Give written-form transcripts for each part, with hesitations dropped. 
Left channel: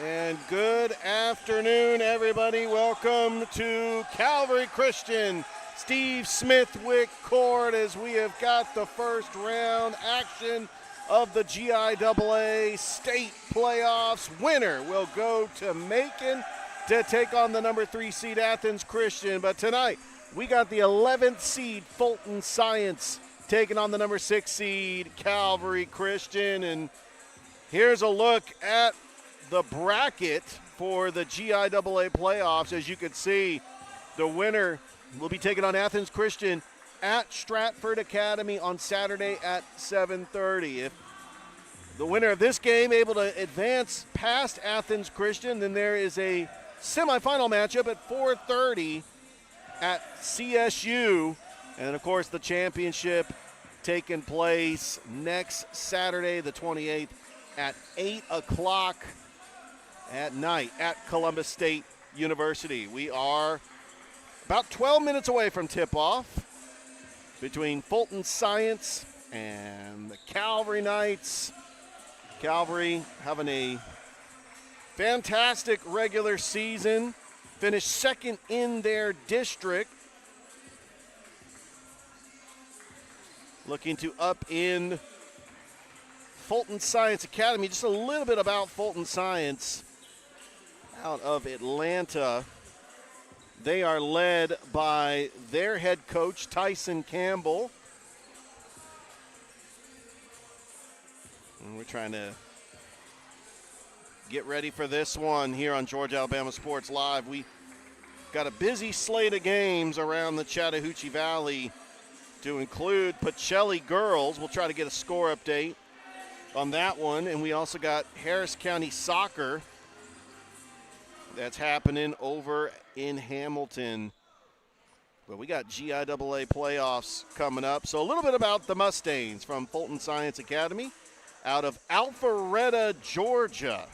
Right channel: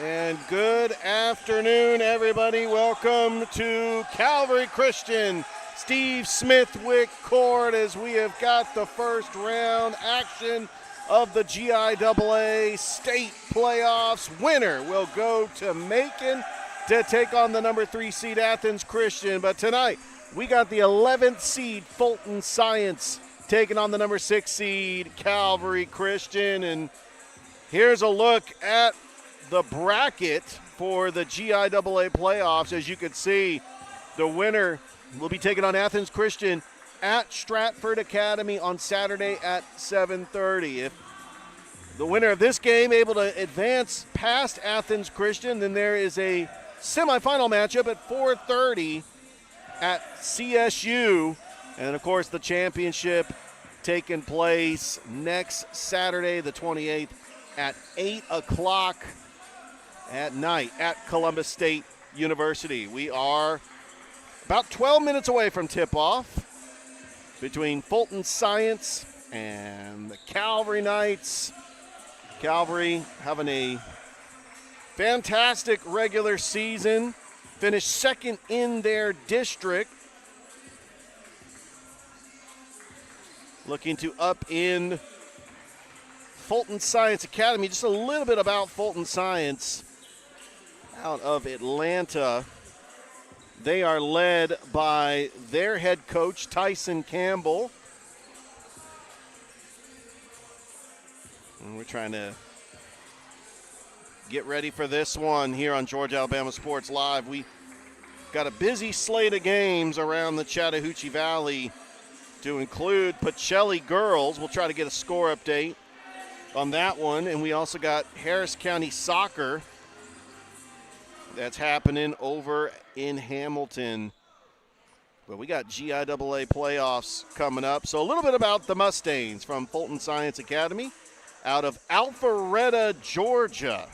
And good afternoon, everybody. Welcome to Calvary Christian Steve Smithwick Court as we have got the first round action of the GIAA state playoffs. Winner will go to Macon to take on the number 3 seed Athens Christian. But tonight, we got the 11th seed Fulton Science taking on the number 6 seed Calvary Christian. And here's a look at the bracket for the GIAA playoffs. As you can see, the winner will be taking on Athens Christian at Stratford Academy on Saturday at 7:30. If the winner of this game able to advance past Athens Christian, then there is a semifinal matchup at 4:30 at CSU. And, of course, the championship taking place next Saturday, the 28th, at 8 o'clock at night at Columbus State University. We are about 12 minutes away from tip-off between Fulton Science and the Calvary Knights. Calvary having a fantastic regular season, finished second in their district. Looking to up in Fulton Science Academy. Just a little bit about Fulton Science out of Atlanta. They are led by their head coach, Tyson Campbell. And we're trying to get ready for this one here on Georgia Alabama Sports Live. We got a busy slate of games around the Chattahoochee Valley to include Pacelli girls. We'll try to get a score update on that one. And we also got Harris County Soccer that's happening over in Hamilton. But we got GIAA playoffs coming up. So a little bit about the Mustangs from Fulton Science Academy out of Alpharetta, Georgia.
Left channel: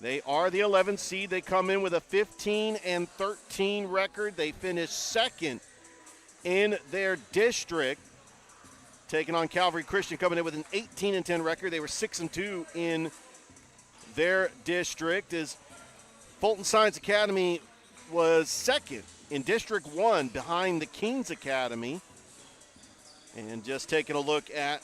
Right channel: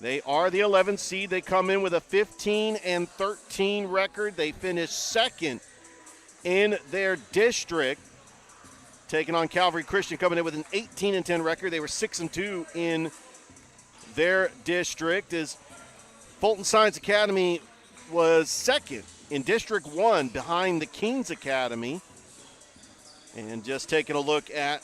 They are the 11th seed. They come in with a 15-13 record. They finished second in their district, taking on Calvary Christian, coming in with an 18-10 record. They were 6-2 in their district. As Fulton Science Academy was second in District 1 behind the Kings Academy. And just taking a look at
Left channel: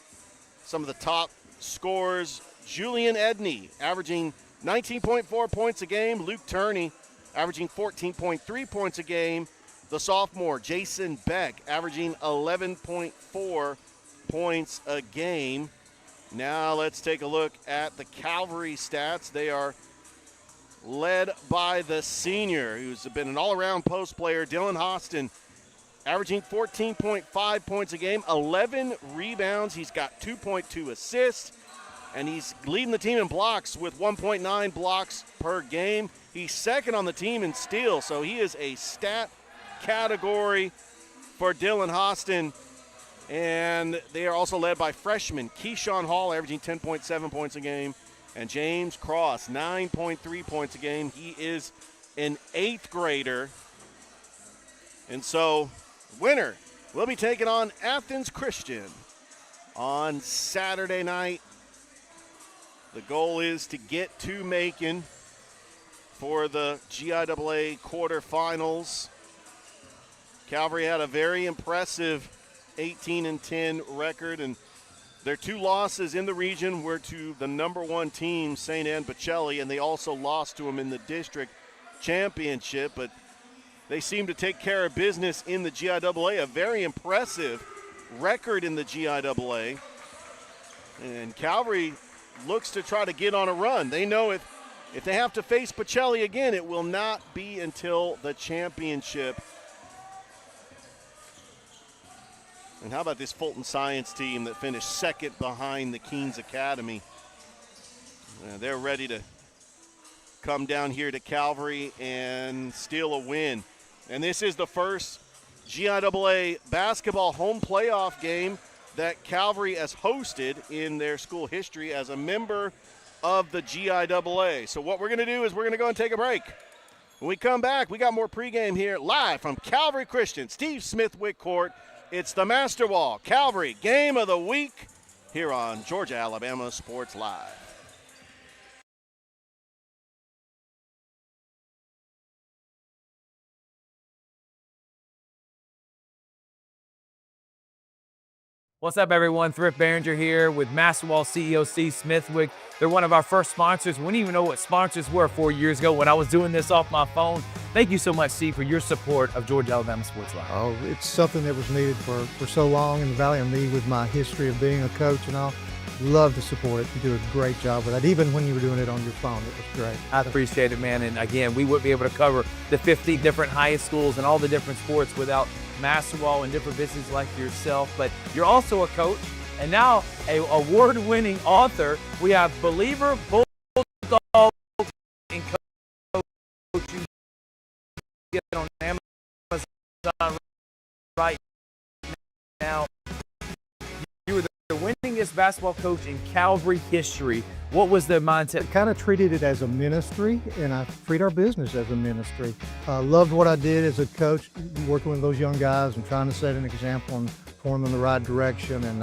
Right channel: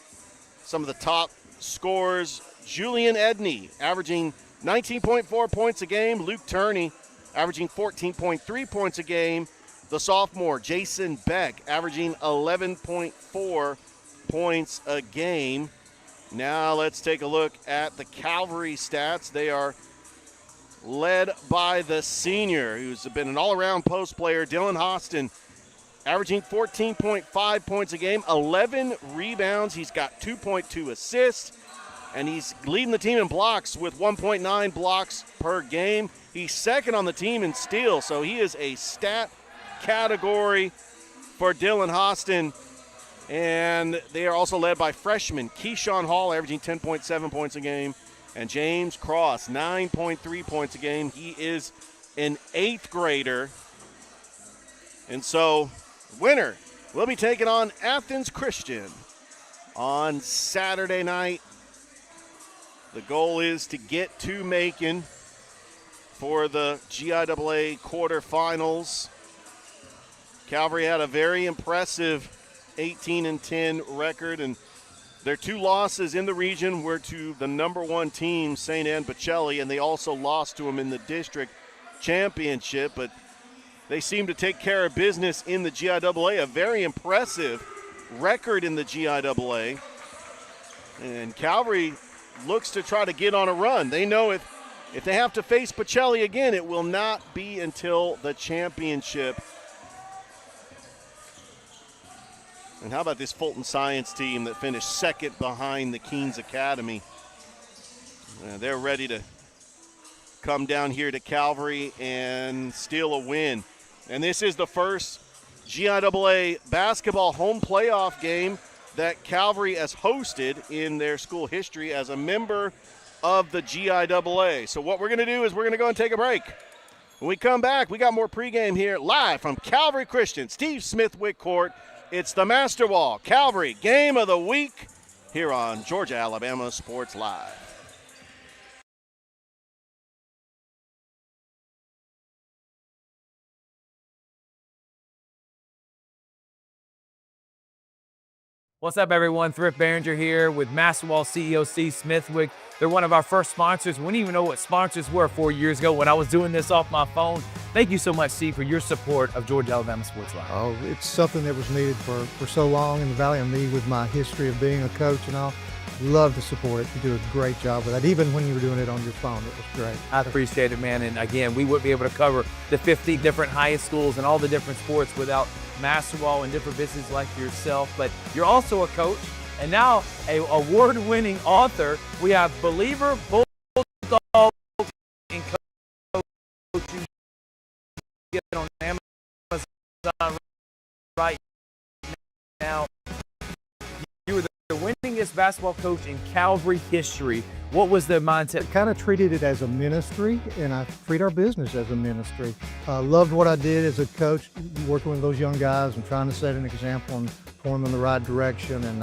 some of the top scores, Julian Edney averaging 19.4 points a game. Luke Turney averaging 14.3 points a game. The sophomore, Jason Beck, averaging 11.4 points a game. Now let's take a look at the Calvary stats. They are led by the senior, who's been an all-around post player, Dylan Hostin, averaging 14.5 points a game, 11 rebounds. He's got 2.2 assists, and he's leading the team in blocks with 1.9 blocks per game. He's second on the team in steals, so he is a stat category for Dylan Hostin. And they are also led by freshman Keyshawn Hall, averaging 10.7 points a game, and James Cross, 9.3 points a game. He is an 8th grader. And so, winner will be taking on Athens Christian on Saturday night. The goal is to get to Macon for the GIAA quarterfinals. Calvary had a very impressive 18-10 record, and their 2 losses in the region were to the number 1 team, St. Anne Pacelli, and they also lost to them in the district championship. But they seem to take care of business in the GIAA, a very impressive record in the GIAA. And Calvary looks to try to get on a run. They know if they have to face Pacelli again, it will not be until the championship. And how about this Fulton Science team that finished second behind the Kings Academy? They're ready to come down here to Calvary and steal a win. And this is the first GIAA basketball home playoff game that Calvary has hosted in their school history as a member of the GIAA. So what we're going to do is we're going to go and take a break. When we come back, we got more pregame here live from Calvary Christian, Steve Smithwick Court. It's the Master Wall Calvary Game of the Week here on Georgia Alabama Sports Live. What's up, everyone? Thrift Behringer here with Masterwall CEO C. Smithwick. They're one of our first sponsors. We didn't even know what sponsors were 4 years ago when I was doing this off my phone. Thank you so much, C, for your support of Georgia Alabama Sports Live. Oh, it's something that was needed for so long in the Valley, and me with my history of being a coach and all. Love to support it. You do a great job with that. Even when you were doing it on your phone, it was great. I appreciate it, man. And again, we wouldn't be able to cover the 50 different high schools and all the different sports without Masterwall and different businesses like yourself. But you're also a coach and now a award-winning author. We have Believer, Bulldog, and Coach. You get on Amazon right now. You were the winningest basketball coach in Calvary history. What was the mindset? I kind of treated it as a ministry, and I treat our business as a ministry. Loved what I did as a coach, working with those young guys and trying to set an example and point them in the right direction and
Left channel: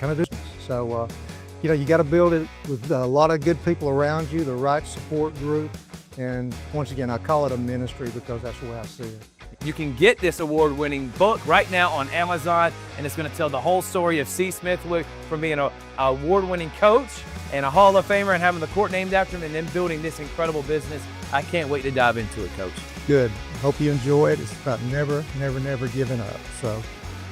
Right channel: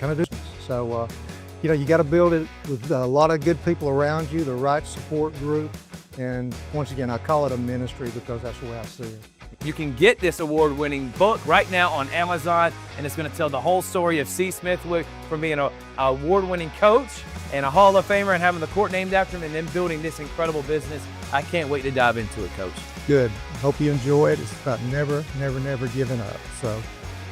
kind of do business. So, you got to build it with a lot of good people around you, the right support group. And once again, I call it a ministry because that's the way I see it. You can get this award-winning book right now on Amazon, and it's going to tell the whole story of C. Smithwick from being an award-winning coach and a Hall of Famer and having the court named after him and then building this incredible business. I can't wait to dive into it, Coach. Good. Hope you enjoy it. It's about never giving up. So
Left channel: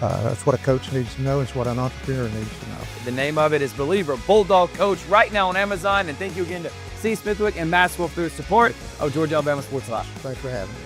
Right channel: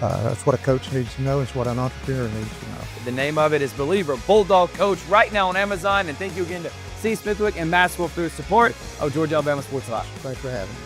that's what a coach needs to know. It's what an entrepreneur needs to know. The name of it is Believer, Bulldog Coach, right now on Amazon. And thank you again to C. Smithwick and Masterwall for their support of Georgia Alabama Sports Live. Thanks for having me.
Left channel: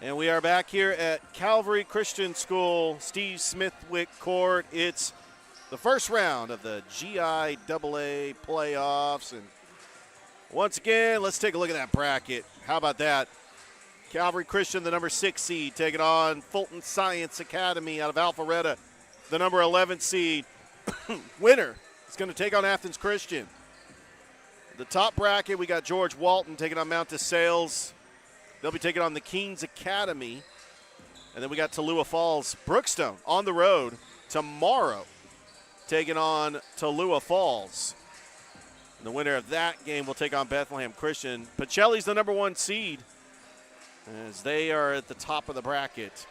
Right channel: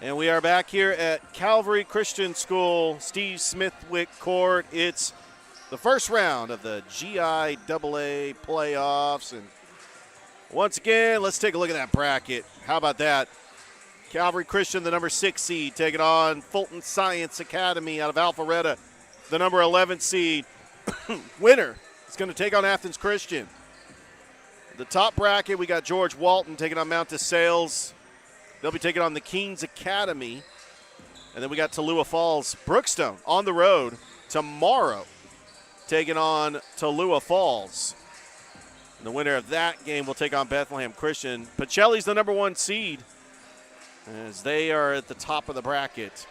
And we are back here at Calvary Christian School, Steve Smithwick Court. It's the first round of the GIAA playoffs. And once again, let's take a look at that bracket. How about that? Calvary Christian, the number 6 seed, taking on Fulton Science Academy out of Alpharetta, the number 11 seed. Winner is going to take on Athens Christian. The top bracket, we got George Walton taking on Mount DeSales. They'll be taking on the Keens Academy. And then we got Tallulah Falls Brookstone on the road tomorrow, taking on Tallulah Falls. And the winner of that game will take on Bethlehem Christian. Pacelli's the number 1 seed, as they are at the top of the bracket.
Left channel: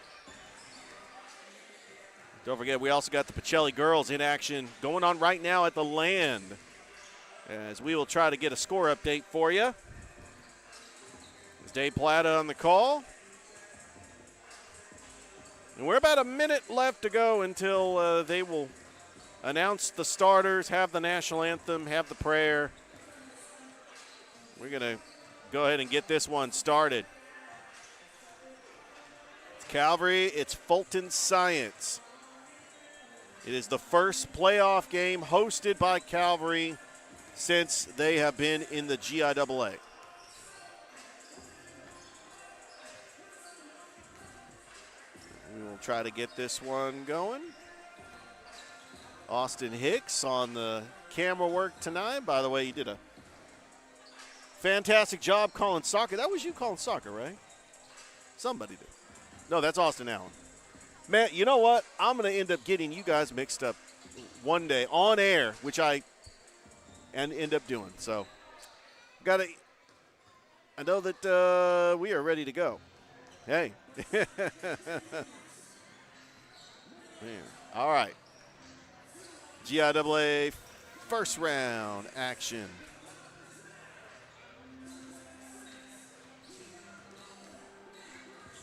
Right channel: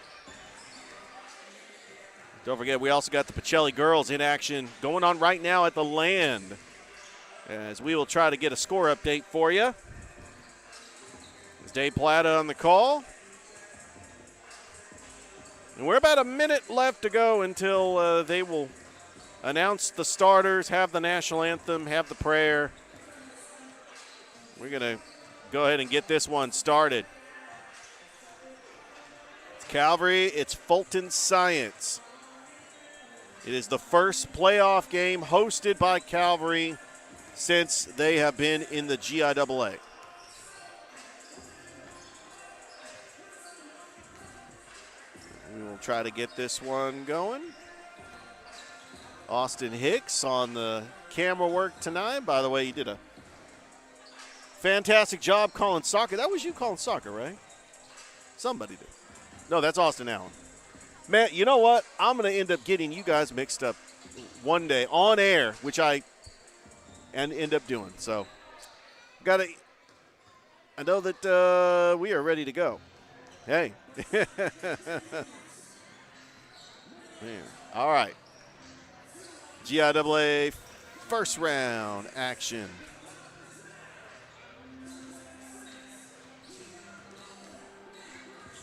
Don't forget, we also got the Pacelli girls in action going on right now at the Land, as we will try to get a score update for you. It's Dave Plata on the call. And we're about a minute left to go until they will announce the starters, have the national anthem, have the prayer. We're going to go ahead and get this one started. It's Calvary, it's Fulton Science. It is the first playoff game hosted by Calvary since they have been in the GIAA. We will try to get this one going. Austin Hicks on the camera work tonight. By the way, you did a fantastic job calling soccer. That was you calling soccer, right? Somebody did. No, that's Austin Allen. Man, you know what? I'm going to end up getting you guys mixed up one day on air, which I end up doing. So, I know that we are ready to go. Hey. Man. All right. GIAA first round action.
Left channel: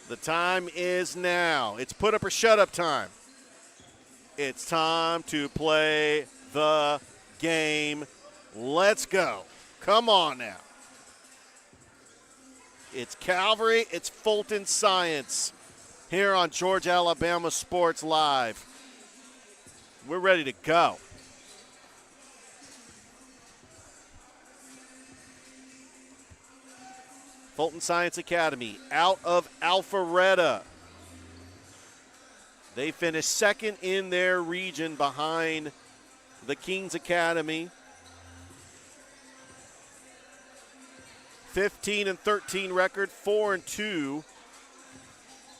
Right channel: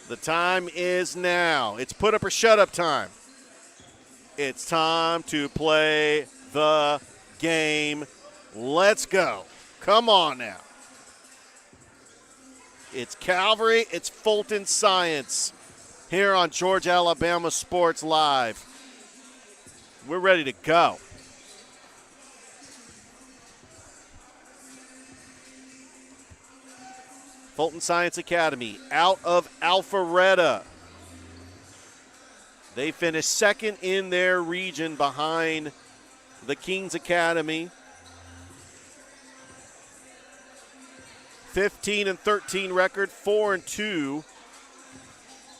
The time is now. It's put up or shut up time. It's time to play the game. Let's go. Come on now. It's Calvary, it's Fulton Science here on Georgia, Alabama Sports Live. We're ready to go. Fulton Science Academy out of Alpharetta. They finished second in their region behind the Keens Academy. 15-13 record, 4-2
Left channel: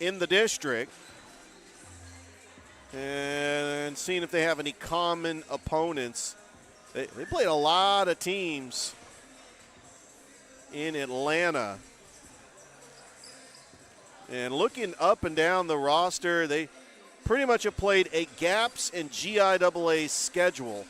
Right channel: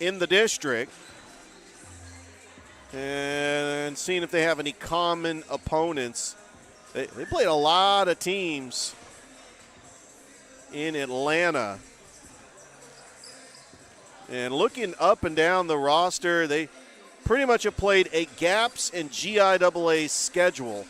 in the district. And seeing if they have any common opponents. They played a lot of teams in Atlanta. And looking up and down the roster, they pretty much have played a GAPS and GIAA schedule.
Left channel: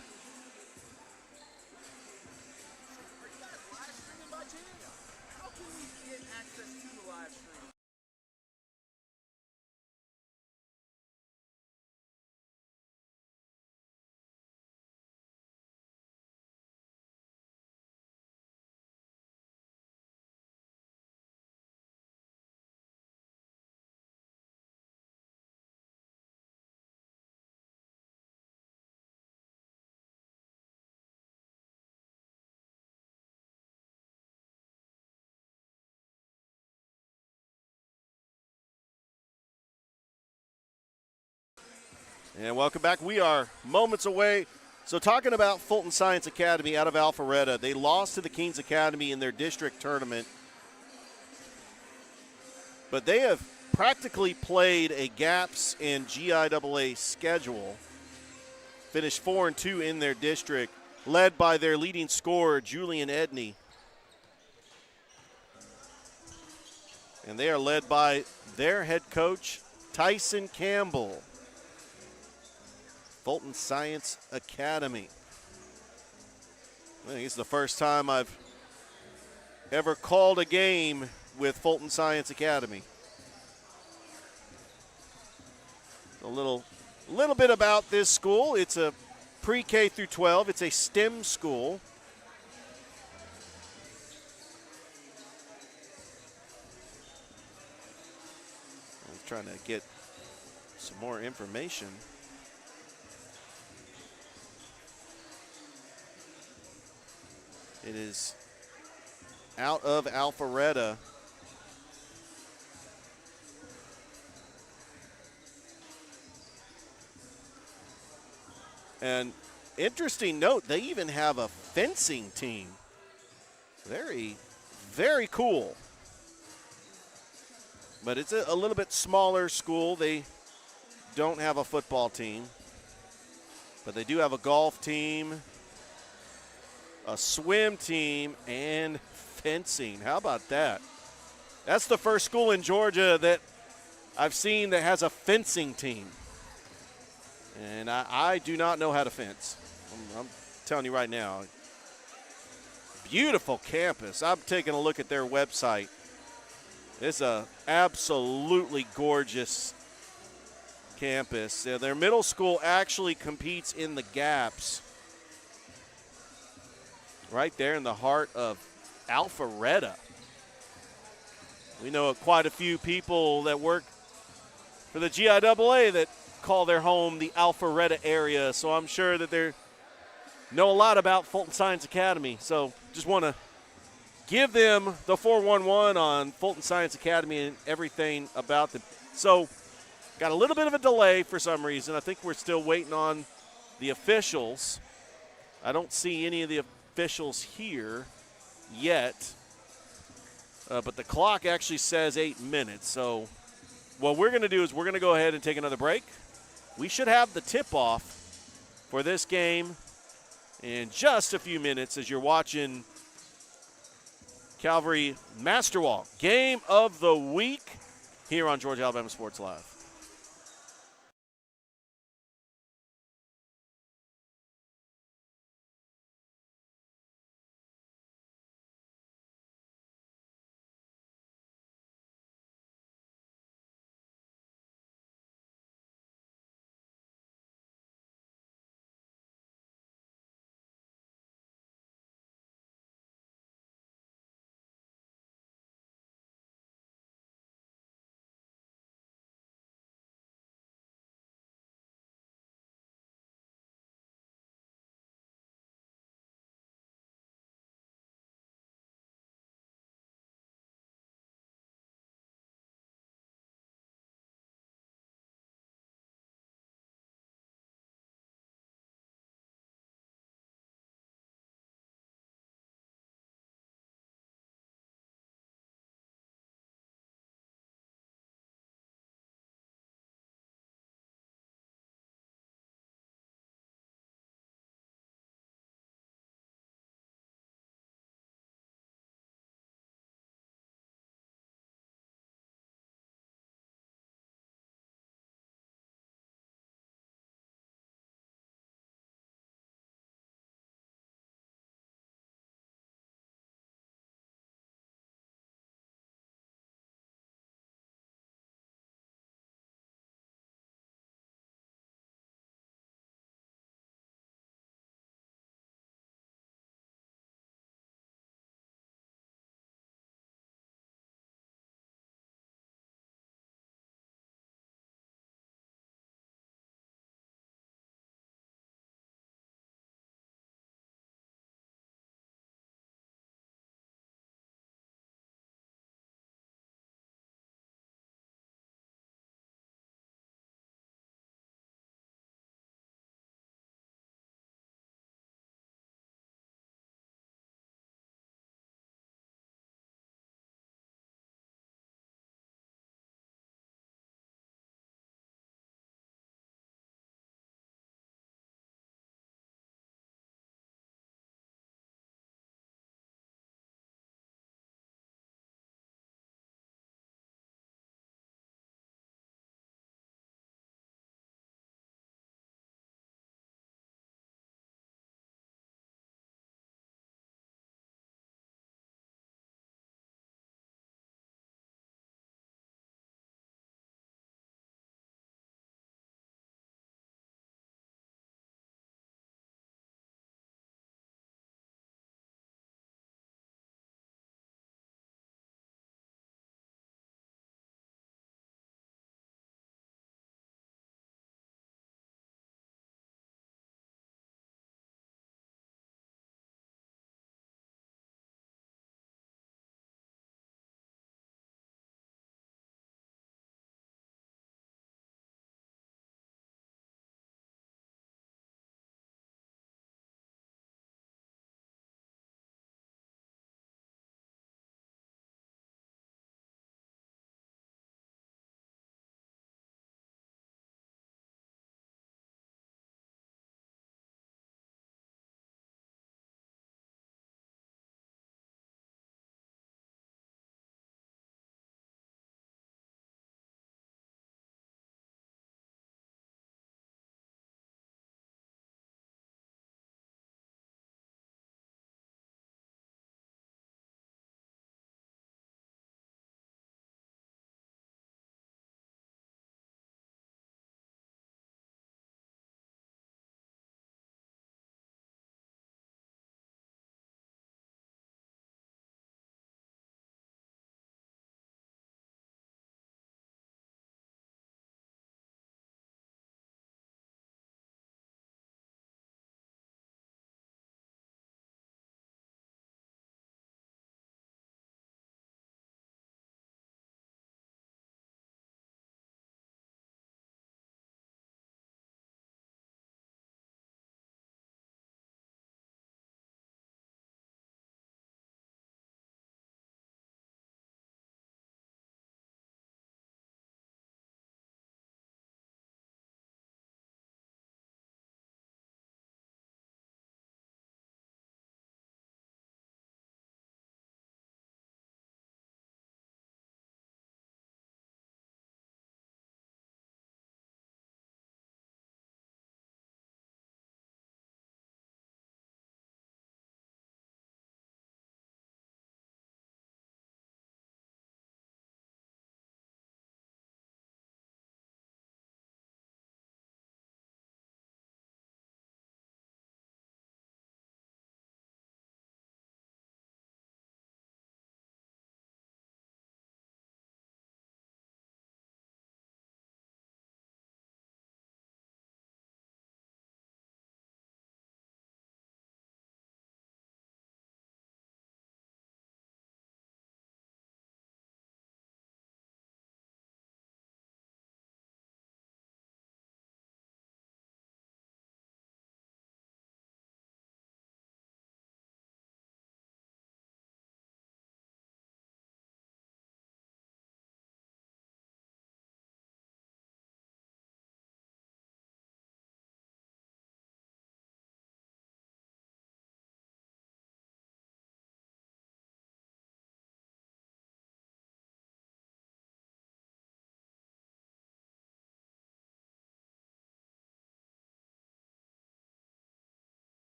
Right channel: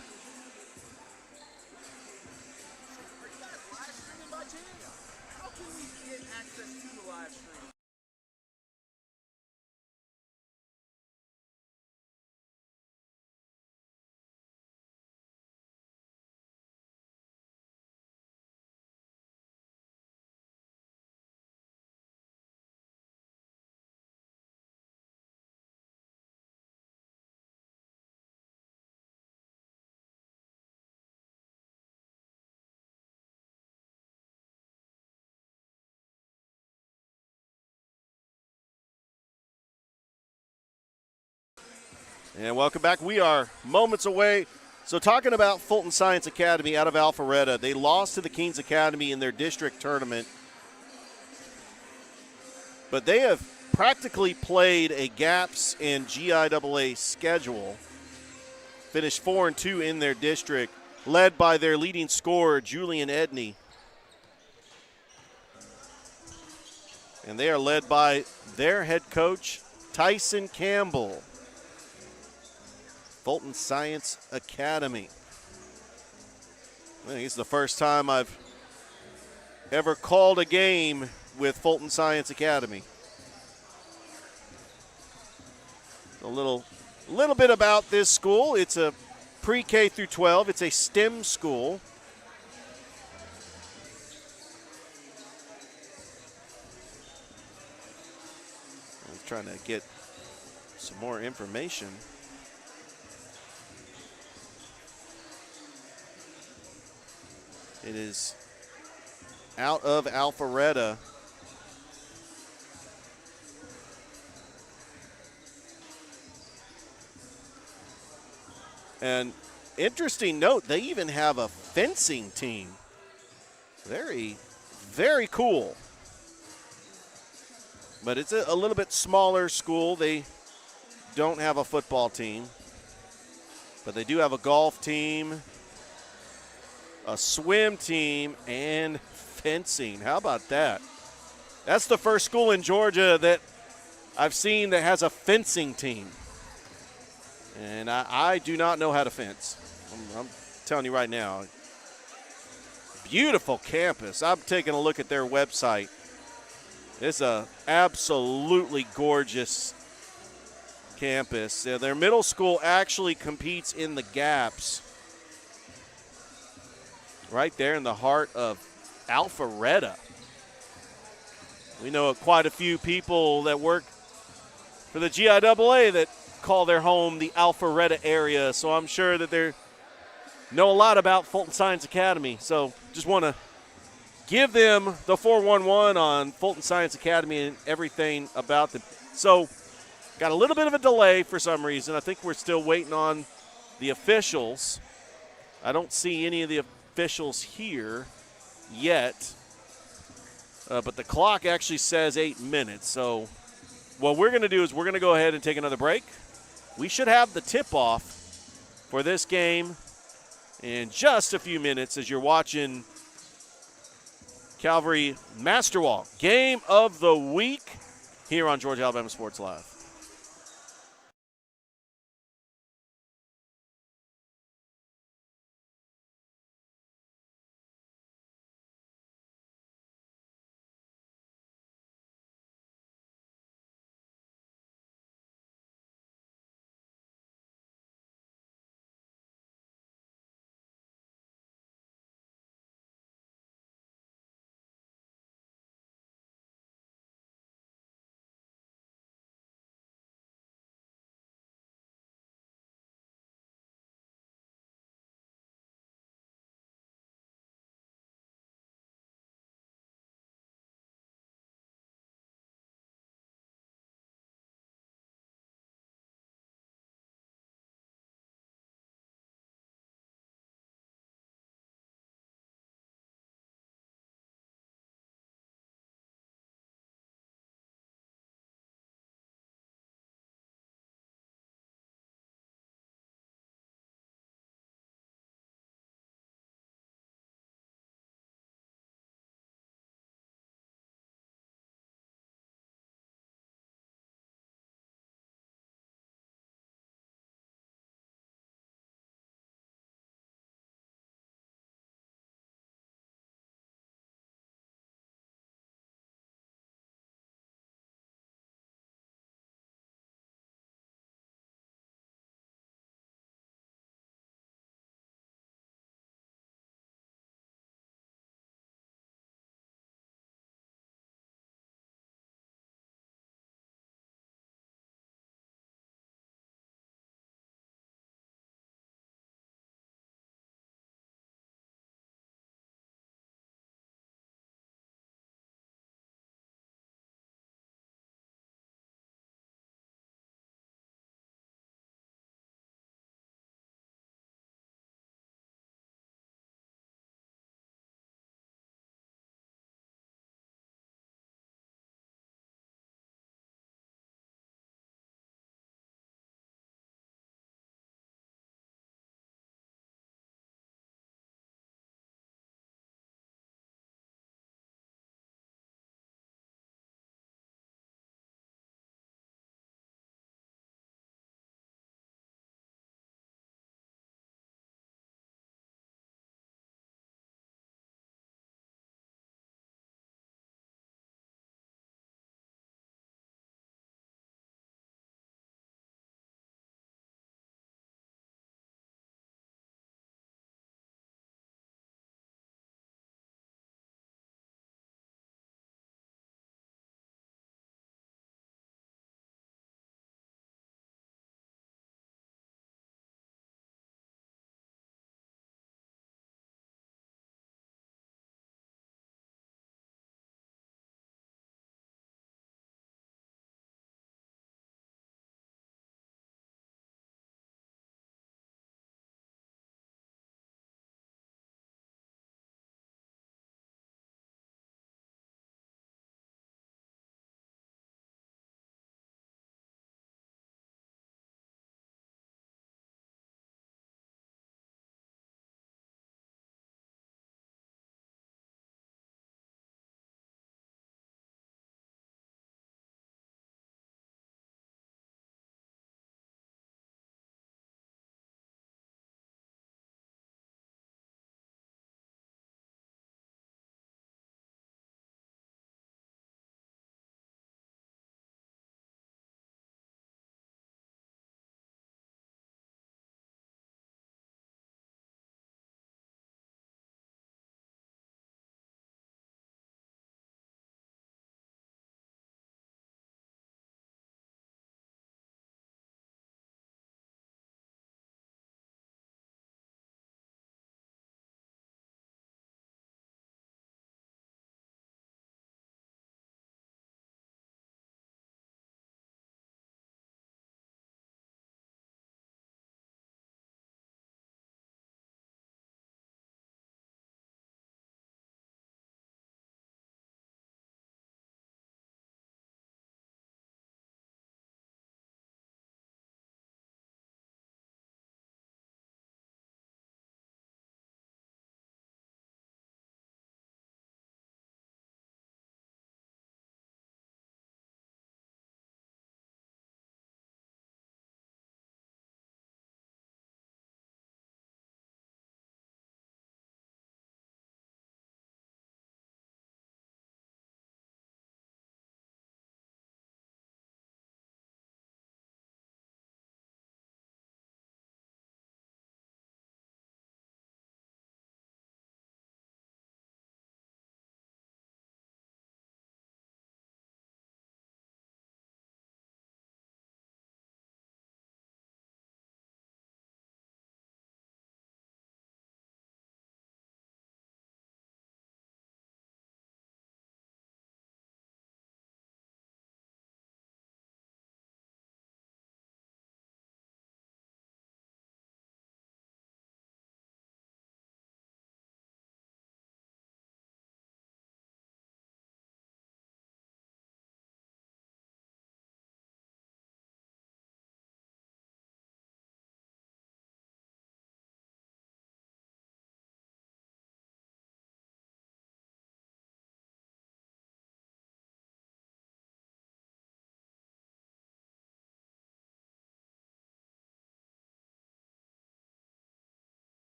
And welcome back. We are moments away. So talking about Fulton Science Academy out of Alpharetta, they lost to the Keens Academy in their district tournament. But they have practically played a GAPS and GIAA schedule. Finished 4-2 in their district, led by their leading scorer, Julian Edney. And they are led by their head coach, Tyson Campbell. Fulton Science Academy. I think it's the first time I've ever called a game with Fulton Science Academy. A little bit about this school. It's a pre-K through 12. It's a STEM school. trying to get some more information. It is out of Alpharetta. And interesting note, they even have a fencing team. Very, very cool. But it's a little bit smaller school. They don't have a football team. But they do have a golf team, a swim team, and fencing. How about that? That's the first school in Georgia that I've seen that has a fencing team. And I do not know how to fence. I'm telling you right now. Beautiful campus. I'm taking a look at their website. It's a absolutely gorgeous campus. Their middle school actually competes in the gaps. Right there in the heart of Alpharetta. We know quite a few people that work for the GIAA that call their home the Alpharetta area, so I'm sure that they know a lot about Fulton Science Academy. So just want to give them the 411 on Fulton Science Academy and everything about them. So got a little bit of a delay for some reason. I think we're still waiting on the officials. I don't see any of the officials here yet, but the clock actually says 8 minutes. So what we're going to do is we're going to go ahead and take another break. We should have the tip-off for this game in just a few minutes as you're watching Calvary Masterwalk Game of the Week here on Georgia Alabama Sports Live.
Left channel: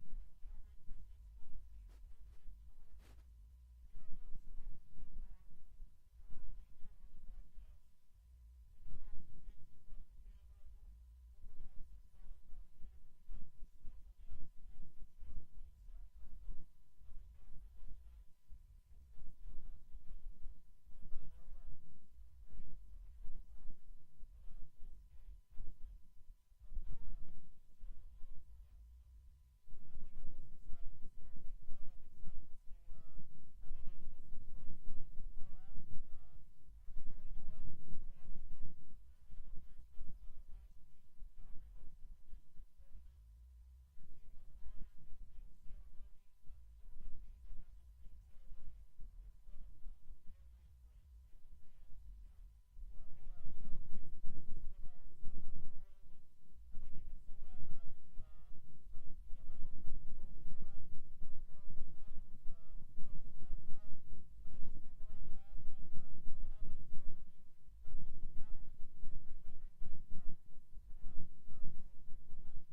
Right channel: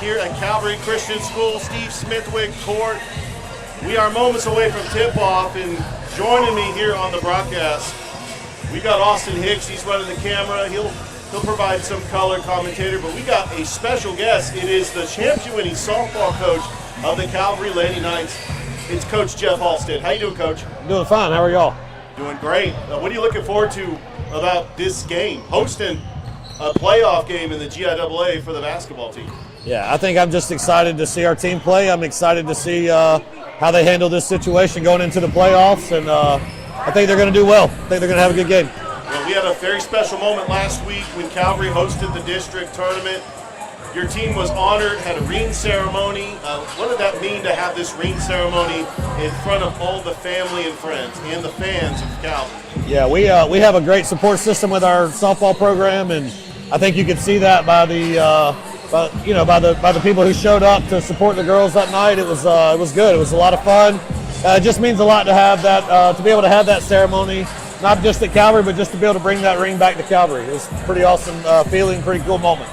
here at Calvary Christian School, Steve Smithwick Court. We are moments away from tip-off, and joining me here on the broadcast, we got Austin Hicks. He's running the camera. He'll provide some color commentator, but we got a special guest. It is the championship-winning softball coach of the Calvary Lady Knights. It's Coach Jeff Halstead. How you doing, Coach? Doing fine. How are y'all? Doing great. What are you looking forward to about this game, hosting a playoff game in the GIAA for the basketball team? Yeah, I think I'm just excited to see our team play. I'm excited to see how they handle this situation going into the playoffs, and I think they're going to do well. I think they're going to have a good game. Well, we had a very special moment last week when Calvary hosted the district tournament. Your team was honored, had a ring ceremony. What did that mean to have this ring ceremony in front of all the family and friends and the fans of Calvary? Yeah, we have a great support system with our softball program, and I think you could see that by the by the people who showed up to support the girls that night. It was good. It was a lot of fun. It just means a lot to have that, to be able to have that ceremony, not just at Calvary, but just to be able to bring that ring back to Calvary. It was a pretty awesome feeling, pretty cool moment.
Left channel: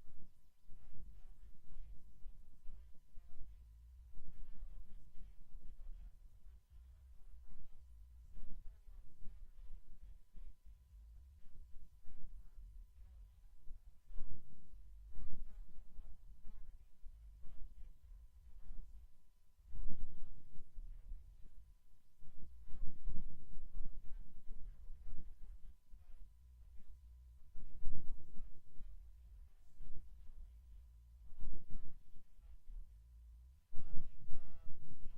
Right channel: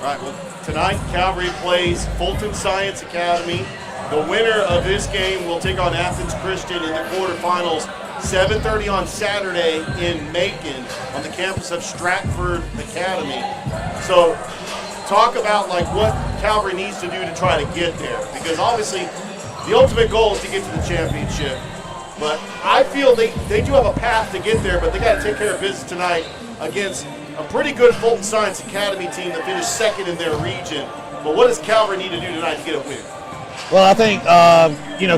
All right, well, tonight Calvary plays Fulton Science Academy. The winner of this game will take on Athens Christian in the quarterfinals, 7:30 on Saturday in Macon on the campus of Stratford Academy. So talk about like what Calvary needs to do to try to get there, because obviously the ultimate goal is to get to the championship. But I feel they do have a path to get there, but they got to take care of business tonight against a pretty good Fulton Science Academy team that finished second in their region. But what does Calvary need to do tonight to get a win? Well, I think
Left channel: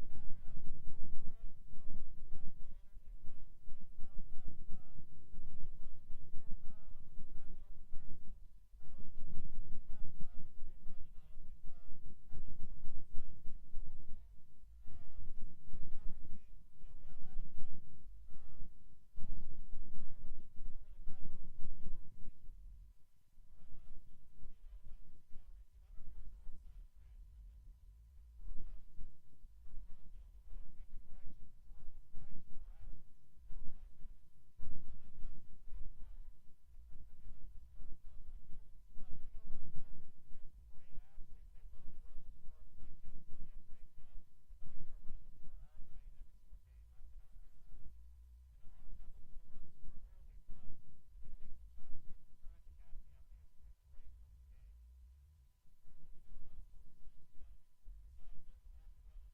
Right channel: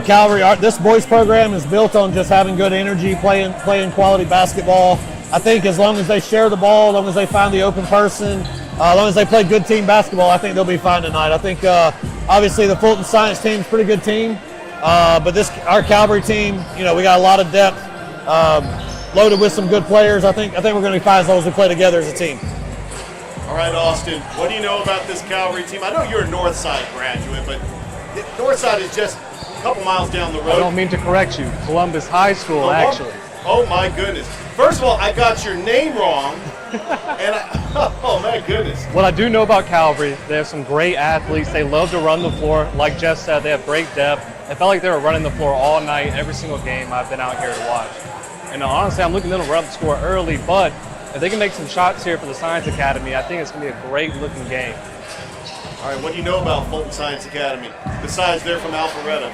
Calvary, this boys program is built on just having good energy, playing quality basketball. I think as long as they share the ball, as long as they find the open person, as long as they play good team basketball, I think they'll be fine tonight. I think obviously the Fulton Science team is a pretty good team, but our Calvary team, we got a lot of depth, loaded with some good players. I think we're going to be fine as long as we play together as a team. All right, Austin, what do you know about this Calvary team? I know you're a Northside graduate, but Northside is just a couple miles down the road. I don't mean to correct you. Columbus High School, actually. Oh, my goodness. First of all, I got your name wrong. Oh, my goodness. What I do know about Calvary, they have some great athletes. They love to run the floor. Like Jeff said, they have great depth. It felt like they were running the floor all night, every single game I've been out here to watch. And honestly, I'm looking at them to run the score early, but if they can make some shots here for the Science Academy, I think it's going to be a great-looking game. All right, what do you know about Fulton Science Academy, besides they're from Alpharetta?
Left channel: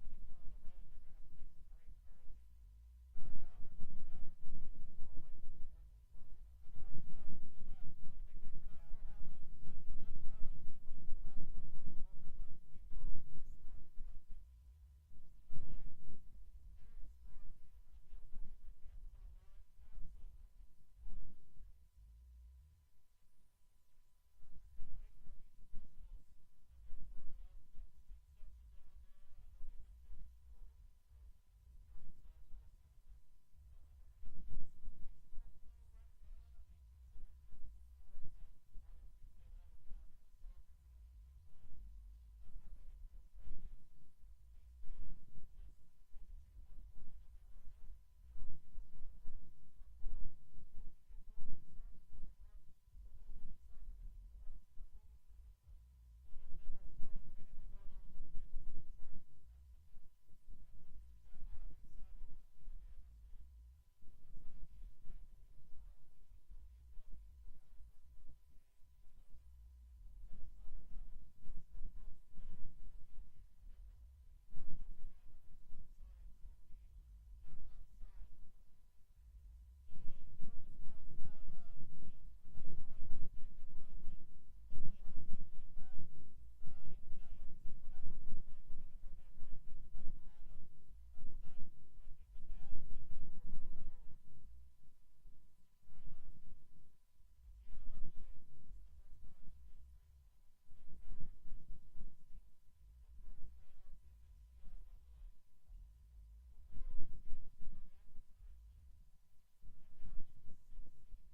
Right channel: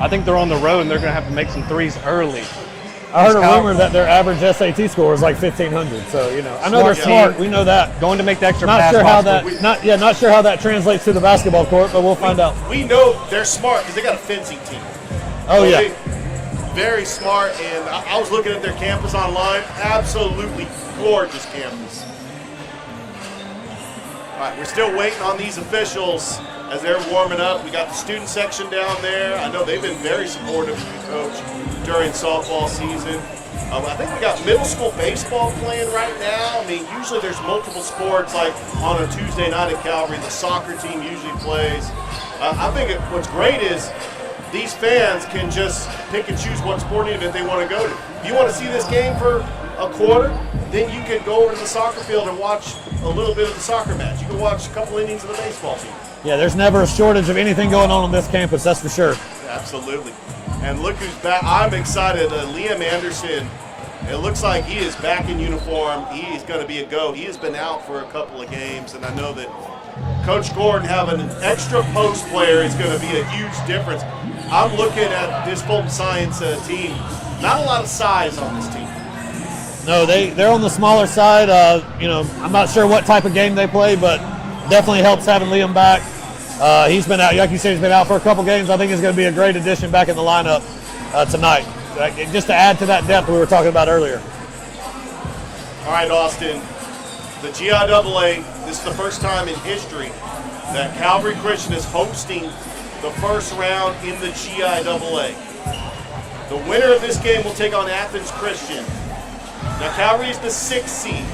I think they're on the road, and they're going to have to make some threes early. I heard a rumor that their average SAT score is like 1,500. So I know they're smart. We know that. Going to make the extra not pass. Sure how that. Not sure how that translates to the basketball court, but we'll find out. We know they're smart because they got a fencing team. Oh so yeah. Very smart, and I was looking at their campus online. Absolutely gorgeous campus. All right, we're still waiting on these officials as they're warming up. We got the student section down there. I know they've been very supportive of you, Coach, during softball season. I think we got middle school baseball playing right now. I mean, usually there's multiple sports, like on a Tuesday night at Calvary, the soccer team usually plays. I think what's great is these fans can just pick and choose what sporting event they want to go to. If you want to see this game for a quarter, then you can go over to the soccer field and watch a little bit of the soccer match. You can watch a couple innings of the baseball team. Yeah, there's never a shortage of anything going on this campus, that's for sure. Absolutely. And look who's back. I'm excited. Liam Anderson, it looks like he is back in uniform. He is going to be a go. He has been out for a couple of games, and I know that Coach Gordon having an extra post player is going to be a huge difference. I'm looking at this Fulton Science team. Not a lot of size on this team. No, they're on the smaller side. I'm not sure what type of game they play, but definitely helps having Liam back. He's been out, like you said, he's been out for a couple games. I think he's going to be a great addition back in the lineup tonight, just to add to that depth we were talking about earlier. All right, Austin, the GIAA, this is the first time in history that Calvary Christian is hosting the first round in the GIAA. The winner of this game will take on Athens Christian. Now, Calvary is the 6th seed.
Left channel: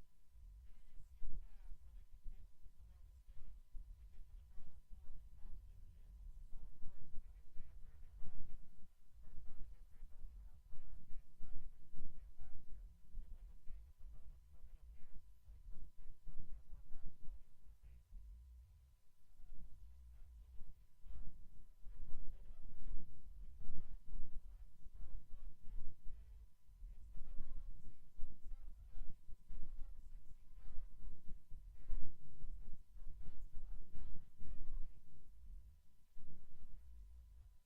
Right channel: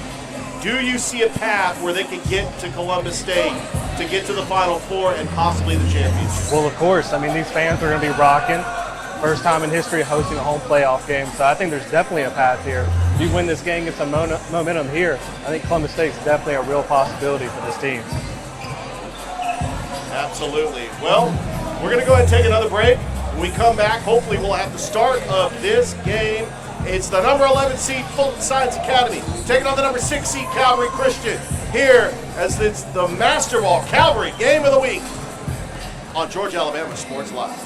Do you see a path where they can get to Columbus State to get to the Final Four and possibly the championship? Well, of course. I mean, these fans are going to be rocking. First time in history hosting a home playoff game, so I think there's definitely a path here. If you win this game, get some momentum here, I think Columbus State's definitely a real possibility for this team. Absolutely. Well, we're going to go ahead and take another break. When we come back, hopefully we'll have the start of this game. It's the number 11 seed Fulton Science Academy taking on the number 6 seed Calvary Christian here as it's the Master Ball Calvary Game of the Week on Georgia Alabama Sports Live.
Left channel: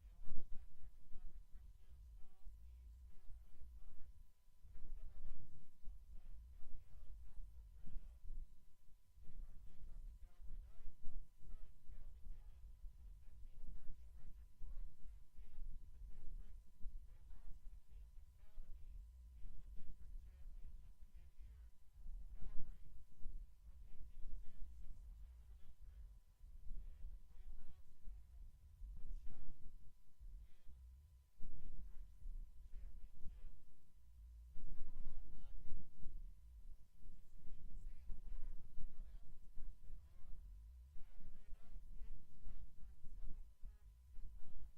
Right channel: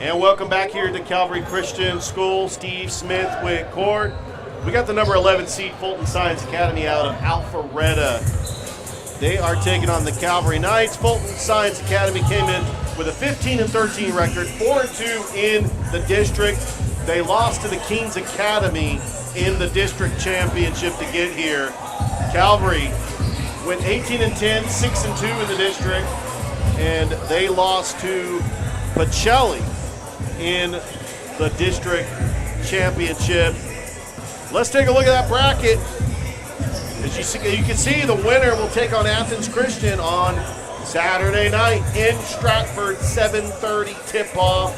And welcome back here to Calvary Christian School, Steve Smithwick Court. We got the number 11 seed Fulton Science Academy out of Alpharetta. They are taking on the Calvary Knights. Fulton Science Academy came in with a 15-13 record, 4-2 in the district. They lost to the Kings Academy in the district championship to get here. Calvary went 18-10, 6-2 in the district, and they lost to Pacelli in the district championship. Let's take a look at that bracket. As you can see, the winner will take on Athens Christian on Saturday night in Stratford, 7:30 tip-off.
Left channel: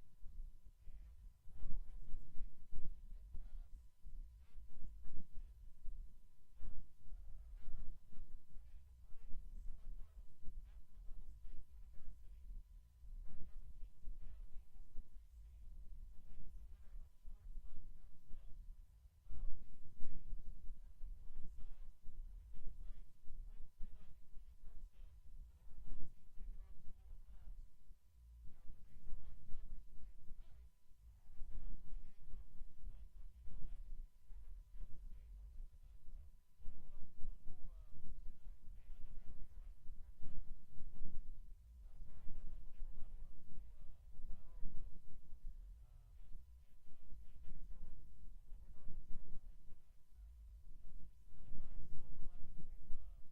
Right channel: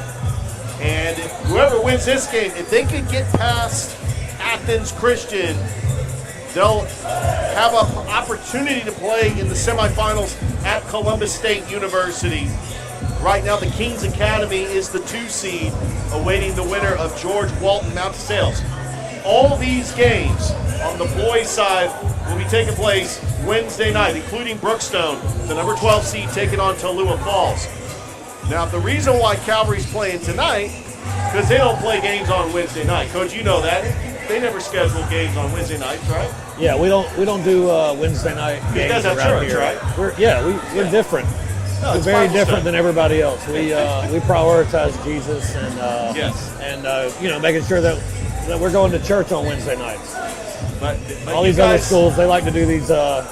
And whoever wins this game, if they could get past Athens Christian, they'll have an opportunity to play in the semifinals at Columbus State University. Right now, the Kings Academy is the 2 seed, awaiting the winner of George Walton Mount Sales. All these games on the boys' side will be taking place Wednesday night, including Brookstone, the number 12 seed, taking on Tallua Falls. Now, the reason why Calvary's playing tonight, because they don't play games on Wednesday night. Coach, you know that. They never schedule games on Wednesday nights, right? Yeah, we don't do Wednesday night games You guys have around church, here. right? We're different. No, We're it's very Bible different study. than everybody else. We prioritize Jesus and Yes. and making sure that we're going to church on Wednesday nights. But All you these other guys- schools, they like to do these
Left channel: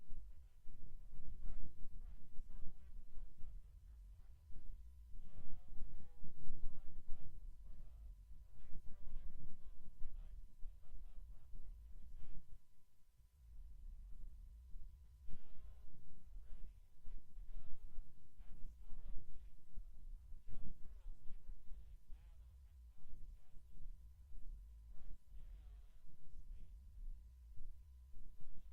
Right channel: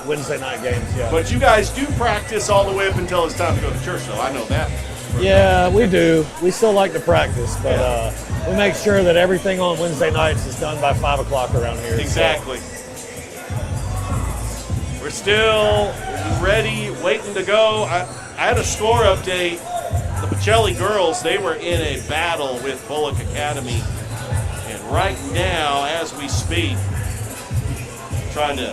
Wednesday night games. Yeah. But you guys do practice all the way up until it's time to go to church, though. I know that. Yeah, we do. We still like to practice, but we make sure that everything on Wednesday nights is done by 5 o'clock around here. Exactly. We're still ready, waiting to go. I had a score update. The Pacelli girls, they were in a battle with Bullock Academy. And right now, as we speak, trying to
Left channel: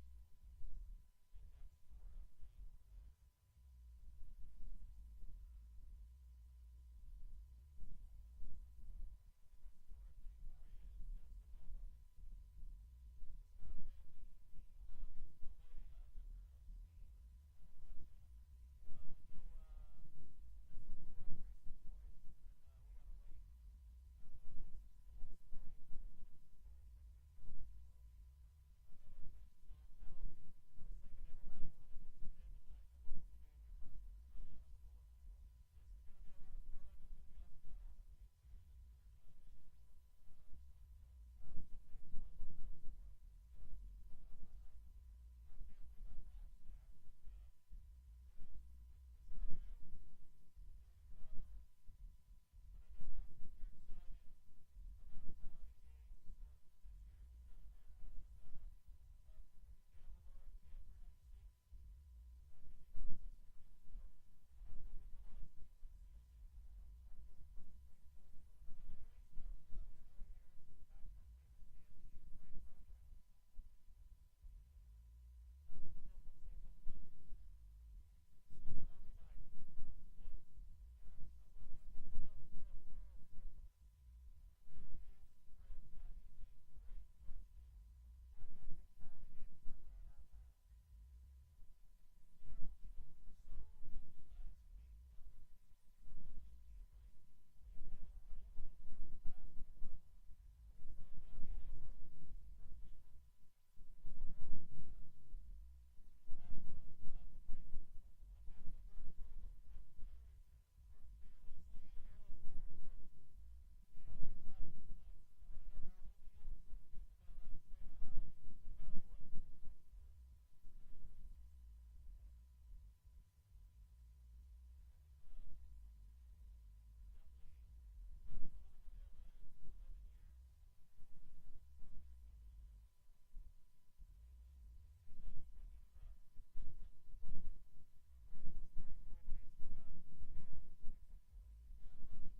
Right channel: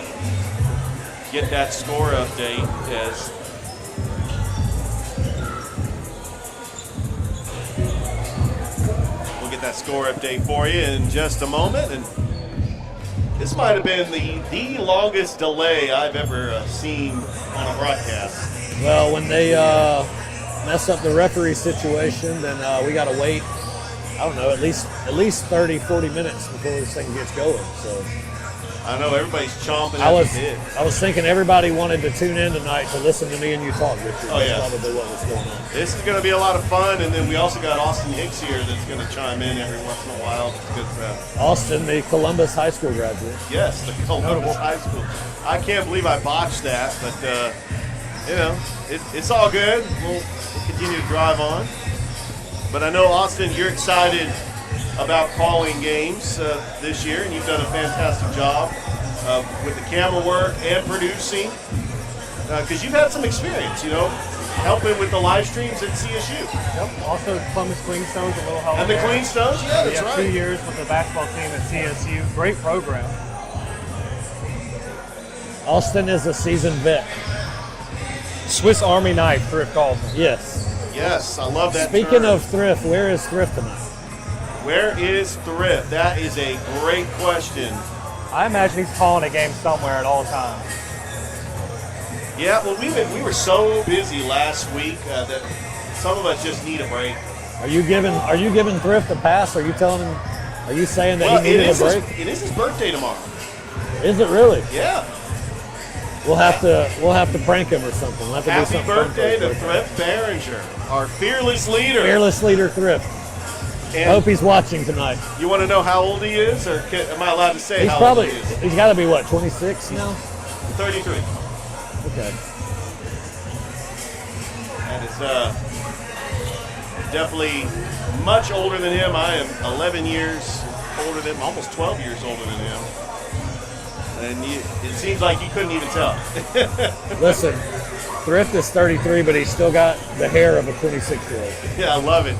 get that score update as we'll get that score update for you in just a moment. And this might have been the longest delay I've ever seen on a broadcast. Well, when they mess up the referee situation, then we got to wait, I don't know, at least 30, 40 minutes before this thing gets going. So I know everybody's chomping I at was the bit. I was thinking everybody wanted to tune in tonight to listen to me and you talk, Richard. Oh, yeah. That's probably what was going on. This is going to be a lot of fun, and then we also got Austin Hicks here that's going to chime in every once in a while. It's good stuff. Austin, the Columbus High School graduate. Yes, the Columbus High School. I can't believe I botched that, but it's all good. We'll continue to drive on. But I know, Austin, you're excited about calling games this year, and you've done a fantastic job with the camera work and producing, because you've had some experience, helping with the live streams at CSU. Yep. Also, Columbus Cleanstones, a little help. And the there. Cleanstones, yeah, We that's have 2 right. years with the basketball team at CSU. Great program. Austin is a seasoned vet. Swiss Army knife, Thrift calls him. Yes. Yes, I love that Speaking term. of thrift, where is thrift tonight? Where is Thrift? That is a great question. I imagine he's calling a game somewhere at all times. Yeah, well, we were so busy last week that some of us just need a break. Are you giving thrift a pass? Are you saying that Well, he needed a break? it is his birthday tomorrow. Is it really? Yeah. We'll have to prank him or something. We'll have to do Happy something fun for birthday his to birthday. Thrift Behringer, our fearless leader. Fearless leader thrift. I And hope he's watching tonight. you want to know how old he is, or am I allowed to say how old he is? He's got to be what, 26 now? 33. Okay. That is definitely much older than him. I am 11 years older than him, almost 12 years older than him. And it seems like you couldn't even tell. Listen, Thrift is 33, but he's still got the hair of a 26-year-old. Yeah, I love it.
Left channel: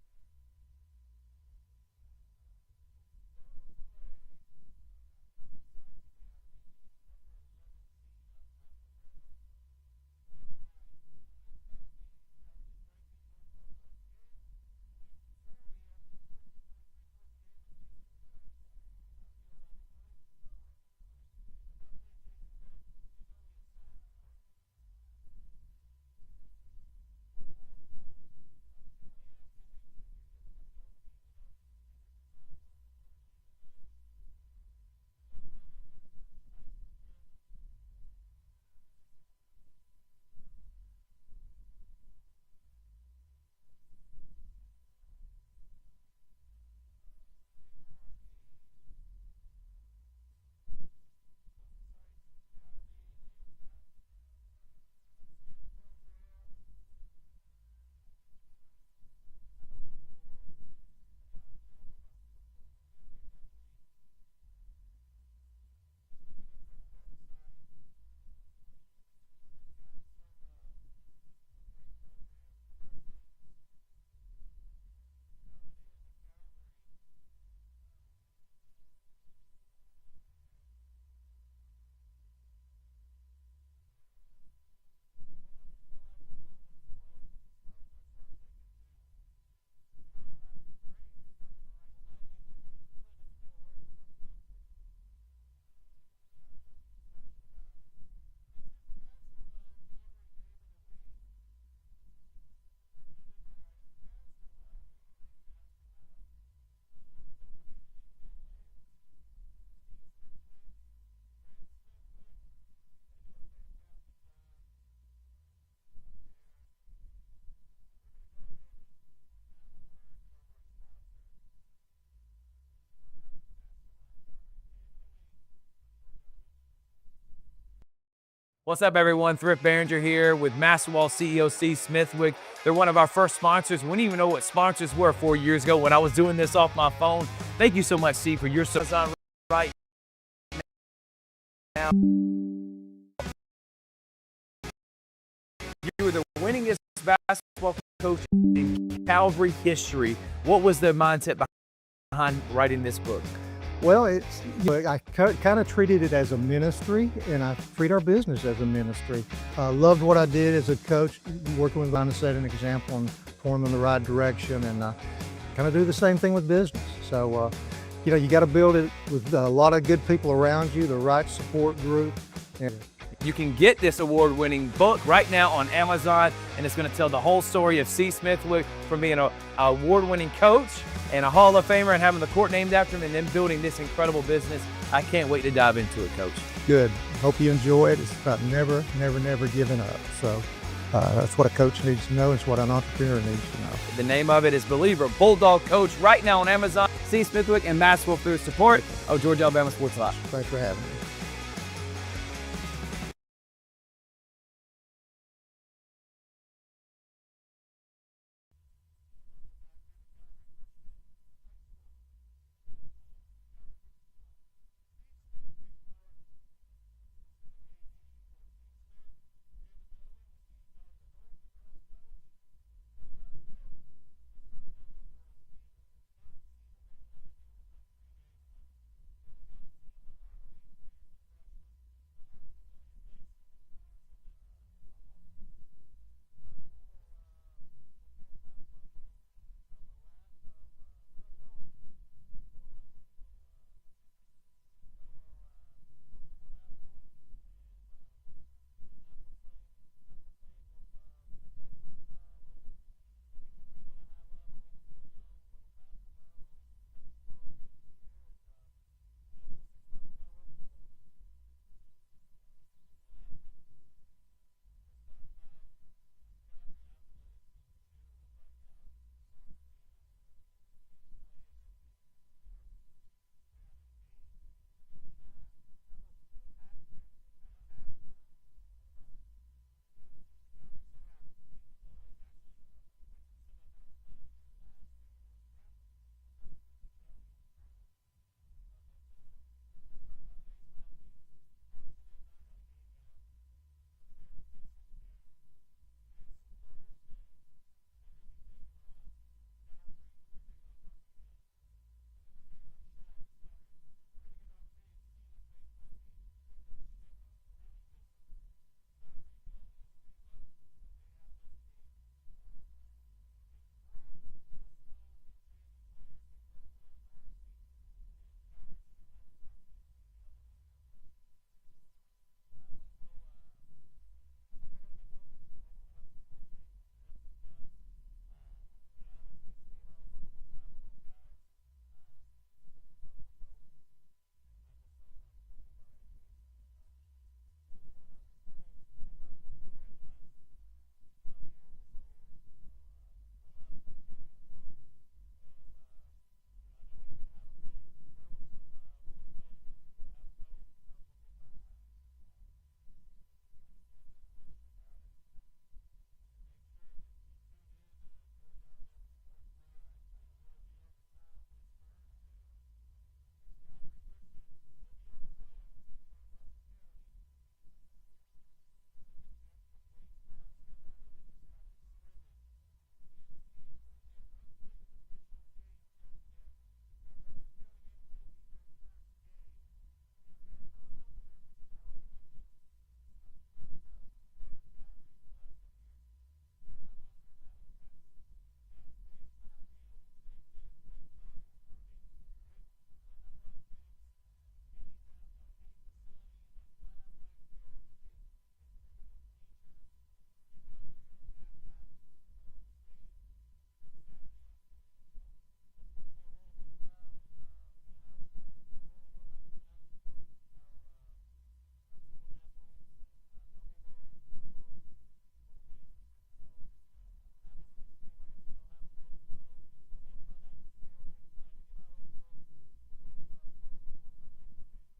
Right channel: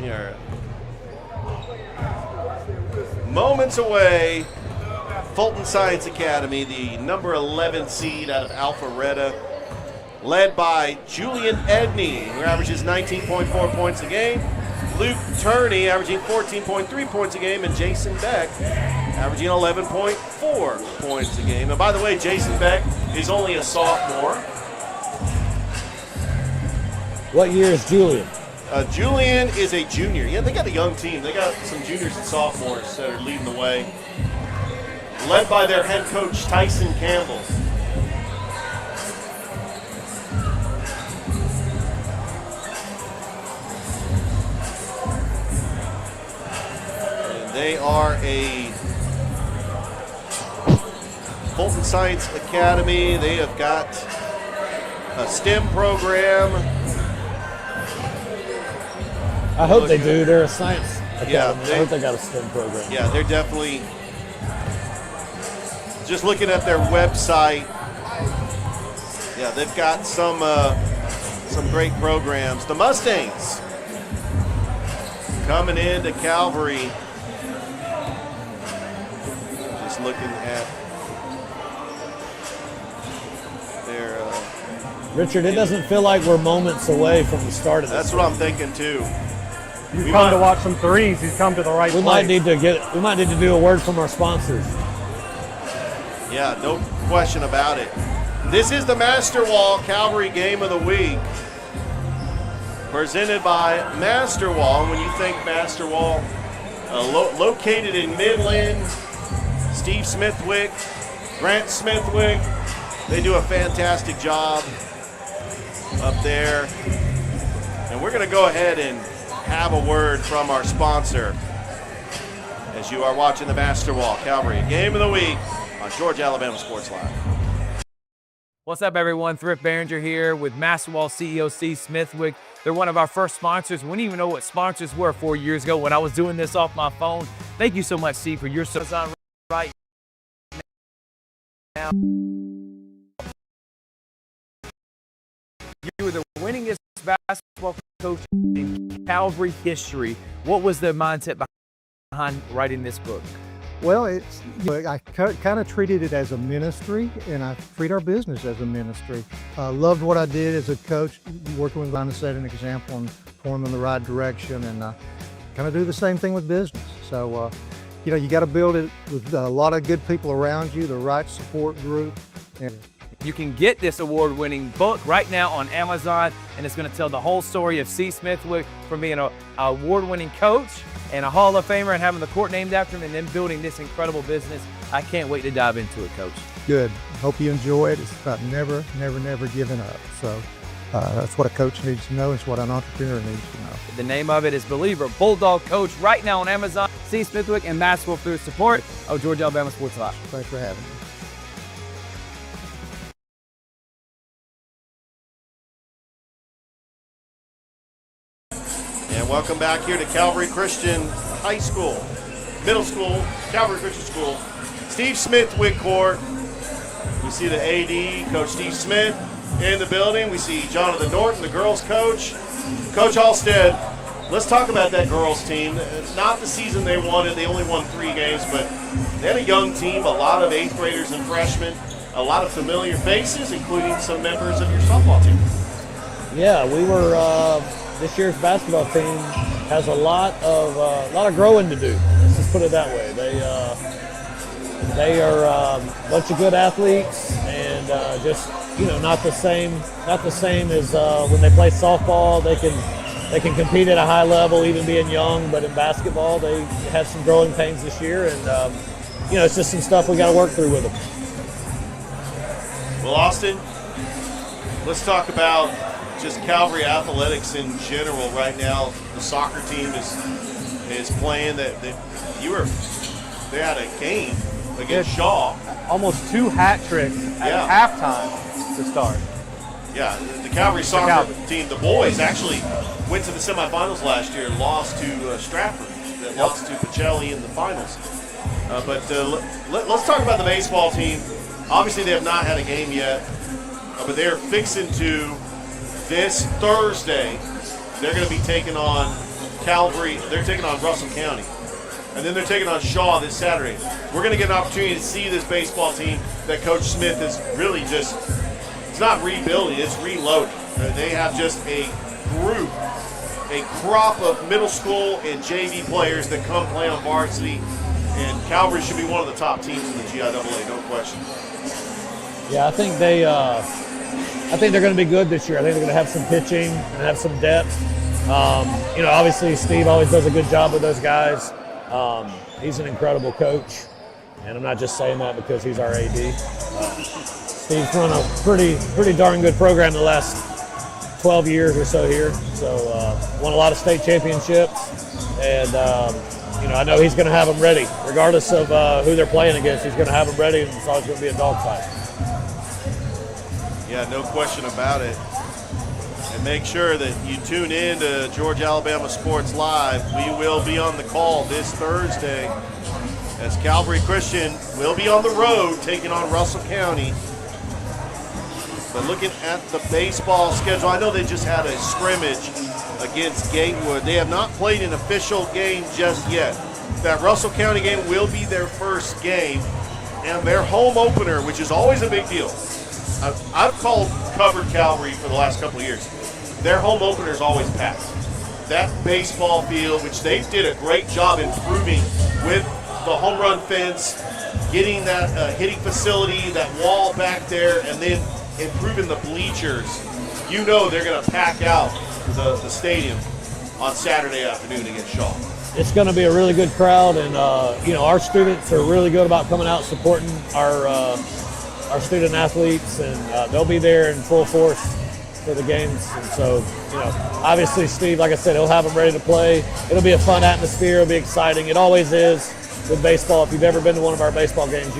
We are moments away. Fulton Science Academy, the number 11 seed out of Alpharetta, led by Julian Edney, who averages 19.4 points a game. Luke Turney averaging 14.3 points a game, and Jason Beck averaging 11.4 points a game. And by the way, Jason Beck is only a sophomore. What year is Julian? Julian is a junior. Yeah, they got a young team. They got some juniors and sophomores that are leading the way, led by their head coach, Tyson Campbell. And they are a Fulton Science Academy. They have got a STEM program. I hope they do. They're a science academy. Yeah, I hope they got a STEM program. Yeah, they're definitely, just looking at their website, yeah, they've got some great programs. The Mustangs coming into Calvary looking at their. Richard, it doesn't feel like we're moments away from the start of this. That's what I'm thinking too. He's come to watch some threes. He's come to the right We place. might need to do a word from our sponsors. Yeah, no question about it. This is the Master Wall Calvary Game of the Week, presented by Master Wall. When you think Master Wall, located in Midland, Steve Smithwick, Grant Smithwick, they do a fantastic job up there. And we're going to go ahead and have a word from our sponsor as you are watching the Master Wall Calvary Game of the Week on Georgia Alabama Sports Live. What's up, everyone? Thrift Behringer here with Master Wall CEO Steve Smithwick. They're one of our first sponsors. We didn't even know what sponsors were 4 years ago when I was doing this off my phone. Thank you so much, Steve, for your service on right now. You were the winningest basketball coach in Calvary history. What was the mindset behind writing this book? Well, I kind of treated it as a ministry, and I treat our business as a ministry. Loved what I did as a coach, working with trying to set an example and point them in the right direction, and kind of do the same thing with business. So, you got to build it with a lot of good people around you, the right support group. And you can get this award-winning book right now on Amazon, and it's going to tell the whole story of C. Smithwick from being an award-winning coach and a Hall of Famer and having the court named after him and then building this incredible business. I can't wait to dive into it, Coach. Good. Hope you enjoy it. It's about never giving up. So that's what a coach needs to know. It's what an entrepreneur needs to know. The name of it is Believer Bulldog Coach right now on Amazon. C. Smithwick and Master Wall through support of Georgia Alabama Sports Live. Thanks for having me. And welcome back here to Calvary Christian High School, Middle School, Calvary Christian School. Steve Smithwick court. We see the AD, Coach Steve Smith, in the building. We see Jonathan Norton, the girls coach. Coach Halstead, let's talk about that girls team. It's not the season they wanted. They only won 3 games, but they had a young team, a lot of 8th graders and freshmen, a lot of familiar faces, including some members of your softball team. Yeah, we were. This year's basketball team has a lot of growing to do. Let's just put it that way. They are a bunch of good athletes, and just not the same as when they play softball. They can compete at a high level, even being young. But in basketball, they had some growing pains this year, and it's just some stuff we got to work through with them. Well, Austin, let's talk about just Calvary athletics in general right now. The soccer team is playing. They had a game against Shaw. Almost 2 hat tricks at halftime to start. Yeah, the Calvary soccer team, the boys actually went to the semifinals last year and lost to Stratford. That lost to Pacelli in the finals. Let's talk about the baseball team. Obviously, they have not had a game yet, but they're fixing to. This Thursday, they're going to be taking on Calvary. They're taking on Russell County. And then they're taking on Shaw this Saturday. We're going to get an opportunity to see this baseball team that Coach Smith is really just, it's not rebuilding, it's reloading. They have just a group, a crop of middle school and JV players that come play on varsity. And Calvary should be one of the top teams in the GIAA, no question. Yeah, I think they're going to be good this year. I think they're going to have some pitching and have some depth. Obviously Steve always does a good job with those guys. He's an incredible coach, and I'm not just saying that because he's our AD. Steve's run a pretty darn good program the last 12 years or so here. So won a lot of state championships, and I know he's going to have them ready, regardless of who they're playing against. He's going to have them ready, and it's always going to be a dogfight. Yeah, no question about it. And make sure that you tune in to Georgia Alabama Sports Live. We will be on the call this Thursday as Calvary Christian will be on the road taking on Russell County. But looking at the baseball schedule, I know they just had a scrimmage against Gatewood. They have not played an official game just yet. That Russell County game will be their first game. and their home opener, which is always a big deal. I've covered Calvary for the last couple of years. Their home opener is always packed. That baseball field, which they did a great job improving with the home run fence, getting that hitting facility, that wall back there, and then improving the bleachers. You know they're going to pack out the stadium on Saturday afternoon against Shaw. It's going to be a really good crowd, and our students are really good about coming out supporting our student athletes, and they'll be there in full force for the games. And so, obviously Steve, like I said, he'll have them ready to play. It'll be a fun atmosphere. It'll be exciting. It always is with baseball. If you've ever been to one of our baseball games,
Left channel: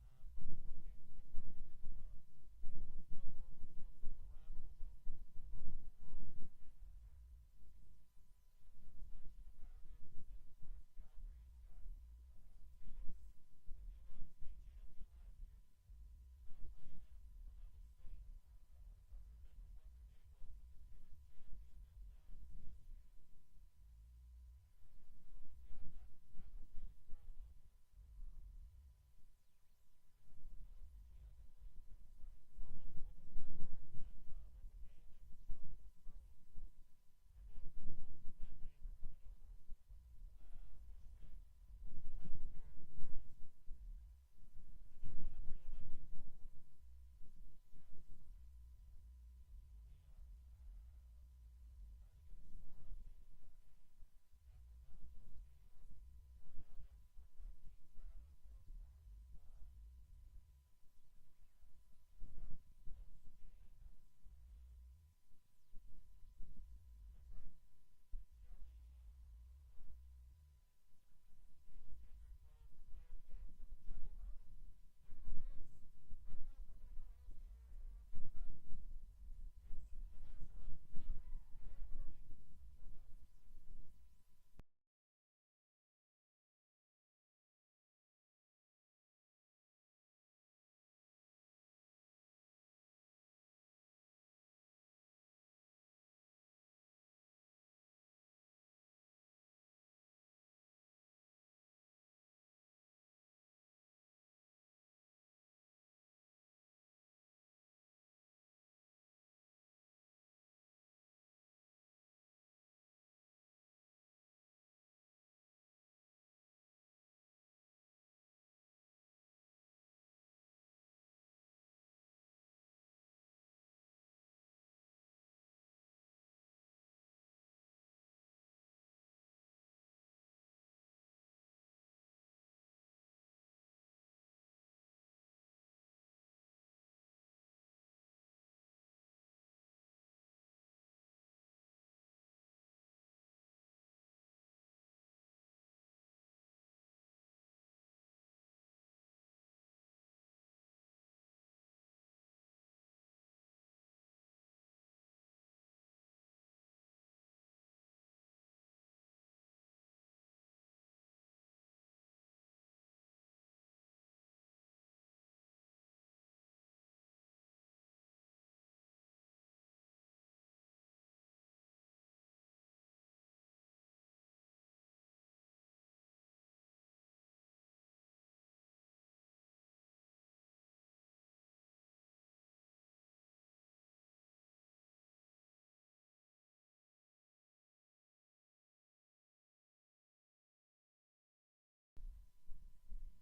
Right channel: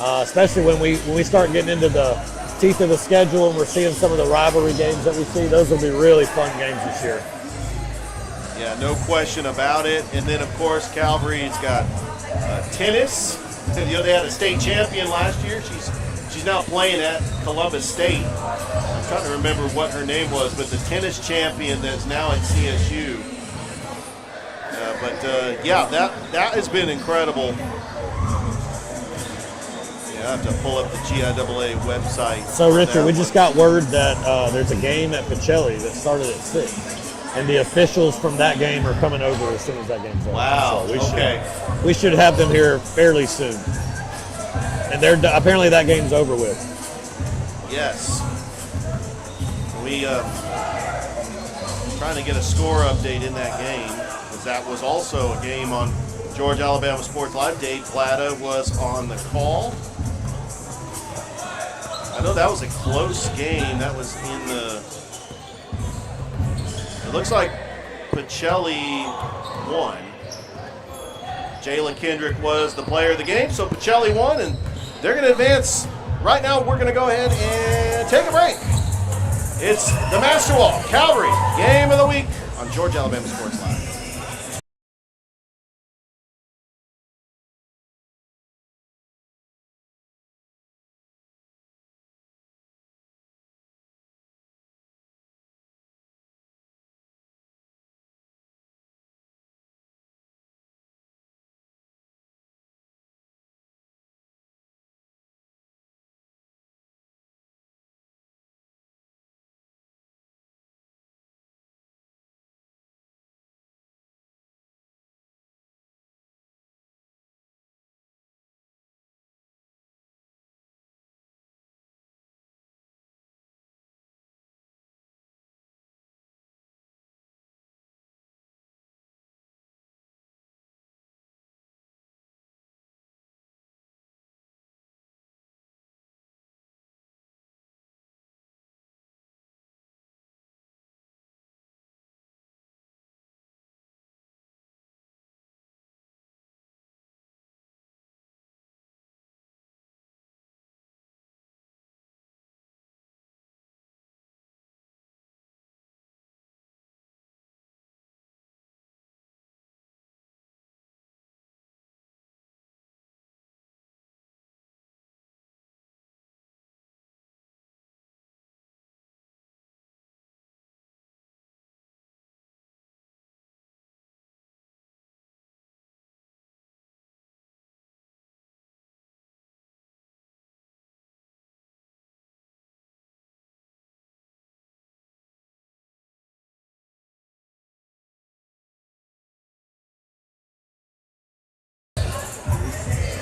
especially when we start getting into the teeth of the schedule and we're seeing some of the rivalry games that we see, those will be really fun games this year. Yeah, no question about it. And then, of course, Calvary's got tennis. They had a state champion last year. She's now playing at Columbus State. I'm trying to remember what her name was, but the tennis champion that's now at CSU. That has been incredible. Yeah, I have to pull up the GIAA website. So, Richard, we just got word that there's a game at Pacelli that started at 6. And the officials from that game are coming over as soon as that game's over. Wow, so we should have them here fairly soon. And apparently that game's over with. Yes. We trying to get a score update in that game, because that was also a game on Georgia Alabama Sports Live. Dave Plata was on the call. I know that was a close game. That was in the... It looks like Pacelli won. Jalen Kendrick was the player of the game, so Pacelli won, and they're going to advance. Right now, we're going to go ahead and take a break. It's the Master Wall Calvary Game of the Week on Georgia Alabama Sports Live.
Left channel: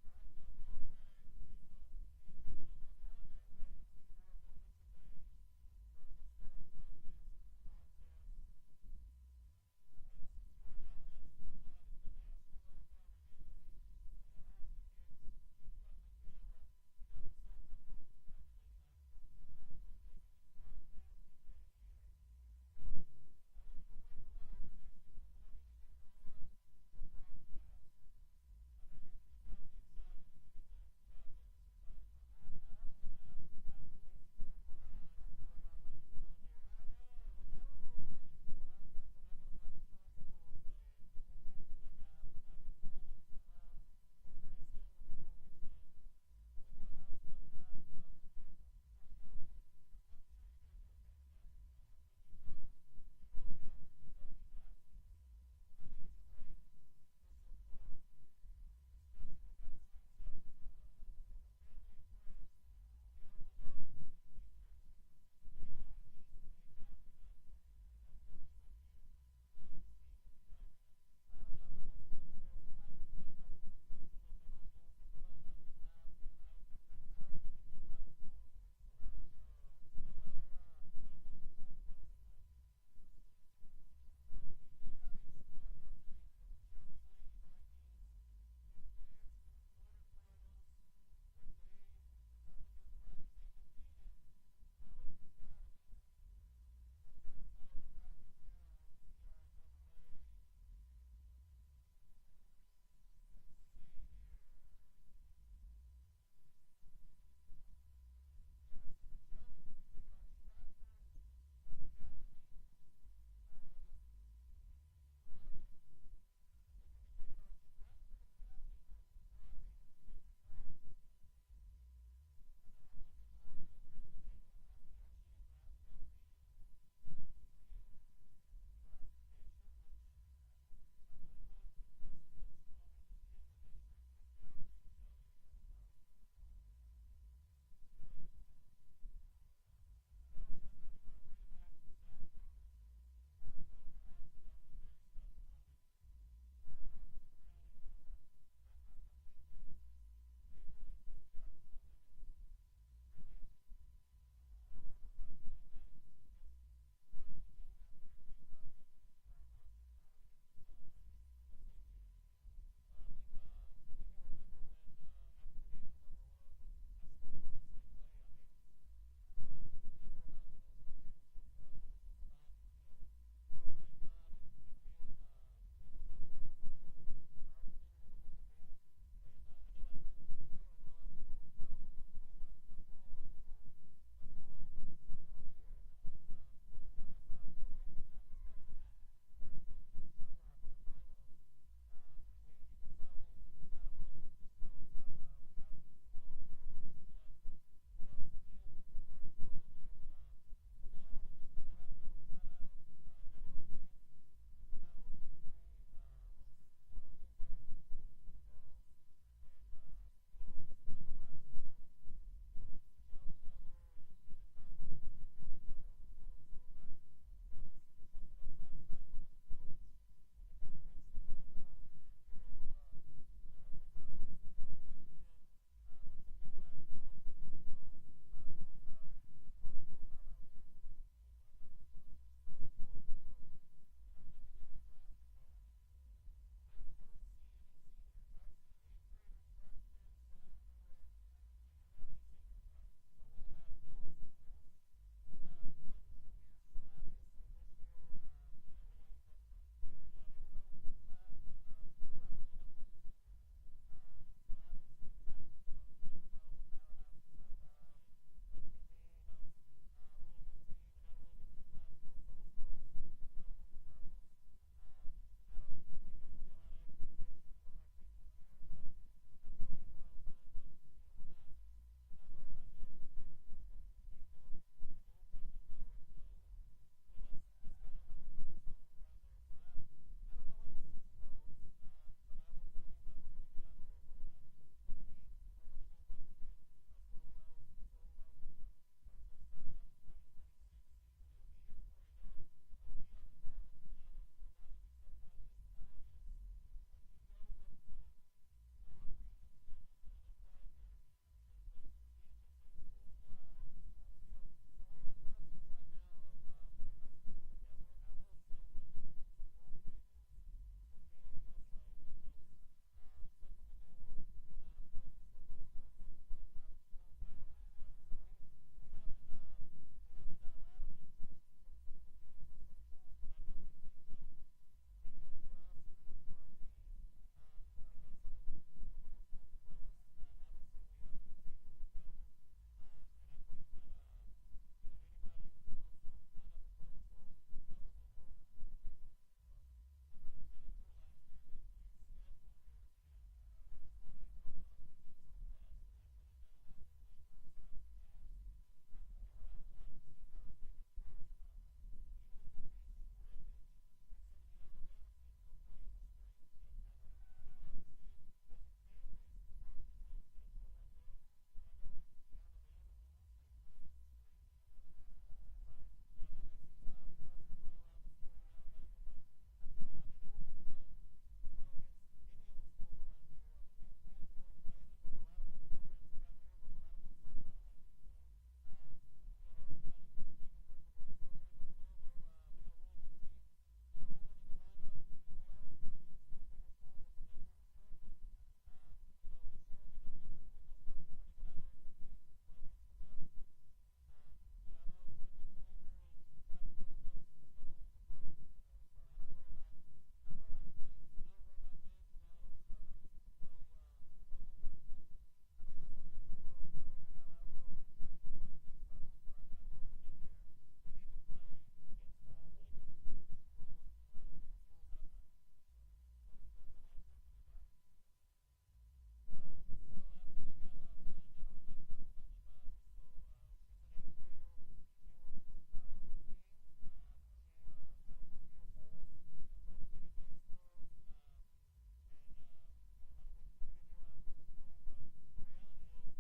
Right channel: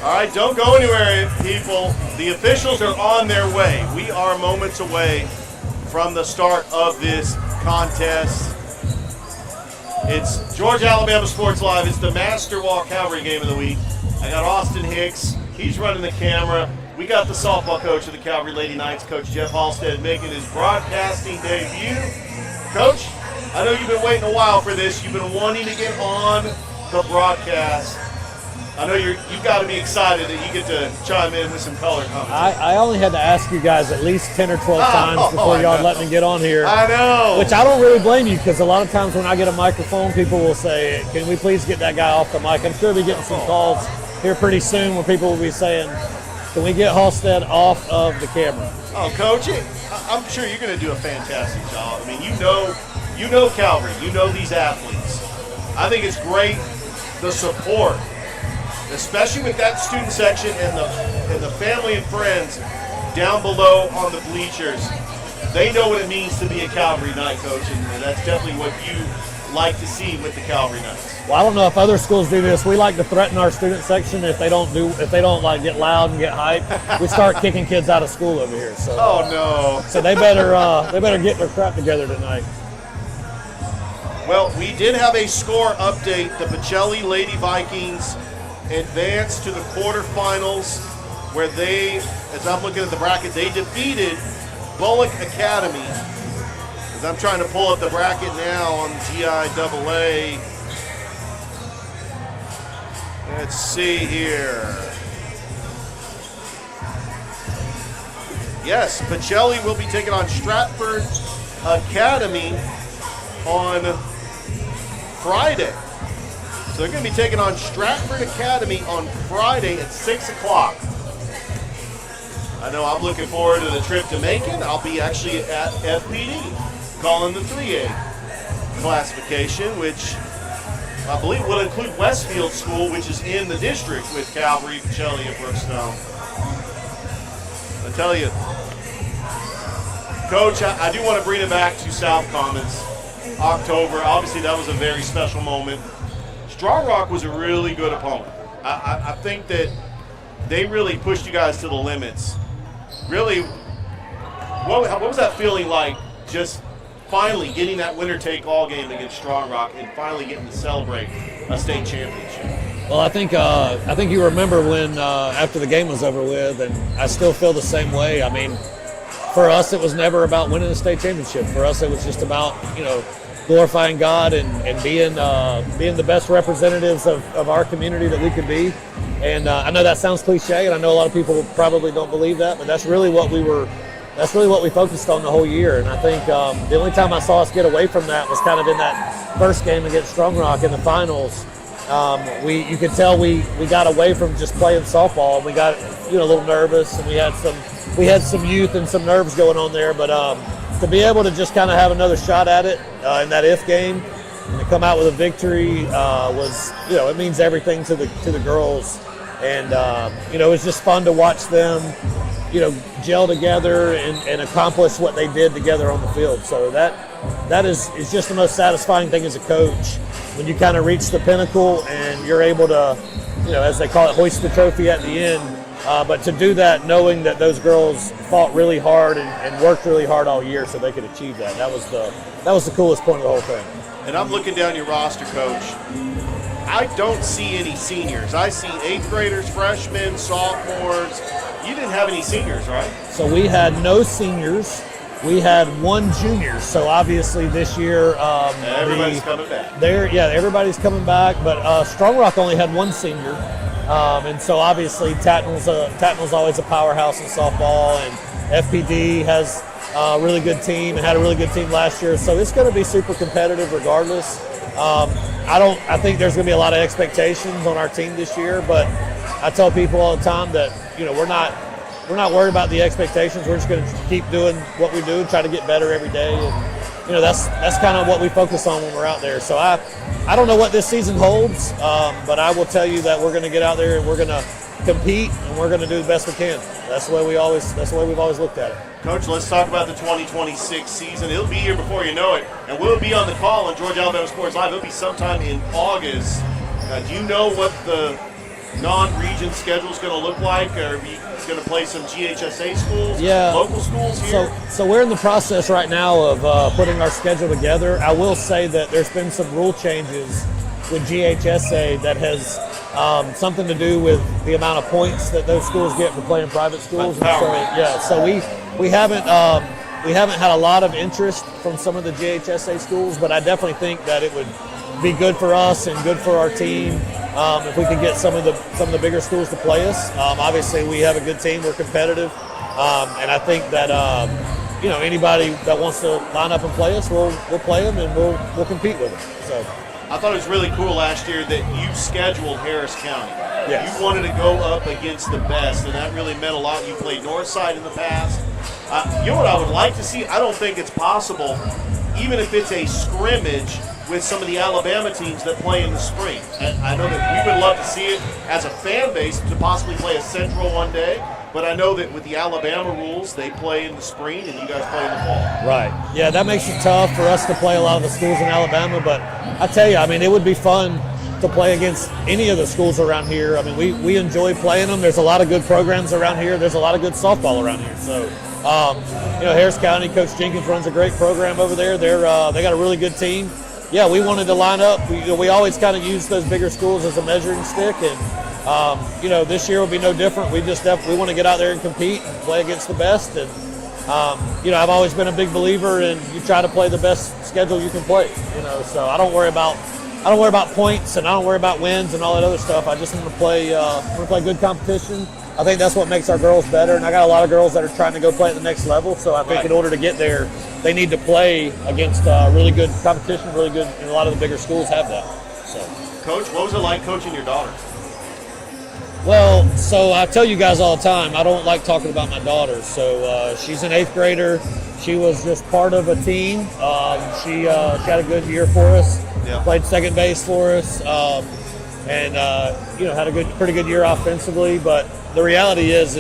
All right, don't go anywhere, people. The officials are on their way. We are moments away from the start of this contest. It's Georgia Alabama Sports Live. It's the Master Wall Calvary Game of the Week. I got Austin Hicks. He's running the camera. We got the softball coach of the Calvary Lady Knights, Coach Jeff Halstead, making his broadcasting debut. Coach, I know you've been waiting a while for this. You've been wanting to get on the broadcast. I know you've got to be excited that you get to chime in with some color commentary. I only had to ask you guys at least 10 or 12 times before y'all let me get on here. I know. Which I don't really blame you, because a lot of times when I get a microphone, people will say, can we please get that guy off the mic? I'm sure we'll be getting some calls here pretty soon where people will be saying, can we get Halstead off of the camera? Oh, Coach, I'm sure you're going to do a fantastic job. I mean, you know Calvary. You know these athletes. I think it's great, the support especially with that student section and the family and friends down below on the bleachers. They know what it means to be a Calvary Knight, Coach, and that's definitely what you like to see with the Calvary Knights. Well, I don't know if other schools do this. We like to threaten our student section if they don't like get loud and get hype. We start kicking kids out of school over here. So, oh no! So they better get their crap together tonight. Well, we did have a score update. The Pacelli Lady Vikings advanced to the quarterfinals, where they, as I'm looking at the bracket, they defeated Bullock Academy. As I'm trying to pull up the bracket now on GIAA. Let's see here. Yes, Pacelli will be taking on Stratford Academy on Friday. So they're going to be taking on Stratford Academy on Friday at 6 o'clock. I know I'm looking forward to the trip to Macon. I'll be actually at FPD calling the 3A classification, which I believe will include Westfield School, which is in the district with Calvary, Pacelli, and Brookstone. I tell you, Coach, I do want to bring it back to South Commons. October, obviously that was a very special moment. Strong Rock was a really good opponent. I think that they really pushed you guys to the limits. Really, what was that feeling like, just finally getting that winner-take-all game against Strong Rock and finally getting to celebrate a state championship? Well, I think you remember when after the game was over with, and I still feel the same way. I mean, for us, it was never about winning the state championship. For us, it was just about, glorifying God and being the best representatives of our community that we could be. And I know that sounds cliche, and I know a lot of people probably don't believe that, but that's really what we focused on the whole year. And I think the only time I saw us get away from that was kind of in that first game against Strong Rock in the finals. You could tell we got away from just playing softball, and we got a little nervous, and we had some youth and some nerves going on there. But to be able to just kind of have another shot at it in that if game and to come out with a victory was, it means everything to the girls. And it was just fun to watch them gel together and accomplish what they did together on the field. So that is just the most satisfying thing as a coach, when you kind of reach the pinnacle and you're able to, as they call it, hoist the trophy at the end. But to do that knowing that those girls fought really hard and worked really hard all year so they could achieve that. That was the coolest point of the whole thing. And I'm looking down your roster, Coach. I don't see any seniors. I see 8th graders, freshmen, sophomores. You didn't have any seniors, right? So we had no seniors. We had one junior. So obviously this year, everybody's coming back. Everybody's coming back. But Strong Rock only had one senior, and so obviously Tatnall's always a powerhouse in softball, and FPD has a really good team and had a really good team last year. So it's going to be super competitive regardless. I think there's going to be a lot of expectations on our team this year, but I tell people all the time that we're not worried about the expectations. We're just going to keep doing what we do and try to get better every day. And that's kind of what we focus on when we're out there. So I don't know what this season holds, but I will tell you that we're going to get out there and we're going to compete and we're going to do the best we can. That's the way we've always looked at it. Coach, let's talk about the 2026 season. It'll be here before you know it, and we'll be on the call on Georgia Alabama Sports Live. It'll be sometime in August. Do you know what the non-region schedule is going to look like? Are we going to play some GHSA schools, local schools here? So we're in the process right now of putting our schedule together. I will say that there's been some rule changes with GHSA that has something to do with the amount of points that those schools get for playing private schools. So we haven't had a lot of interest from some of the GHSA schools, but I definitely think that it would be good for us and good for our team if we could get some of the bigger schools to play us. Obviously, we have a good team. We're competitive, and I think that anybody that wants to line up and play us, we'll play them and we'll compete with them. So. I thought it was really cool last year that you scheduled Harris County. Yes. You wanted to go up against the best, and that really meant a lot. You played Northside in the past. You know what I would like to see? I don't think it's possible, even if it's a scrimmage with some of the Alabama teams that play in the spring. And I know that we would love to see it as a fan base to possibly play a Central one day, but I know that with the Alabama rules, they play in the spring and you guys play in the fall. Right. Yeah, that makes it tough for us to play a lot of the schools in Alabama, but I tell you, I mean, it would be fun to play against any of the schools around here. I mean, we enjoy playing them. There's a lot of good programs around here. There's a lot of good softball around here. So, Harris County, Coach Jenkins runs a great program over there. They got a really good team. Yeah, we wanted to line up. We always kind of use those bigger schools as a measuring stick, and this year will be no different. We want to get out there and compete and play against the best. And I've always been a big believer in you try to play the best schedule you can play. So I don't worry about points and I don't worry about wins and all that other stuff. I just want to play good competition. I think that's what makes our girls better, and I got a lot of girls that are trying to go play at the next level. So I think in order to get there, they need to play against really good competition, really good, and a lot of the bigger schools have that. So, Coach, what was it like coaching your daughter? Well, so I tell you guys all the time, I don't like talking about my daughter. So she's an 8th grader. She was just part of a team. She had a good year for us. Yeah. Played second base for us, and had a pretty good year offensively. But the reality is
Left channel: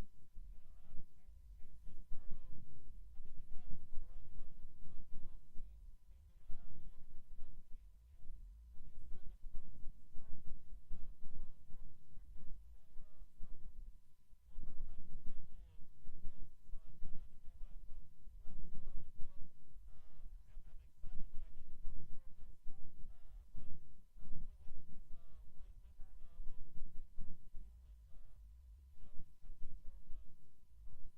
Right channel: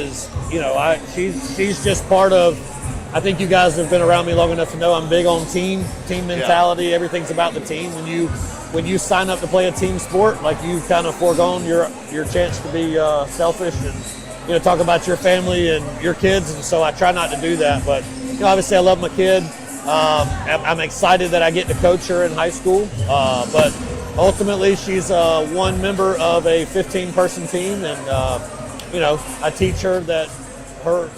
she's just part of. I think you guys have been around me long enough to know I'm big on team mentality. Yeah. Everything's about the team. When you sign up to play a team sport, like you've kind of foregone your chance to be selfish and talk about your family and your kids. And so I try not to do that. But obviously I love my kid. I'm excited that I get to coach her in high school. But ultimately she's one member of a 15-person team, and I teach her that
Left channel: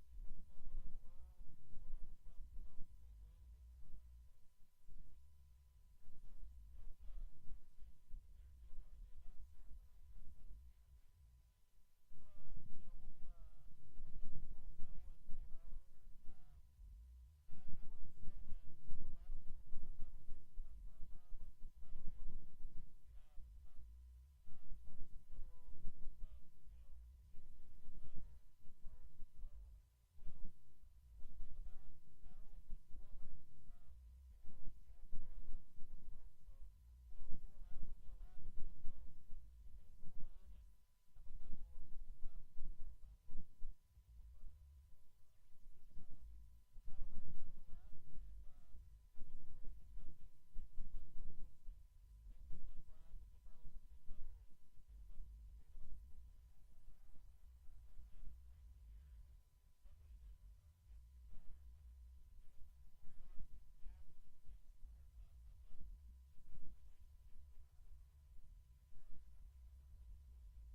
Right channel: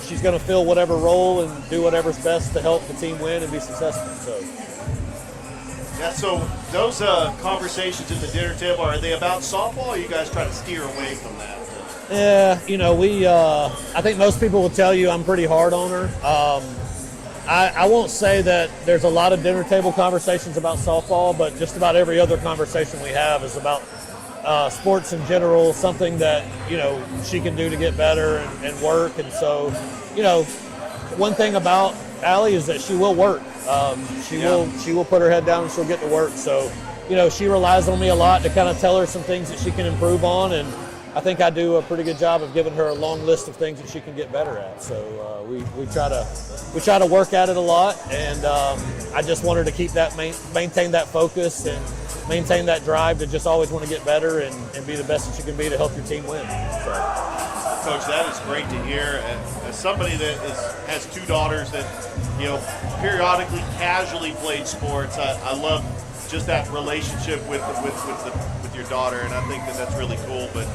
she's going to fill whatever role and do whatever's best to help the team win and be successful. So those conversations at the dinner table, are they about softball, or you guys try to steer away from that? Yeah, I think most people will tell you I'm pretty hard on her. I won't say that there's a lot of dinner table conversations about softball, but just about every other conversation we have is about sports in general, something that she can do to get better and work. And so one thing about Allie is that she will work. She will put her head down and she'll get to work. So she relies on me a lot to kind of tell her some things that she can improve on, and I think I do a pretty good job of giving her a long list of things that she can get better at. So we try to work at it a lot, and I just want her to keep that maintain that focus and maintain that drive to just always want to get better and be the best that she can be to help your team win. So. Coach, that is great to hear. As somebody that has 2 daughters that periodically casually played sports, I love just that relationship with your daughter, and I think that's really cool. But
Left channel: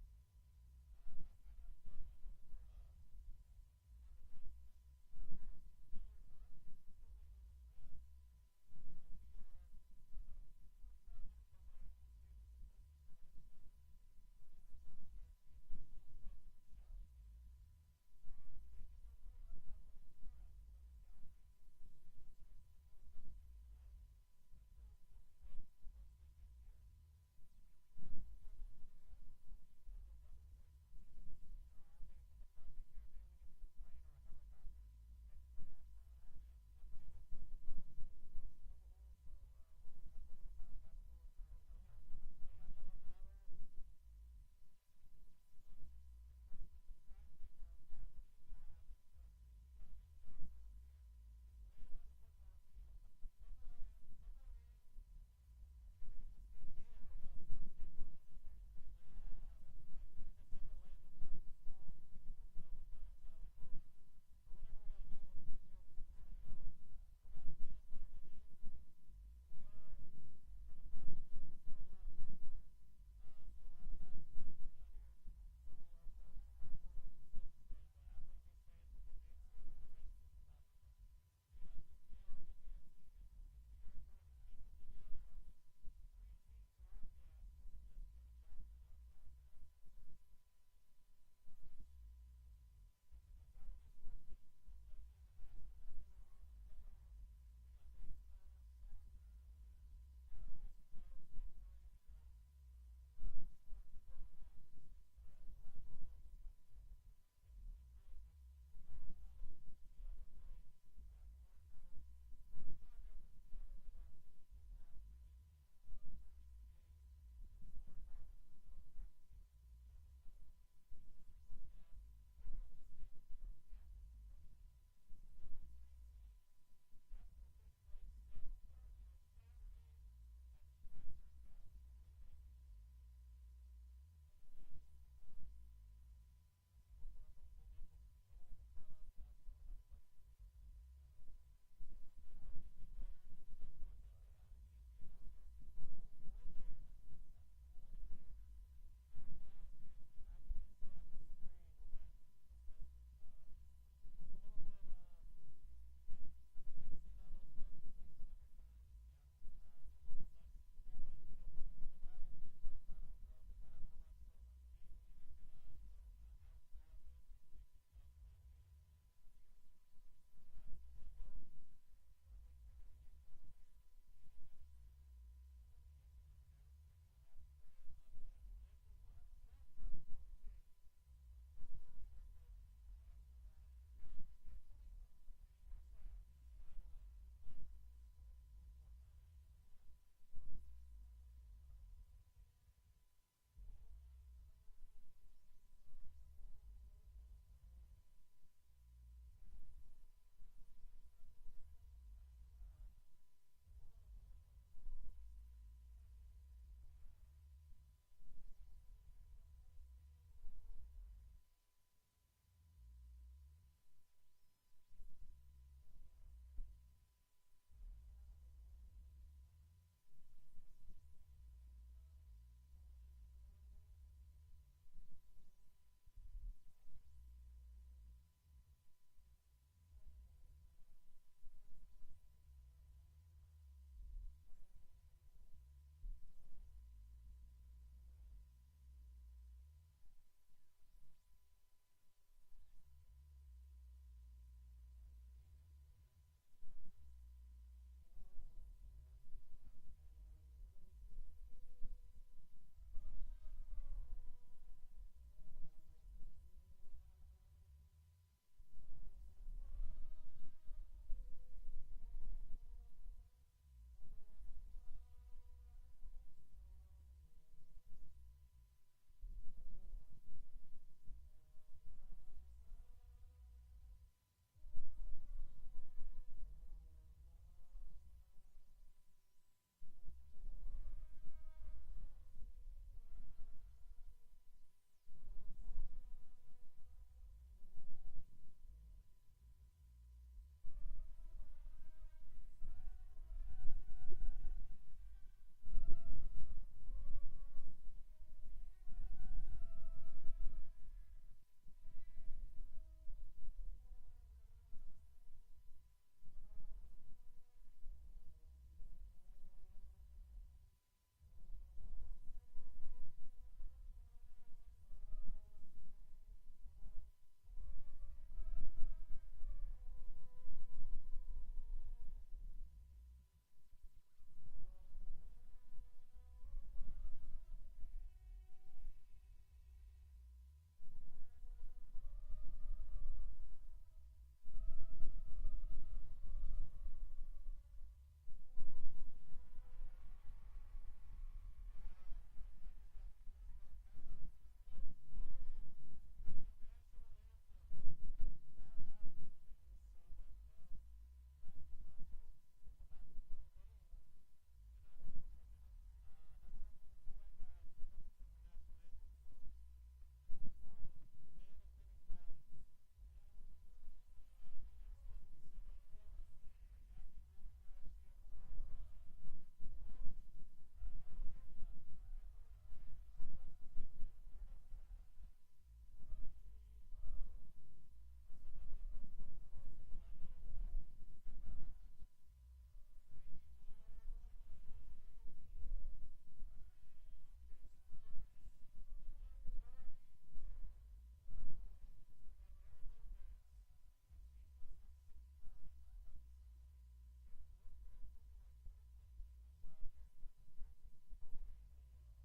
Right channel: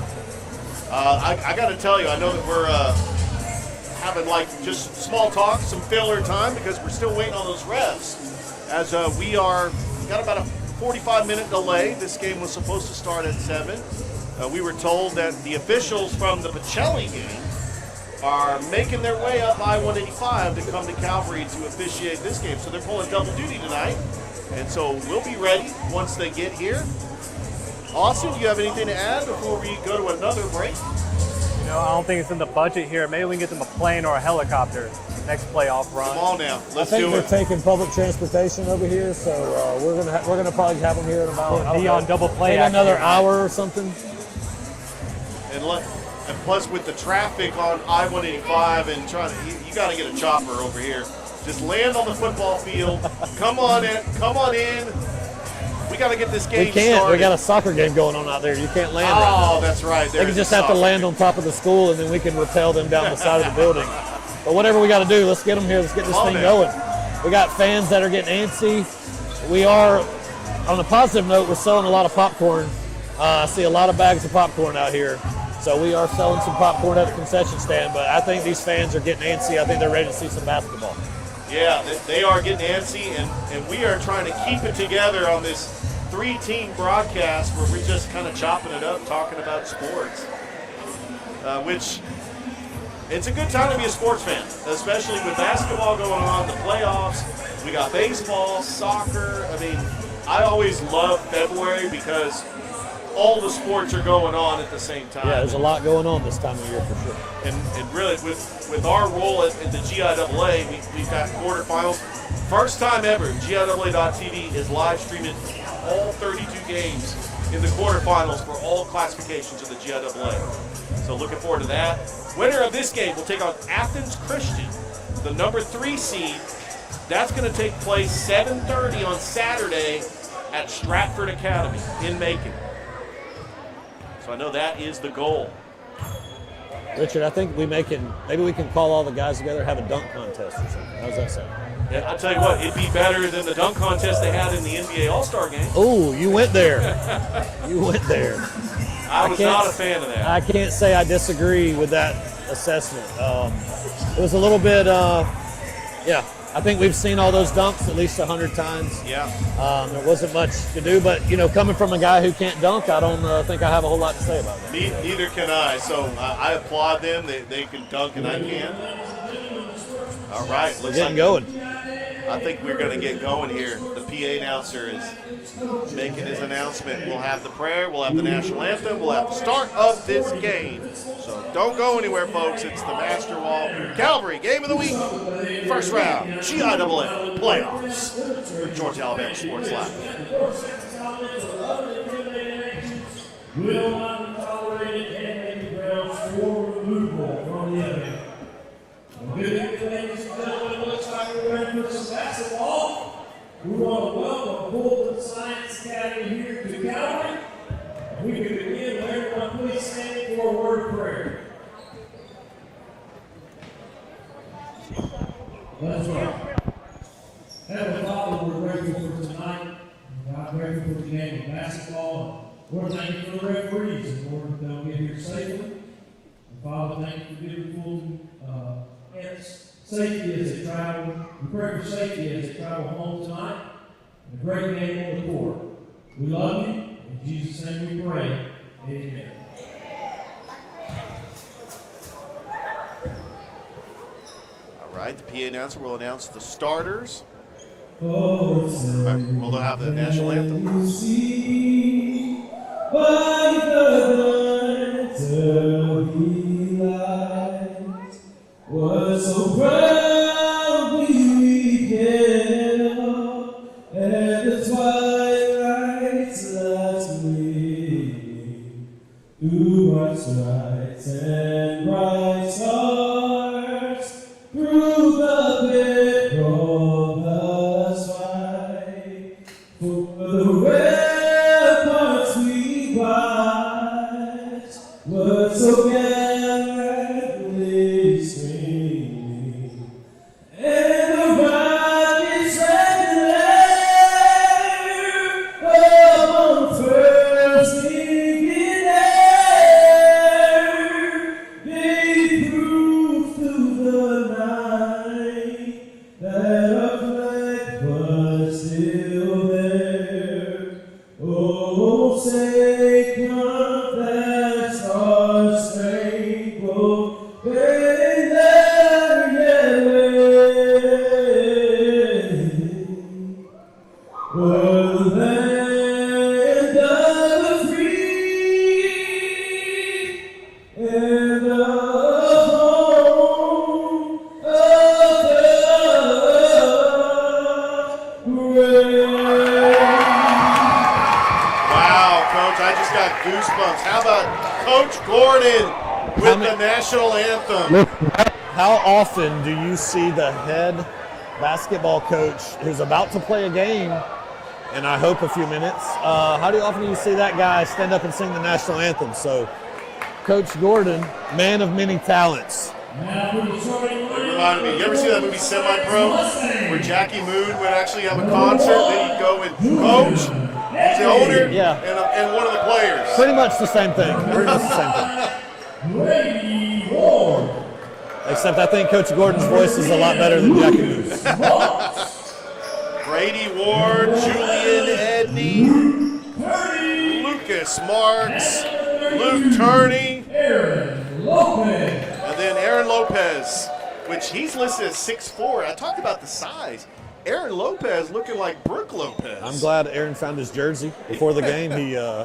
I got to tell you, I know that we're having just small talk, some filler time, because we're still waiting on those refs. As we got about a 45-minute delay. This game was supposed to start at 7. We were told that the officials from the Pacelli game are making their way up I-185 to come to Calvary to officiate this game. So they're pulling double duty tonight. And so we'll be ready once they get here. Austin, do you have anything to add before we go to another break? I don't think it's in the budget here. Maybe we can get them a plane or a helicopter next playoff run. Come on now, let's do it. I think they're taking public transportation over here, so we're gonna probably have them here in about be on double play maybe another hour or something. And plus with the traffic on I-185 and you got to get a chopper over here. Just land on the football field. Come on in. We got to get this game started. We got a soccer game going on out there. You can't land. Oh, that's right. They can just have to land on top of the school, and then we can repel them down the side of the building. But whatever we got to do, let's get them here. Let's get this thing going. We got fans that are getting antsy. We are, on a positive note, we're selling a lot of popcorn. I see a lot of bags of popcorn out here. So we are selling some popcorn at the concession stand, but I think these fans are getting antsy. I think they're ready to see some basketball. Yeah, they are getting antsy, and we are trying to keep it together on this 3-team broadcast where we're just kind of chopping it up, talking about sports, which it's a good time to be a sports fan, especially with basketball going on, the playoffs. We got baseball, soccer. I mean, I always love February because all the sports are going on at the same time. Yeah, there's a lot going on this time of year for sure. And really, with our role at the GIAA, we've got quarterfinals. First time ever, GIAA.tv is live streaming all 32 games in the quarterfinals for all classifications of the GIAA. So looking forward to that. Winner of this game will take on Athens Christian, the number 3 seed. That's going to take place 7:30 on Saturday at Stratford Academy in Macon. So I know that is the goal. Richard, I think maybe we can call all the guys together, have a dunk contest or something. How's that sound? And I'll tell you what, it'd be better than the dunk contest they had in the NBA All-Star game. Oh, you went there. You went there. I was not a fan of that. I can't say I disagree with that assessment. It was a little bit, yeah. I think we've seen all those dunks at least 100 times. Yeah. There wasn't much to do, but, coming from a guy who can't dunk, I don't think I have a whole lot to say about that. Neither can I. So I applaud them. They can dunk and I can't. All right. We're getting going. I think we're going to get going here. The PA announcer is making his announcement. We'll have the prayer. We'll have the national anthem. We'll have the start of this game. So don't go anywhere, folks. It's the Master Wall Calvary Game of the Week. First round, GIAA playoffs. Georgia Alabama Sports Live. Will not be tolerated and grounds for removal from the event. Good evening, ladies and gentlemen. Looks like we're ready for some basketball. We want to welcome Fulton Science Academy here to Calvary. We can begin with everyone please stand for a word of prayer. Let's pray. Heavenly Father, we're grateful for tonight. God, grateful for the game of basketball. Lord, thank you for the referees. And Lord, they'll get here safely. And Father, thank you for giving Fulton safety as they travel. We pray for safety as they travel home tonight. And a great game on the court. We love you. In Jesus' name we pray. Amen. All right, the PA announcer will announce the starters. Oh, We'll have the national anthem. By the light of the light was so proudly we hailed, and the twilight's last gleaming through bright stripes and bright stars, through the perilous fight, for the ramparts we watched were so gallantly streaming, and the rockets red glare on the first sinking air. They proved through the night that our flag was still there. Oh, say come that star-spangled banner yet waved o'er the land of the free and the home of the brave. Wow, Coach, I just got goosebumps. How about Coach Gordon with the national anthem? How often do you see the head basketball coach who's about to play a game, and I hope a few minutes, how often do you see that guy stand up and sing the national anthem? So, Coach Gordon, man of many talents. Now for the starting It lineup. reminded me, you ever see that movie Semi-Pro where Jackie Moon would actually have a concert, then he'd go and coach, he's the owner, Yeah. and one of the players. Pretty much the same thing. Pretty much the same thing. Brady Ward. Except I think Coach Gordon's voice is a lot better than Jackie Moo's. Brady Ward, Julian Edney, Lucas Marks, Luke Turney, Aaron Lopez. and then Aaron Lopez, which he's listed as 6'4". I talked about the size. Aaron Lopez looking like Brooke Lopez. I'm glad Aaron found his jersey before the game.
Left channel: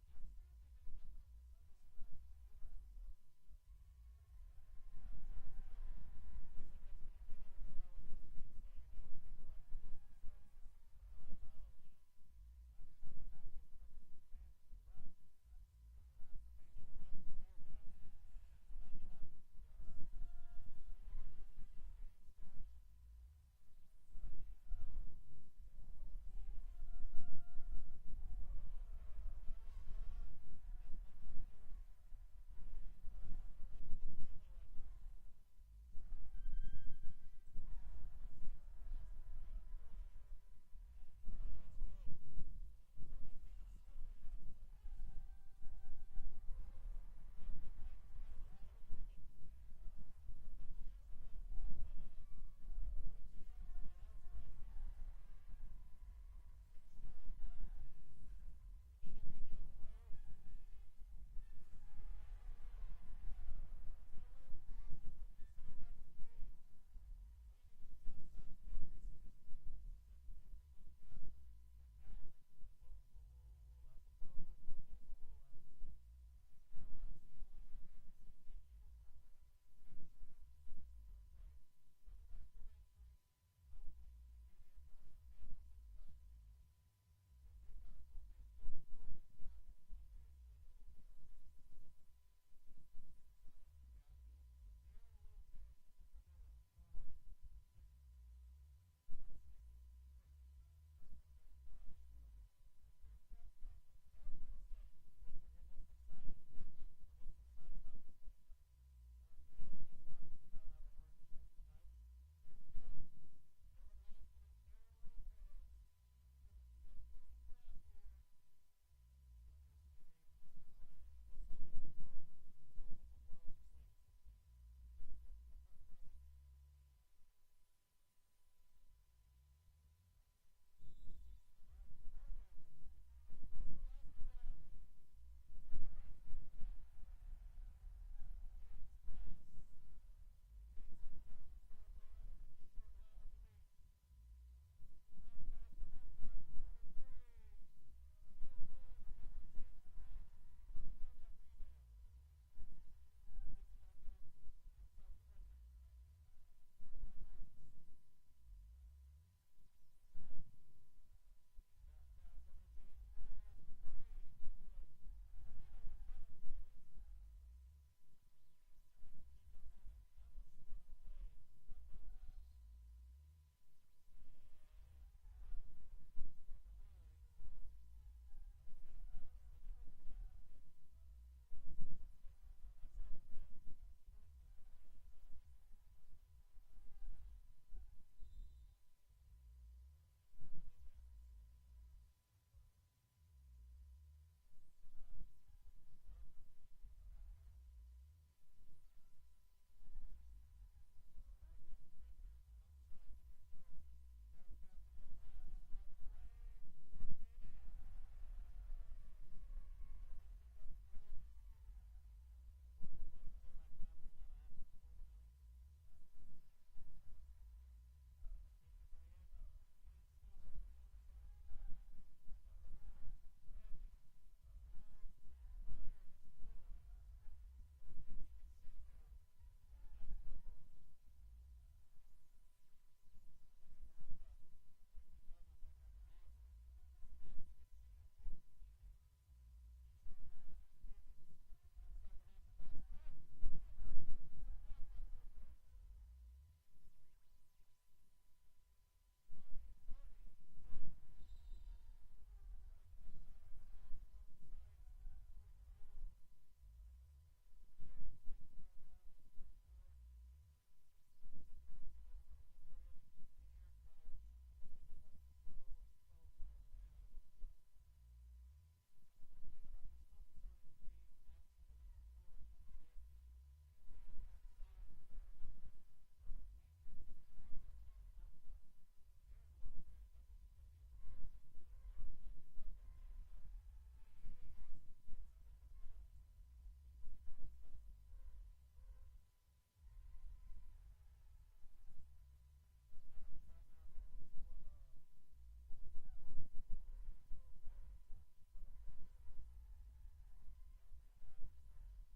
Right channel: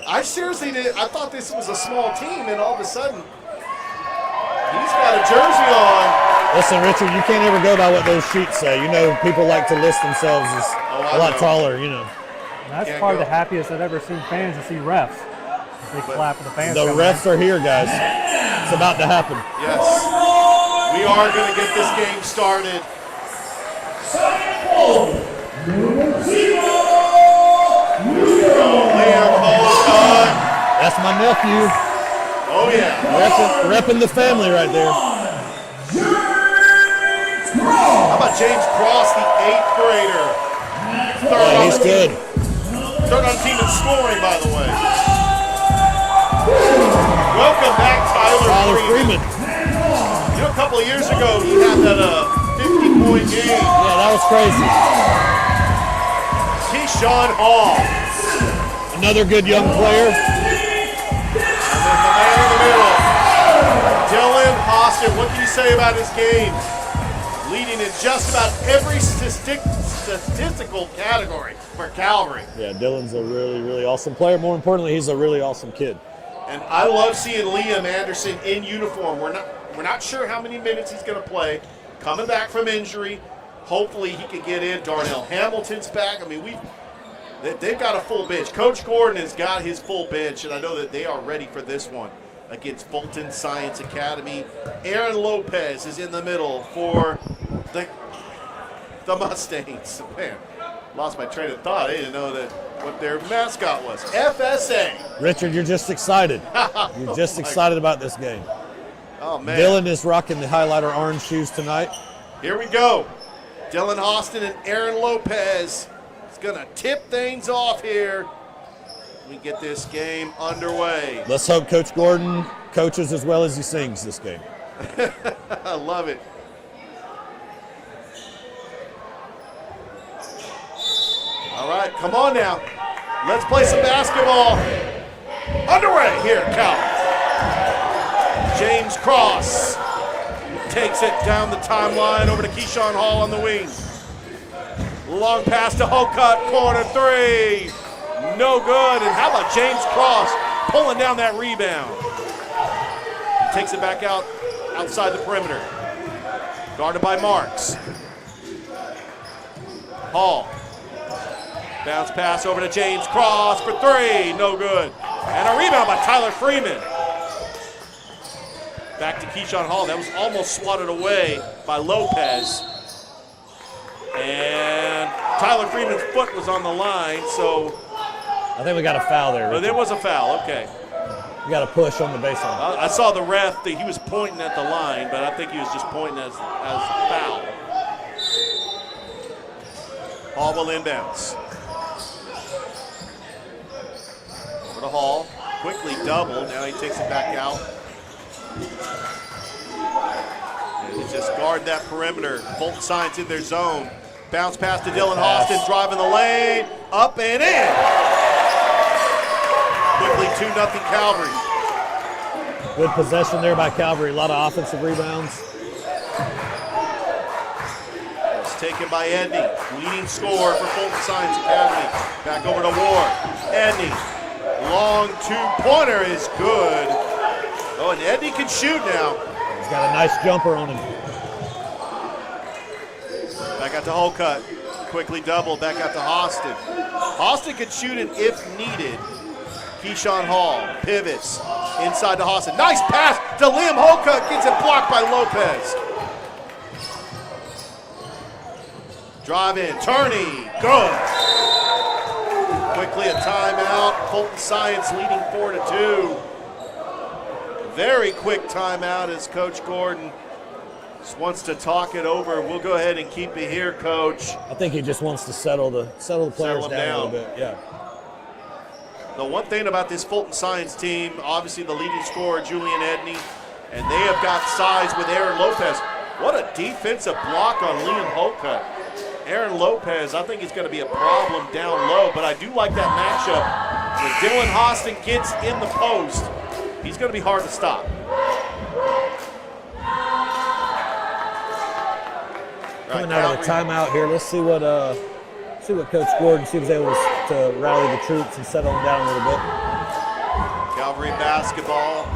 I seriously did. I thought this was a small team, and all of a sudden, he's got a jersey on. Listen, Richard, you can't ever go by what those sheets say. You know, people like to list themselves as I a lot know. taller, you know. That's Can't probably go. the happiest I've ever seen fans to see refs. Big clap for the fans. The coming refs are here, guys. It's about to happen. Yes. We are going to get this game started. Liam Holcott. That's my nephew. Oh, yeah. Repping the family right there. How about James Cross, the 8th grader? Yeah, he's good. Third on team in scoring, by the way. Welcome back, Tyler Freeman. You know, a couple of years ago, he had that 50-point game. Yeah, that was crazy. Keyshawn Hall. Another good young player. And then the man in the middle, Dylan Austin. What can you say about his game? Leading in just about every statistical category for Calvary. Yeah, Dylan's a really, really awesome player. More importantly, he's a really awesome kid. And I love seeing Liam Anderson in uniform. We're not sure how many minutes he's going to play. Coming back from injury, hopefully he can get in. Darnell Hamilton's back. I mean, they've got a full bench. Coach Gordon has got his full bench, and I know that they are ready for this one against Fulton Science Academy. Aaron Lopez is in the middle for the Mustangs. Man, lost my train of thought. I didn't know what their mascot was. FSA. Richard, you're just excited. You're just excited about this game. Oh, man. Dylan is rocking the highlighter orange shoes tonight. Here we go. Dylan Austin and Aaron Lopez is going to tip things off here. We get this game underway. Let's hope Coach Gordon coaches as well as he sings this game. I love it. All right, come on now. Let's play some basketball. Underway here at Cal. James Cross takes it down the timeline over to Keyshawn Hall on the wing. Long pass to Holcott, corner three. No good. And how about James Cross pulling down that rebound? Takes it back outside the perimeter. Guarded by Marks. Hall. Bounce pass over to James Cross for three. No good. And a rebound by Tyler Freeman. Back to Keyshawn Hall. That was almost swatted away by Lopez. And Tyler Freeman's foot was on the line, so. I think we got a foul there. But there was a foul, okay. We got a push on the baseline. I saw the ref that he was pointing at the line, but I think he was just pointing as foul. Hall will inbounds. Over to Hall, quickly doubled. Now he takes it back out. And he just guard that perimeter. Fulton Science in their zone. Bounce pass to Dylan Austin, driving the lane, up and in. Quickly 2-0 Calvary. Good possession there by Calvary. A lot of offensive rebounds. It's taken by Edney, leading scorer for Fulton Science Academy. Back over to Ward. Edney, long two-pointer is good. Oh, and Edney can shoot now. He's got a nice jumper on him. Back out to Holcott. Quickly double. Back out to Austin. Austin can shoot it if needed. Keyshawn Hall pivots inside to Austin. Nice pass to Liam Holcott. Gets it blocked by Lopez. Drive in. Turney. Good. Quickly a timeout. Fulton Science leading 4-2. Very quick timeout as Coach Gordon just wants to talk it over. We'll go ahead and keep it here, Coach. I think he just wants to settle the players down a little bit. Yeah. The one thing about this Fulton Science team, obviously the leading scorer, Julian Edney, and they have got size with Aaron Lopez. What a defensive block on Liam Holcott. Aaron Lopez, I think he's going to be a problem down low, but I do like that matchup. When Dylan Austin gets in the post, he's going to be hard to stop. Coming out of the timeout here, let's see what Coach Gordon was able to rally the troops and settle them down a little bit. Calvary basketball.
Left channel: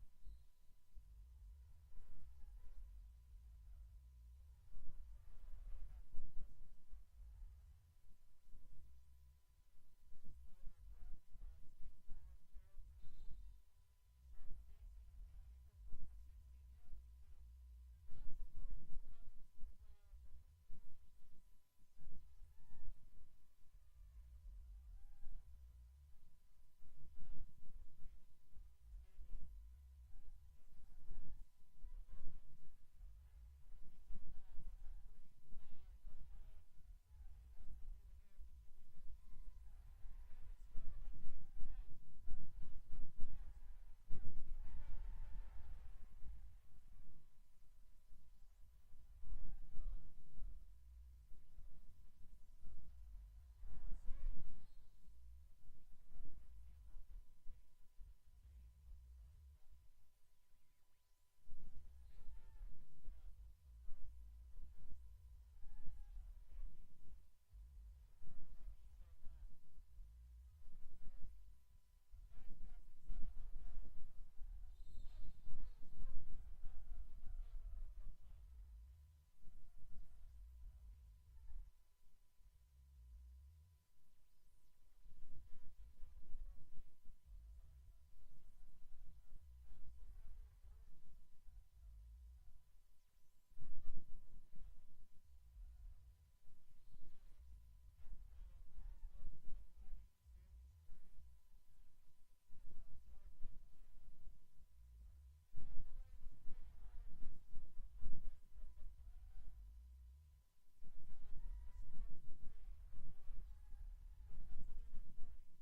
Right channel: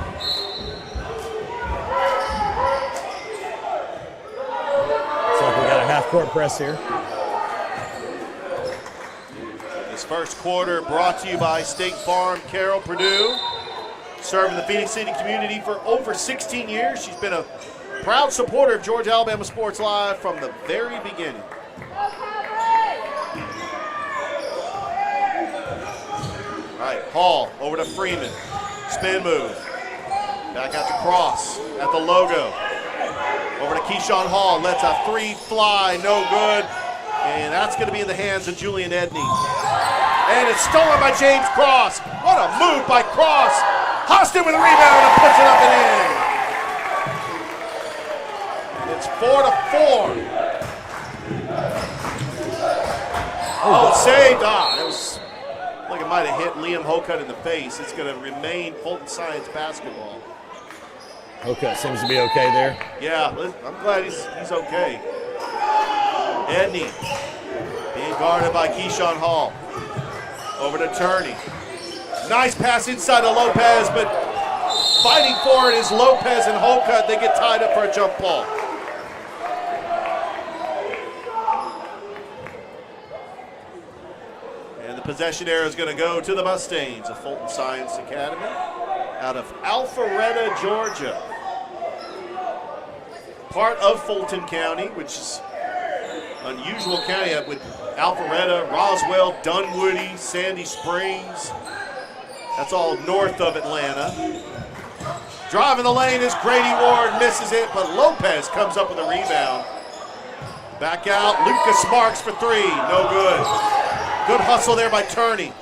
Looks like we got a half-court press here. This first quarter brought to you by State Farm. Carol Perdue, serving the Phoenix City community for over 16 years. She's been a proud supporter of Georgia Alabama Sports Live from the very beginning. All right, Hall over to Freeman. Spin move. Back out to Cross at the logo. Over to Keyshawn Hall. Lets a three fly. No good. And that's going to be in the hands of Julian Edney. And it's stolen by James Cross. What a move by Cross. Hostin with a rebound and puts it up and in. It's 4-4. Oh, saved. It was like it might have hit Liam Hocutt in the face. It's going to remain Fulton Science basketball. Hocutt seems to be okay there. Yeah, I'm glad he's okay. Edney being guarded by Keyshawn Hall. Over to Turney. Nice pass inside to Lopez, but fighting for it is Lopez and Hocutt. They get tied up for a jump ball. And the possession arrow is going to go to the Mustangs of Fulton Science Academy out of Alpharetta, Georgia. Part of Fulton County, which is unusual county with Alpharetta, Roswell, Dunwoody, Sandy Springs. That's all north of Atlanta. Driving the lane is Grady Ward, misses it, but Lopez comes up with a rebound. Back out, Lucas Marks for three, no good. Good hustle there by Turney.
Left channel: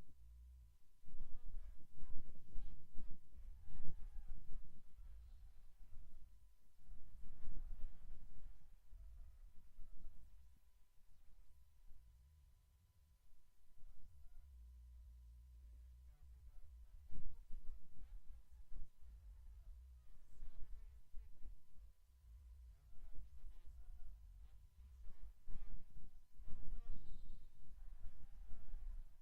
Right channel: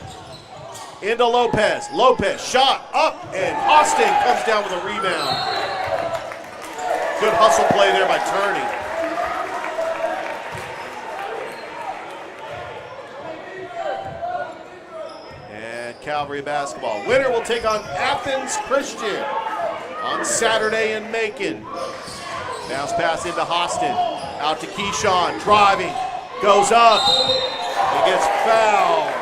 Into Lopez. Lopez shot up, and Austin comes down with a rebound. Good hustle play there by Turney. And Calvary basketball. Winner will take on Athens Christian on Saturday in Macon. Bounce pass into Austin. Out to Keyshawn, driving, goes up, and gets fouled.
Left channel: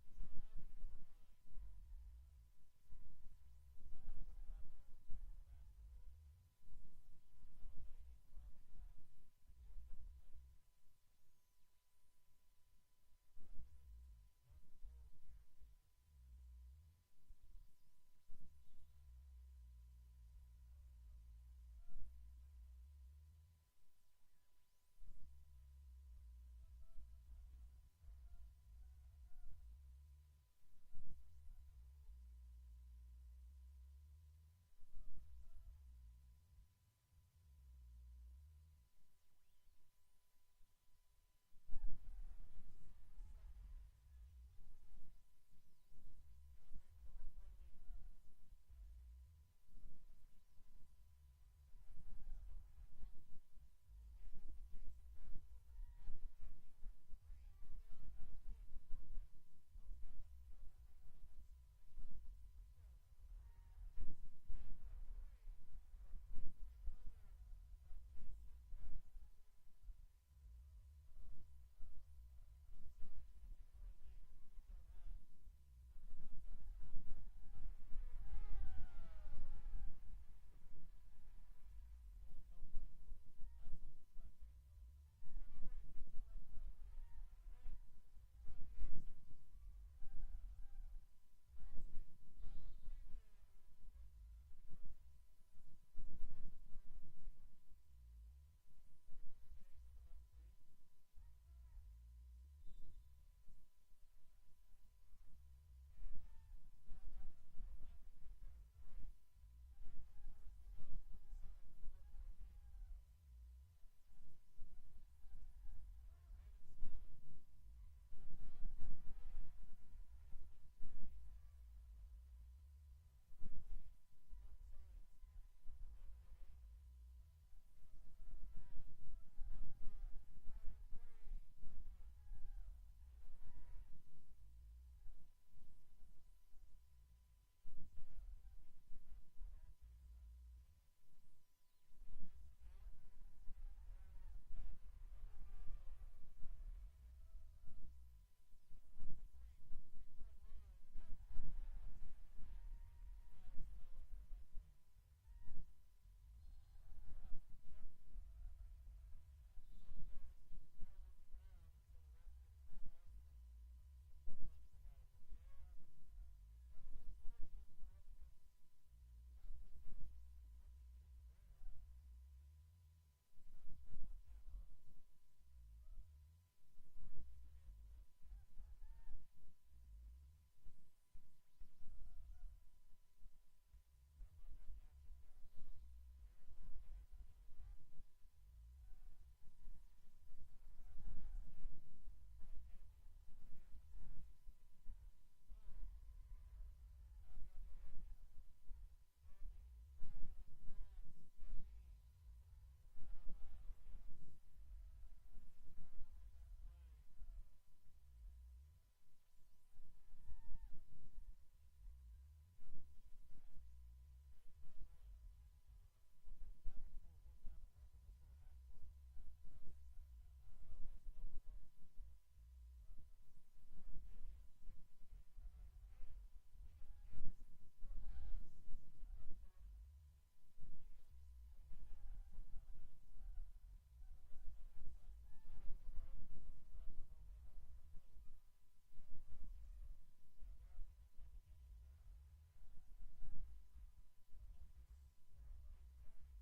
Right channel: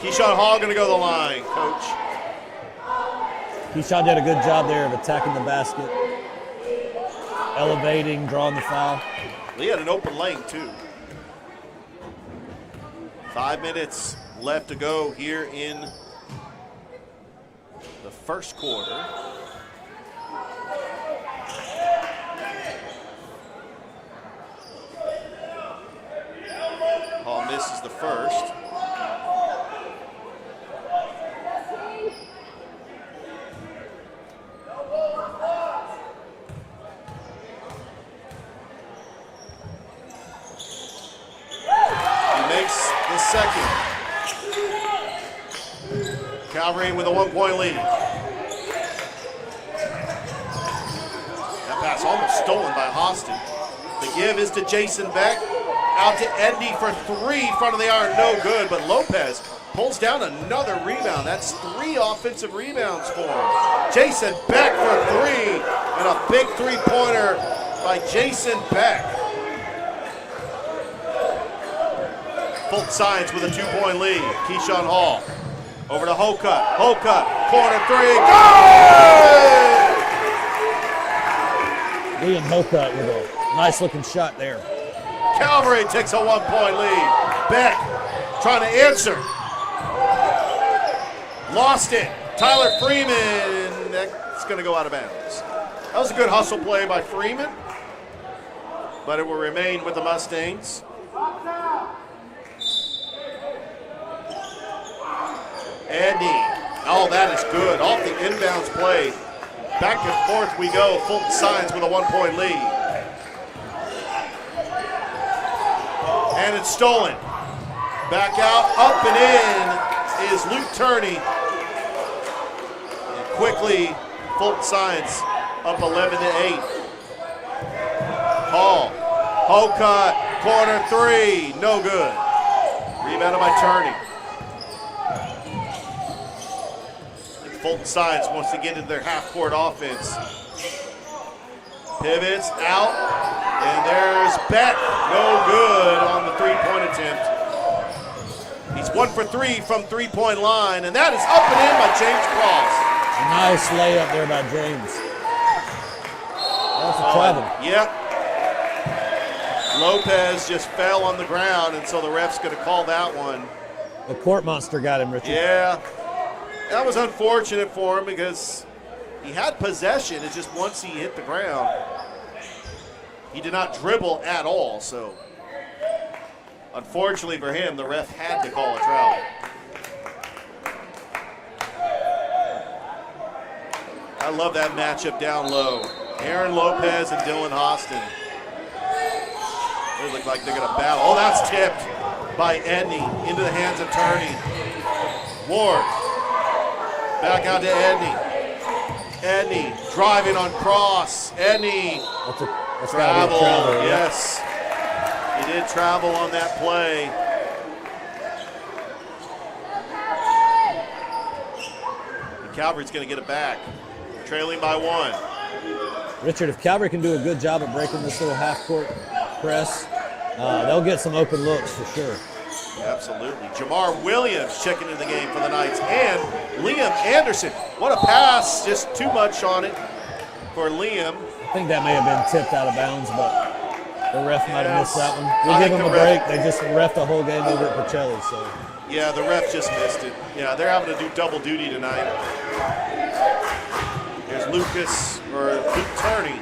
Keyshawn Hall going to go to the line, coach. Keyshawn did a good job there of attacking the basket, elevating, drawing the foul. He had an open lane, too. 5 minutes left to go here in the first quarter. Hall misses the first. Second. Calvary with a 1-point lead. That pass almost stolen by Austin. The give is to Jason Beck. Out to Edney for three. Front of the iron, no good. But Lopez pulls down another rebound. That's 3 offensive rebounds for him. Jason Beck for three. And a big three-pointer by Jason Beck. Fulton Science with a 2-point lead. Keyshawn Hall over to Hocutt. Hocutt, corner three, good! Liam Hocutt with a nice looking shot there. Calvary takes a 1-point lead. Beck trying to answer. Lost it. Tyler Freeman, that's going to go out of bounds. That was a good hustle play by Freeman, but it will remain with the Mustangs. Edney, oh, that is good. Off the inbounds play. Back and forth we go. Fulton Science with a 1-point lead. And it's stolen. Back out, up and in is Luke Turney. And quickly, Fulton Science up 11-8. Hall, Hocutt, corner three, no good. Rebounded by Turney. Fulton Science wants to get into their half-court offense. Pivots out, and there's Beck. No good on the three-point attempt. He's 1 for 3 from three-point line, and that is up and in by James Cross. A nice layup there by James. That's a travel. Yep. Lopez just fell on the ground, and so the ref's going to call that one. The court monster got him, Richard. Yeah, that was unfortunate for him because he had possession. It's just once he hit the ground, he did not dribble at all. So unfortunately for him, the ref had to call a travel. I love that matchup down low. Aaron Lopez and Dylan Austin. They look like they're going to battle. Oh, that's tipped by Edney into the hands of Turney. Ward back out to Edney. Edney driving on cross. Edney That's travel. travel. Yes, he did travel on that play. And Calvary's going to get it back, trailing by 1. Richard, if Calvary can do a good job of breaking this little half-court press, they'll get some open looks for sure. Absolutely. Jamar Williams checking in the game for the Knights. And Liam Anderson. What a pass. Just too much on it for Liam. I think that may have been tipped out of bounds, but the ref might have missed that one. We'll I give think them a the ref- break. They just ref the whole game over at Pacelli, so. Yeah, the ref just missed it. Yeah, they're having to do double duty tonight. Here's Luke Turney.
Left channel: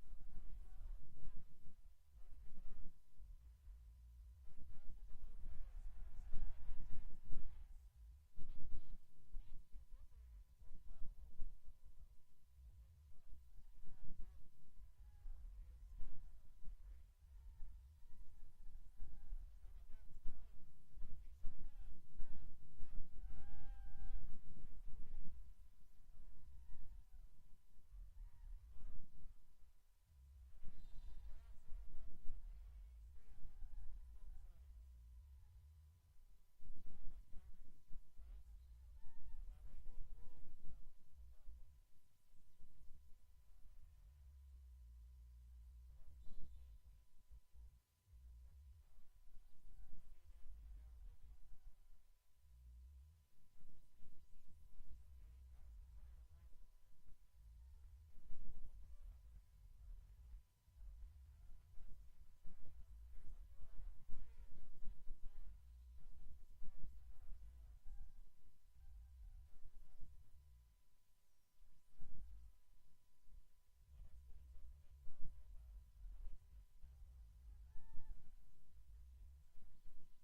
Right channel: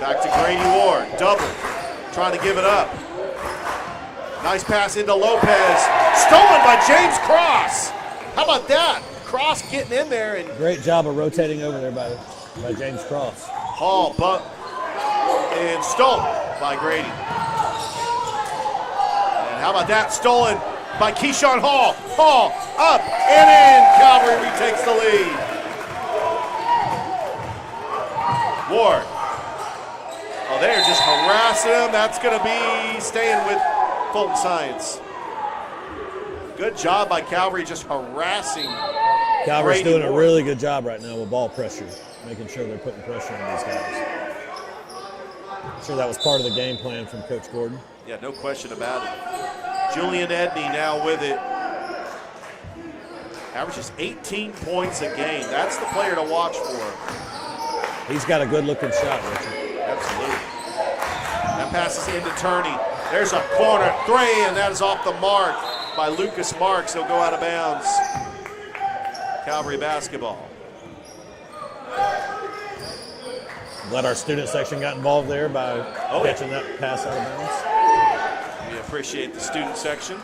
Back to Grady Ward. Double. Trying to give it up. Nice pass into Lopez. Stolen by James Cross. How about that? Cross getting in there. And Great job of rotating over there by James Cross. Hall bumped and stolen by Grady. And how about that? Stolen by Keyshawn Hall. Hall up and in. Calvary retakes the lead. Ward. Oh, they're just harassing him. That's going to be staying with Fulton Science. Good job by Calvary just harassing Calvary's Grady doing a Ward. really good job right now with ball pressure, making sure they're putting pressure on these guys. I'm sure that was part of the game plan from Coach Gordon. Yeah, no question about it. Julian Edney now with it. Averages 18 points a game. That's the player to watch for. He's got a good-looking shot, Richard. Absolutely. That passes into Turney. There's a corner three, and that is off the mark by Lucas Marks. He'll go out of bounds. Calvary basketball. Glad our student section got involved there by catching that pass out of bounds. We appreciate the student section.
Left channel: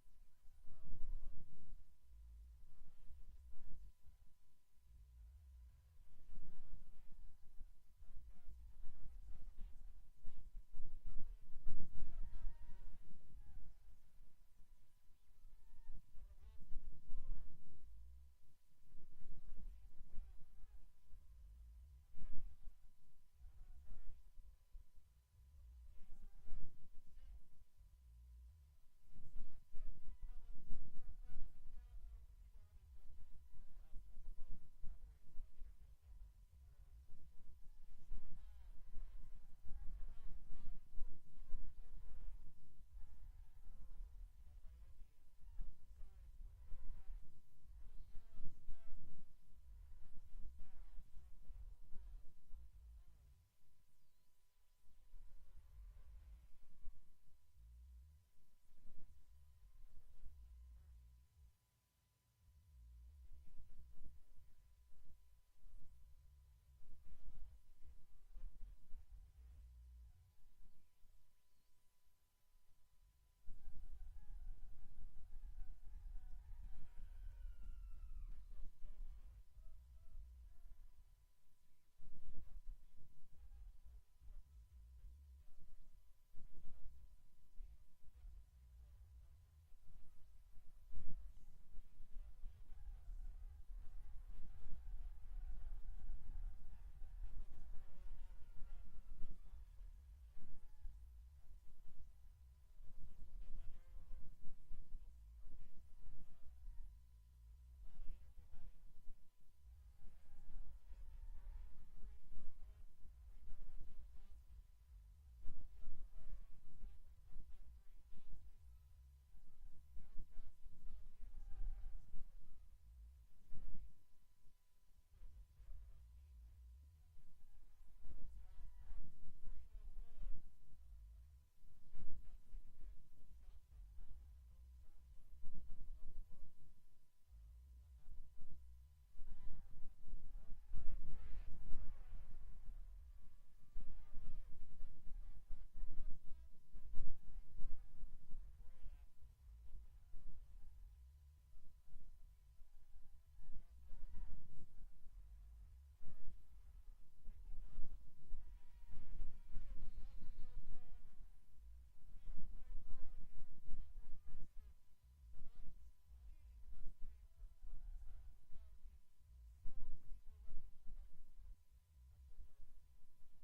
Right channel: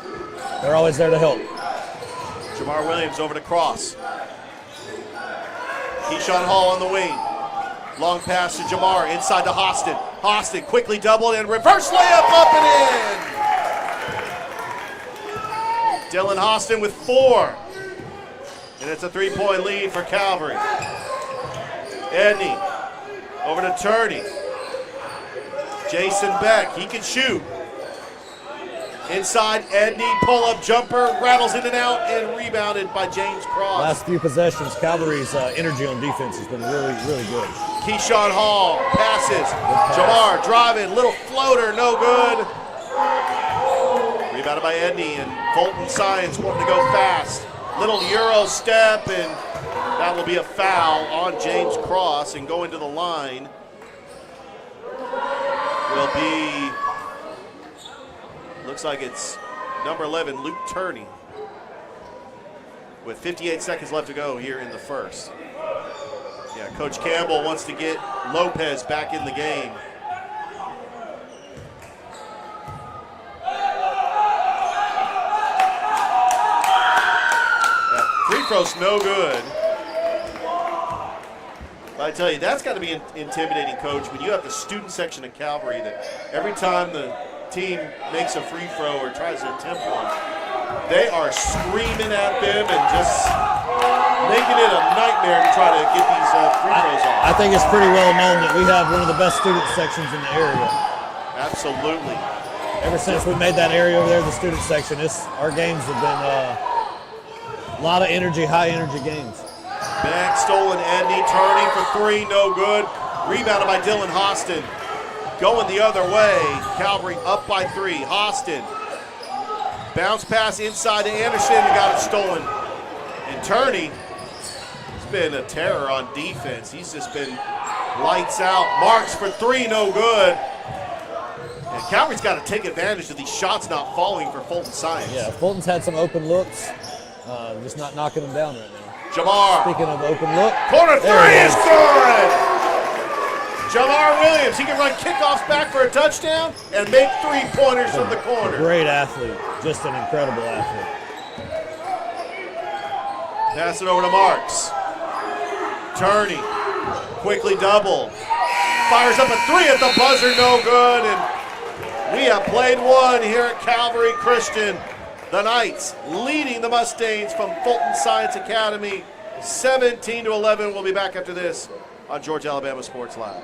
They're always there to help. Jamar Williams over to Cross. Keyshawn Hall on the wing. Long pass to Jamar, inside to Hostin. Hostin quickly doubled and reverse layup up and in. Dylan Hostin with 4. And it's a 3-point lead for Calvary. Edney over to Turney. Jason Beck, he can shoot. Inside, Edney, pull-up jumper, rattles in and out, and rebounded by James Cross. Last few possessions, Calvary's energy on defense has been really, really good. Keyshawn Hall passes. Jamar driving, little floater, no good. Rebounded by Edney, and Fulton Science wanting to go fast. Little Euro step, and that will be a foul on James Cross, and going to the line will be, looks like it's number 11, Luke Turney, with 58 seconds left to go here in the first. Yeah, Coach Campbell wants to get Lopez back in the game. That free throw's no good. But I tell you, that's got to be intimidating, Coach, when you have the student section at Calvary that every time the team makes a free throw or tries to attempt one, they are screaming at them and just making it a nightmare to try to get these free throws off. I think it's pretty well known that we have one of the best student sections in the area. Absolutely. Ever since we made that area over there, the student section, our games have been a lot of energy, high energy games. Back stolen, Edney turning for 3, no good. Rebounded by Dylan Hostin. Going the other way, Calvary up by 3. Hostin. Bounce pass inside to Anderson and got it stolen. And Turney has been a terror on defense. He's just been lights out. Marks for 3, no good. And Calvary's got to take advantage of these shots not falling for Fulton Science. Yeah, Fulton's had some open looks, just not knocking them down right now. Jamar. Speaking of open look. Corner there three it is good! Jamar Williams, he can run kickoffs back for a touchdown and make three-pointers from the corner. Great athlete, just an incredible athlete. Pass it over to Marks. Turney, quickly double. Fires up a three at the buzzer, no good. And we have played one here at Calvary Christian. The Knights leading the Mustangs from Fulton Science Academy, 17-11. We'll be back after this on Georgia Alabama Sports Live.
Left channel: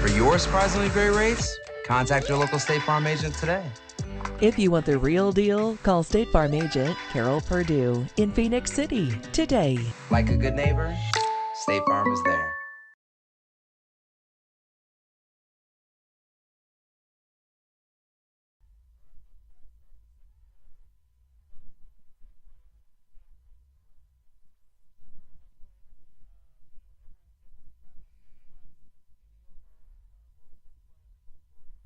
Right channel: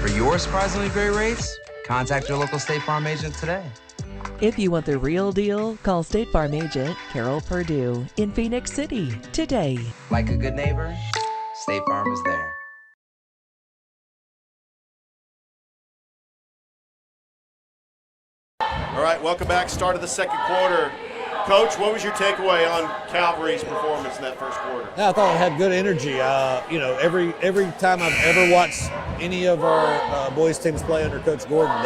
For your surprisingly great rates, contact your local State Farm agent today. If you want the real deal, call State Farm agent Carol Perdue in Phoenix City today. Like a good neighbor, State Farm is there. All right, welcome back. Start of the second quarter. Coach, what was your takeaway on Calvary's performance in that first quarter? Yeah, I thought it had good energy. Every time I've ever watched any of our boys teams play under Coach Gordon,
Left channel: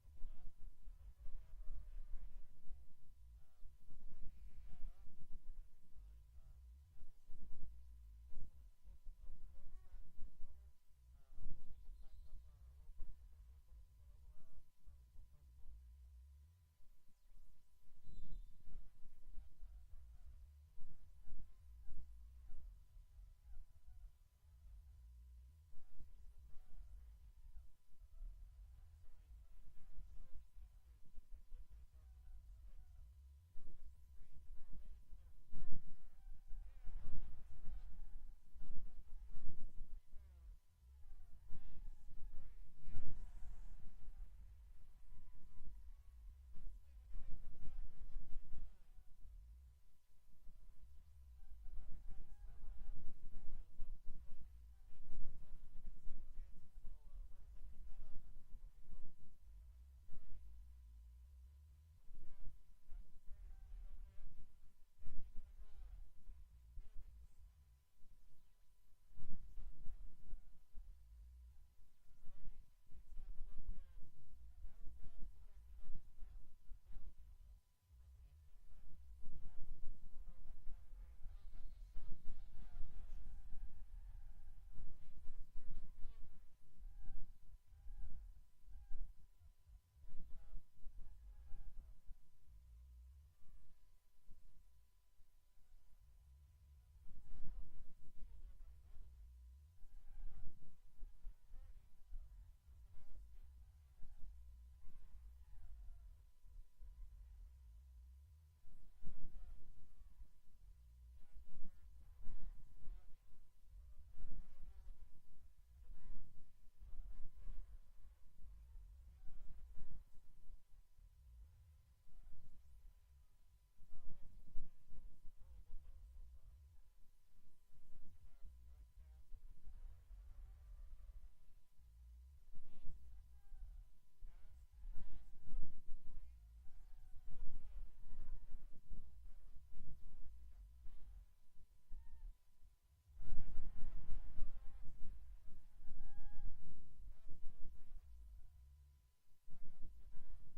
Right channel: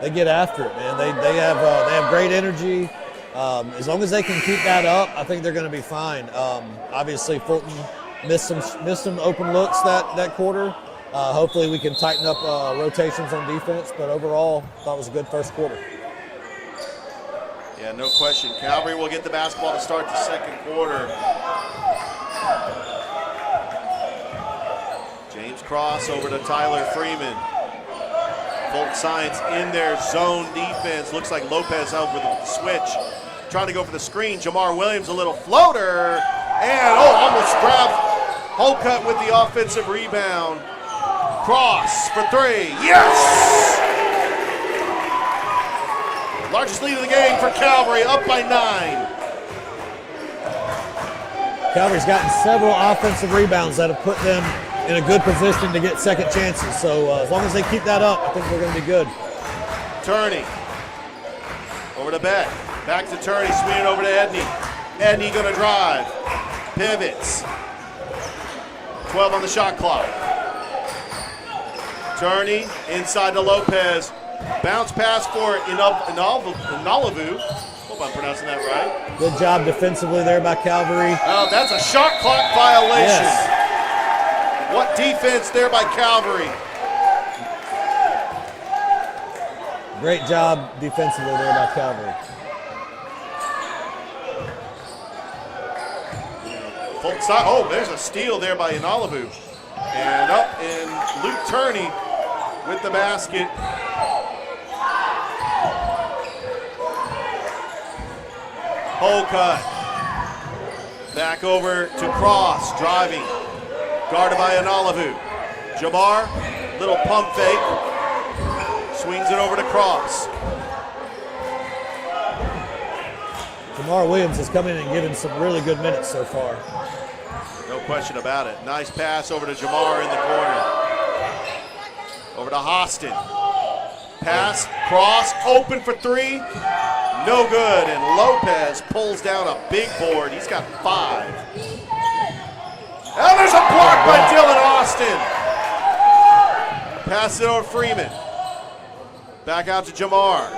they get after it, man. They have great energy. As long as they can keep that up, I think they're going to be fine. Obviously, Fulton missed some open looks that quarter. Hopefully, we can tighten up rotations on defense. But overall, I thought it was a good first quarter. Yeah, no question. Calvary will get the basketball to start the second quarter. James Cross over to Tyler Freeman. Fulton Science in their zone defense. Looks like Lopez over the switch. Trying to go for the screen. Jamar Williams, a little floater. And, almost grabbed Holcutt with the offensive rebound. Cross for three. Yes! Largest lead of the game for Calvary, up by 9. Calvary's gotten several offensive rebounds that have put them in a good position to get second chances. So as long as they keep that up, I think we're going to be good. Turney. Over to Beck. Back to Turney, swinging over to Edney. Edney going to drive. Pivots. 12 on the shot clock. Turney inside to Lopez. Bounce pass for Inalavu. Hope I'm pronouncing that right. Good job defensively there by Calvary. Oh, that's a shot clock violation. Yes. What defense there by Calvary. Great job defensively there by Calvary. There's a steal there by Inalavu. And Luke Turney with the basket. Holcutt. Back over to Cross, driving. Guarded by Inalavu. Jamar, little pump fake. Swings it over to Cross. Jamar Williams has come in and given some really good minutes so far. No question about it. Nice pass over to Jamar in the corner. Over to Hostin. Pass, cross, open for three. No good, and Lopez pulls down a big board. He's got 5. And there's a block by Dylan Austin. Pass it over Freeman. Back out to Jamar.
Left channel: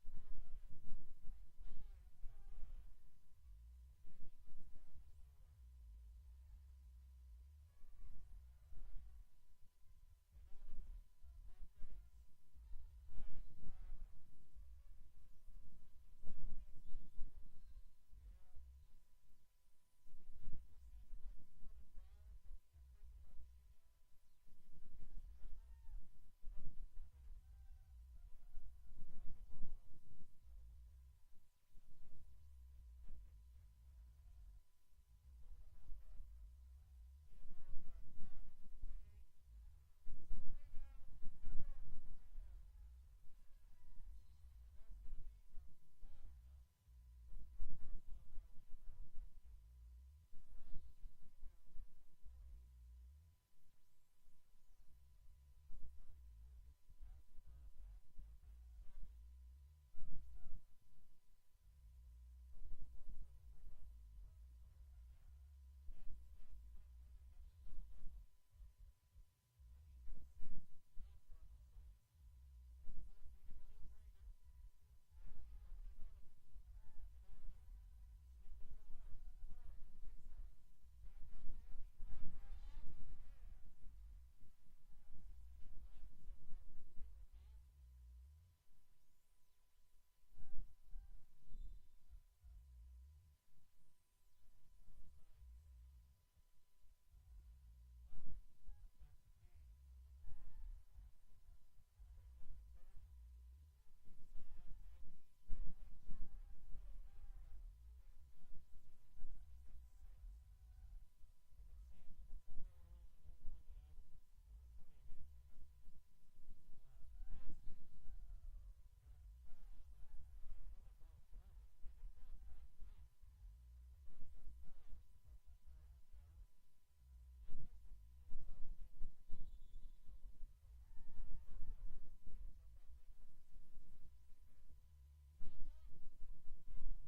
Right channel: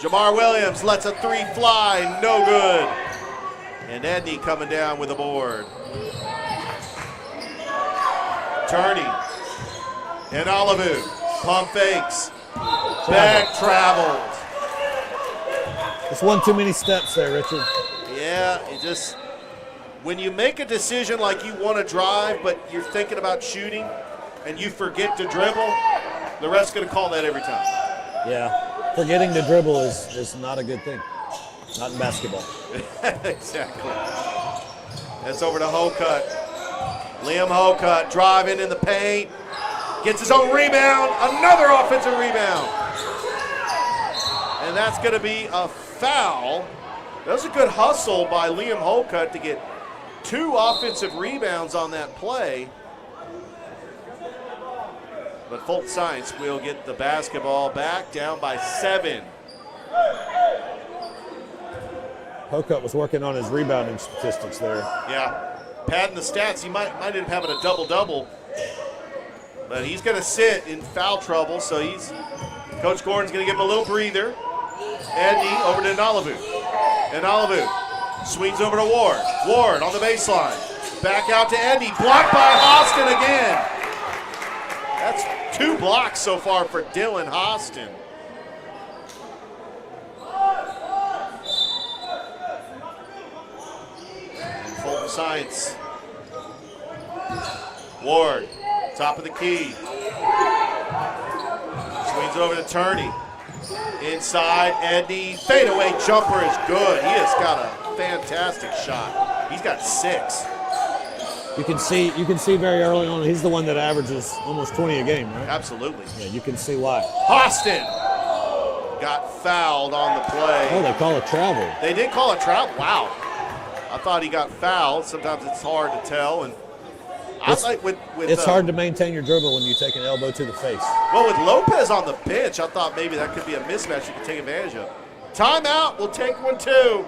Jamar Williams lets a 3 fly, no good. And Edney coming down with a board. Turney. And Olivu. Pump fakes. Back traveled. It's one too many steps there, Richard. Yeah, when you make a decision like you want to drive, but you're thinking about shooting, and you forget to dribble, the ref's going to call that every time. Yeah, forgetting to dribble is not a good thing. Not in basketball. Exactly. That's over to Holcutt. Liam Holcutt driving in the paint. Gets his own rebound. Another offensive rebound. And that's going to be a foul That was a good hustle by Liam Holcutt to get 2 offensive rebounds on that play. But Fulton Science will get the basketball back, down by 7. Holcutt was working on his rebounding statistics there. Yeah, padding the stats. He might end up having a double-double. But he's going to sit in foul trouble, so Coach Gordon's going to give him a little breather. Edney over to Nalavu. And Nalavu swings over to Ward. Ward on the baseline. Back out to Edney. Blocked by Austin again. That's 2 blocks so far for Dylan Austin. And Fulton Science. Ward, top of the key. Swings over to Turney. Inside, Edney. Fadeaway jumper is good. He has got a fantastic shot. He's got 6. You can see very early on, he's the one that averages almost 20 a game, right? Absolutely. Yeah, you can see why. Austin got fouled on the play. Oh, they call it travel. They did call it travel. Wow. I thought he got fouled. Sometimes it's hard to tell. And It's hard to maintain your dribble when you take an elbow to the face. Well, with Lopez on the bench, I thought maybe that could be a mismatch you could take advantage of. Timeout. We'll take one too.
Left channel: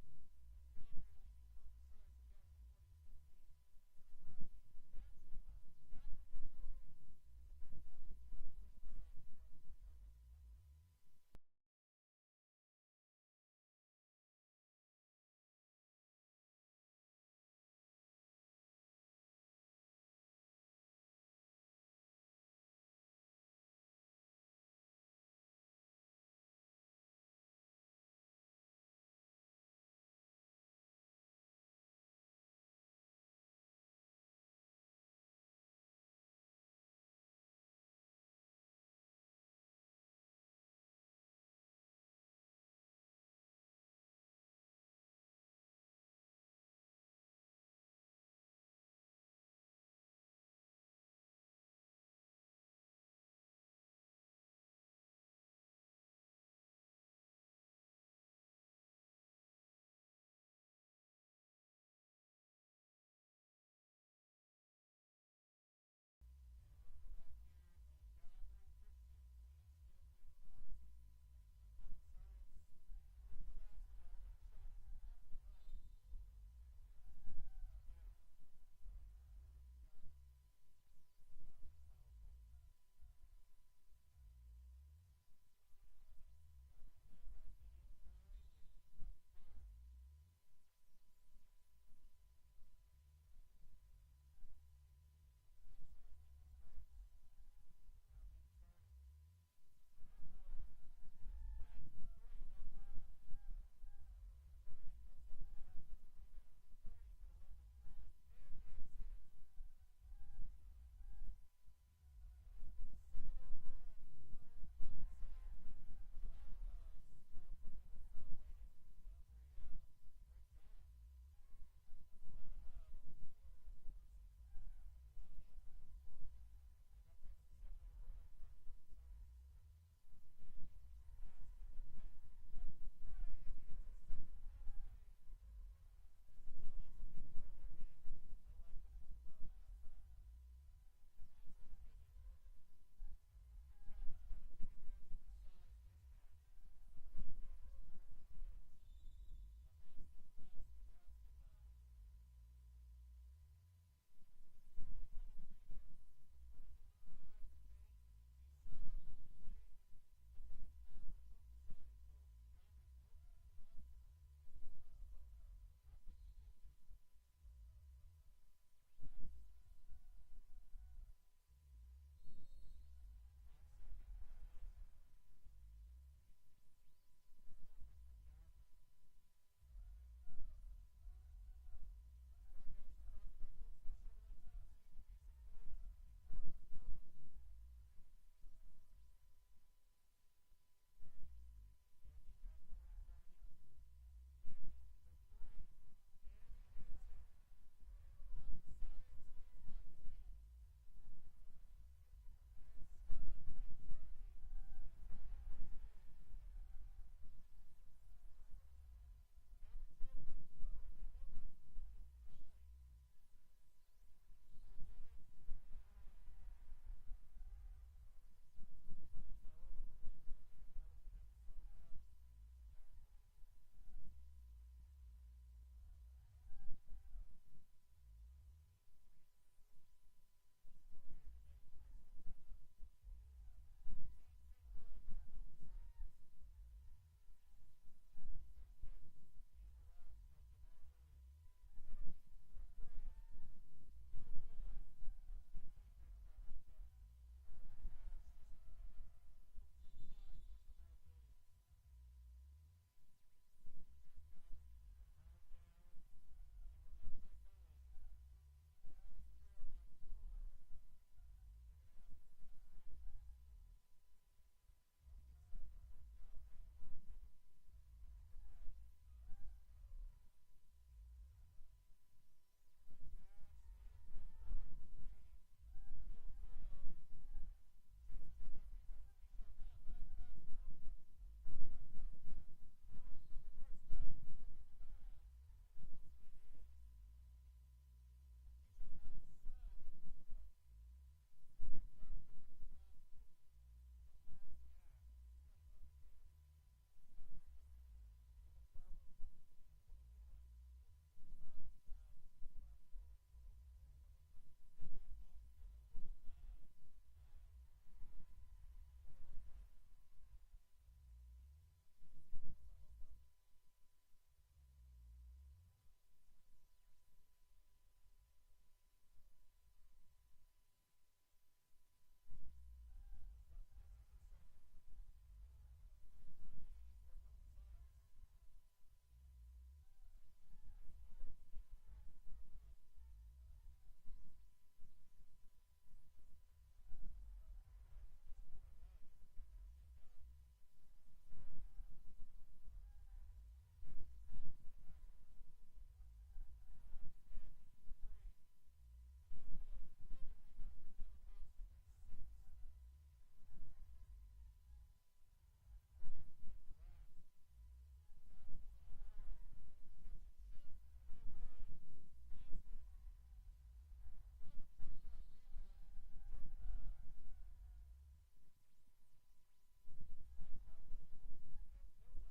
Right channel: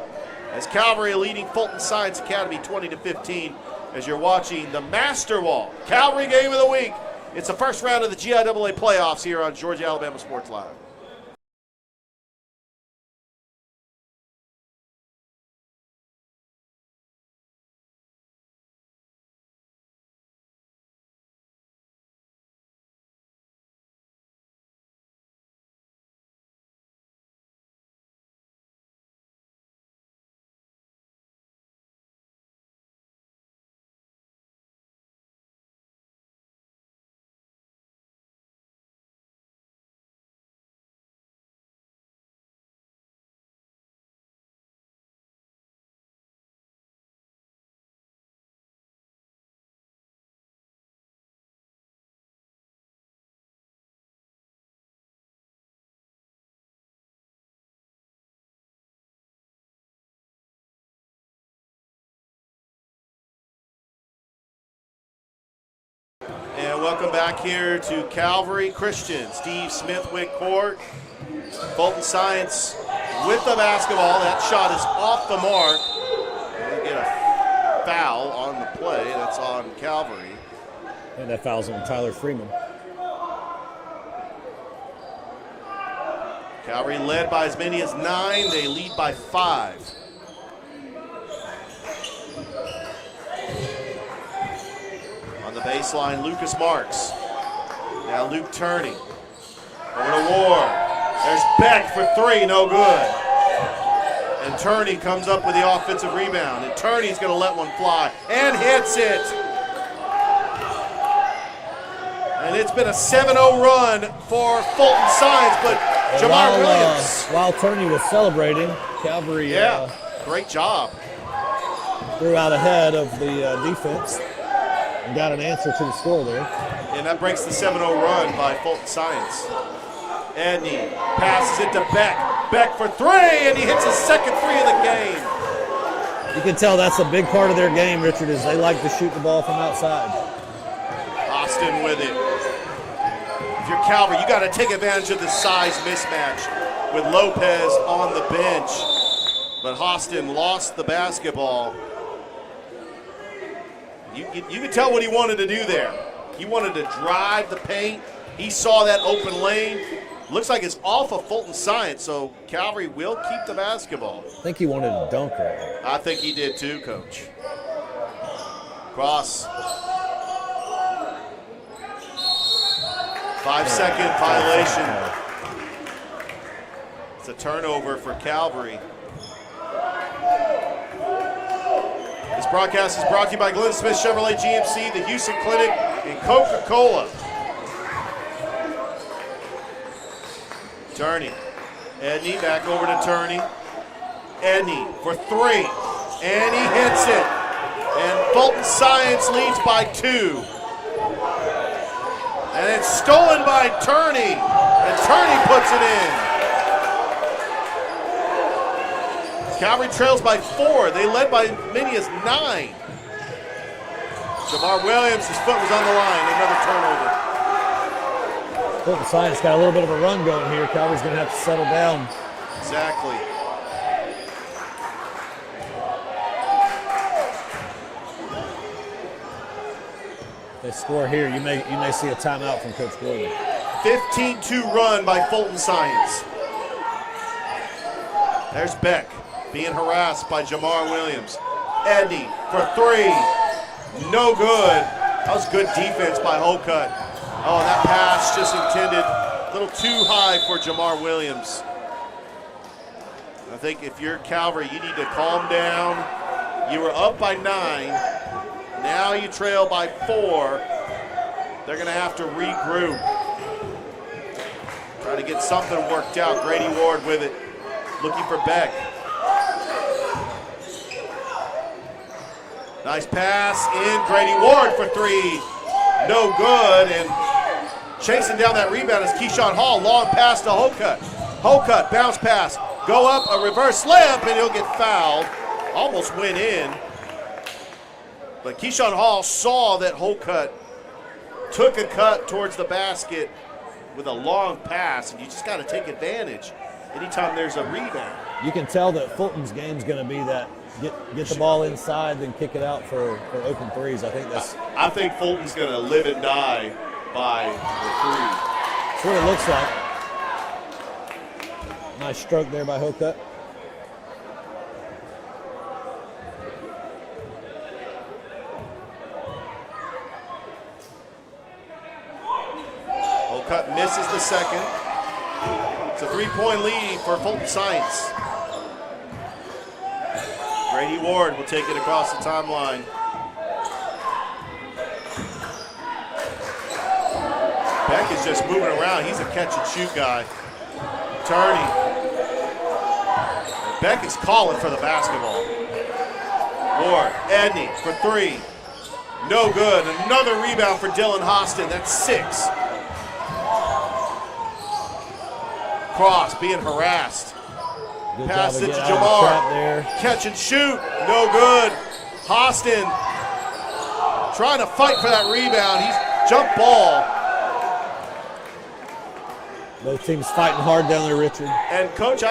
As Calvary leading Fulton Science Academy 20-15. As you're watching the Master Wall Calvary Game of the Week. It's the first round of the GIAA playoffs here on Georgia Alabama Sports Live. And welcome back here to Calvary Christian. Steve Smithwick court. Fulton Science with the basketball. That shot is off the mark. They get a foul on the play. That's on Calvary. And that foul's on Tyler Freeman. Calvary led by as many as 9. They lead by 5. On the baseline, Lucas Marks. Now Luke Turney. Over to Ward. There's Beck for 3, no good. And Turney comes up with the offensive rebound. And Turney's going to let one fly and hits it. And it's been a 7-0 run for Fulton Science, but Jamar Williams. While Turney was celebrating, Calvary great job. Threw out ahead of the defense and got an answer to the score there. And that breaks the 7-0 run by Fulton Science. Edney passes it to Beck. Beck for 3, and he hits his second 3 of the game. You can tell that's a big part of their game, Richard, is they like to shoot the ball from outside. Austin with it. If you're Calvary, you got to take advantage of the size mismatch with Lopez on the bench. But Austin lost the basketball. You can tell what he wanted to do there. He wanted to drive the paint. He saw that open lane. Looks like it's off of Fulton Science, so Calvary will keep the basketball. I think he wanted to dunk right. I think he did too, Coach. Cross. 5-second violation. It's a turnover for Calvary. This broadcast is brought to you by Glenn Smith Chevrolet GMC, the Houston Clinic, and Coca-Cola. Turney. Edney back over to Turney. Edney for 3, and he hits it. And Fulton Science leads by 2. And it's stolen by Turney, and Turney puts it in. Calvary trails by 4. They led by as many as 9. Jamar Williams, his foot was on the line. Another turnover. Fulton Science got a little bit of a run going here. Calvary's going to have to settle down. Exactly. If they score here, you may see a timeout from Coach Gordon. 15-2 run by Fulton Science. There's Beck being harassed by Jamar Williams. Eddie for 3. No good. That was good defense by Holcutt. Oh, that pass just intended a little too high for Jamar Williams. I think if you're Calvary, you need to calm down. You were up by 9. Now you trail by 4. They're going to have to regroup. Try to get something worked out. Grady Ward with it. Looking for Beck. Nice pass in. Grady Ward for 3. No good. And chasing down that rebound is Keyshawn Hall. Long pass to Holcutt. Holcutt, bounce pass. Go up, a reverse slip, and he'll get fouled. Almost went in. But Keyshawn Hall saw that Holcutt took a cut towards the basket with a long pass, and you just got to take advantage anytime there's a rebound. You can tell that Fulton's game's going to be that get the ball inside, then kick it out for open threes. I think Fulton's going to live and die by the 3. That's what it looks like. Nice stroke there by Holcutt. Holcutt misses the second. It's a 3-point lead for Fulton Science. Grady Ward will take it across the timeline. Beck is just moving around. He's a catch-and-shoot guy. Turning. Beck is calling for the basketball. Ward, Edney for 3. No good. Another rebound for Dylan Hostin. That's 6. Cross being harassed. Good Pass it to job of Jamar. there. Catch and shoot. No good. Hostin trying to fight for that rebound. He's jump ball. Both teams fighting hard down there, Richard. And Coach,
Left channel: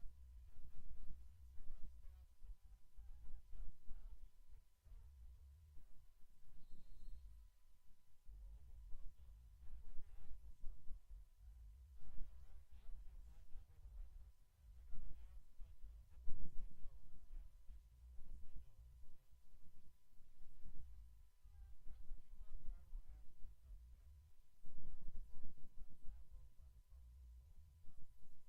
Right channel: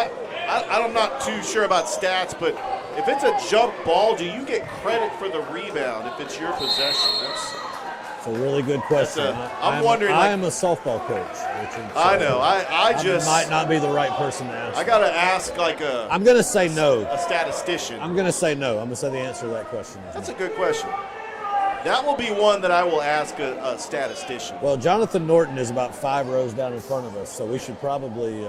I'm not too sure about stats, but if it's a jump ball, do you get credit for the rebound if it's your possession? That's a really good question. I'm wondering. I am a softball coach, Richard. So I know. I just might not be the right person to ask. I got to ask I'm going to say no. A statistician. I'm going to say no. I'm going to say the answer to that question. That's a good question. That will be one that I will ask a statistician. Well, Jonathan Norton is about 5 rows down in front of us, so we should probably.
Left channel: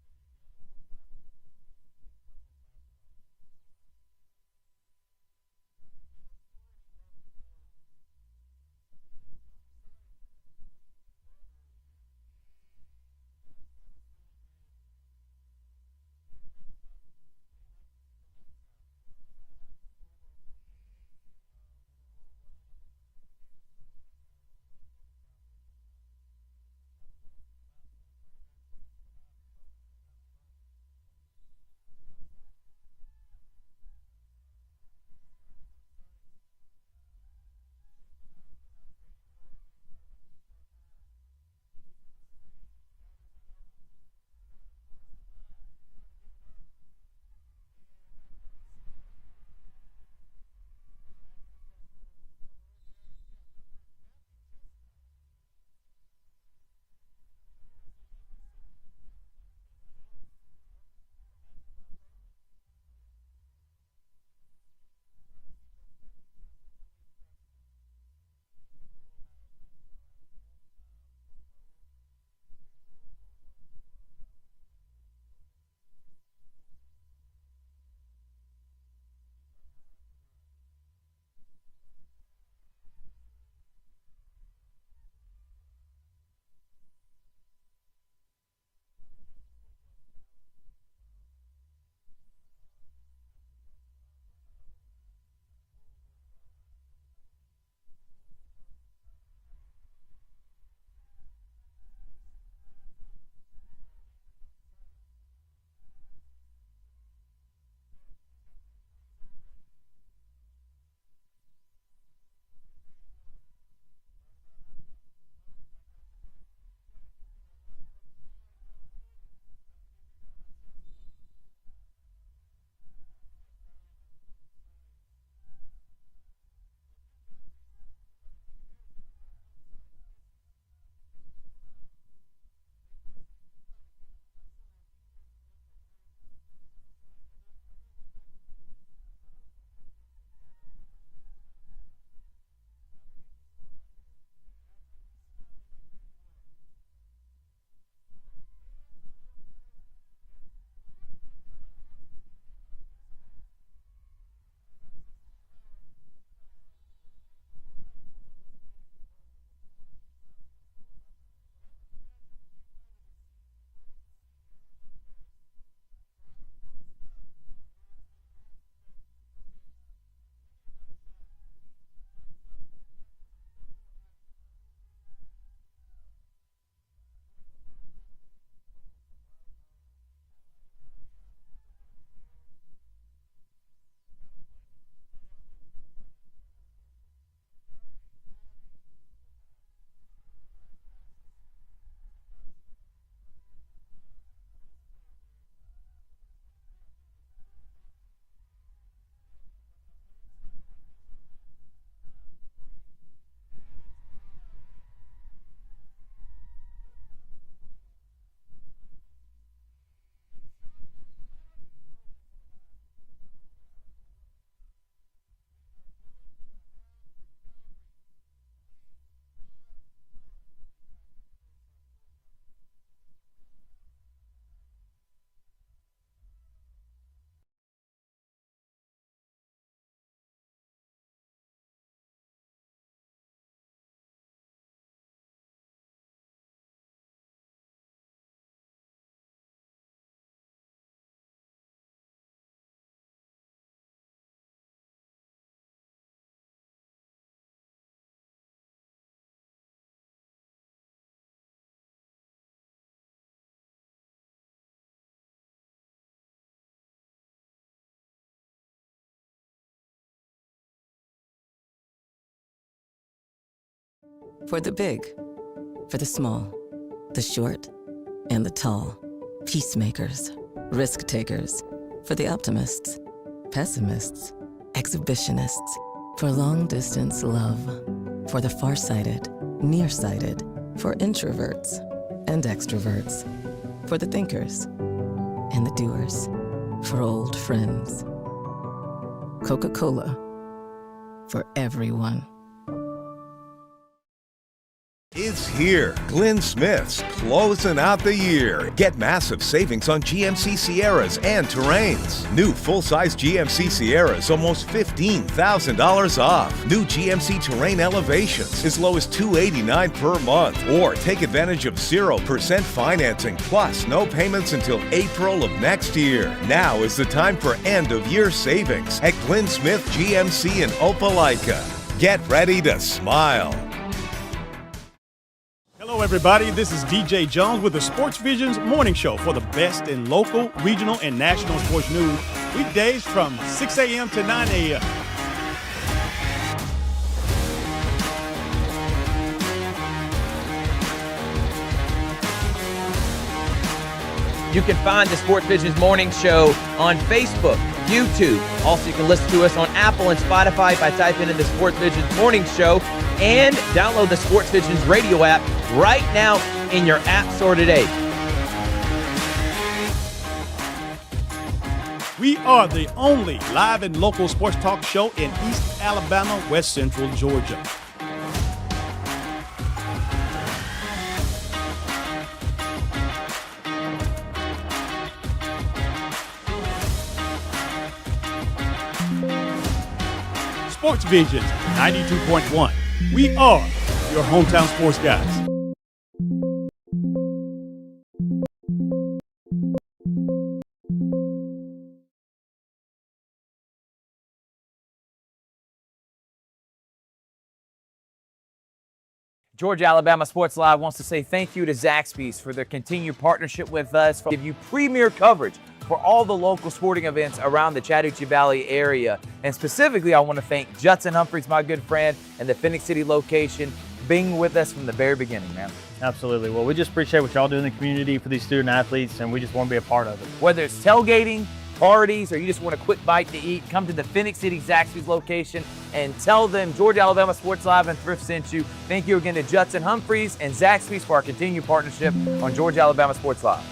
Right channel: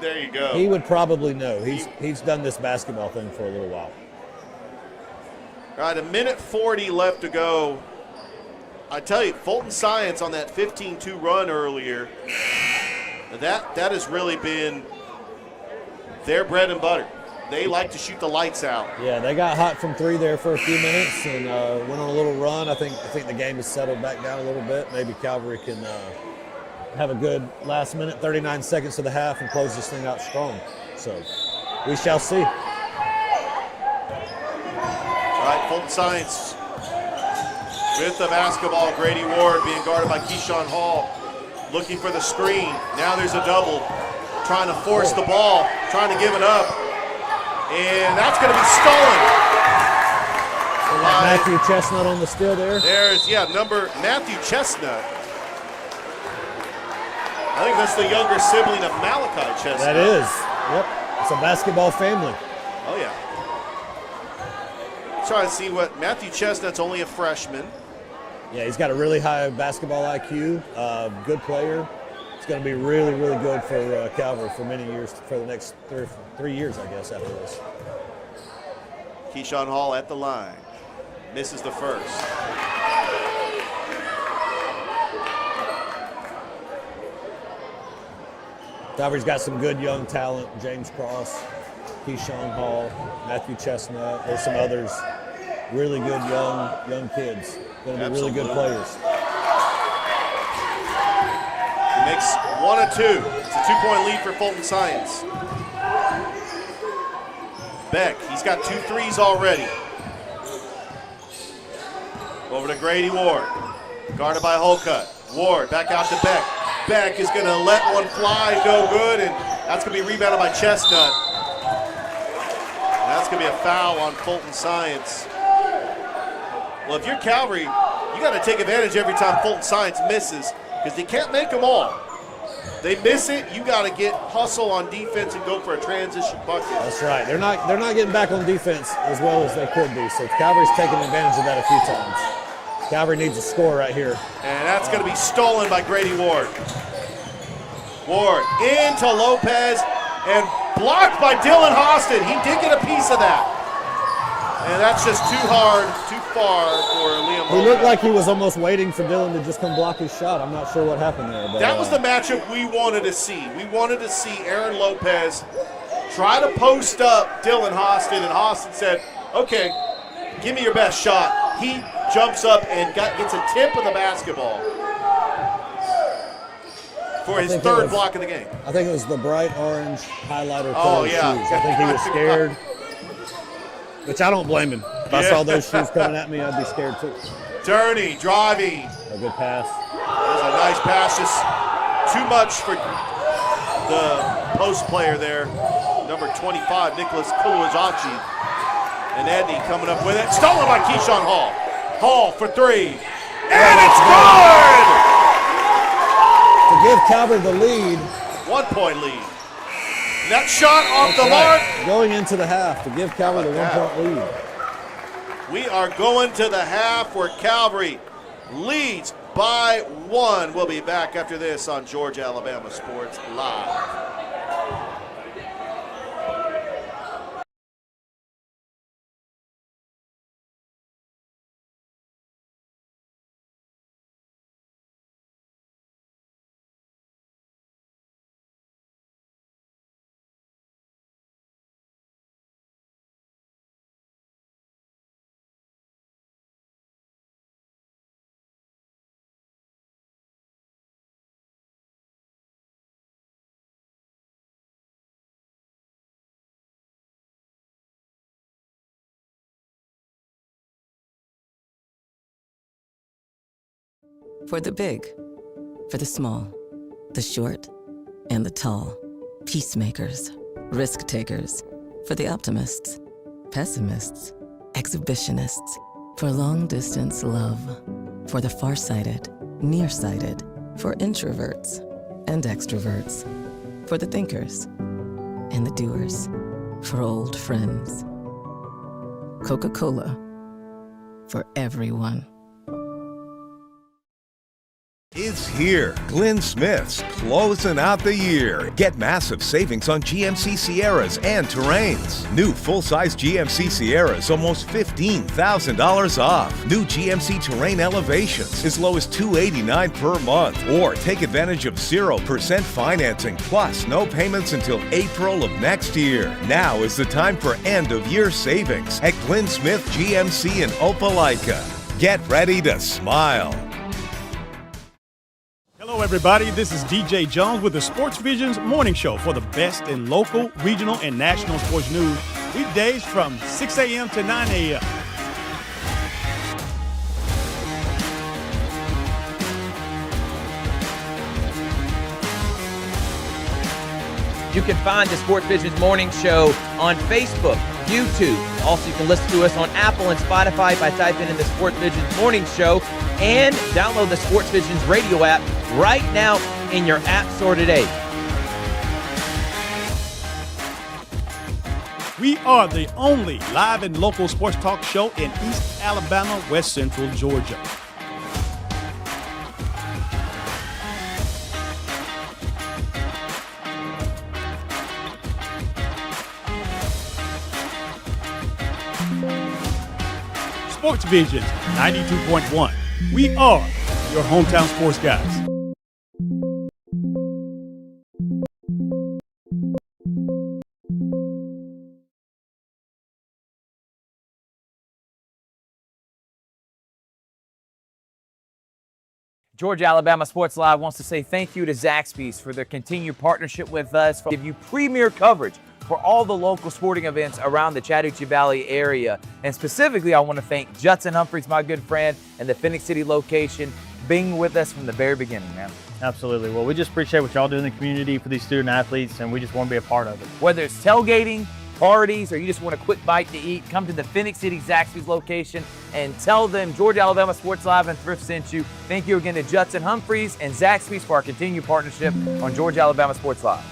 There you go. He would probably know. He's done this basketball thing for a little while. All right, 1:40 left to go. I tell you, Fulton Science on that 15-2 run earlier, that has really been their bread and butter. They like to shoot the lights out. Yeah, they got hot from 3 there for a few minutes and went on a little run. I think the game has settled back down a little bit. Maybe Calvary can have a good last minute, 39 seconds of the half, and close this thing out strong. So we shall see. All right, Fulton Science with the basketball. Grady Ward being guarded by Keyshawn Hall, looking for the screen. Now there's a double, trying to force the ball, trying to give it up. And that's going to be stolen. Matthew Chestnut on the steal there. There's, Matthew Chestnut. I think that's the younger sibling of Malachi Chestnut. That is. Yep. It's a basketball family. Oh, yeah. Trying to see what Matthew Chestnut's only a freshman. Yeah, he's got a really high basketball IQ. Good player. It's going to be really, really good for Calvary for many years, for the next 3 years, I guess, after this. Keyshawn Hall at the line. Misses the first. Calvary's got some good young talent. James Cross, Keyshawn Hall, Matthew Chestnut. There's some others. Really good young kids. Going to be really good players. He makes 1 of 2. It's a 2-point lead for Fulton Science. Beck, he's got 2 threes already. Over to Grady Ward. Guarded by Holcutt. Ward back out to Beck. Beck is going to let one fly, no good, and that's going to be rebounded by Chestnut. And that's going to be a foul on Fulton Science. Well, if you're Calvary, you got to take advantage every time Fulton Science misses, because they can't make them all. They miss it, you got to get hustle on defense and go for a transition bucket. That's right. They're not getting back on defense as well as they could be. So Calvary's taking advantage of that a few times. Calvary needs a score right here. And that's going to be stolen by Grady Ward. Ward into Lopez and blocked by Dylan Hostin. He did get a piece of that. And that's just too hard, too far for Liam Lopez. He looked like he was almost waiting for Dylan to just come block his shot. I'm not sure what happened there. But, that was the matchup we wanted to see. We wanted to see Aaron Lopez try to post up Dylan Hostin, and Hostin said, okay, give me your best shot. He jumps up and gets a tip of the basketball for his third block of the game. I think it was the bright orange highlighter colored shoes. I think he was scared, which I don't blame him. If I saw those shoes coming at me, I'd be scared too. Turney driving. A good pass. There's a nice pass, just too much for the post player there. Number 25, Nicholas Kuluazachi. And Edney coming up with it. Stolen by Keyshawn Hall. Hall for 3. And it's good! To give Calvary the lead. 1 point lead. That shot off the mark. Going into the half to give Calvary the 1 point lead. We are going to the half where Calvary leads by 1. We'll be back after this on Georgia Alabama Sports Live. For the big, for the small, the short, and the tall. Peacemakers, risk takers. For the optimists, pessimists, exhibitionists. For long distance love. For the farsighted, nearsighted. For introverts and extroverts. For the thinkers and the doers. For old friends. Coca-Cola. For everyone. It's here. Glenn Smith's closing out the year. Get massive savings on GMC Sierras and Terrains. New full-size GMC Sierras almost $15,000 off. New GMC Terrain Elevations as low as $289 per month. Or take advantage of 0% financing plus no payments until April of next year. Now is the time for end-of-year savings at Glenn Smith GMC in Opelika. Get ready to smile. Hello, everybody. This is DJ Jones with the Sports Vision's morning show for the best in local, regional, and national sports news. Weekdays from 6 a.m. to 9 a.m. You can find the Sports Vision's morning show on Facebook, YouTube. Also, you can listen to us on Apple and Spotify by typing in the Sports Vision's morning show, and download the Sports Vision's radio app right now in your app store today. We are the only live and local sports talk show in East Alabama, West Central Georgia. Sports Vision 92.1. We are your hometown sports guys. Georgia Alabama Sports Live wants to say thank you to Zaxby's for their continued partnership with us, for give you premier coverage for all the local sporting events around the Chattahoochee Valley area. And specifically, I want to thank Judson Humphreys, my good friend, and the Phoenix City location, being with us from the very beginning, man. Absolutely. Well, we just appreciate what y'all do in the community for these student athletes, and we just want to be a part of it. Whether it's tailgating, parties, or you just want a quick bite to eat, come to the Phoenix City Zaxby's location and tell them Georgia Alabama Sports Live and Thrift sent you. Thank you again to Judson Humphreys and Zaxby's for our continued partnership on Georgia Alabama Sports Live.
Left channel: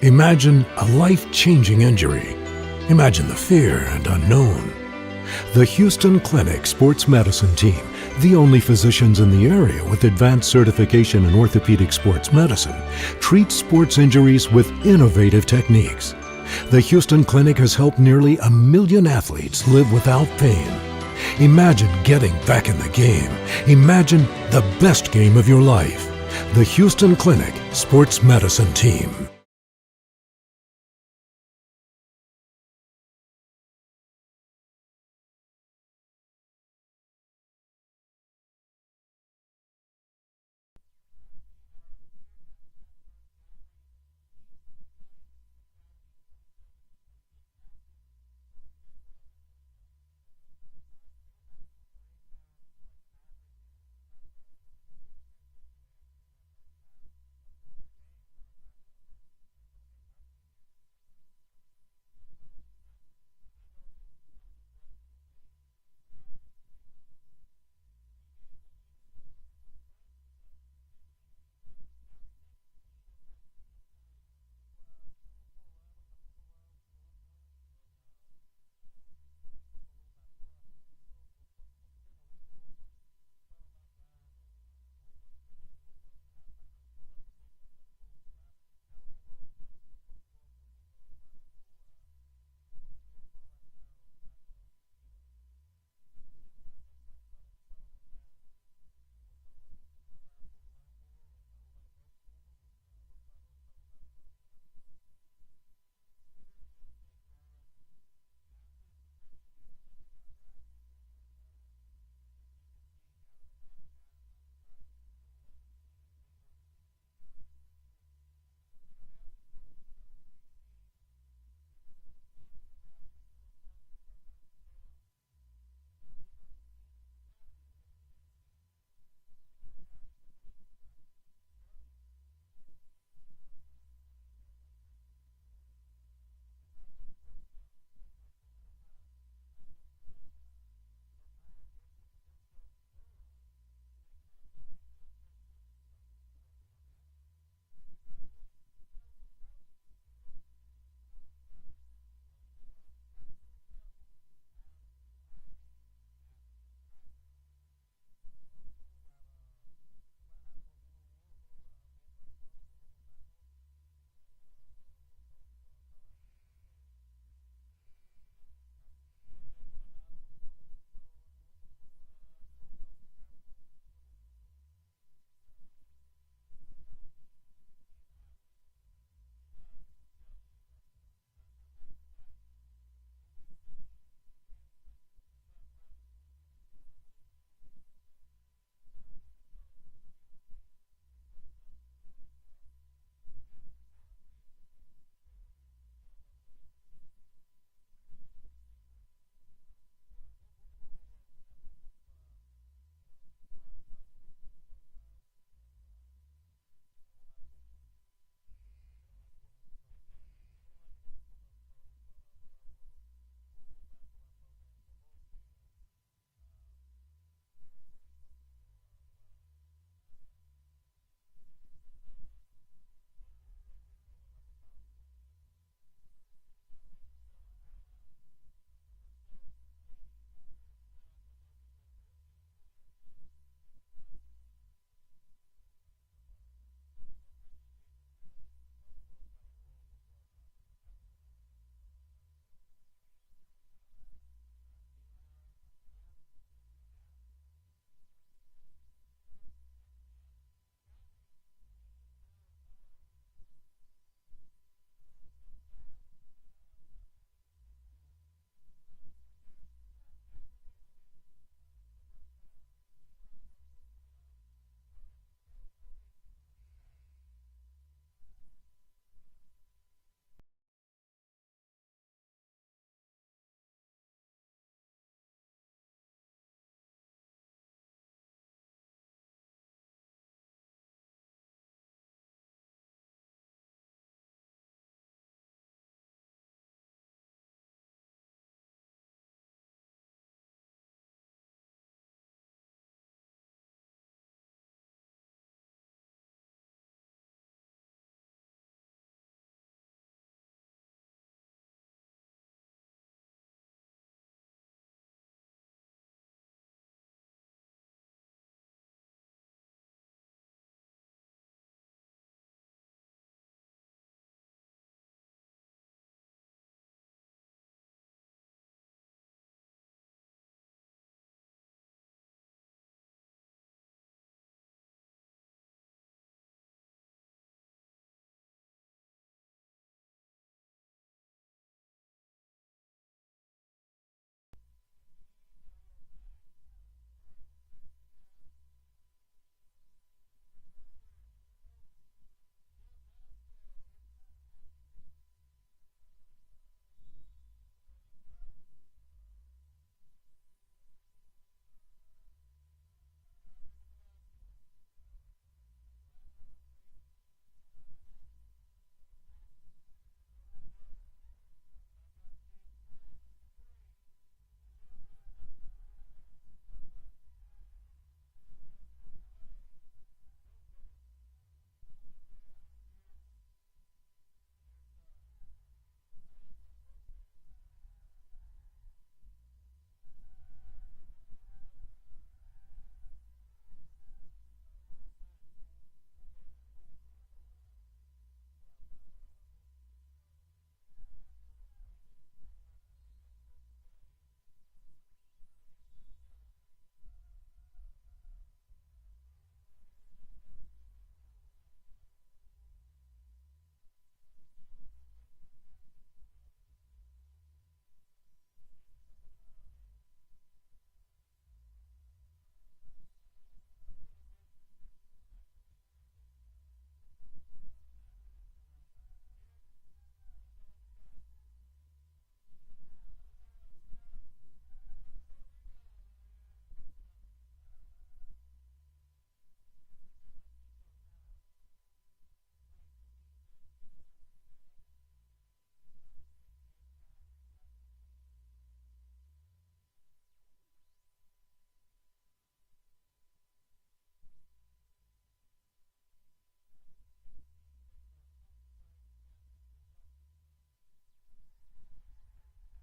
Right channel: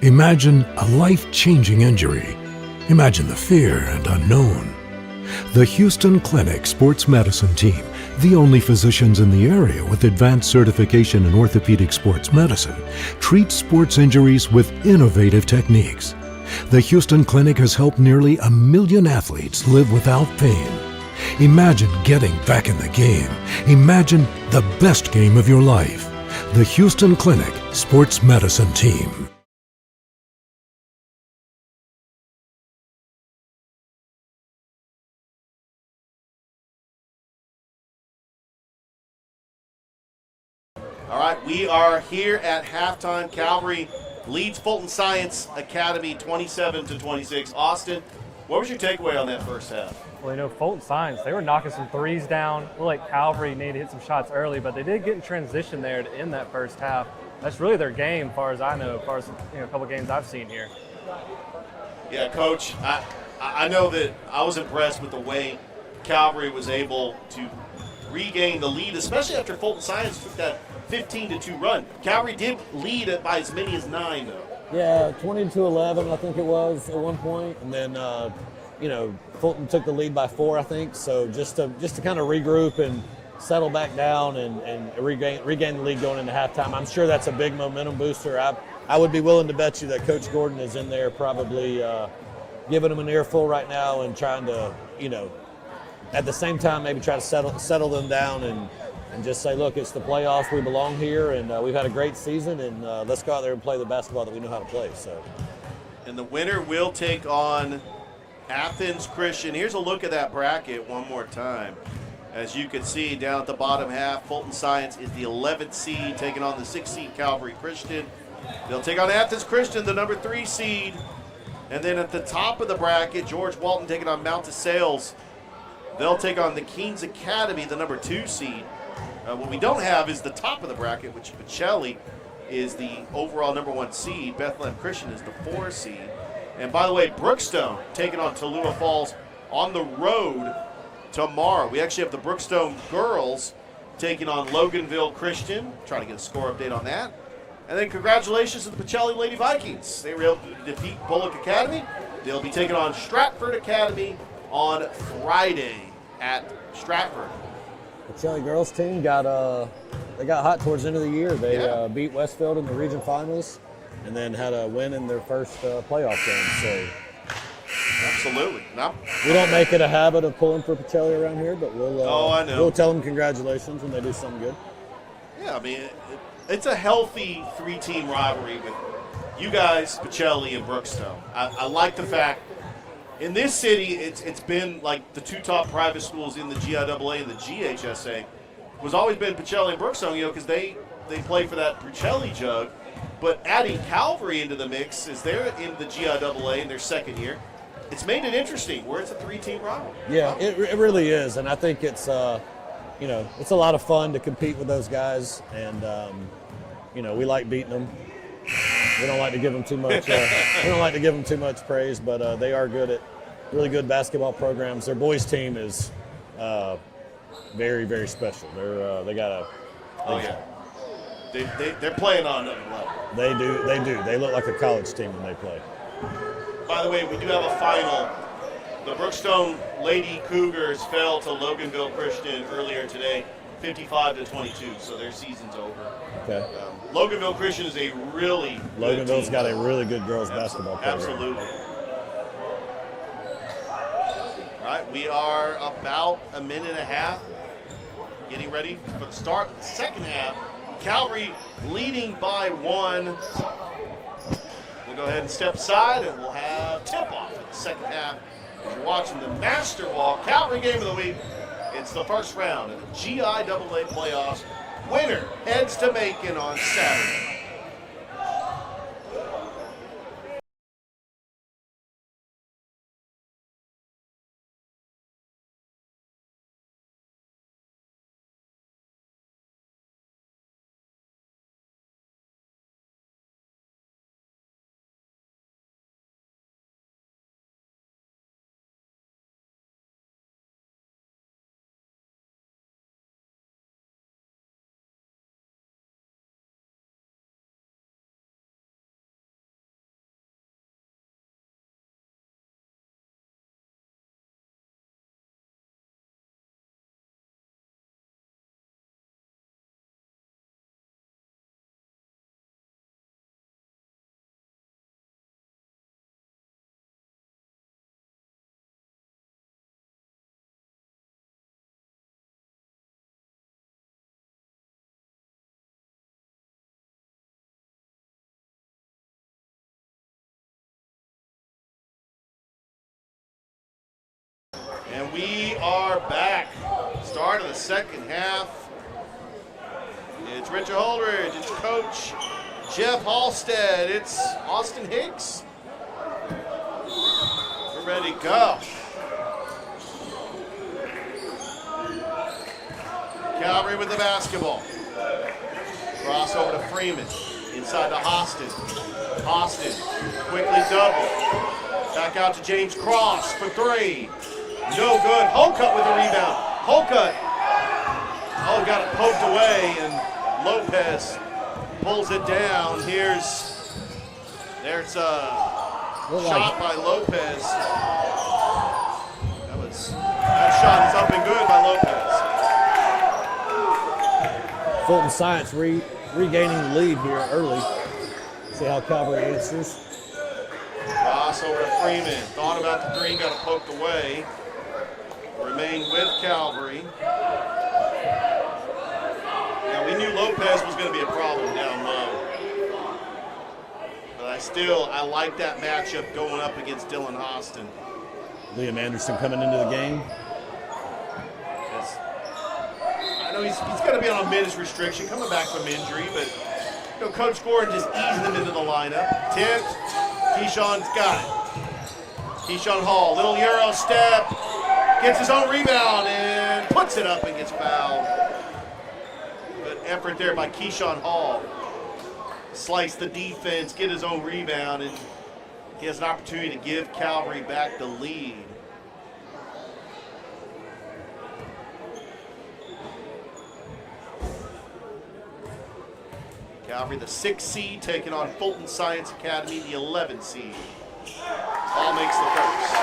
Imagine a life-changing injury. Imagine the fear and unknown. The Houston Clinic Sports Medicine Team, the only physicians in the area with advanced certification in orthopedic sports medicine, treats sports injuries with innovative techniques. The Houston Clinic has helped nearly 1 million athletes live without pain. Imagine getting back in the game. Imagine the best game of your life. The Houston Clinic Sports Medicine Team. All right, we are here at halftime. Calvary leads Fulton Science Academy 27-26. Austin, what was your takeaway on that first half? Well, you know, Fulton Science, they were knocking some threes down. Looked like Calvary needed to hit some shots early, but they did get in transition there to end that first half. That's really their game, as far as I know, as far as a couple games I've seen here. Yeah, Coach, I know that I was impressed with the way Calvary was able to regain the lead, especially after Fulton Science took that 15-2 run. Calvary did lead it by as many as 9, though. Yeah, 20-11, I think it was at one point, and then Fulton took the lead by 4, I think. So just to kind of regroup and settle back down and regain the lead going into halftime. I'm sure that's a big momentum booster. I would be willing to bet you that Coach Gordon is in there probably giving them an earful right now and trying to, at the same time maybe try to settle them down and just say, look, it's the playoffs, we belong here, and we've had a great season, and let's go out there and play the basketball that we know how to play. So, and the winner will take on Athens Christian. Here's a look at that bracket one more time. As you can see down at the bottom half, Fulton Science is the 11th seed, taking on the 6th seed Calvary Christian. They'll take on Athens Christian, the number 3 seed. And then at the top of the bracket, George Walton taking on Mount DeSales. They'll take on the Kings Academy, the number 2 seed. What we don't have is the top of the bracket, which Pacelli is the overall number 1 seed. Bethlehem Christian is the 4 seed. And by the way, Brookstone taking on Tallulah Falls on the road tomorrow. We actually have the Brookstone girls taking on Loganville Christian. Trying to get a score update on that. And then congratulations to the Pacelli Lady Vikings. They were able to defeat Bullock Academy. They'll be taking on Stratford Academy on Friday at Stratford. The Pacelli girls team got hot towards the end of the year. They beat Westfield in the region finals and then had a win in their first playoff game. So absolutely. No. We don't make it a habit of pulling for Pacelli around here, but I know. We'll tell them congratulations when they do something good. Yeah, I mean, it's a healthy 3-team rivalry with you guys, Pacelli, and Brookstone. I like the fact in this city, it's been like the 2 top private schools in the GIAA and the GHSA was always been Pacelli and Brookstone, because they play for that Pacelli jug. But adding Calvary into the mix as they're in the GIAA in their second year, it's made it interesting where it's a 3-team rivalry. Yeah, it really is, and I think it's it's a lot of fun to compete with those guys, and we like beating them. We don't like to give them too much. Praise, but they are good at really good basketball programs. Their boys team is very, very special. They got a. Oh yeah. They're playing on another level. They do. They look like a college team when they play. By the way, we do have a final. The Brookstone Lady Cougars fell to Loganville Christian earlier today, 55-22. So their season's over. Okay. Loganville Christian is a really good Loganville's team. got a really good girls basketball program. Absolutely. All right, we are about a minute and a half getting ready for the start of the second half. Calvary leading by 1. We'll go ahead and step aside, and we'll have tip-off in the second half. If you're watching the Master Ball Calvary Game of the Week, it's the first round of the GIAA playoffs. Winner heads to Macon on Saturday. And we are back. Start of the second half. It's Richard Holdridge, it's Coach Jeff Halstead, it's Austin Hicks. We're ready to go. Calvary with the basketball. Cross over to Freeman. Inside to Austin. Austin quickly double. Back out to James Cross for 3. No good. Holcutt with the rebound. Holcutt. Oh, got it poked away, and Lopez pulls it down. There's a shot by Lopez. That shot is up and good by Lopez. Fulton Science regaining the lead here early. See how Calvary answers. Cross over to Freeman. Thought about the green, got it poked away. Remain with Calvary. Now, we knew Lopez was going to be a problem down low. But I like that matchup going up against Dylan Austin. Liam Anderson coming into the game. I know he's going to be on a minutes restriction, coming back from injury, but Coach Gordon just easing him into the lineup. 10th, Keyshawn's got it. Keyshawn Hall, little Euro step. Gets his own rebound and puts it up and gets fouled. Good effort there by Keyshawn Hall. Slice the defense, get his own rebound, and he has an opportunity to give Calvary back the lead. Calvary, the 6th seed, taking on Fulton Science Academy, the 11th seed. Ball makes the first.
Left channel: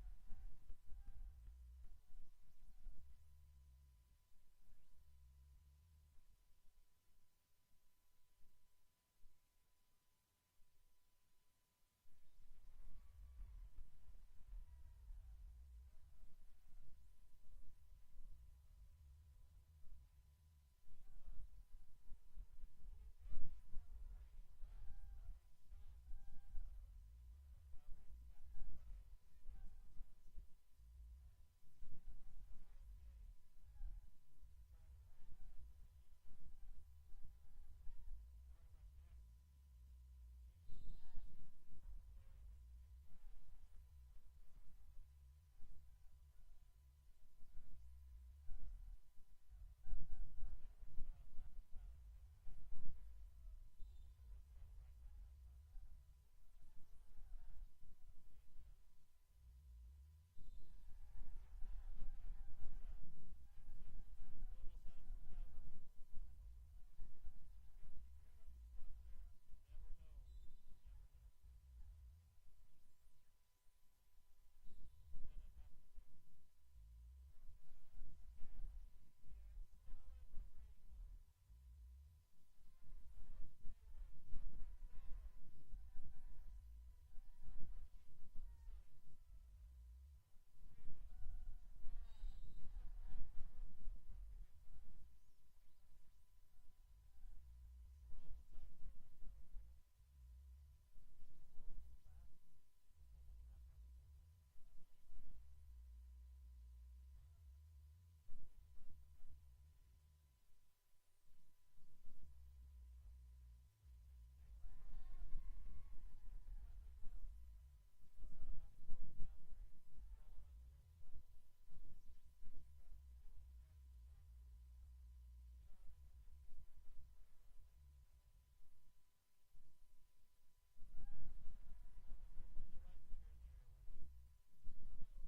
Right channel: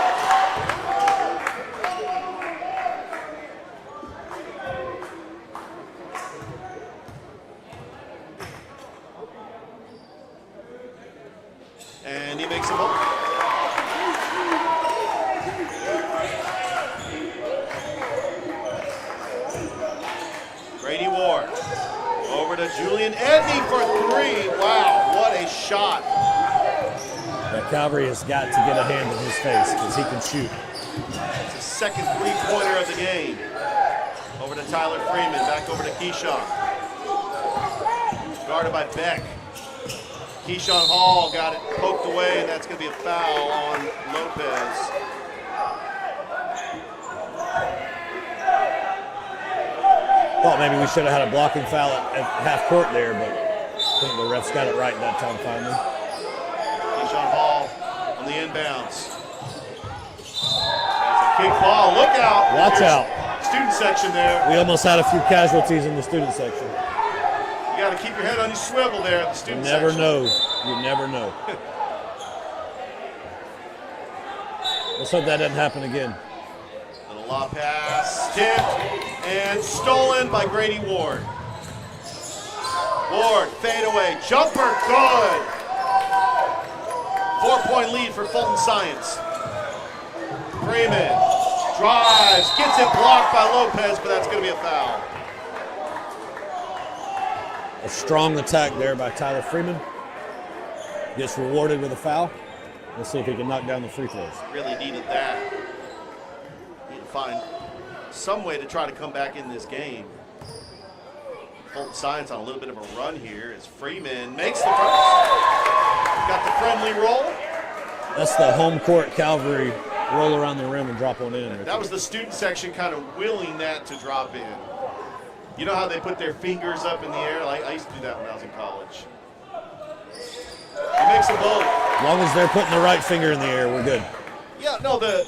And he makes a ball. Grady Ward over to Julian Edney for 3. Wow, what a shot. That Calvary has got to get a hand in his face because he can shoot. It's his second three-pointer of the game. Over to Tyler Freeman, back over to Keyshawn. Guarded by Beck. Keyshawn Hall got it poked away, and that's going to be a foul on Lopez. Thought maybe we should have had a blocking foul at half court there, but I think the refs got it right that time finally. Keyshawn Hall on the inbounds. That's a kick ball. Look out. Watch out. Student section there. We almost had a few casualties in the student section. You got to keep your head on your swivel there at the student You never section. know. You never know. Let's hope that doesn't happen again. Little lob pass, tipped, and stolen by Grady Ward. Ward, fade away, jumper, good. 4-point lead for Fulton Science. Freeman drives, gets it blocked by Lopez, but that's going to be a foul. A strong attack there by Tyler Freeman. Gets rewarded with a foul. Let's see if he can knock down the free throws. Really needed that. Need to find some way to try to come back in this game. Fulton Science on a little bit of a run here as Freeman makes the first. Got the friendly roll. That's the home court Calvary roll around the rim and drop one in. That was the student section kind of willing that to drop in. You know how they put their fingers up in the air? Like I used to do that when I was in college. He makes them both. As long as they're putting the right finger in the air, we're good. Yeah, no, the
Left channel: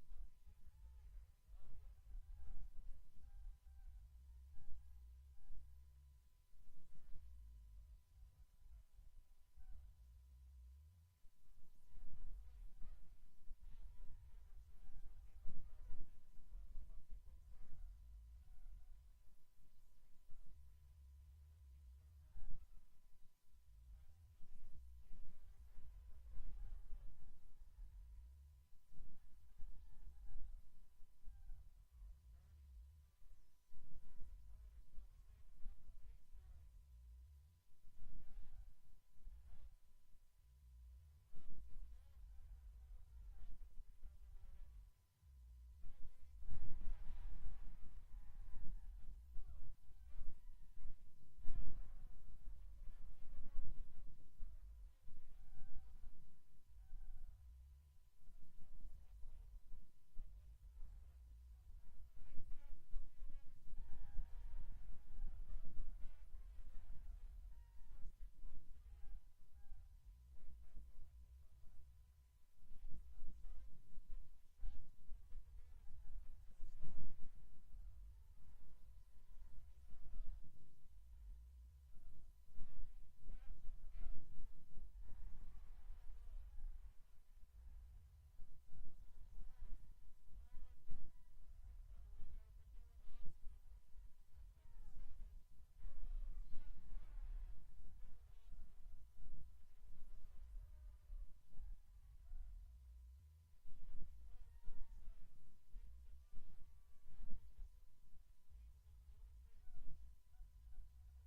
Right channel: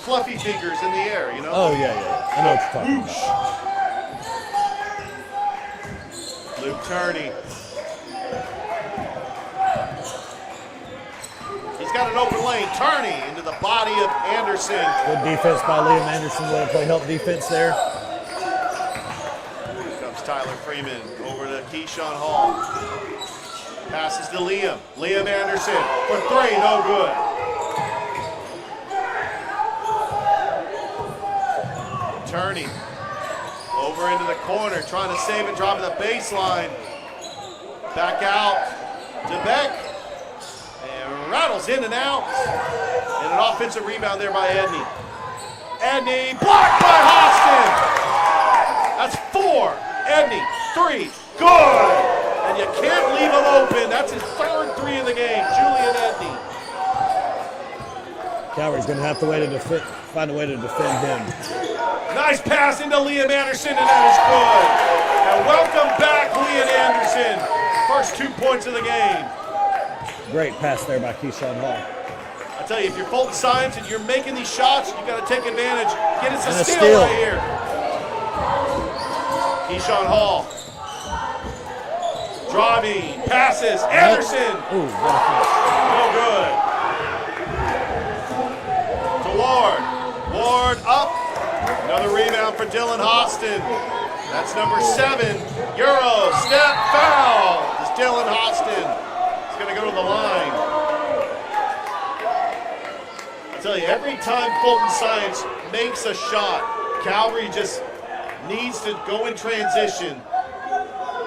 fluffy fingers in the air, you know? Oh, yeah. I know what you're talking about. Luke Turney. He's got an open lane. Turney into the body of Anderson. Good defense by Liam Anderson. Will play help defense there. Here comes Tyler Freeman over to Keyshawn Hall. Passes to Liam. Liam Anderson for three, no good. Turney over into the corner, trying to save it, dropping the baseline. Back out to Beck. And rattles in and out. And an offensive rebound there by Edney. Edney blocked by Hostin. That's four. Edney, three, good. And you can't leave him open. That's his third three in the game, Julian Edney. Calvary's going to have to find a way to defend him. Nice pass into Liam Anderson, and that is good. And welcome back, Liam Anderson. First 2 points of the game. Great pass there by Keyshawn Hall. I tell you, if you're Fulton Science and you're making these shots, you got to take advantage. Get us a steal steal right here. Keyshawn Hall. Driving, passes, Anderson. Ooh, what a finish. No good. To Ward. Ward up. Another rebound for Dylan Hostin. That's number 7. Euro step foul. It's Dylan Hostin. He's going to go to the line. I tell you, every time Fulton Science makes a shot, Calvary just needs to go in transition.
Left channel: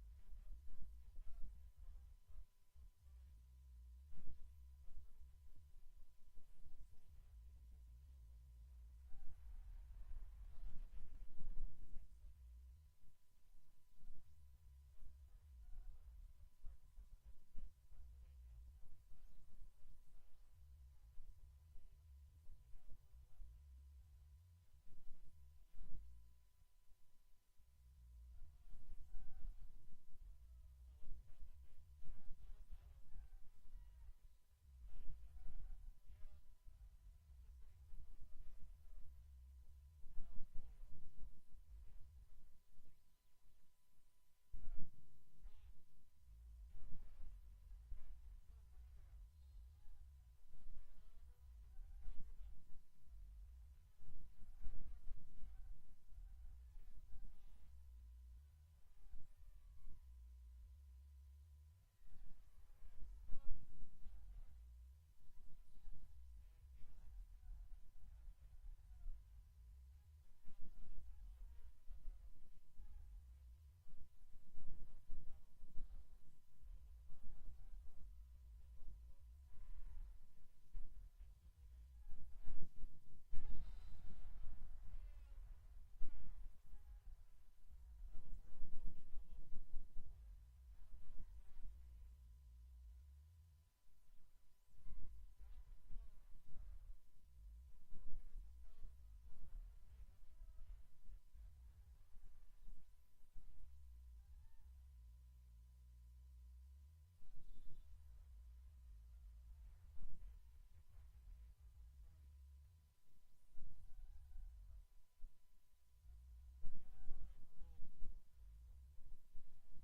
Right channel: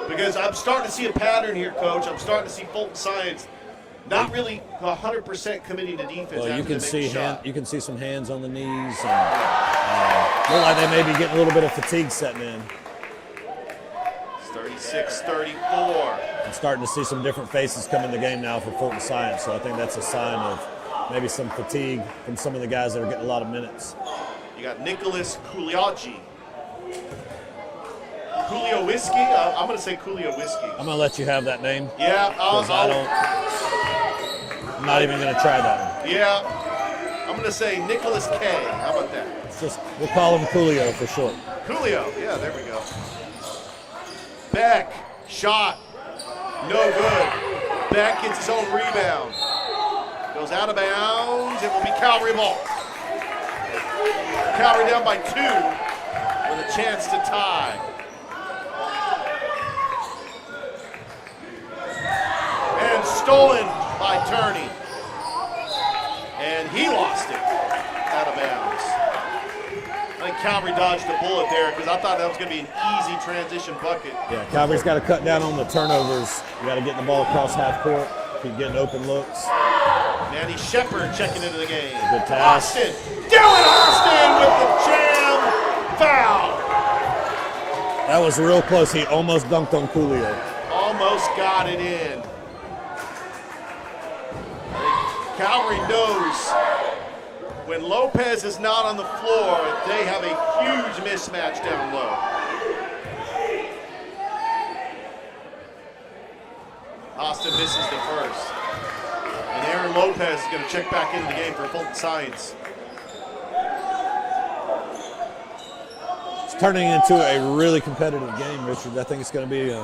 Because I'm starting to see a pattern here, Coach. I'm starting to see Fulton Science not really 100% committing to defense. Well, you after can they make a shot. you can see some hands on the knees. And, look like they may be getting a little bit of fatigue setting in. It's 36-34. I'm starting to see some different faces come in the game now for Fulton Science, so I think that's a sign of maybe some fatigue from some of the guys that are getting a lot of minutes. You got Nicholas Kuliachi. Coolio Whiskey? I'm going to say Coolio Whiskey. I'm going to let you have that name. Yeah, I'm not even going to try that one. Yeah, I'm going to say Nicholas K. How about that? We'll call him Coolio for short. Coolio, yeah, there we go. Beck, shot, no good. Beck gets his own rebound. Goes out of bounds, it will be Calvary ball. Calvary down by 2 with a chance to tie. And stolen by Turney. And he lost it out of bounds. I think Calvary dodged a bullet there because I thought that was going to be an easy transition bucket. Yeah, Calvary's got to cut down on the turnovers. You got to get the ball across half court, keep getting open looks. Manny Shepard checking into the game. Good pass. Austin, Dylan Austin with the jam foul. That was real close. He almost dunked on Coolio. Almost got it in. Calvary knows when Lopez is not on the floor, they have a huge mismatch down low. Austin misses the first. And Aaron Lopez is going to check back into the game for Fulton Science. turning into a really competitive game, Richard. I think it's going to be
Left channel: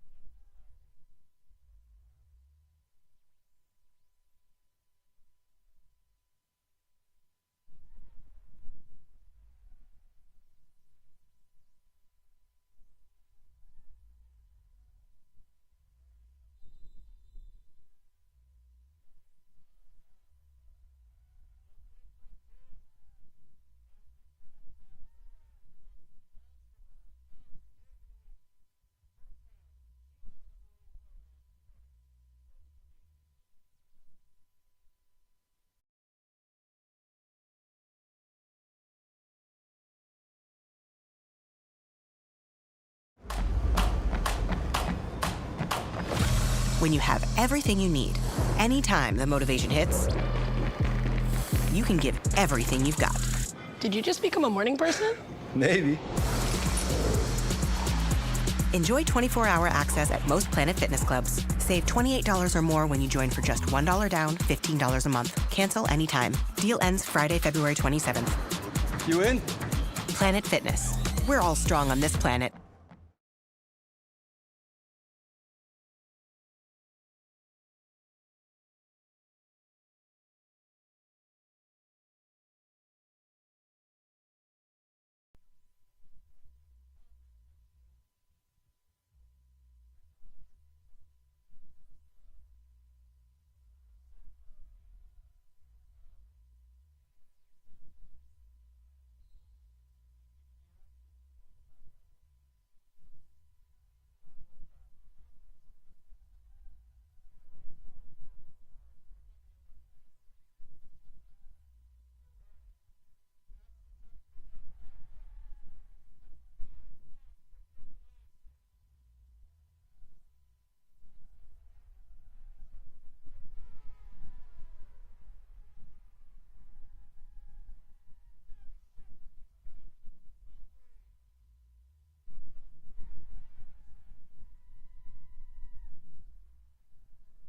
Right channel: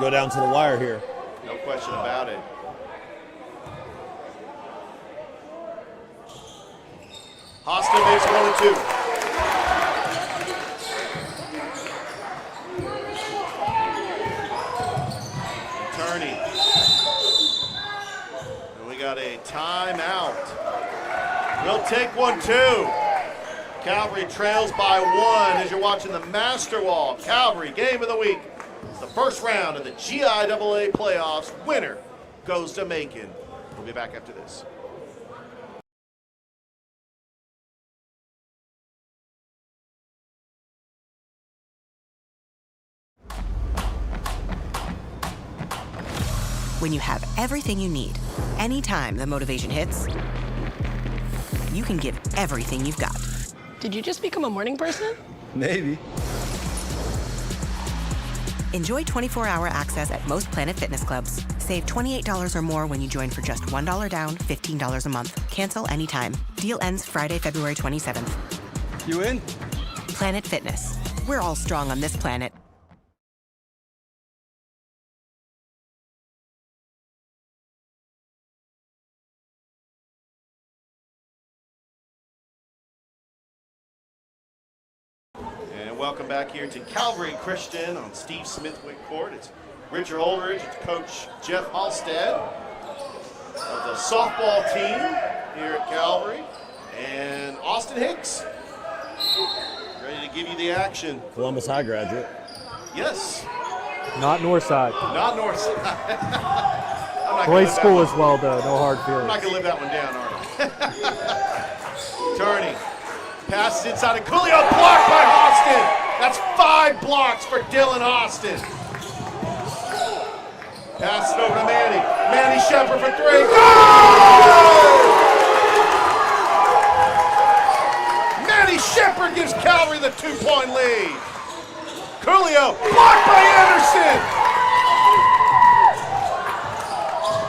go down to the wire here. No question about it. Austin makes 1 and 2. Attorney. And we got a timeout. We'll take 1-2. Calvary trails by 1 as you're watching the Master Wall Calvary Game of the Week. It's the first round of the GIAA playoffs. Winner goes to Macon. We'll be back after this. When you have everything you need, anytime the motivation hits, you can give everything you've got. Did you just become a morning person? Maybe. Enjoy 24-hour access at most Planet Fitness clubs. Save $28 or more when you join for just $1 down, $15 a month. Cancel anytime. Deal ends Friday, February 27th. You in? Planet Fitness. We're all strong on this planet. Welcome back here to Calvary Christian on Steve Smithwick Court. It's Richard Holdridge, it's Coach Jeff Halstead of the softball team here at Calvary, and Austin Hicks, ready to give you the action. Columbus High graduate. Yes. Not Northside. Not Northside. Great school as well, though. No hard feelings. I'm not going to live that one down, are I? Turney. Passes inside of Coolio, blocked by Austin. That's 5 blocks for Dylan Austin. Passes it over to Manny. Manny Shepard for 3. Goal! Manny Shepard gives Calvary the 2-point lead. Coolio, blocked by Anderson.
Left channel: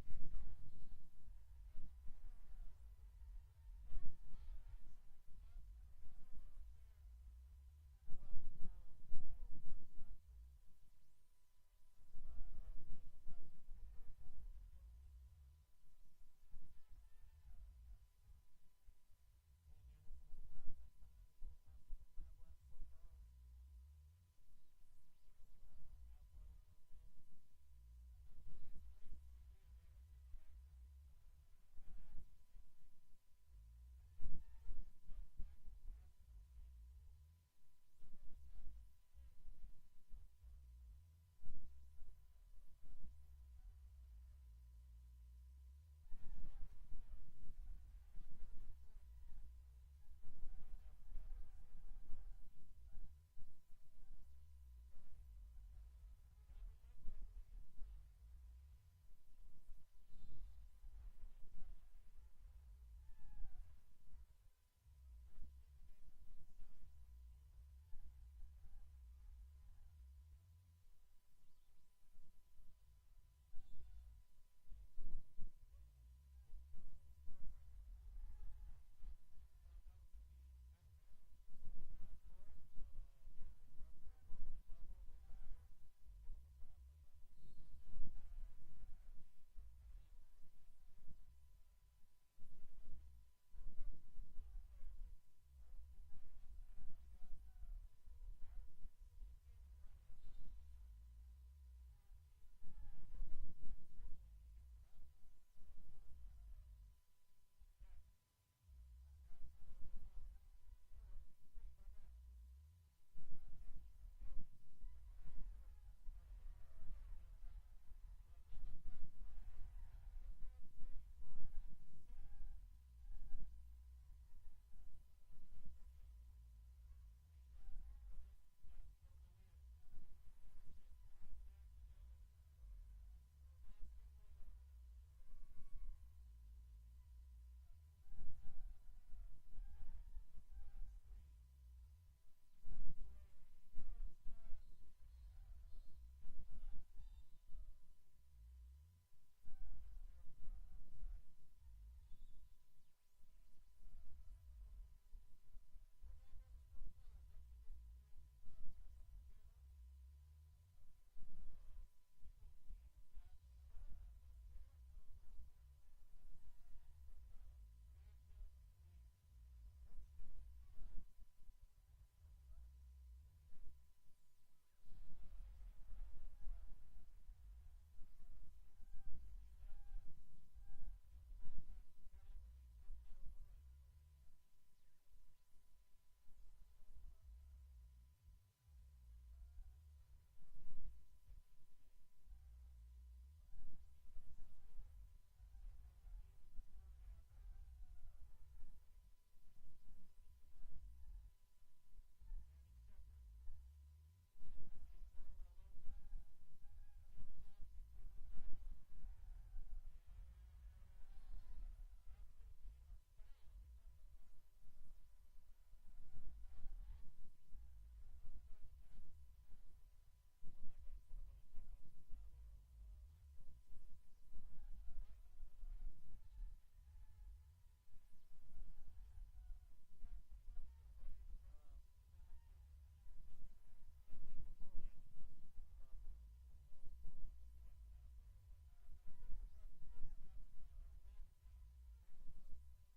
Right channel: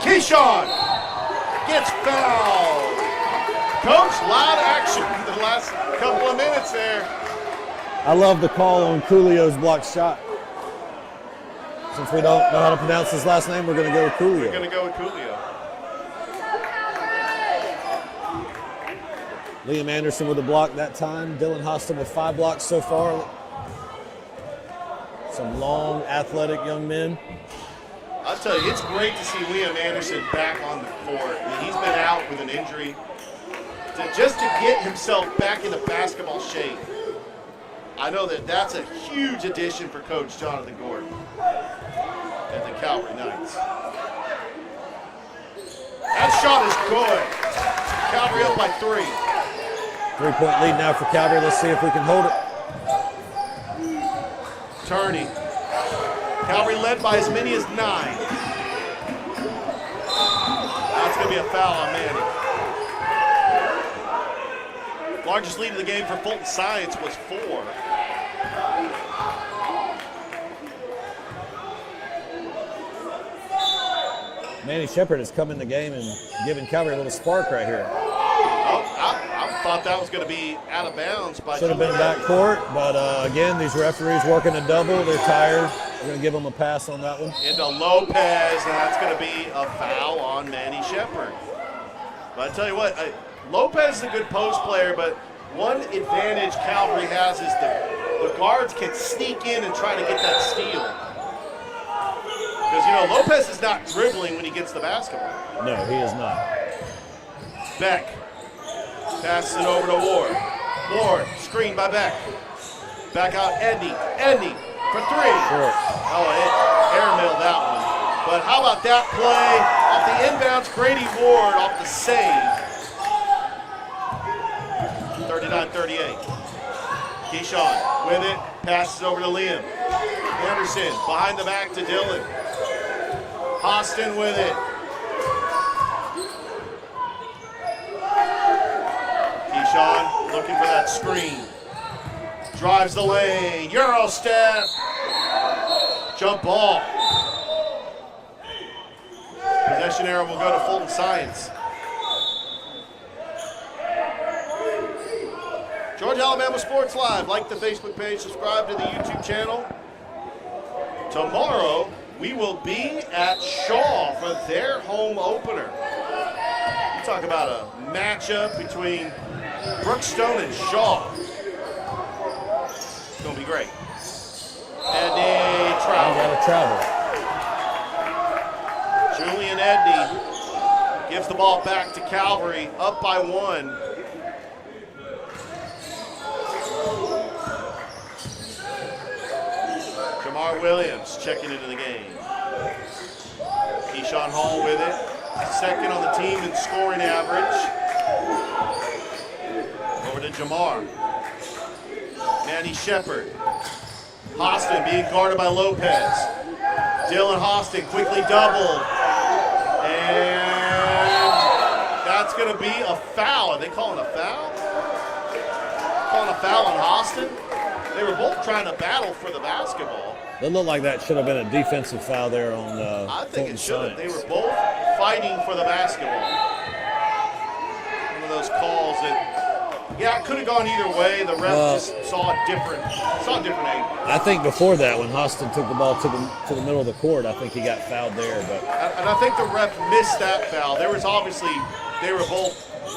Keyshawn gets fouled. Coach, loud action for the last couple of minutes there. I love the call on Coolio's blocked shot. Since we don't know how to pronounce his last name, we're going to go with Coolio. We're going to go with Coolio. Liam Anderson with a block that time. Dylan Hostin with 5 blocks so far. Some long, athletic young men. I'll tell you, it's great to see Liam Anderson back on the court. I mean, he's been out with an injury. Just to get himself back into basketball shape, I know that that's a huge addition for Coach Jonathan Gordon and the Calvary Knights. That shot is good. Calvary up by 3. 3-point lead now for Calvary. Let's see if we can hold it. Turney. Calvary led by as many as 9. That's going to be a foul on Manny. Largest lead of the game for Fulton Science was 4. Manny Shepard has come in the game and given Calvary a little spark right here. Oh, I thought that was going to be out of bounds. Should have been backcourt, but again, these referees working a double. They're tired. We're going to give them a pass on that one. Into Lopez, and that's going to be a foul on Manny Shepard. But I tell you what, Lopez is a good post player, but one advantage Calvary has is the guards can sneak in and try to get that steal. Because, you know, Lopez is not dribbling when he gets the basketball. No, he is not. Beck passes it over to Ward. Ward, screened by Beck. Back out, Endy. Endy for 3. Short. Oh, it airmailed that one. But how about that play off the inbounds, Grady Ward off the save. 39-38. Keyshawn with it, passes over to Liam. Anderson behind the back to Dylan. Austin with it. Keyshawn looking for that screen. Drives the lane, Euro step. Jump ball. Possession arrow will go to Fulton Science. Georgia Alabama Sports Live. Like the Facebook page, subscribe to the YouTube channel. Tomorrow, we will be at Shaw for their home opener. You talk about a matchup between Brookstone and Shaw. It's going to be great. Edney travel. Julian Edney gives the ball back to Calvary, up by 1. Jamar Williams checking into the game. Keyshawn Hall with it. Second on the team in scoring average. Over to Jamar. Manny Shepard. Hostin being guarded by Lopez. Dylan Hostin quickly doubled. And that's going to be a foul. Are they calling a foul? Calling a foul on Hostin? They were both trying to battle for the basketball. It looked like that should have been a defensive foul there on I think Fulton it should have. Science. They were both fighting for the basketball. One of those calls that, yeah, it could have gone either way. The ref just saw a different angle. I think before that, when Hostin took the ball to the middle of the court, I think he got fouled there. But And I think the ref missed that foul. There was obviously, they were both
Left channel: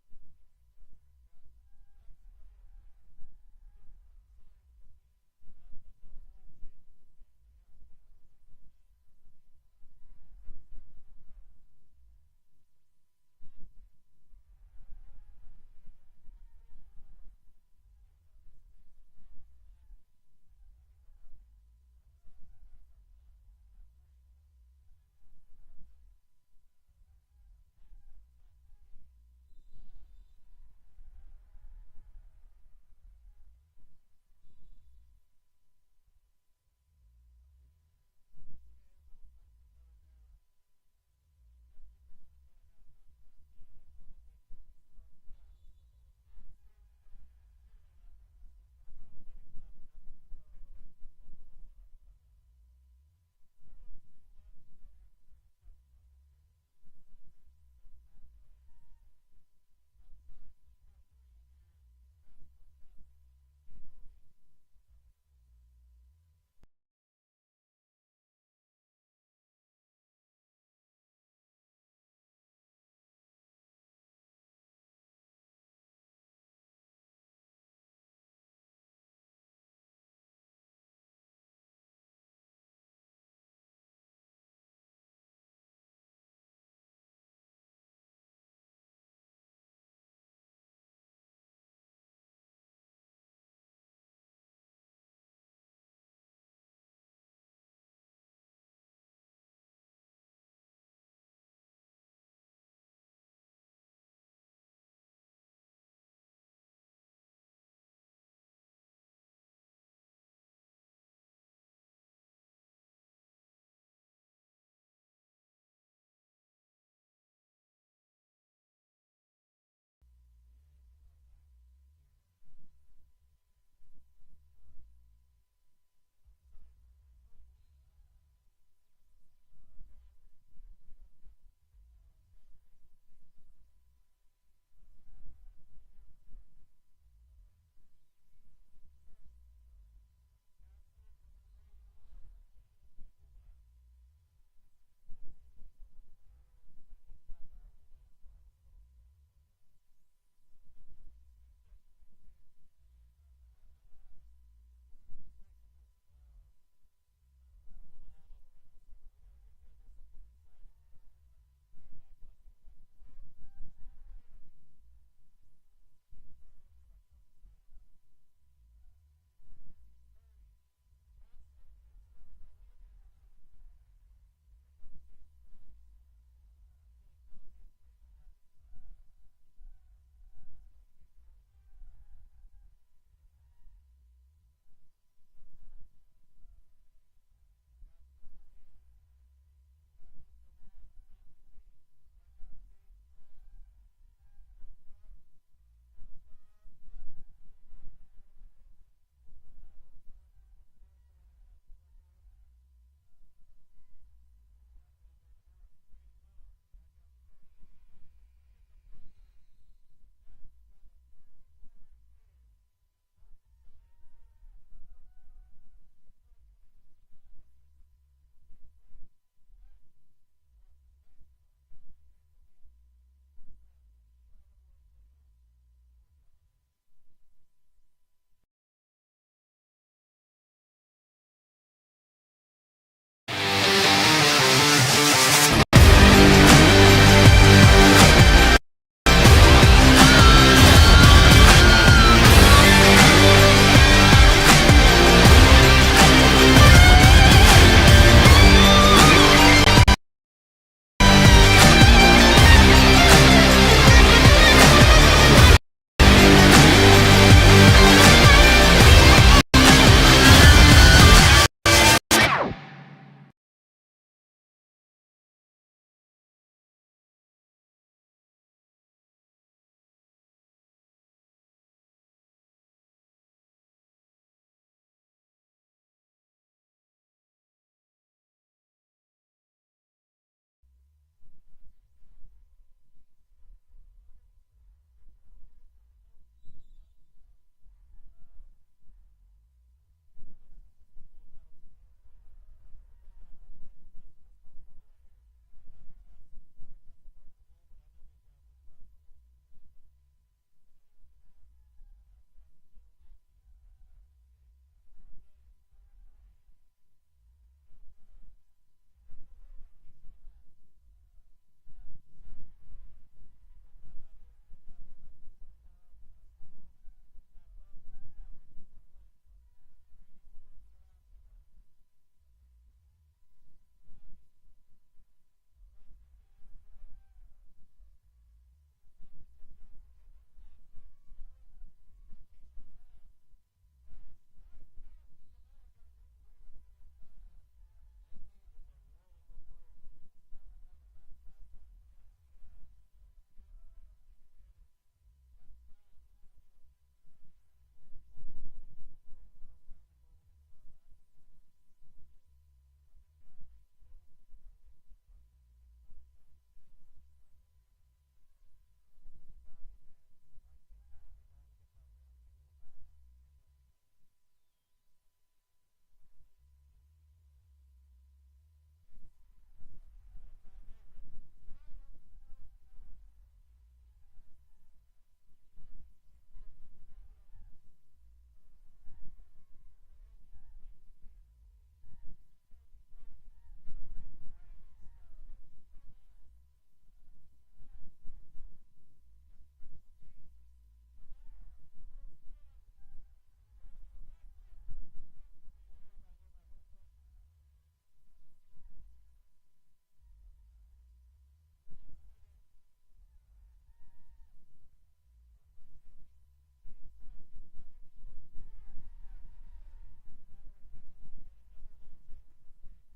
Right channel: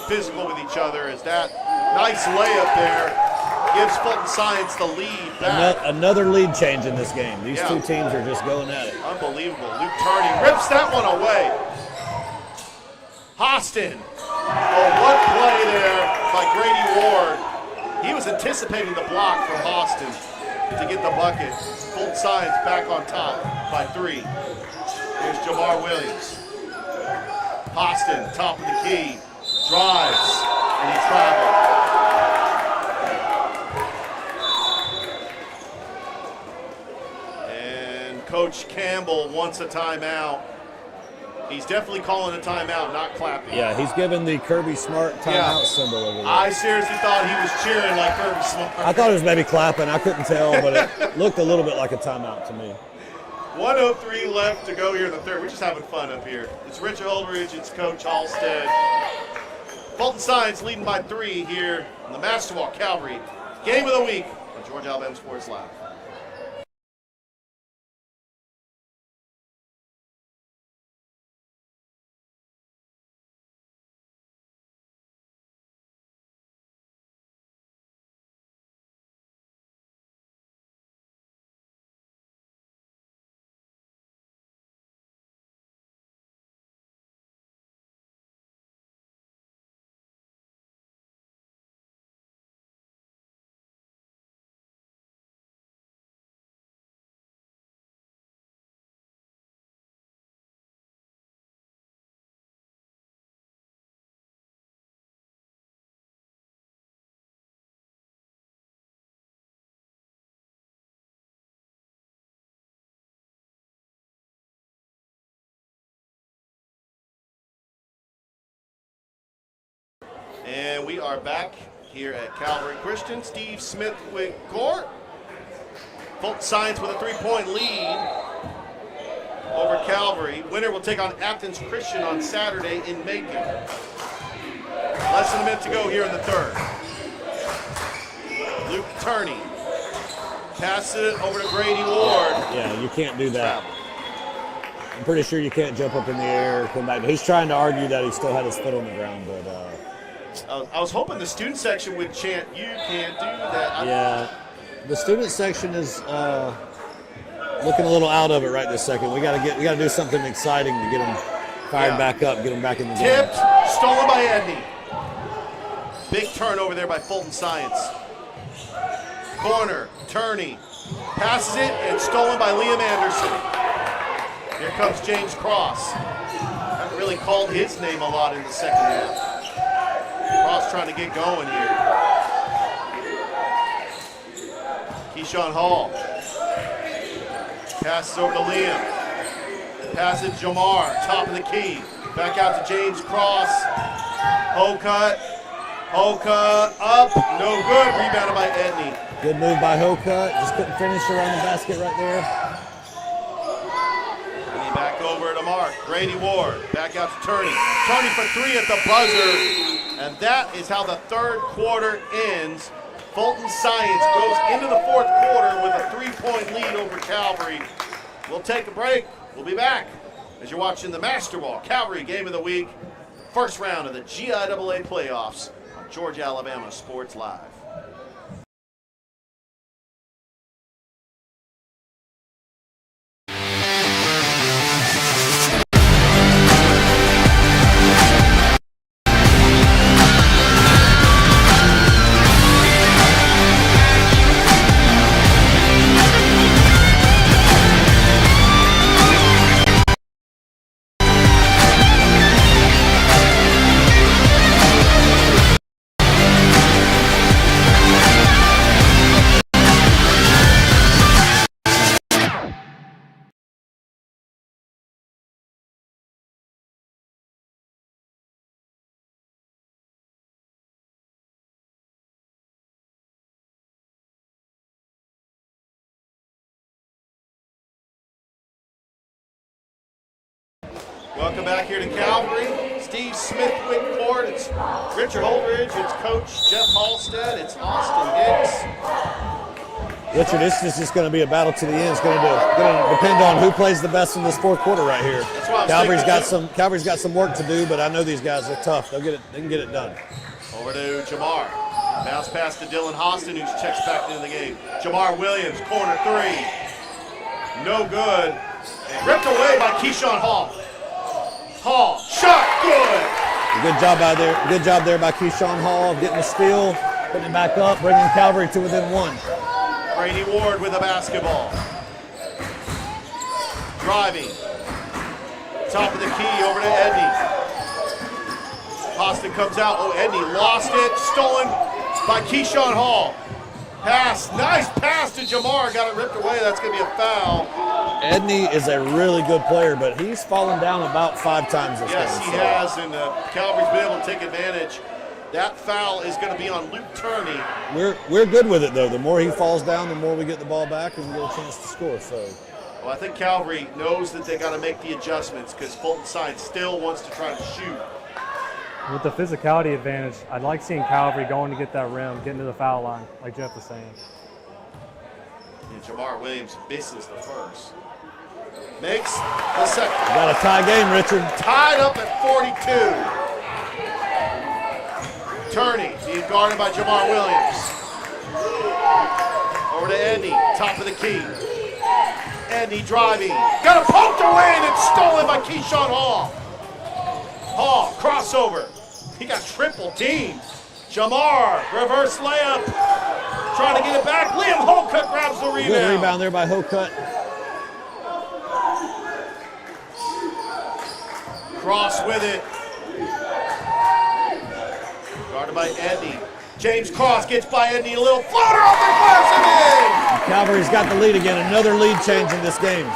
physical with each other. As that nice layup there gives Fulton Science the lead back. Another lead change in this game. These two teams are just going at it. Unbelievable. Luke Turney rips that one away. Hostin. Oh, what play there by Grady Ward. He was anticipating the block from Hostin to get the bucket. Fulton Science back on top by 3. Here's Jamar Williams. Hostin, top of the key, drives, and he traveled. And Coach Campbell wants a timeout. He's definitely calling a timeout, not clapping. Yeah, he's giving the Kirby Smart timeout symbol over there. I seriously thought he was cheering like Kirby Smart. I thought it was maybe clapping. I couldn't tell, but it looked a little bit like a timeout to me. 1:03 left to go here in the third. We're just having fun up here. It's Richard Holdridge, it's Coach Halstead. Fulton Science leading by 3 here in the Masterwalk Calvary Game of the Week on Georgia Alabama Sports Live. And we are back here at Calvary Christian. Steve Smithwick court. Fulton Science with a 3-point lead over Calvary. Winner will take on Athens Christian on Saturday in Macon. Less than a minute to go here in the third. Luke Turney passes it over to Grady Ward. Yeah, you can't do that. I'm pretty sure you can't jump up in the air, come back. He's trying to argue that he still had his foot on the ground, but I was hoping the student section would chant, "You can't do that." yeah, the student section is looking a little out of it right this second. We got to do something exciting to get them fired back up, get them back in the game. Tipped, stolen by Edney. Big turnover there by Fulton Science. Corner, Turney passes it and stolen by Liam Anderson. Here comes James Cross. Haven't really called his name a lot in the second half. Cross trying to get going here. Keyshawn Hall. Passes over to Liam. Passes Jamar, top of the key. Back out to James Cross. Hocut up, no good. Rebounded by Edney. Good move by Hocut. Just couldn't finish around the basket right there. Edney back over to Mark. Grady Ward back out to Turney. Turney for 3 at the buzzer. And that is how the third quarter ends. Fulton Science goes into the fourth quarter with a 3-point lead over Calvary. We'll take a break. We'll be back as you're watching the Master Ball Calvary Game of the Week, first round of the GIAA playoffs on Georgia, Alabama Sports Live. Welcome back here to Calvary. Steve Smithwick Court. It's Richard Holdridge. It's Coach Jeff Halstead. It's Austin Hicks. Richard, this is just going to be a battle to the end. It's going to depend on who plays the best in this fourth quarter right here. Calvary's got some work to do, but I know these guys are tough. They can get it done. Over to Jamar. Bounce pass to Dylan Hostin, who checks back into the game. Jamar Williams, corner three. No good. And ripped away by Keyshawn Hall. Hall, shot, good. Good job out there. Good job there by Keyshawn Hall, getting the steal, putting it back up, bringing Calvary to within one. Brady Ward with the basketball. Driving. Top of the key over to Edney. Austin comes out. Oh, Edney lost it. Stolen by Keyshawn Hall. Pass. Nice pass to Jamar. Got it ripped away. That's going to be a foul. Edney is a really good player, but he's fallen down about 5 times this game. Yes, he has, and Calvary's been able to take advantage. That foul is going to be on Luke Turney. We're good with it, though. The more he falls down, the more we get the ball back and get a chance to score. So, well, I think Calvary knows that they got to make the adjustments because Fulton Science still wants to try to shoot. With the physicality advantage, I'd like seeing Calvary going to get that rim, getting to the foul line, like Jeff was saying. And Jamar Williams misses the first. Makes the second. Got a tie game, Richard. Tied up at 42. Turney being guarded by Jamar Williams. Over to Andy, top of the key. Andy driving. Got it poked away and it's stolen by Keyshawn Hall. Hall, crossover. He got triple teamed. Jamar, reverse layup. Trying to get it back. Liam Holcutt grabs the rebound. Good rebound there by Holcutt. Cross with it. Guarded by Andy. James Cross gets by Andy. A little floater off the glass and in. Calvary's got the lead again. Another lead change in this game.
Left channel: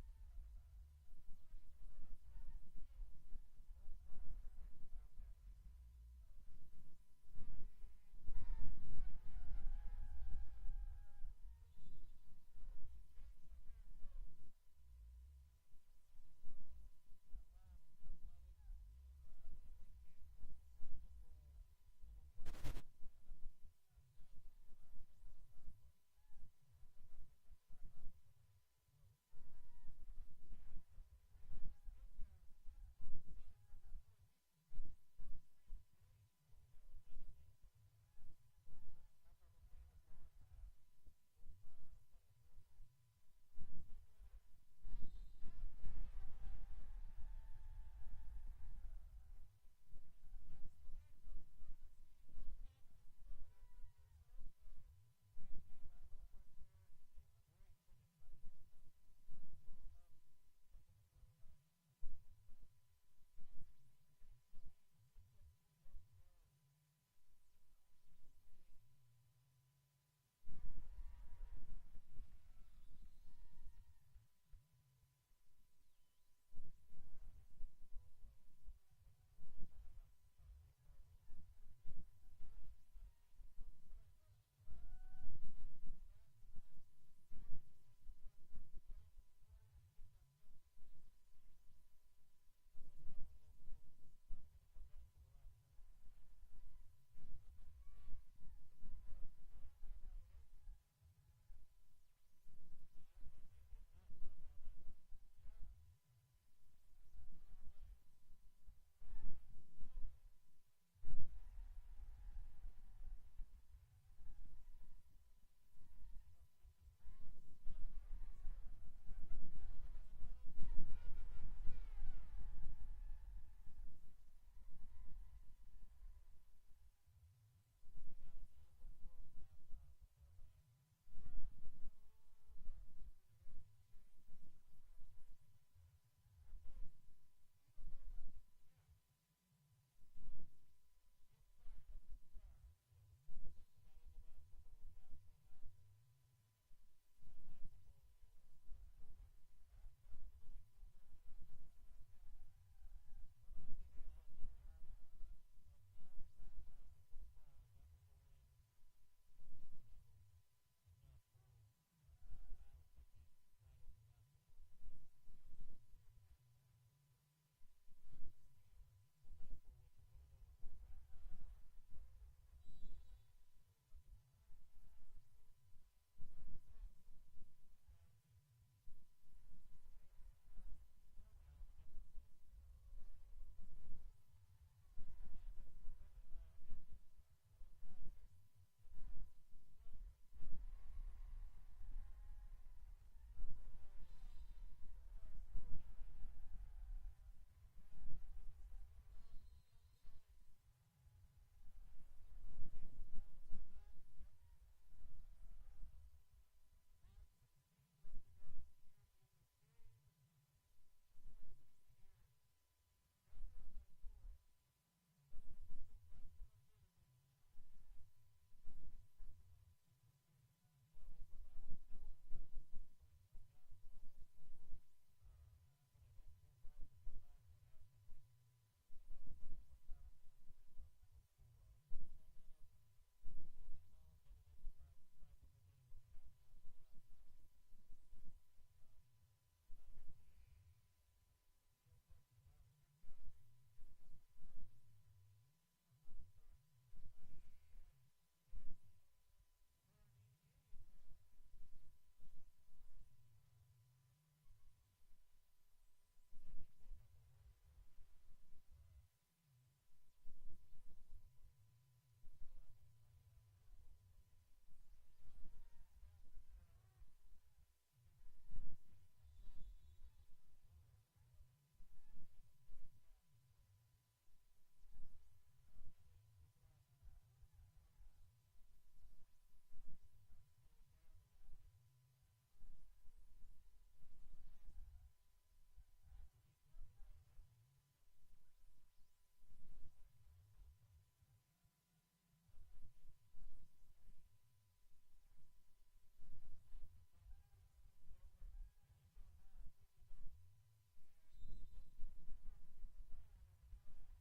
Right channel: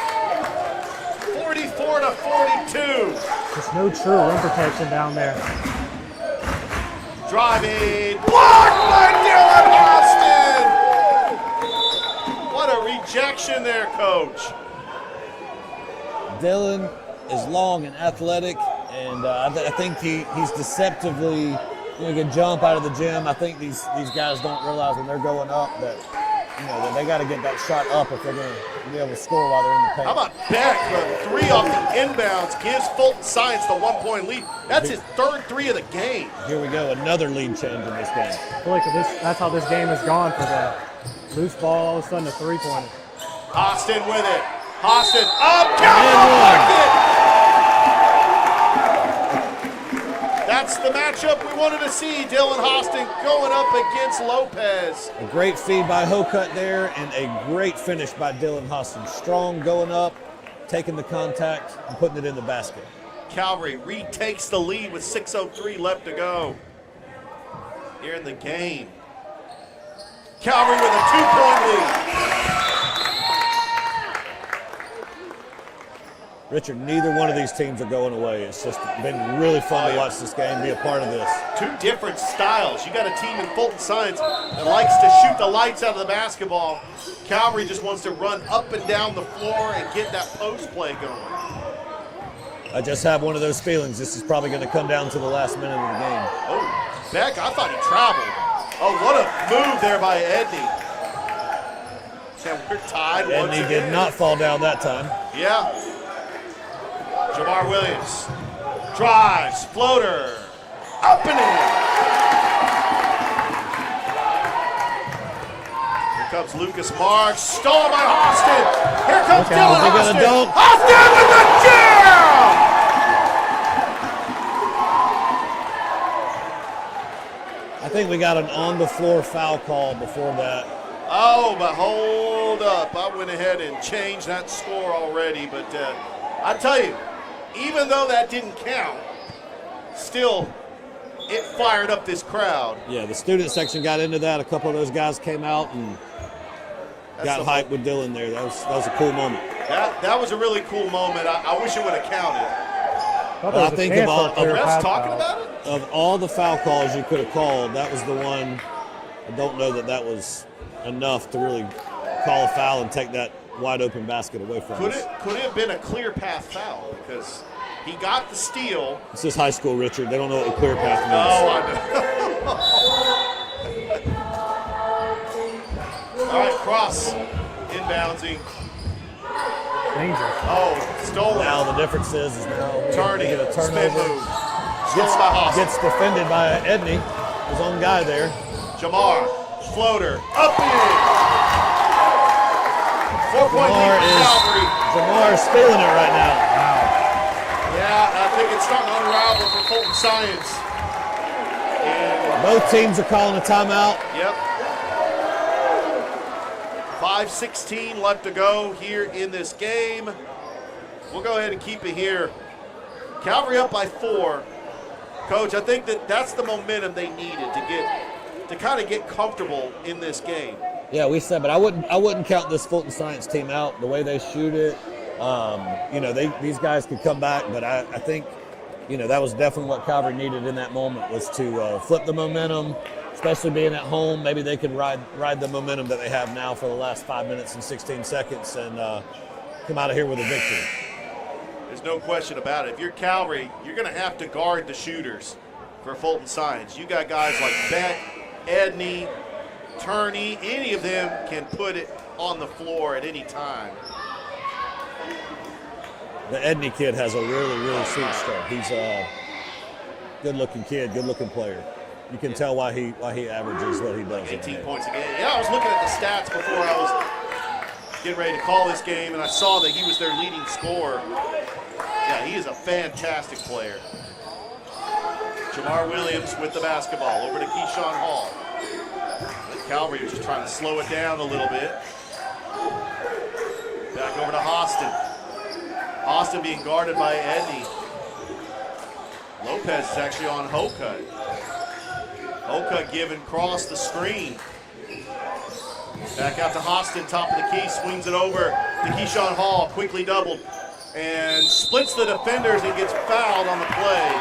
44 to 42. There's no true rim protection down there. Driving. Blocked by Dylan Austin. What a rejection there, Coach. Dylan is long and athletic, and I think he's deceptively doing a jump out of the gym. I think these guys don't realize when they're going up that that they got to get that shot up if they're going to be able to score while they're in the paint. How about Beck? The three off the inbounds gives Fulton Science the 1-point lead. That's his third three of the game. Here we go, another lead change in this game. I feel like that's how this game has gone for the loose ball, all of a sudden a three-pointer. Austin with it. Austin up, count, That's the matchup we wanted to see. Dylan Austin going up against Lopez. A great feed by Holcutt there, and a great finish by Dylan Austin. Strong going up, taking the contact, and putting it in the basket. Calvary retakes the lead with 6:03 left to go here in the game. Calvary with a 2-point lead. Richard, neither one of these teams are going away. It's just been really fun to watch this game, be a part of this. Two different styles. You got a team in Fulton Science that likes to shoot the lights out of the basketball. Calvary just wants to run up and down the floor and get that post play going. I just have one of those feelings. This is probably going to come down to the last minute of the game. Oh, Beck, I thought he traveled. Oh, what a move there by Edney. And we're tied once Edney again. did not fall down that time. Yeah. Jamar Williams drives, floater, up and in. Here comes Lucas Marks, stolen by Austin. Here comes Dylan They're Austin. gonna dunk. Austin with the jam! I think we got an on-the-floor foul call before that. Oh, but hold up. I went ahead and changed that score already, but I tell you, even though that didn't count, still, it fired up this crowd. Yeah, the student section got into that. A couple of those guys came out and got hyped with Dylan there. That was a cool moment. That was a really cool moment. I wish it would have counted. I think of all the foul calls you could have called, that was the one. I don't know that was enough to really call a foul and take that wide open basket away from us. Could it have been a clear path foul? Because he got the steal. This is high school, Richard. They don't know what a clear path means. Oh, I know. All right, cross, inboundsing. Dangerous. Oh, stolen. Now the difference is now turning, get a spin turnover. move. Stolen by Austin. Gets defended by Edney, his own guy there. Jamar, floater, up and in. 4-point lead for Calvary. Jamar is feeling it right now. Yeah, I think it's starting to unravel for Fulton Science. And both teams are calling a timeout. Yep. 5:16 left to go here in this game. We'll go ahead and keep it here. Calvary up by 4. Coach, I think that's the momentum they needed to kind of get comfortable in this game. Yeah, we said, but I wouldn't count this Fulton Science team out. The way they shoot it, these guys could come back, but I think, that was definitely what Calvary needed in that moment, was to flip the momentum, especially being at home. Maybe they could ride the momentum that they have now for the last 5 minutes and 16 seconds and come out of here with a victory. There's no question about it. If you're Calvary, you're going to have to guard the shooters for Fulton Science. You got guys like Beck, Edney, Turney. Any of them can put it on the floor at any time. The Edney kid has a really, really sweet start. He's a good-looking kid, good-looking player. You can tell why he averages what he does. 18 points a game. Yeah, I was looking at the stats before I was getting ready to call this game, and I saw that he was their leading scorer. Yeah, he is a fantastic player. Jamar Williams with the basketball over to Keyshawn Hall. Calvary was just trying to slow it down a little bit. Back over to Austin. Austin being guarded by Edney. Lopez is actually on Hokut. Hokut giving cross the screen. Back out to Austin, top of the key, swings it over to Keyshawn Hall, quickly doubled, and splits the defenders and gets fouled on the play.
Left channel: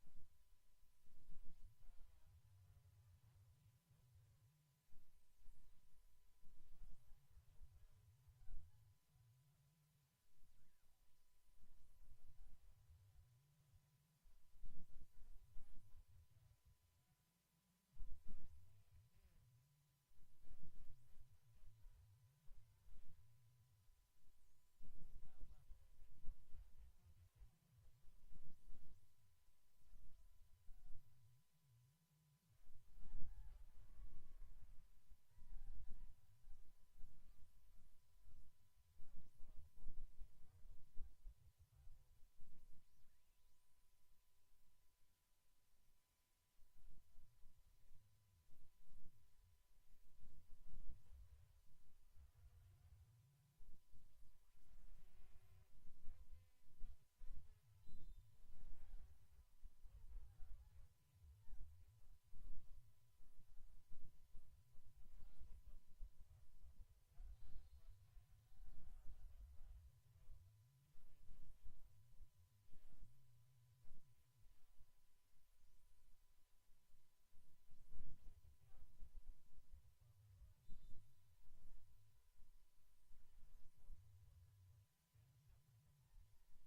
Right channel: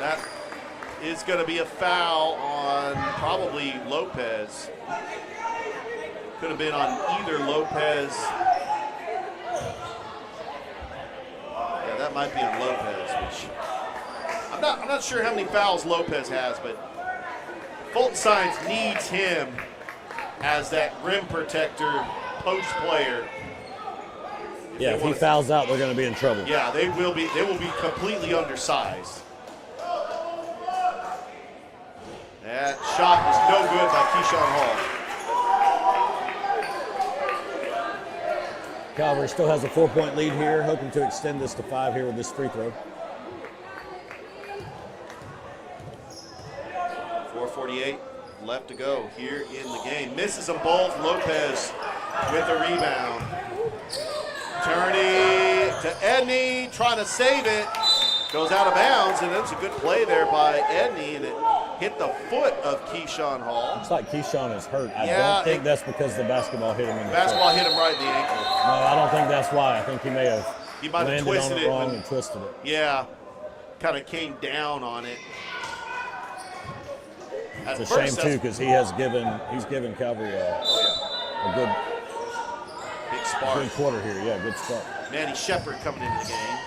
That is going to be a foul on probably Lopez. Could have been on either Lopez. Yeah, that might be on Lopez, which I'm not sure how many fouls Lopez has, but Fulton Science needs him as that rim protector, post player. Yeah, if he fouls out, they're going to be in trouble. Yeah, they will be completely undersized. That shot was no good by Keyshawn Hall. Calvary still has a 4-point lead here, hoping to extend this to 5 here with this free throw. 4:48 left to go here in the game. Misses them both. Lopez with the rebound. Turney to Edney, trying to save it. Goes out of bounds, and that's a good play there by Edney, and it hit the foot of Keyshawn Hall. Looks like Keyshawn is hurt. I Yeah, don't think that's because the basketball hit him in the Basketball foot. hit him right in the ankle. No, I don't think that's why. I think he may have landed twisted on it it wrong when- and twisted it. Yeah, kind of came down on it. It's a shame too, because he's given Calvary a good big spark. Good quarter here, yeah, good start. Manny Shepard coming into the game.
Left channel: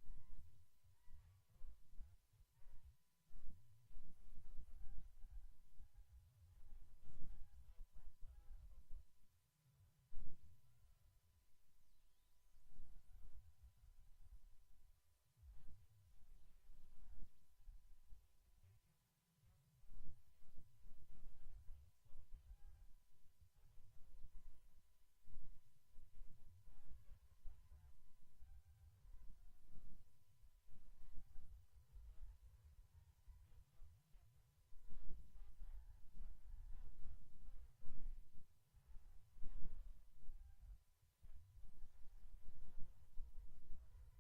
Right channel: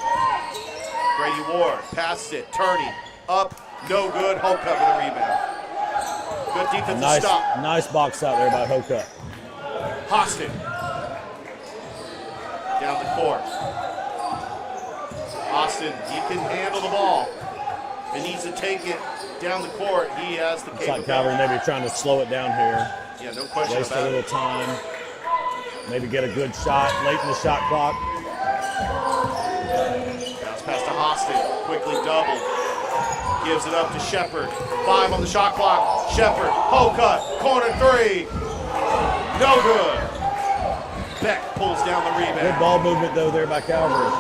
Grady Ward passes it, Turney up, No good. Hocutt with a rebound. Good defensive stop. Nice box out there by Hocutt. Hostin. Down the court. Austin, he can handle the ball. He needs to take it down the court. He has the capability. Like Calvary maybe trying to slow it down here. Yeah, no question Waste about a little it. time. Maybe get a good shot late in the shot clock. Bounce pass to Hostin. Quickly double. Gives it up to Shepard. 5 on the shot clock. Shepard. Hocutt. Corner 3. No good. Beck pulls down the rebound. Good ball movement though there by Calvary.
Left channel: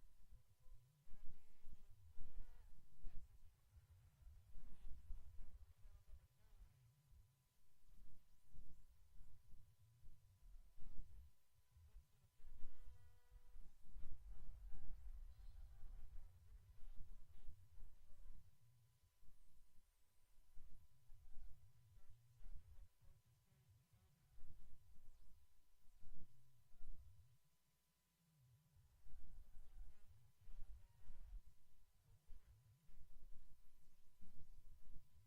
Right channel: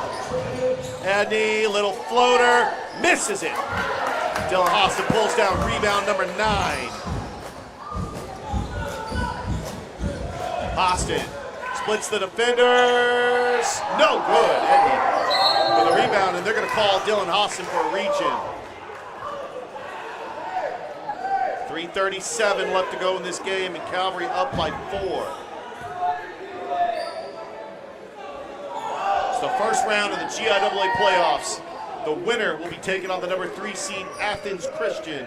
Edney, little floater, misses it. Dylan Hostin pulls down rebound number 9. Hostin splits the defenders. No good. Edney with a rebound, and they're going to call Dylan Hostin for a reach-in. 3:37 left to go in this game, and Calvary up by 4. It's the first round of the GIAA playoffs. The winner will be taking on the number 3 seed Athens Christian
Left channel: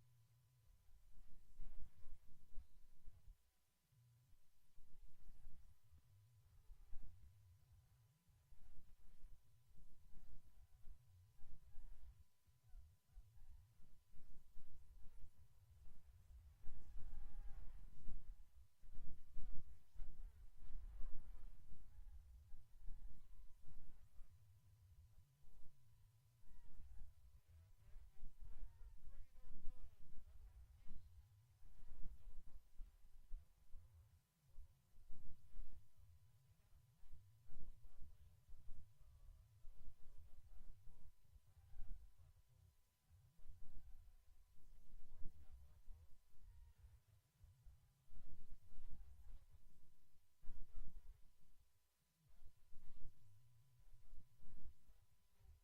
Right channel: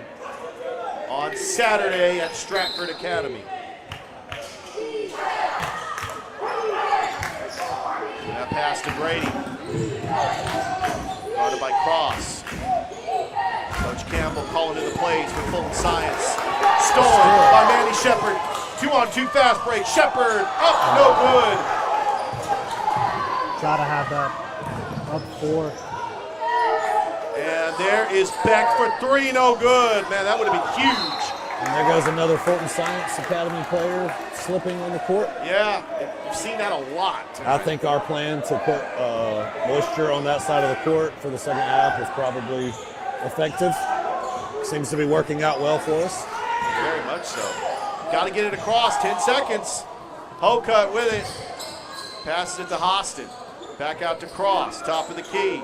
on Saturday at Stratford Academy. That pass to Brady. Guarded by Cross. Coach Campbell calling in the plays for Fulton Science. Stolen by Manny Shepard. 2-on-2 fast break. Shepard up, no good. Try to have that up 4. And there is Beck for 3, no good. Man, that would have been huge. And there goes another Fulton Science Academy player slipping on the court. Yeah, you've seen that a lot. I think our plan to put moisture on that side of the court for the second half is probably effective. Seems to be working out well for us. Very much so. Got to get it across, 10 seconds. Hocutt with it. Passes it to Hostin. Back out to Cross, top of the key.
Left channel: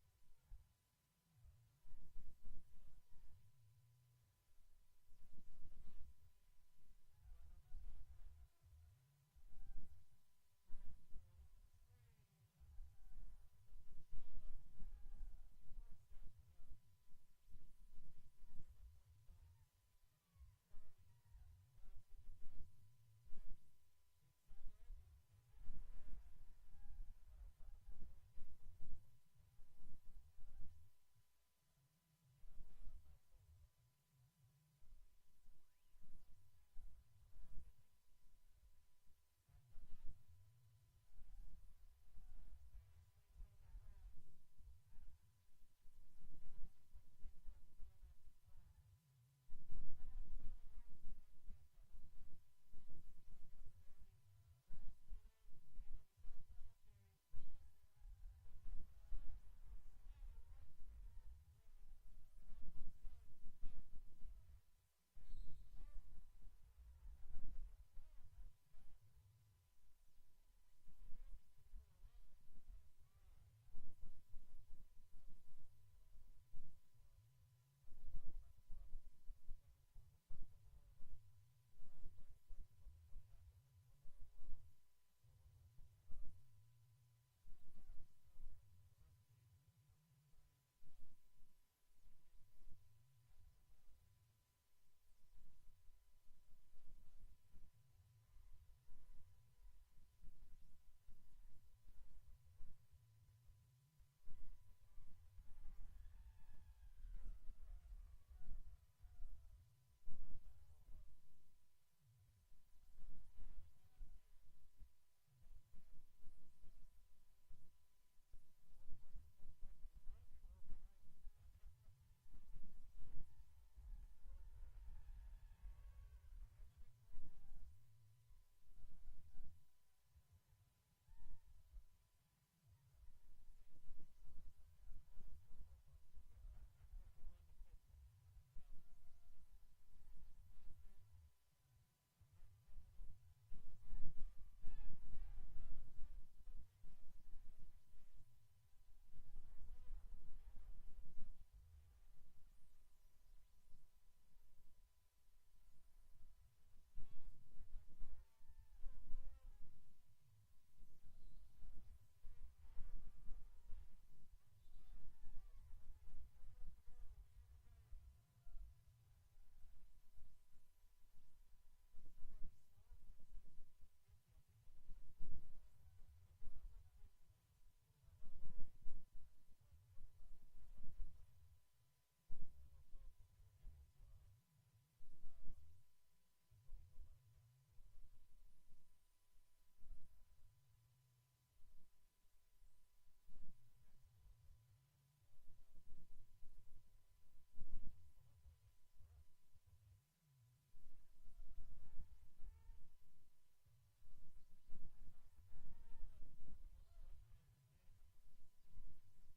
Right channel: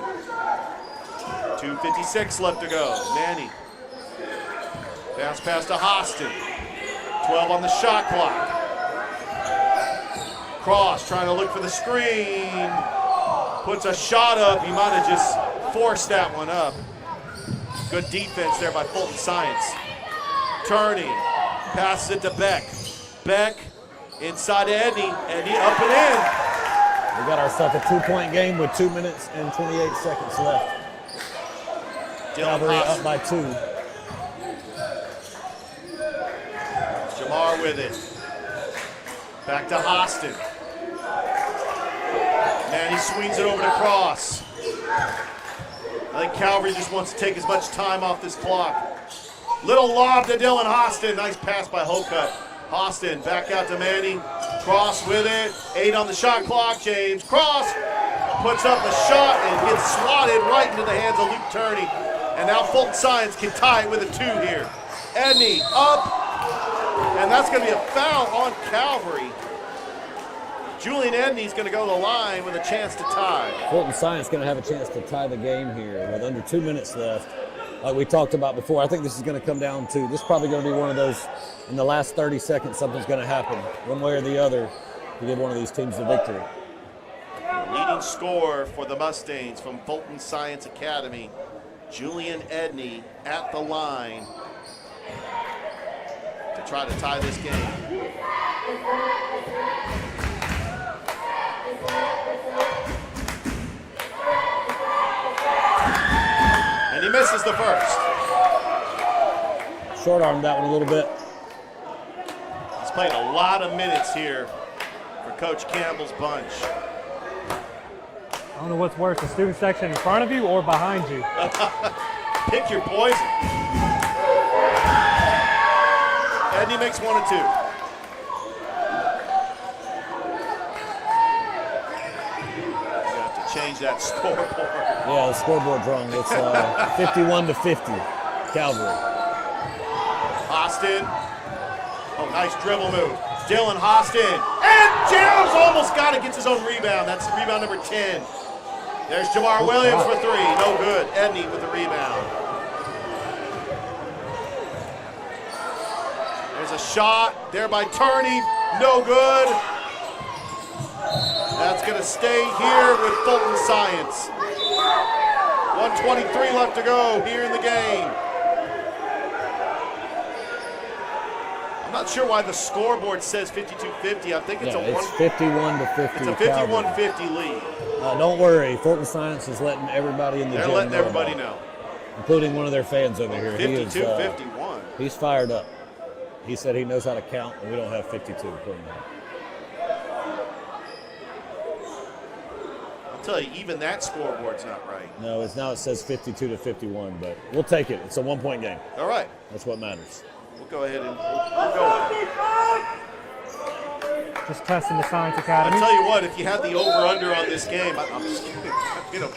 2:56 left to go. Manny. Bounce pass to Hostin. 12 on the shot clock. Cross trying to look for the screen. Puts a shot up. He might have just forced that one up. Good defense there by Fulton Science. Turning. Passes it to Beck. Beck inside to Edney. Edney up and in. We got ourselves a 2-point game with 2 minutes and 28 seconds left. Calvary up by 2. Jamar with it. Back to Hostin. Man, he swings it over to Cross. I think Calvary just wants to take as much time off this clock. Little lob to Dylan Hostin. Nice pass by Hocutt. Hostin back out to Manning. Cross with it. 8 on the shot clock. James Cross puts up a shot and gets swatted right into the hands of Luke Turney. And now Fulton Science can tie it with a 2 here. Edney up. And that's going to be a foul on Calvary. Julian Edney's going to go to the line with a chance to tie. Fulton Science going to have a chance to tie the game here with under 2 minutes left. Like we talked about before, I think this is going to come down to, this is probably going to be one of those, in the last 30 seconds, something's going to happen, one way or the other, to give one of these teams the victory. The leading scorer for the Mustangs from Fulton Science Academy, Julian Edney at the line to try to tie this game. And he misses the first. Short-armed that one a little bit. He's played a lot of minutes here for Coach Campbell's bunch. I don't know what's worse, the student section in front of you or behind you. Pick your poison. Edney makes 1 and 2. You have to change that scoreboard. Yeah, the scoreboard's wrong. It's 51-50, Calvary. Hostin. Oh, nice dribble move. Dylan Hostin. And James almost got it, gets his own rebound. That's rebound number 10. There's Jamar Williams for 3. No good. Edney with the rebound. There's a shot there by Turney. No good. That's going to stay here with Fulton Science. 1:23 left to go here in the game. Not sure why the scoreboard says 52-50. I think it's it's 51 to 50. It's a 51-50 lead. Don't worry, Fulton Science is letting everybody in the They're gym letting know everybody about it, know. including one of their fans over here. 52-51. He's fired up. He said he knows how to count, and we don't have 52. I'll tell you, even that scoreboard's not right. No, it says 52 to 51, but we'll take it. It's a 1-point game. All right. That's what matters. We'll go ahead and we'll go with it. Just testing the Science Academy. I tell you what, if you had the over/under on this game, I'm just kidding.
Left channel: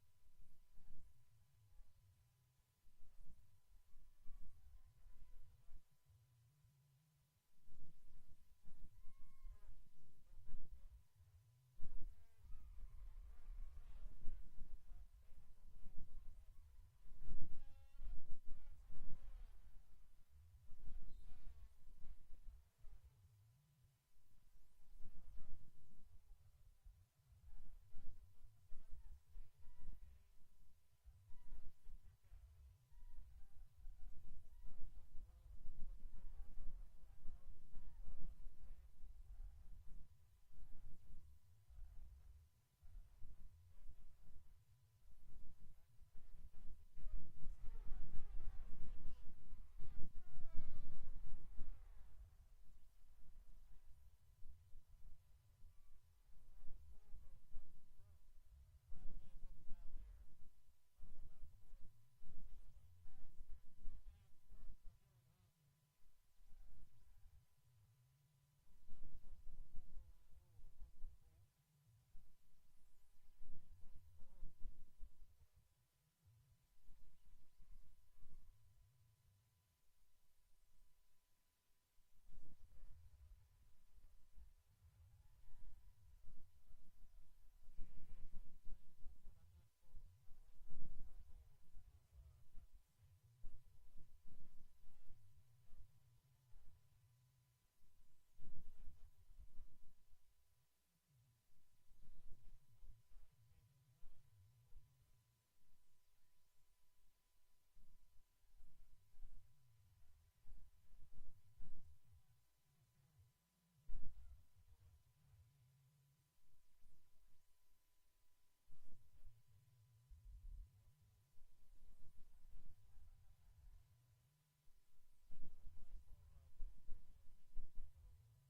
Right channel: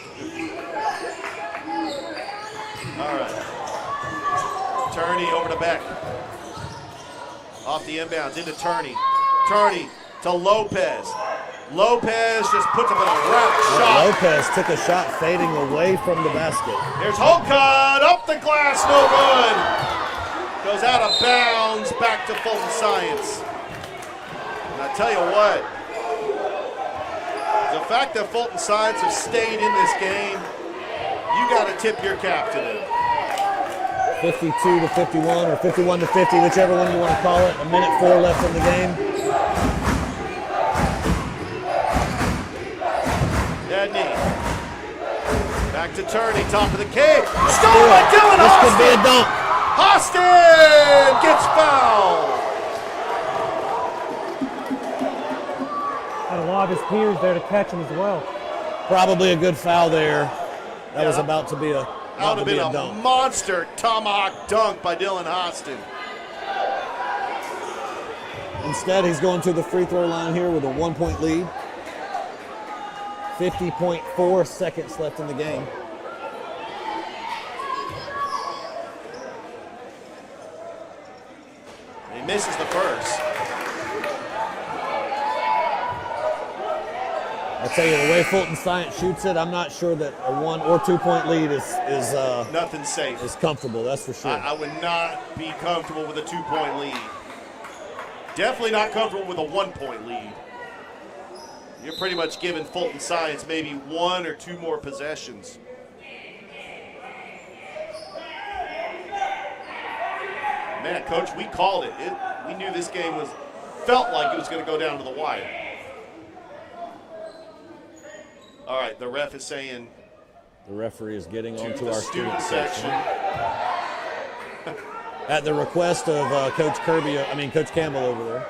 All right. Turney over to Beck. Off the inbounds into Turney. Turney to Lopez. Lopez just puts up a round shot. Lopez took a shot fading away from the basket. There's Holcott up the glass, no good. Goes out of bounds, back to Fulton Science. And I tell you what, the fact that Fulton Science have stayed in this game, you got to tip your cap to them. 52 to 51 or 51 to 50, whichever one you want to call it. 1:04 left in the game. Edney. Back to Turney, top of the key. Stolen by Dylan This Austin. could be a dunk. Austin gets fouled. Had a lot of his peers there to catch him as well. Probably a good foul there. That was about to be a That would have been a dunk. monster tomahawk dunk by Dylan Austin. Instead, he's going to the free throw line here with a 1-point lead. 50.4 seconds left in the game. He misses the first. I tell you, the way Fulton Science shoots it, I'm not sure that a 1 or 2-point lead is nothing safe. Is comfortable. That's for sure. I would not be comfortable with a 2-point lead. Definitely not comfortable with a 1-point lead. You're pretty much giving Fulton Science maybe 1 or 2 more possessions. Man, Coach, we called it. We knew this game felt like it was going to go down to the wire. All right, the ref is saying. The referee is getting onto the our student section. At the request of Coach Campbell over there.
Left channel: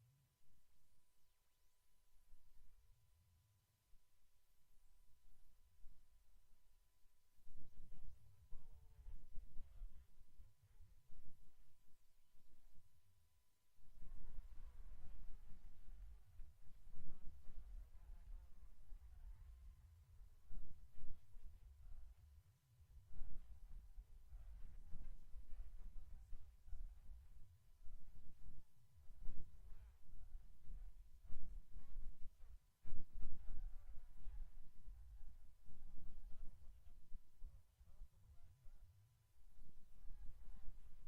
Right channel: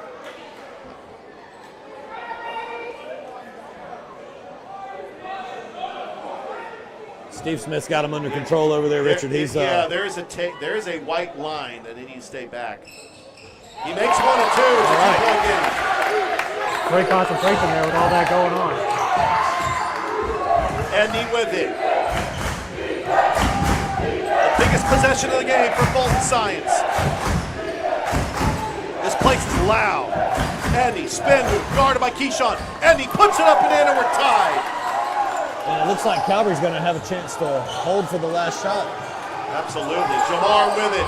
Steve Smith's got him under control over there, Richard. There is a white line that he needs to stay back. He makes 1 and 2. It's a 2-point game. Great concentration there with all that going on. Andy with it. The biggest possession of the game for Fulton Science. This place is loud. Andy, spin move, guarded by Keyshawn. Andy puts it up and in, and we're tied. And it looks like Calvary's going to have a chance to hold for the last shot. Absolutely. Jamar with it.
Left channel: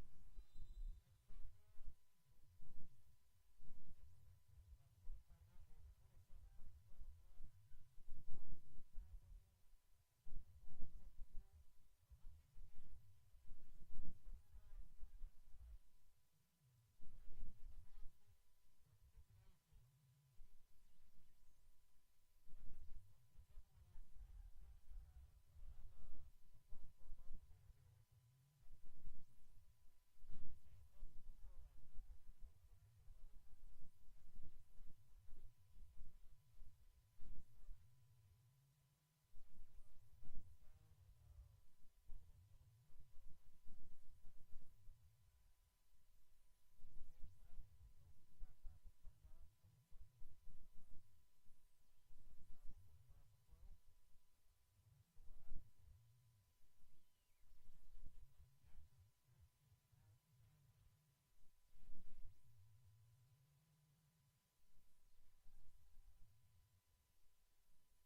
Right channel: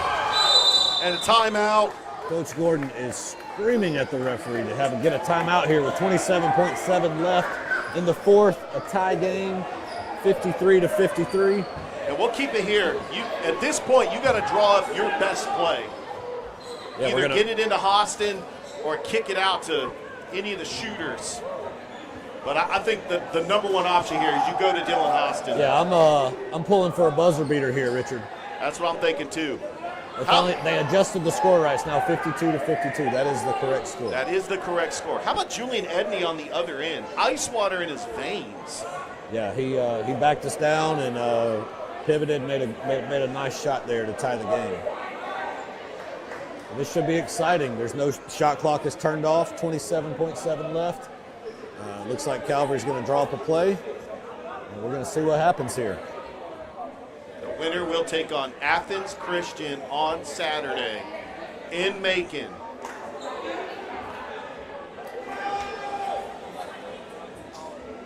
And a timeout. Coach Gordon is screaming at the referee to have him get a timeout here with 27.7 left in the fourth. A tie game, 53 to 53. And we'll keep it here. At this point, you got to draw up your best play. Yeah, Either get it into Austin or kick it out to any of the shooters. But I think the number one option here is you go to Dylan Austin. Yeah, I'm pulling for a buzzer beater here, Richard. That's what I'm thinking too. They adjusted the score rights now, 52 to 52. That is the correct score. That is the correct score. How about Julian Edney on the other end? Ice water in his veins. Yeah, he backed us down and pivoted, made a nice shot there to tie the game. This should be exciting. There's no shot clock is turned off. 27.7 left. Looks like Calvary's going to draw up a play, and we're going to see what happens here. The winner will take on Athens Christian on Saturday in Macon.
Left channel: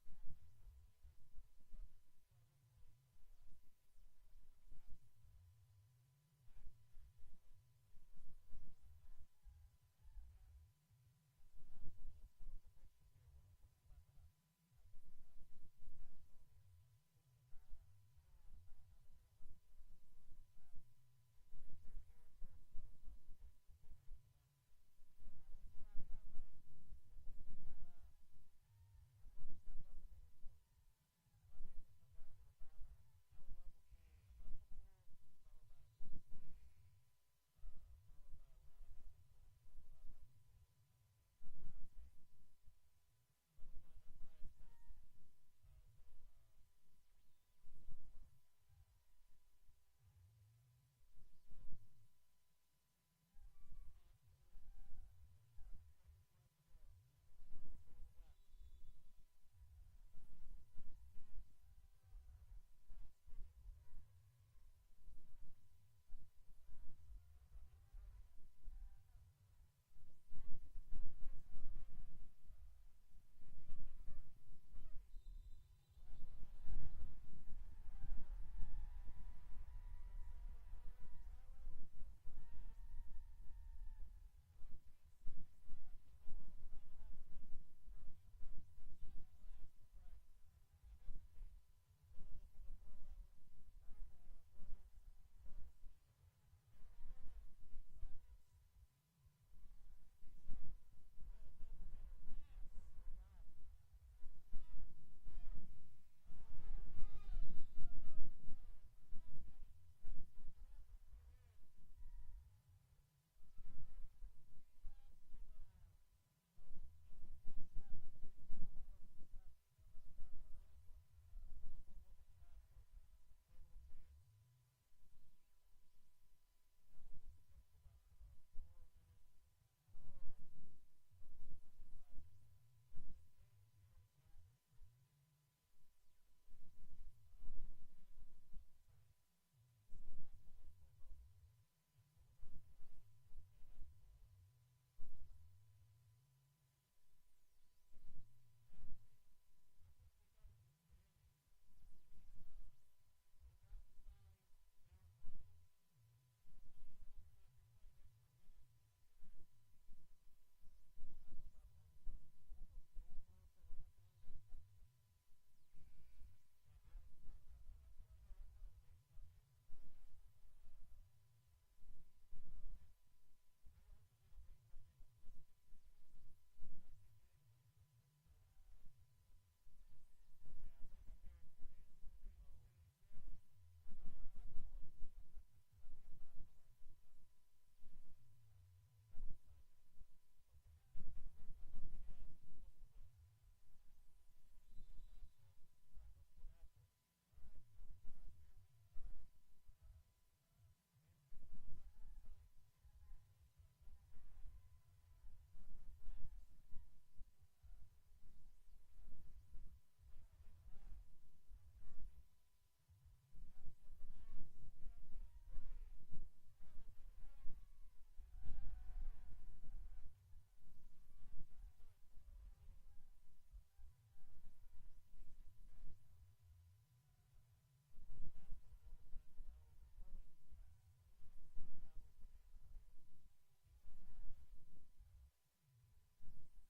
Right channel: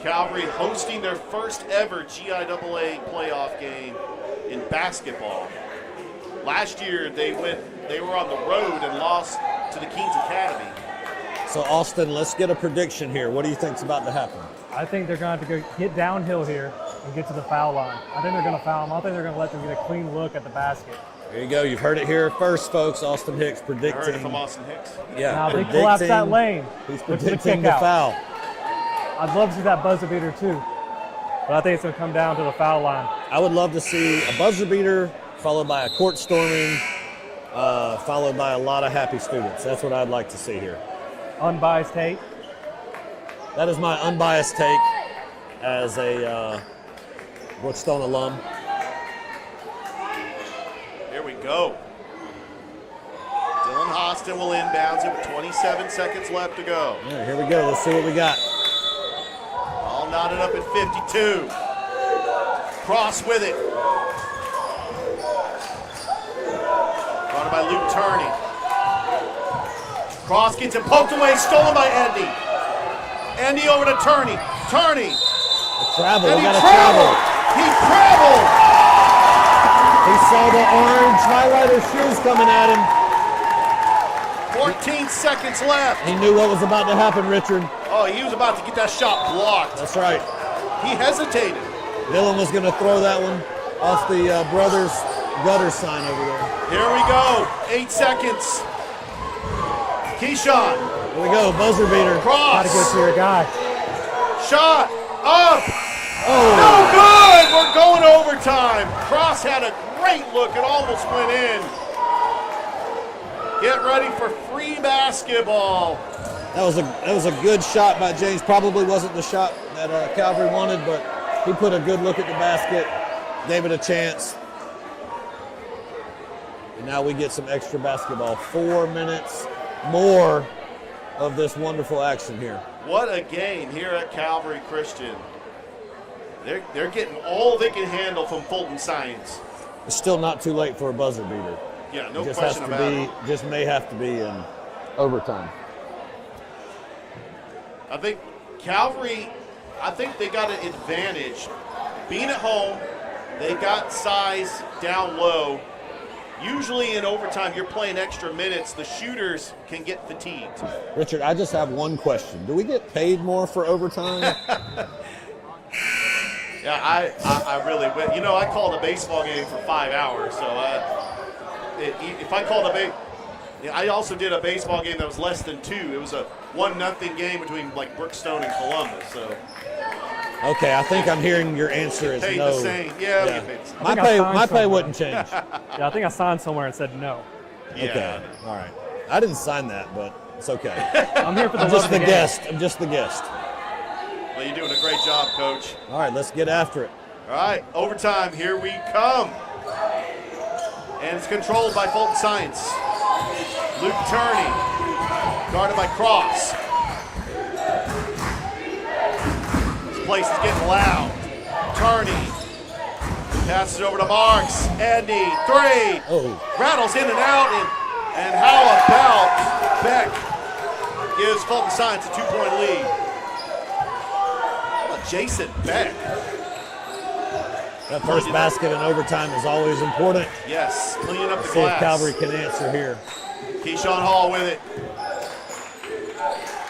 Calvary hosting their first ever GIAA playoff game in basketball. Last year they were on the road and lost to the Keens Academy. So Austin, let's get a prediction here. What do you think's about to happen? I think they're going to have to get downhill here and get to the foul line. I think they're going to foul them. I think they're going to let them get a clean look at the basket. There you go. You've heard it here first, folks. Austin Hicks predicting. I heard it from Austin Hicks. Yeah, Now they collapse that lane. He's Look for the predicting kick the out. foul. I'd love to see that buzzer beater too, but I think it's going to come down to the foul line. I would love to see a buzzer beater followed by a court storming, followed by a lot of happy students. That's what I'd like to see here. Unbiased take. That is my unbiased take as a Brookstone alum. Here we go. Dylan Hostin will inbounds it with 27 seconds left to go. Yeah, here we go. Let's see what we got. All knotted up at 52. Cross with it. Brought by Luke Turney. Cross gets it poked away, stolen by Andy. Andy over to Turney. Turney. Travel. And We he got to traveled. travel. He traveled. He saw the orange highlighter shoes coming at him. 14 seconds left. He knew what was about to happen, Richard. Oh, he was about to get that shot blocked. That's right. He hesitated. Dylan was going to throw that one off the brothers gutter sign over there. Here we go. 8 seconds. Keyshawn. Here we go. Buzzer beater. Cross. Got to go to your guy. Shot. Up. Oh. No good. We're going overtime. Cross had a great look. It almost went in. Get ready for free basketball. That was a good shot by James. Probably wasn't the shot that Calvary wanted, but he put a good look at the basket, gave it a chance. And now we get some extra basketball. 4 minutes more of this wonderful action here. What a game here at Calvary Christian. They're getting all they can handle from Fulton Science. It's still not too late for a buzzer beater. Yeah, no Just question about it. Just may have to be in overtime. I think Calvary, they got an advantage. Being at home, they got size down low. Usually in overtime, you're playing extra minutes. The shooters can get fatigued. Richard, I just have one question. Do we get paid more for overtime? Yeah, I really went. I called a baseball game for 5 hours, so if I called I also did a baseball game that was less than 2. It was a 1-0 game between Brookstone and Columbus. So. Okay, I think I'm hearing your answer is Paid no. the same. Yeah. My pay wouldn't change. Yeah, I think I signed somewhere and said no. Yeah. Okay, all right. I didn't sign that, but it's okay. I'm here for the I'm love just of the game. guest. I'm just the guest. Well, you're doing a great job, Coach. All right, let's get after it. All right, overtime, here we come. And it's controlled by Fulton Science. Luke Turney, guarded by Cross. This place is getting loud. Turney passes it over to Marks. Andy, 3. Oh. Rattles in and out, and how about Beck gives Fulton Science a 2-point lead. How about Jason Beck? That first basket in overtime is always important. Yes, cleaning up the See glass. if Calvary can answer here. Keyshawn Hall with it.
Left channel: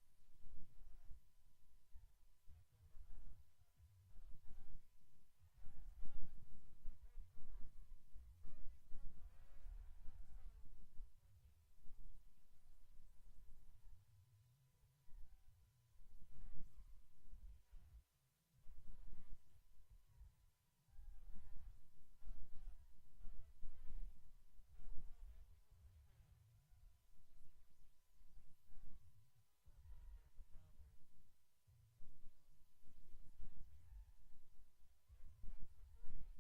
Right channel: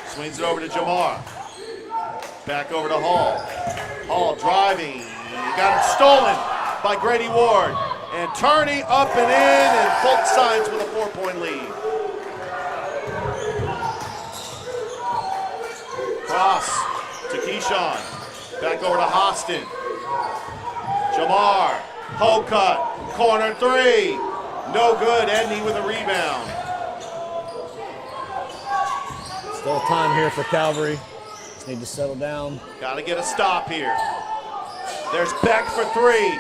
Swings it over to Jamar. Back over to Hall. Hall driving. He got it stolen by Grady Ward. And Turney up and in, and Fulton Science with a 4-point lead. Cross to Keyshawn. Back over to Hostin. Jamar. Hoe cut. Corner 3. No good. Andy with a rebound. Still time here for Calvary. Just need to settle down. Got to get a stop here. There's Beck for 3.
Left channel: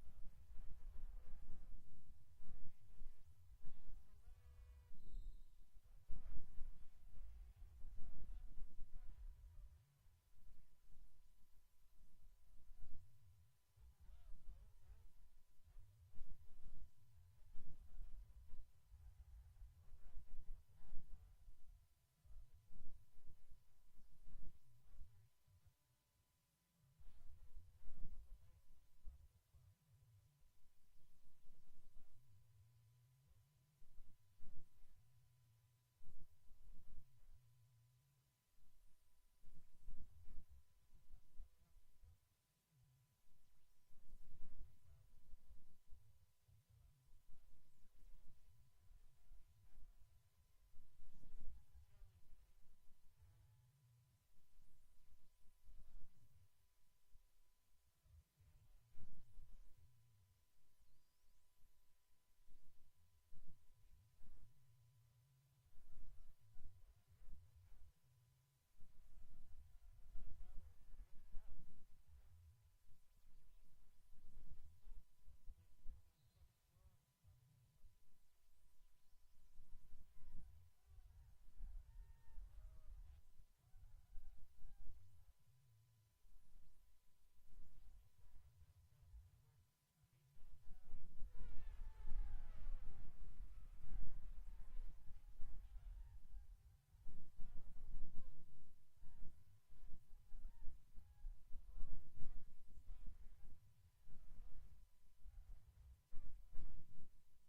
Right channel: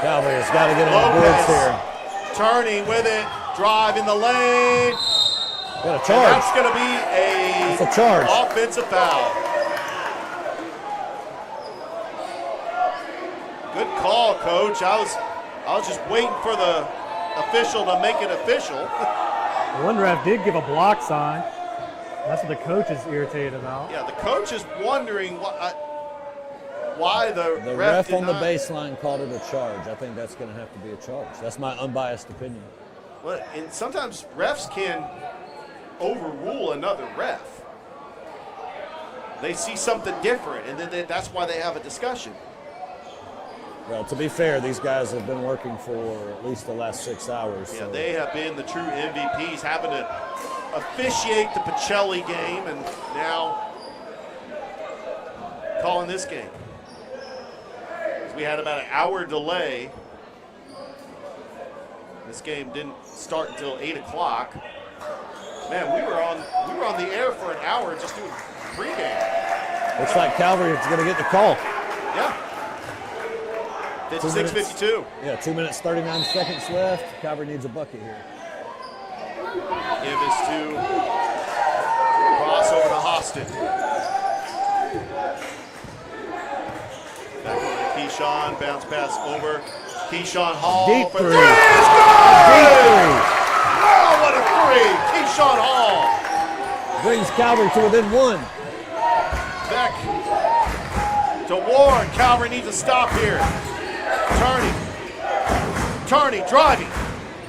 Calvary has got to get on the boards here. Turney with it. Drive in the lane. Got a And charge. that's going to be It's a charge. offensive foul. Good call, Coach. I was just waiting for the official to make it official. One ref did give a block sign. That's what the coach is irritated about. Yeah, the coach is wondering why the ref did on the not- baseline called it a charge. I think that's going to have to be a charge. That's my unbiased opinion. Well, and sometimes refs can overrule another ref. They see something different, and then that's why they have a discussion. Well, to be fair, these guys have been working for at least the last 6 hours. Yeah, so. they have been the true MVPs, having to officiate the Pacelli game and now calling this game. We had about an hour delay. This game didn't start until 8 o'clock. Man, we were on the air for an hour just doing pregame. Looks like Calvary is going to get the call. Yeah. 56-52. Yeah, 2 minutes, 39 seconds left. Calvary needs a bucket here. Give this to cross over to Austin. Back over to Keyshawn, bounce pass over. Keyshawn Hall. Deep for three. Deep three. Oh, what a three. Keyshawn Hall. Brings Calvary to within one. Beck to Ward. Calvary needs a stop here. Turney, driving.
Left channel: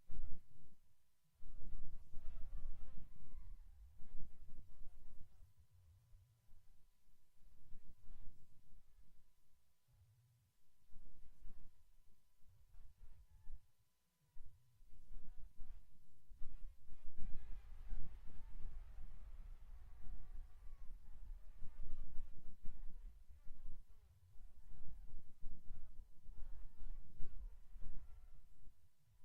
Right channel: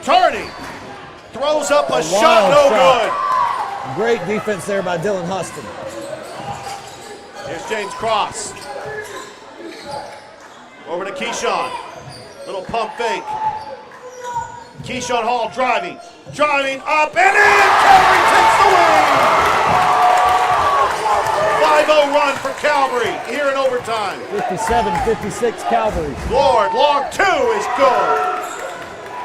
Turney throws up a shot, no good. Great defense there by Dylan Huston. Here's James Cross. Over to Keyshawn. Little pump fake. Keyshawn Hall driving up and in. Calvary takes the lead. 5-0 run for Calvary here in overtime. 57-56 Calvary. Lord, long two is good.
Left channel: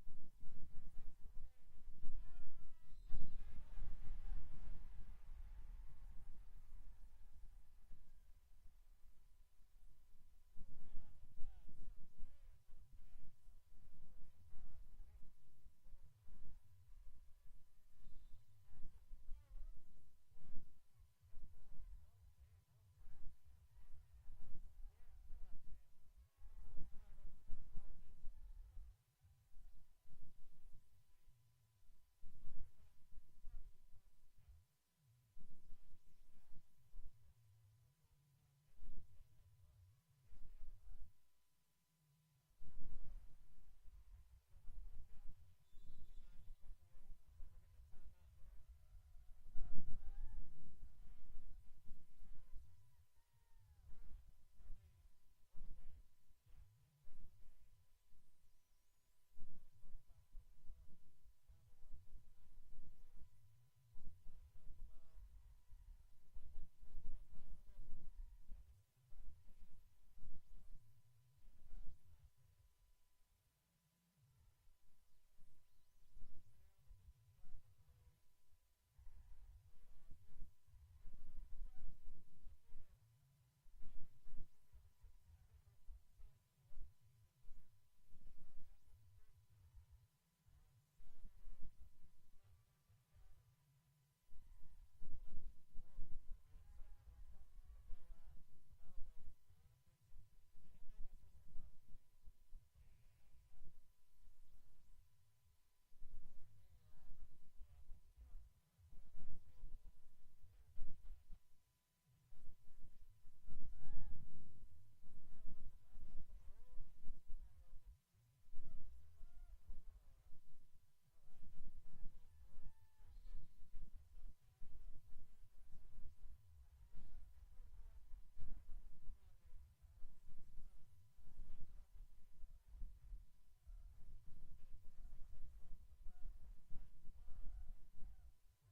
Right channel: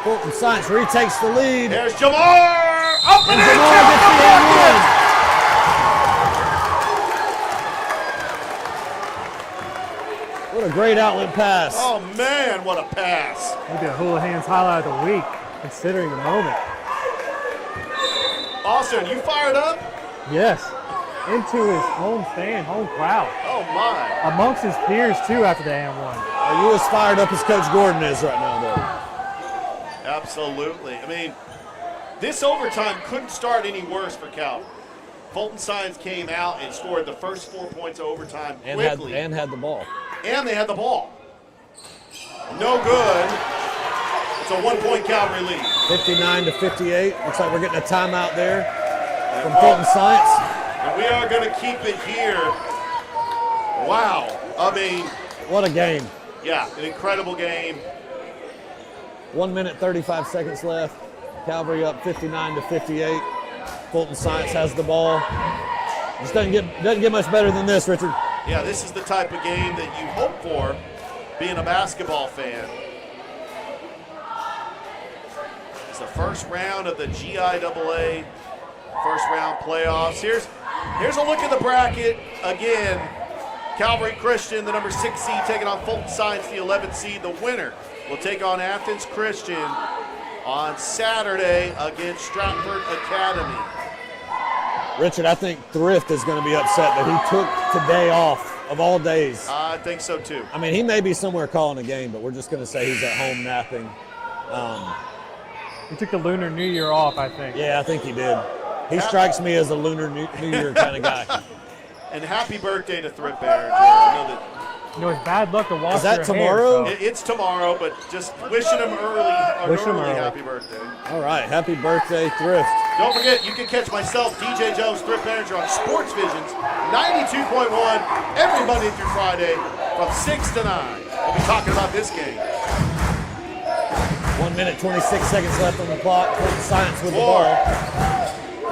Fulton Science retakes the lead. There's Jamar. Up and in. Jamar gets the end one. What a great outlet pass. Oh, man, what a pass. Maybe a Houlihan's highlight of the week, considering the moment. Austin, you fired up? Yes. Into his home stand, home crowd. Oh, my. Amongst his peers, too, after the and one. Are you as fired up as Coach Gordon is right now, though? Absolutely. I mean, this overtime couldn't start any worse for Calvary. Fulton Science came out and scored the first 4 points of overtime quickly. And had the ball. And they had the ball. No good. It's a 1 point Calvary lead. 59-58. Looks like we're getting a timeout there from Fulton Science. And we are going to keep it here. Wow. I mean. What a game. Yeah, an incredible game. 1 minute, 35 seconds left. Calvary up 59-58. Fulton Science has the ball. Just doesn't get much better than this, Richard. Yeah, this is the type of game that you hope for being a basketball fan. It's the first round of the GIAA first round playoffs. Here's a look at the bracket again. Calvary Christian, the number 6 seed, taking on Fulton Science, the 11th seed. The winner will take on Athens Christian on Saturday against Stratford Academy. Richard, I think Thrift is going to be upset that he took today off of all days. I think so too. I mean, he may be somewhere calling a game, but we're just going to say he's at home napping. He took the Lunar New Year off, I think. Yeah, I think he did. He strikes me as a Lunar New Year kind of guy. And happy birthday to Thrift Bear. I know that. You know, it's bad luck to wash Is that your tomorrow? hair, so. It's tomorrow, but just wishing him early happy birthday. All right, happy birthday, Thrift. Don't forget, you can catch myself, DJ Jones, Thrift Manager, on Sports Visions 92.1 every Monday through Friday from 6 to 9. We'll be talking about this game. 1 minute, 26 seconds left on the clock. Fulton Science with the ball.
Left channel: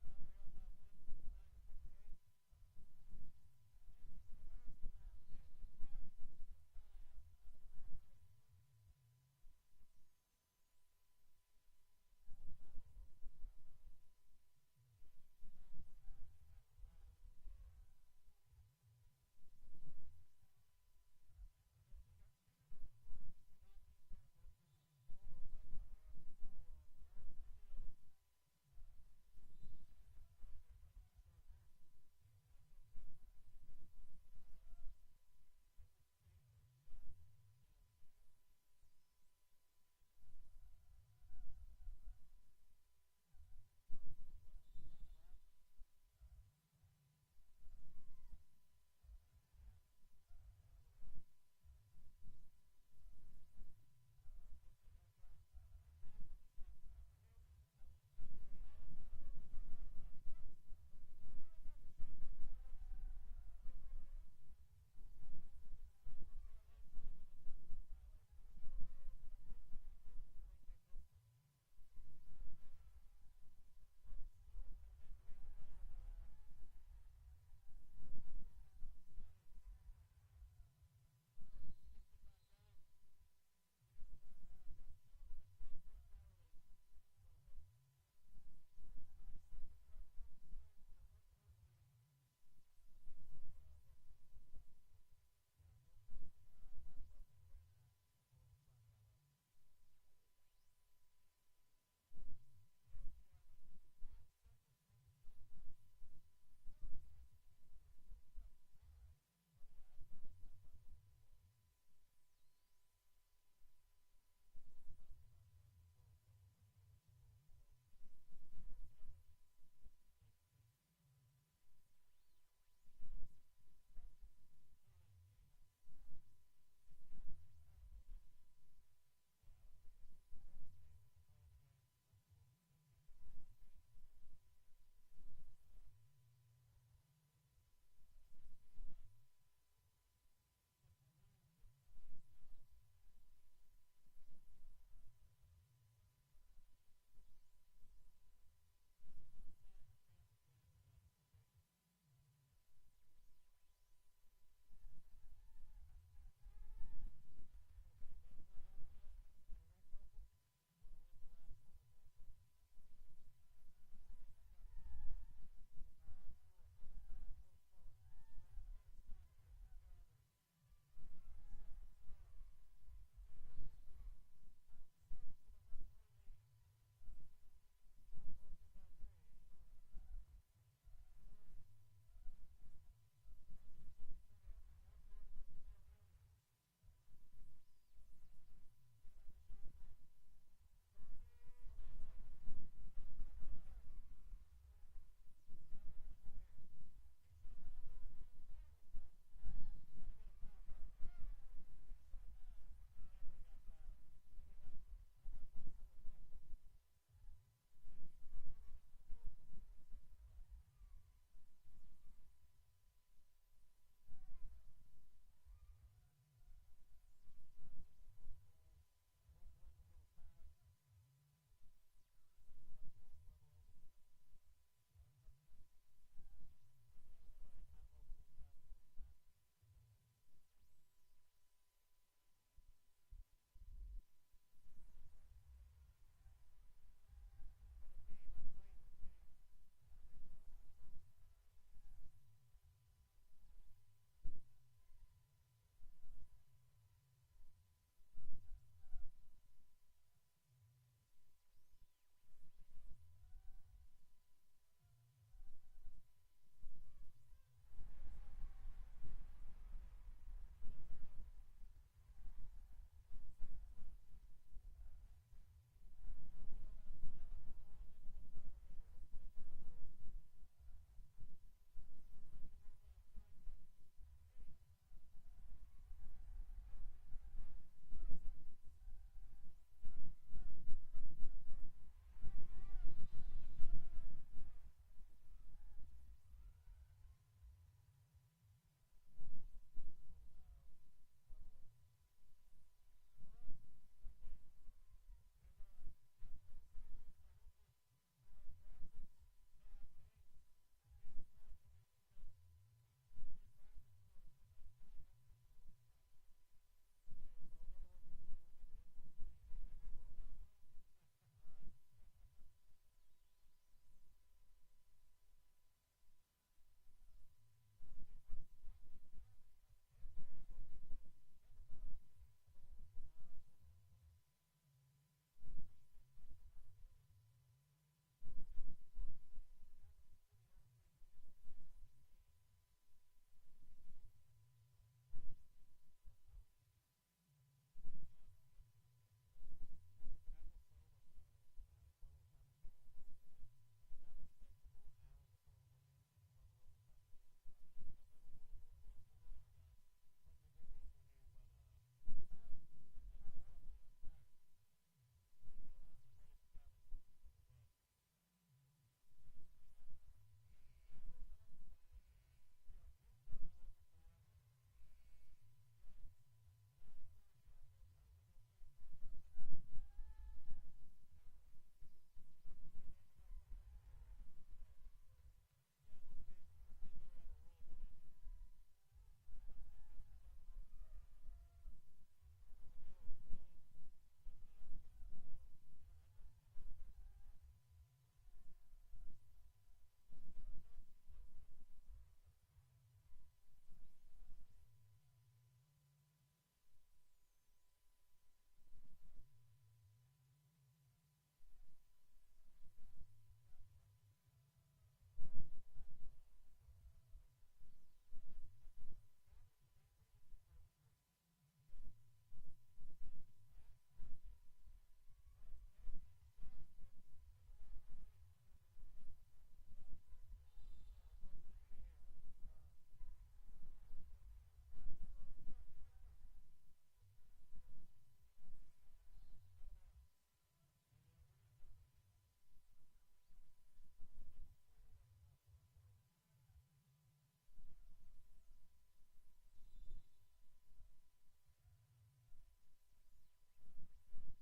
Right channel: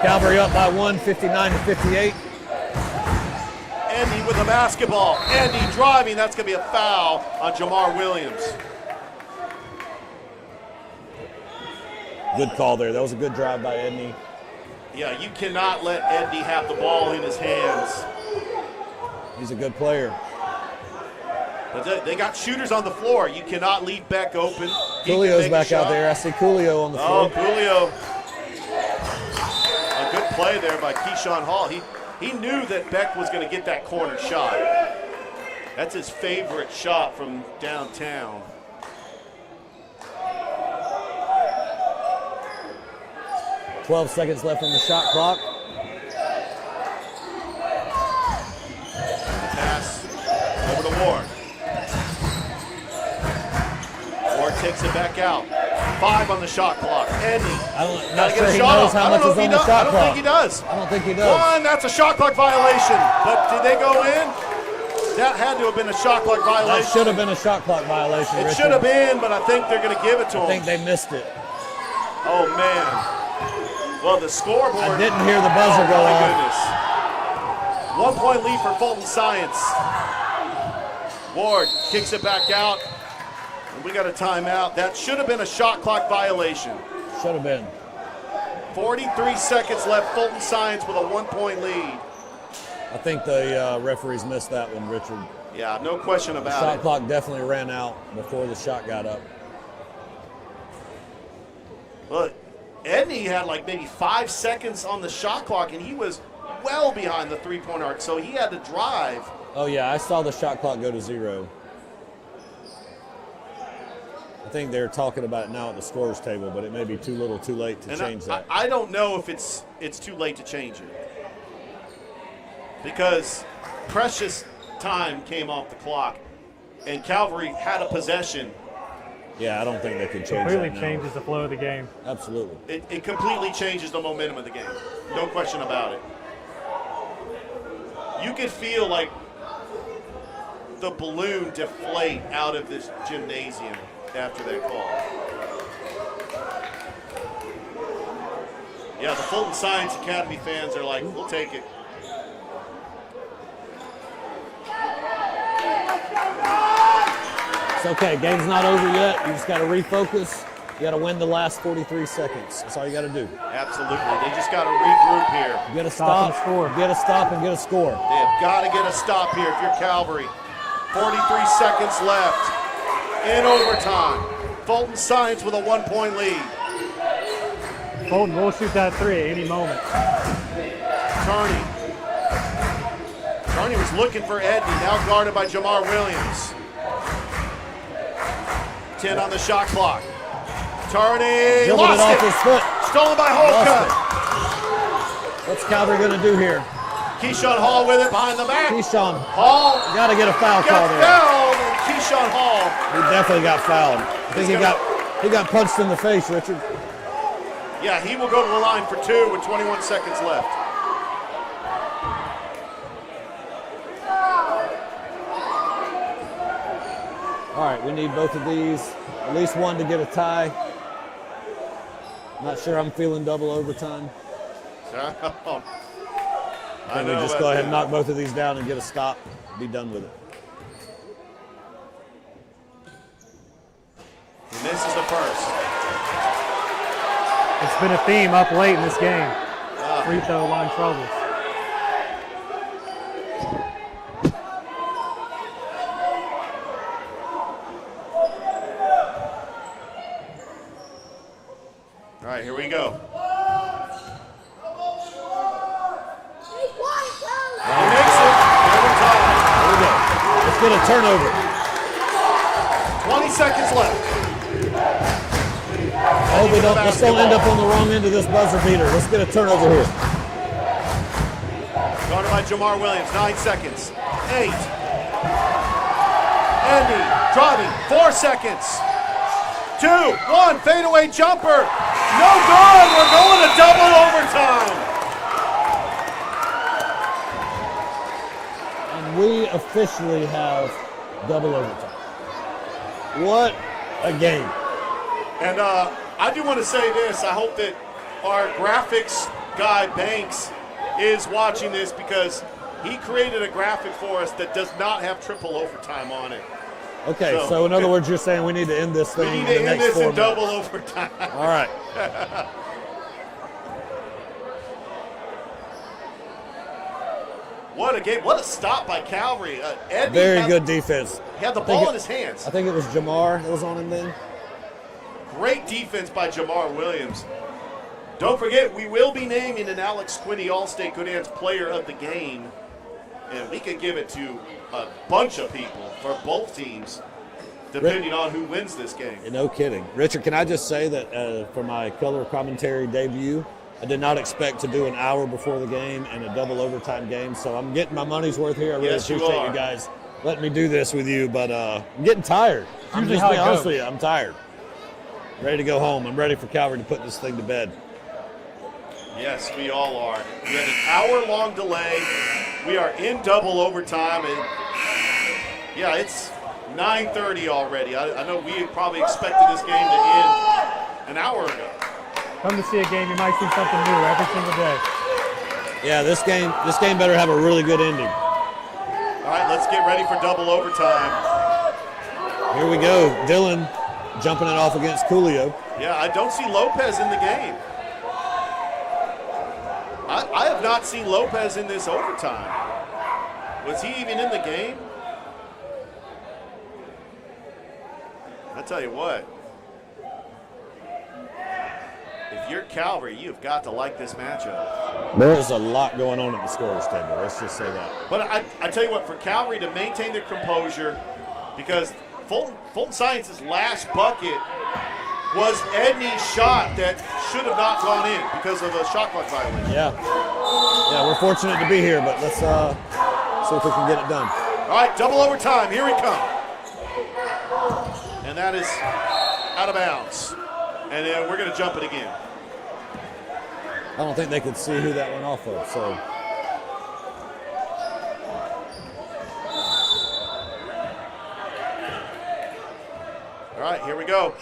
Calvary up by 1, 59-58. Andy with the basketball. Andy driving. That's going to be a foul on Jamar Williams. Good call there. That was a good drive by Edney. Yeah, you cannot let Edney have the ball in his hands. He's a good player. But they got shooters on the floor. You cannot leave Beck open. Coolio's back out there. I see Coolio on the floor. Oh, Coolio. A good play there by Keyshawn Hall. He knew that Beck was going to get that corner shot. That's his favorite shot from downtown. .12 seconds left on the shot clock. Pass over to Ward. Ward takes it back out. 5 on the shot clock. Edney. Not sure he knows how much is on the shot clock. I don't think he does. I don't think he does. 1, that's a shot clock violation. But did they go in? That had to have been a shot clock violation. That should have been a shot clock violation, It Richard. should have been, but I think they're going to give it to him. I think they missed it. Oh, man. Well, the scoreboard. I didn't hear the buzzer go my off. goodness. 1 point lead for Fulton Science. Ward kicks it back out. And we got a timeout. That should have been a shot clock violation. Should have been. 43 seconds left. Fulton Science with a 1 point lead. I think the referees missed that one, Richard. Yeah, no question The about shot it. clock definitely ran out before the shot got up. Look, Edney had like maybe 5 seconds on the shot clock, and he was well behind the three-point arc, so he had to drive. Oh, yeah, I saw the shot clock go to 0. I think they're talking about it now at the scorer's table, but it may be too little too late to change that. I don't know if it's too late to change it, because precious time came off the clock, and Calvary had a possession. Yeah, I don't think they could change Completely that now. changes the flow of the game. Absolutely. It completely changes the momentum of the game. No question about it. You could feel like the balloon deflate out of this gymnasium after that call. Yeah, the Fulton Science Academy fans are like, we'll take it. It's okay. Game's not over yet. You just got to refocus. You got to win the last 43 seconds. That's all you got to do. Absolutely. They just got to regroup here. You got to stop, get a stop, and get a score. They have got to get a stop here if you're Calvary. 43 seconds left in overtime. Fulton Science with a 1 point lead. Fulton will shoot that three at any moment. Turney was looking for Edney, now guarded by Jamar Williams. 10 on the shot clock. Turney Dribbled lost it off it. his foot. Stolen by Holcutt. What's Calvary going to do here? Keyshawn Hall with it behind the back. Keyshawn Hall got to get a foul call got there. fouled, and Keyshawn Hall. He definitely got fouled. I think he got punched in the face, Richard. Yeah, he will go to the line for 2 with 21 seconds left. All right, we need both of these, at least one to get a tie. Not sure I'm feeling double overtime. I Can we know just that go ahead too. and knock both of these down and get a stop, be done with it. And this is the first. It's been a theme up late in this game. Free throw line troubles. All right, here we go. He makes it. Overtime. Here we go. Let's get a turnover. 20 seconds left. I hope let's don't end up on the wrong end of this buzzer beater. Let's get a turnover here. Guarded by Jamar Williams, 9 seconds. 8. Andy driving, 4 seconds. 2, 1, fadeaway jumper. No good. We're going to double overtime. And we officially have double overtime. What a game. And I do want to say this. I hope that our graphics guy, Banks, is watching this, because he created a graphic for us that does not have triple overtime on it. Okay, so in other words, you're saying we need to end this We thing need in to the end next this 4 in double minutes. overtime. All right. What a game. What a stop by Calvary. Edney Very good defense. He had the ball in his hands. I think it was Jamar that was on him then. Great defense by Jamar Williams. Don't forget, we will be naming an Alex Quinney All-State Good Hands Player of the Game. And we could give it to a bunch of people for both teams, depending on who wins this game. No kidding. Richard, can I just say that for my color commentary debut, I did not expect to do an hour before the game and a double overtime game, so I'm getting my money's worth here. I really Yes, you appreciate are. you guys letting me do this with you, but I'm getting tired. I'm Usually just how being it honest goes. with you. I'm tired. Ready to go home. I'm ready for Calvary to put this thing to bed. Yes, we all are. We had an hour-long delay. We are in double overtime, and Yeah, it's 9:30 already. I know we probably expected this game to end an hour ago. Come to see a game, you might see something new every single day. Yeah, this game better have a really good ending. All right, let's get ready for double overtime. Here we go. Dylan jumping it off against Coolio. Yeah, I don't see Lopez in the game. I have not seen Lopez in this overtime. Was he even in the game? I tell you what, if you're Calvary, you've got to like this matchup. There's a lot going on at the scorer's table. Let's just say that. But I tell you what, for Calvary to maintain their composure, because Fulton Science's last bucket was Edney's shot that should have not gone in because of a shot clock violation. Yeah, we're fortunate to be here, but let's see if we can get it done. All right, double overtime. Here we come. And that is out of bounds. And then we're going to jump it again. I don't think they could see who that went off of, so. All right, here we go.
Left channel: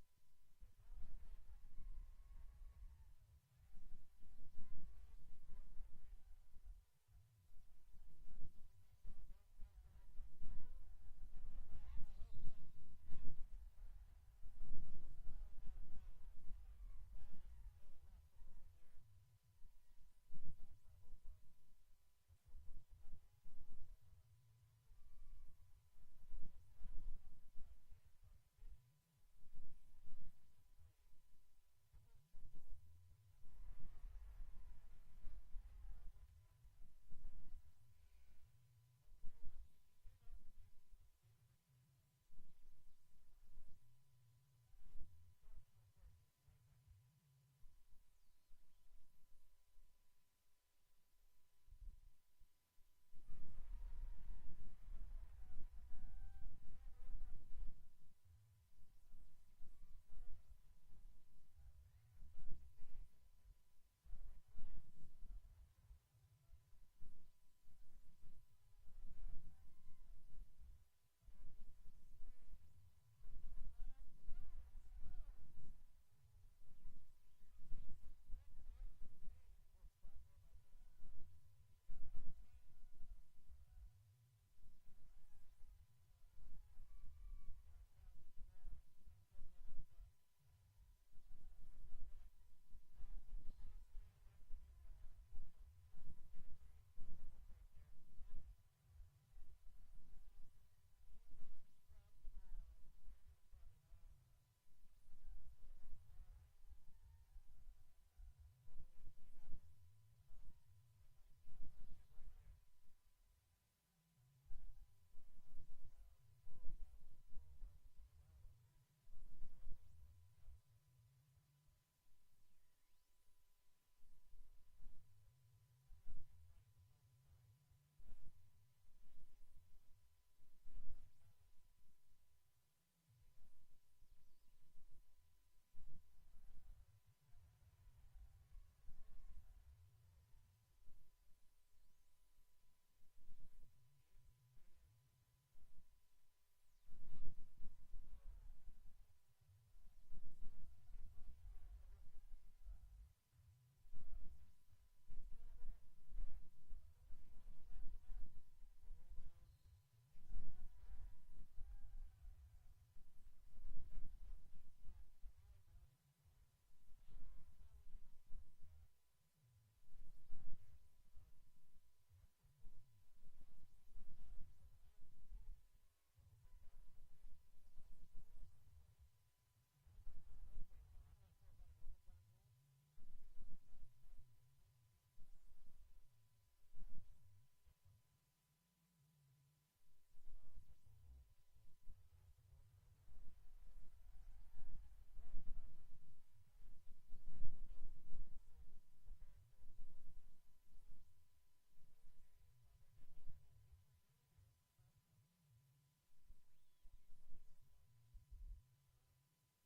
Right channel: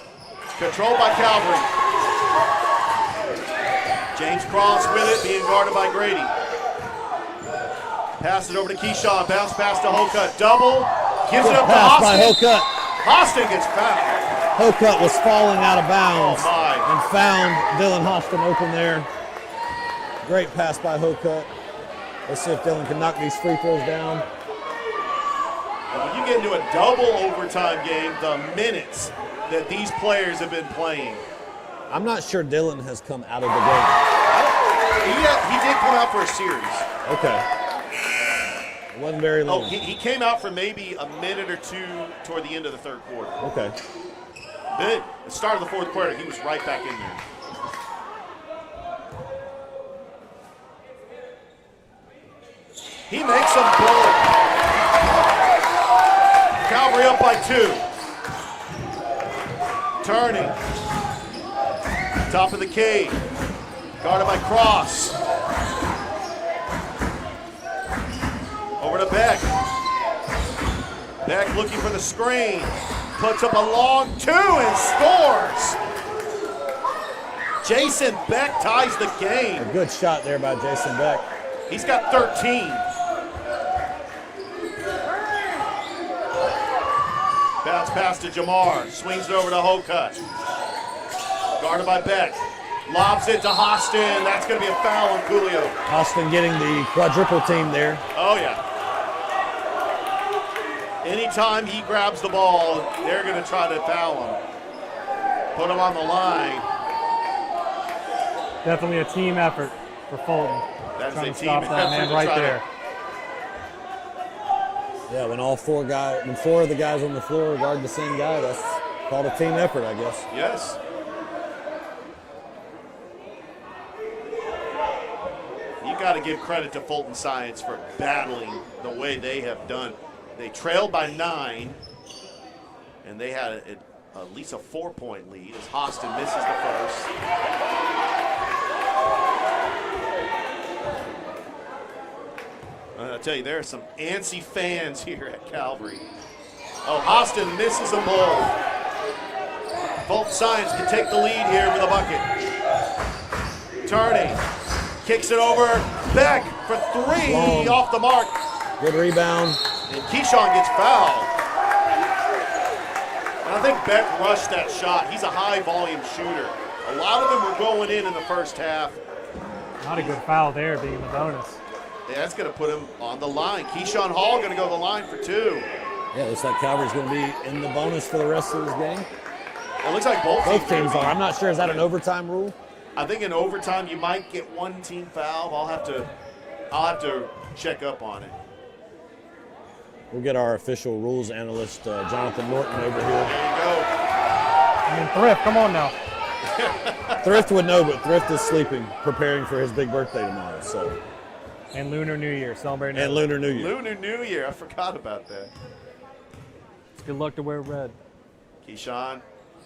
Controlled by Calvary. James Cross with it, being guarded by Grady. Pass it over to Keyshawn. Bounce pass to Hocutt. Double. Gives it up to Pass by Austin. Hocutt. Austin gets fouled. Hocutt was falling out of bounds Oh, and found Dylan Austin open there. Great pass by Hocutt. Let's see if Dylan can knock these free throws down. And when you get into a double overtime game, the minutes that these players have been playing. I'm not sure Dylan has come out of the game. He did come out for a series. Okay. It wasn't very long. Oh, he came out for maybe a minute or two toward the end of the third quarter. Okay. Then at the start of the fourth quarter, he was right back in there. He makes them blow. Calvary up by 2. Turning. Top of the key. Guarded by Cross. Over to Beck. Beck looking for the screen. Puts up a long 2 and scores. Jason Beck ties the game. A good shot there by Jason Beck. He's got 13. Bounce pass to Jamar. Swings it over to Hocutt. Guarded by Beck. Lobs it to Hostin. That's going to be a foul on Coolio. Austin getting the quadruple team there. Oh, yeah. Anytime he grabs the ball, they're going to try to foul him. Put him on the line. Definitely a team effort for Fulton. That's Trying a to team stop that effort man to right try to- there. Yeah, when four of the guys on the floor guard the same guy, that's called a team effort, I guess. Yes. You got to give credit to Fulton Science for battling the way they have done. They trailed by 9, and they had at least a 4-point lead as Hostin misses the first. I'll tell you, there are some antsy fans here at Calvary. Oh, Hostin misses them both. Fulton Science can take the lead here with a bucket. Turning, kicks it over. Beck for 3 Long. off the mark. Good rebound. And Keyshawn gets fouled. And I think Beck rushed that shot. He's a high volume shooter. A lot of them were going in the first half. Not a good foul there, being the bonus. Yeah, that's going to put him on the line. Keyshawn Hall going to go to the line for 2. Yeah, looks like Calvary's going to be in the bonus for the rest of this game. It looks like both teams are. I'm not sure. Is that an overtime rule? I think in overtime you might get one team foul. I'll have to check up on it. We'll get our official rules analyst, Jonathan Norton, over here. There you go. I mean, Thrift, come on now. Thrift would know, but Thrift is sleeping, preparing for his big birthday tomorrow. So. And Lunar New Year, celebrating. And Lunar New Year. Lunar New Year, I forgot about that. It's good luck to wear red. Keyshawn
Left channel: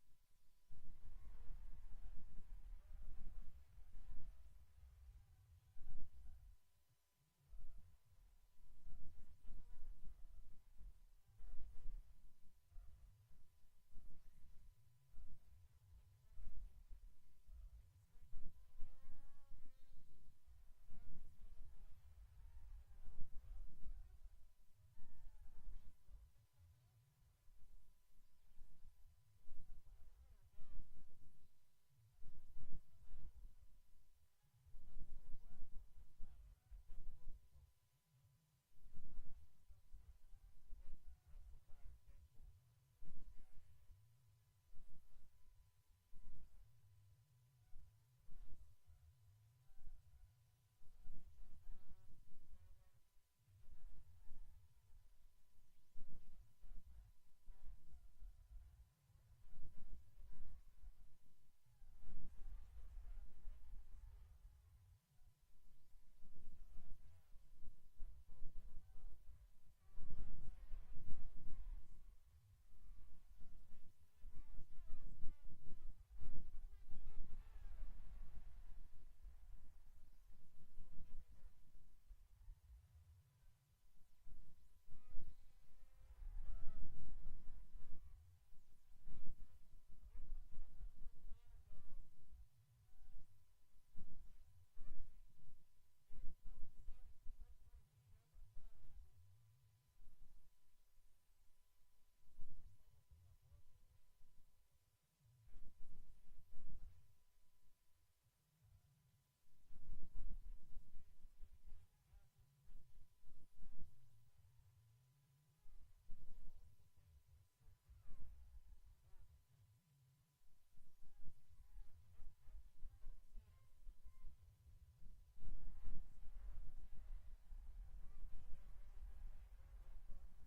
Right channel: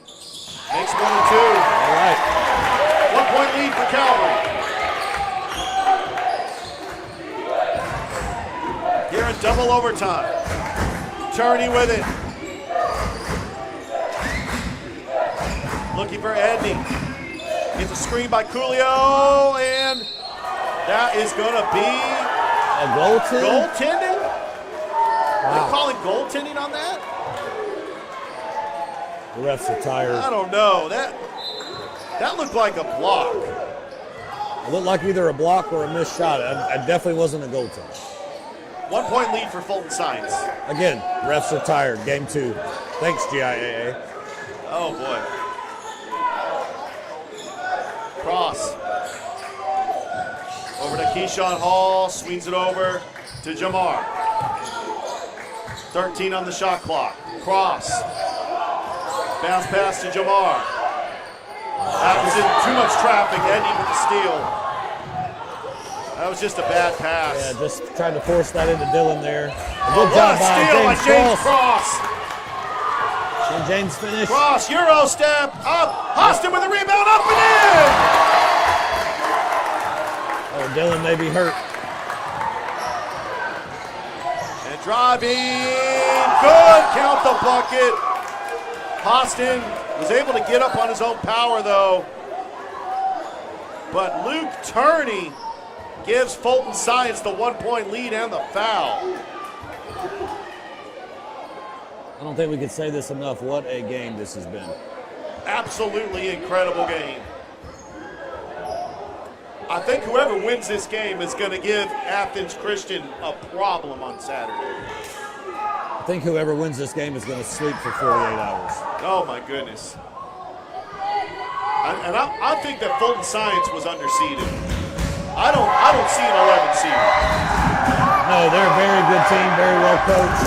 makes 1 and 2. All right. 1-point lead for Calvary. Here in double overtime. Turney with it. Looking for Edney. Gets a screen by Coolio, and that is going to be a goaltending? Wow. Are they calling goaltending on that? The refs are tired. I don't know. That looked like a block. It looked like either a block or a missed shot. It definitely wasn't a goaltender. 1 point lead for Fulton Science. Again, refs are tired. Game 2. Thanks, GIAA. Oh, boy. Cross. Over to Keyshawn Hall. Swings it over to Jamar. 13 on the shot clock. Cross. Bounce pass to Jamar. That was in too much traffic. Edney with the steal. That was just a bad pass. Yeah, just trying to force that into Dylan there. Good job by James Cross. Can James finish? Cross, Euro step, up. Austin with a rebound, up and in. Oh, Dylan may be hurt. And driving, good, count the bucket. Austin was able to get up on his own power though. But Luke Turney gives Fulton Science the 1 point lead and the foul. I don't think we can say this enough. What a game this has been. Absolutely incredible game. I think whoever wins this game is going to give Athens Christian a problem on Saturday. I think whoever wins this game is going to sleep for 48 hours. Oh my goodness. I think that Fulton Science was underseeded. I don't see an 11 seed. No, they're a very good team, very well coached.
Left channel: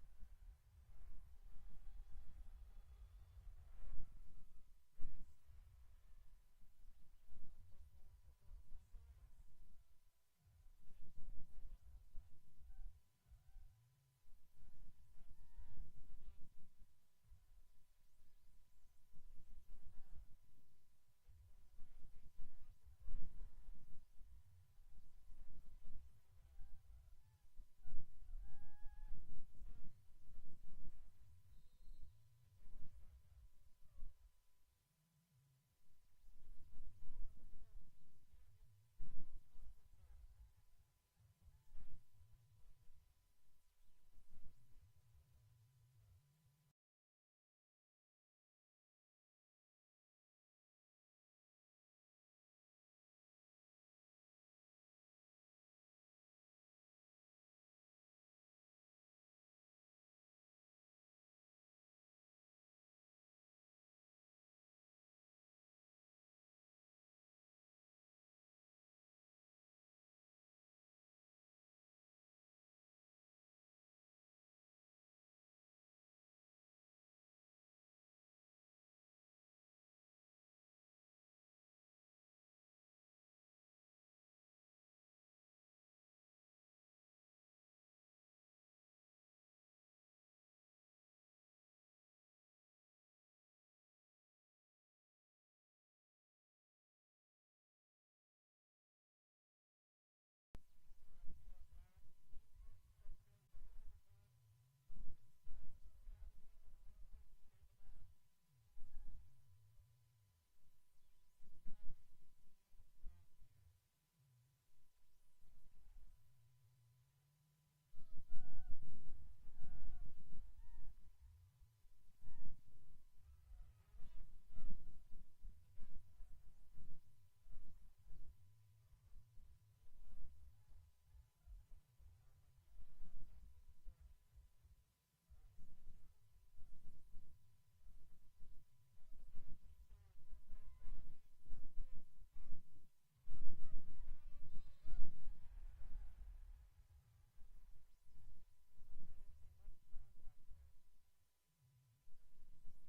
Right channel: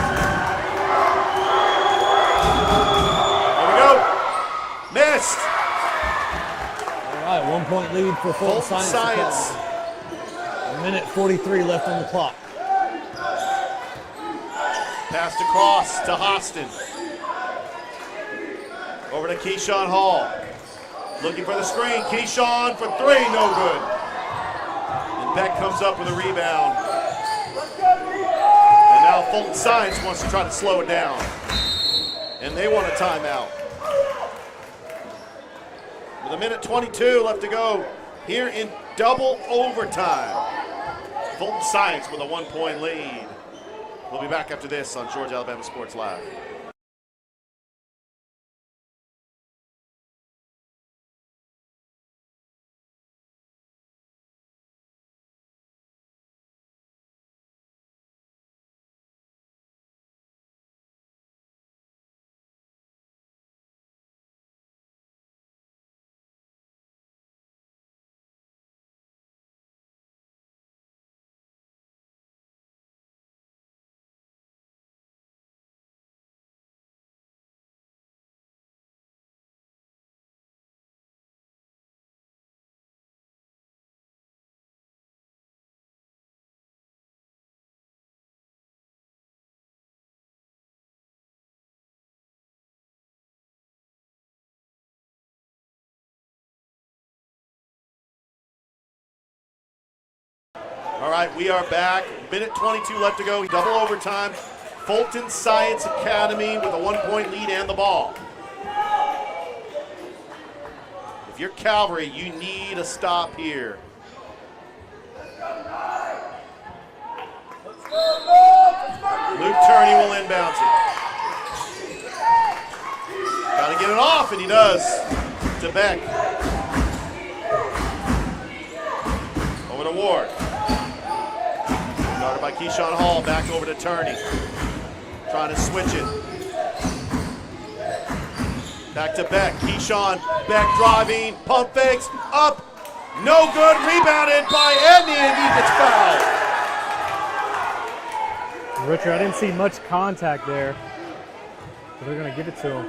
There we go. Missed. All right, 1 point lead for Fulton Science. A minute 43 left on the clock. Passed across to Hostin. Over to Keyshawn Hall. Looking for the screen. Keyshawn for three, no good. And Beck comes up with a rebound. And now Fulton Science wants to try to slow it down. And they want a timeout. With a minute 22 left to go here in double overtime. Fulton Science with a 1 point lead. We'll be back after this on Georgia Alabama Sports Live. All right, we are back. Minute 22 left to go. Double overtime. Fulton Science Academy with a 1 point lead and the ball. If you're Calvary, you need a stop here. Luke Turney will inbound it. Got to get it off, and he does. To Beck. Over to Ward. Started by Keyshawn Hall, back over to Turney. Trying to switch it. Back to Beck. Keyshawn, Beck driving, pump fakes, up. No good, rebounded by Edney, and he gets fouled. Richard, I didn't see much contact there. So they're going to give it to him.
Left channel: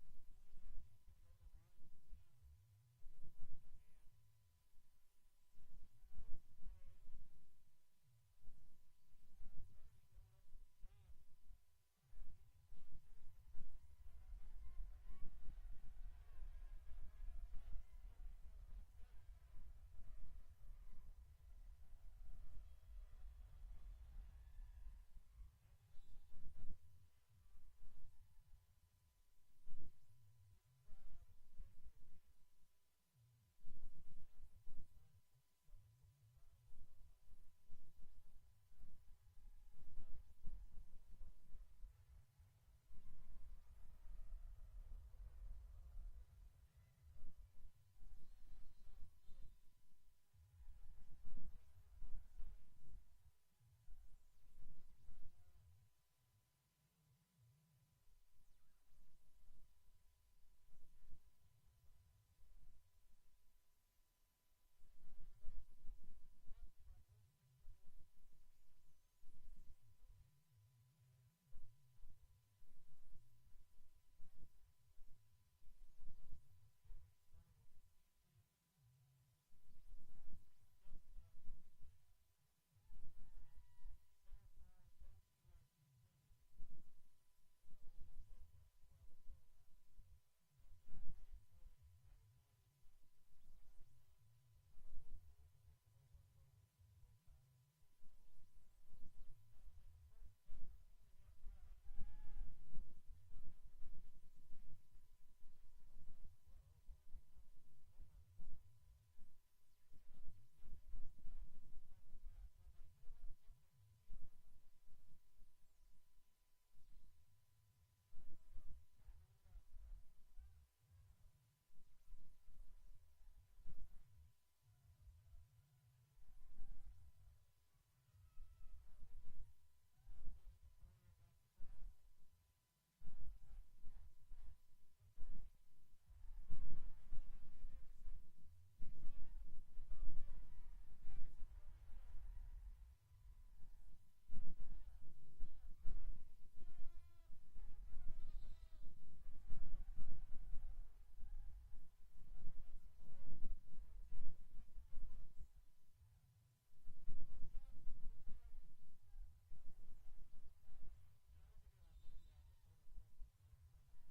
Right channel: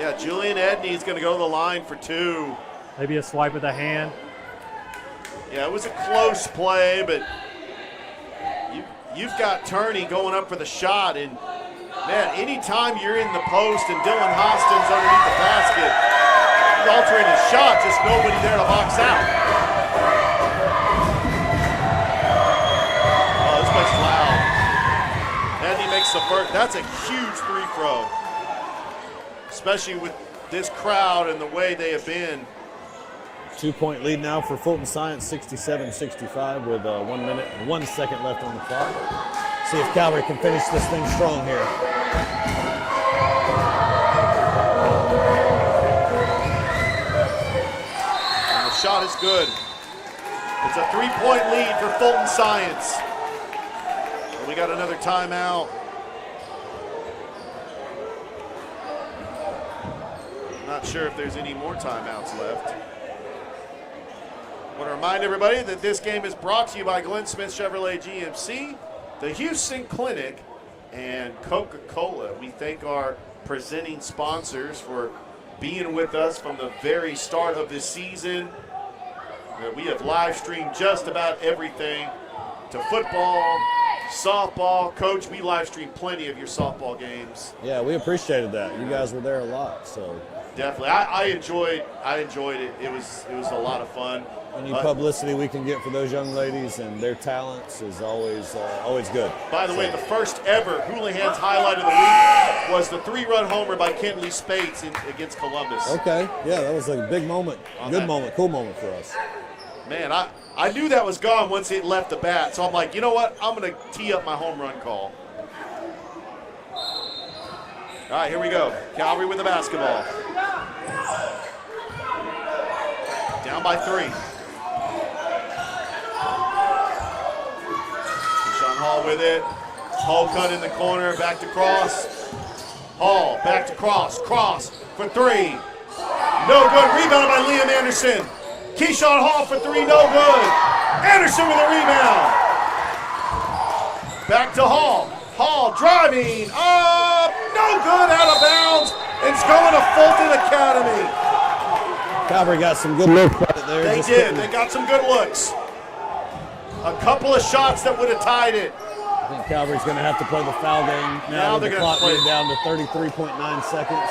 Yeah, Julian Edney is going to go to the line for two. Maybe a swipe of the hand. Yeah, it was a close play, but you've got Turney going up for the shot, and man, anytime you're in the post and Dylan Hostin's underneath the basket, he's altering his shot, just nobody there to box out. Oh, this place is loud. Edney makes makes the first. That's a huge free throw, especially with this crowd and the way they have been. 2-point lead now for Fulton Science, 67-65 with 1 minute and 1 second left on the clock. See if Calvary can finish this thing strong here. And the shot is good. It's a 3-point lead for Fulton Science. And we got another timeout. Not sure if there's any more timeouts left. I want to remind everybody that this game is brought to you by Glenn Smith Chevrolet GMC, the Houston Clinic, and Coca-Cola. We thank our presenting sponsors for being with us from the very start of this season. We have live streamed just about everything to football, softball. Coach, we live streamed plenty of your softball games. Yeah, we appreciated that. You guys were there a lot, so. Definitely, I enjoyed it. It was a lot of fun. Any publicity we can get for those young ladies and their talents is always good. By the way, the first ever Houlihan's highlight of the week was the 3-run homer by Kenley Spates against Columbus. Okay, yeah, that was a big moment, moment, cool moment for us. Man, I knew that was gone once it left the bat, so I'm like, you know what? I'm going to tee up my home run call. All right, here we go. Calvary with the basketball. Down by 3. Sean Hall with it. Hall cut in the corner, back to Cross. Hall, back to Cross. Cross for 3. No good. Rebounded by Liam Anderson. Keyshawn Hall for 3, no good. Anderson with a rebound. Back to Hall. Hall driving up, no good, out of bounds. It's going to Fulton Academy. Calvary got some good looks right there. They did. They got some good looks. A couple of shots that would have tied it. I think Calvary's going to have to play the foul game now with the clock being down to 33.9 seconds.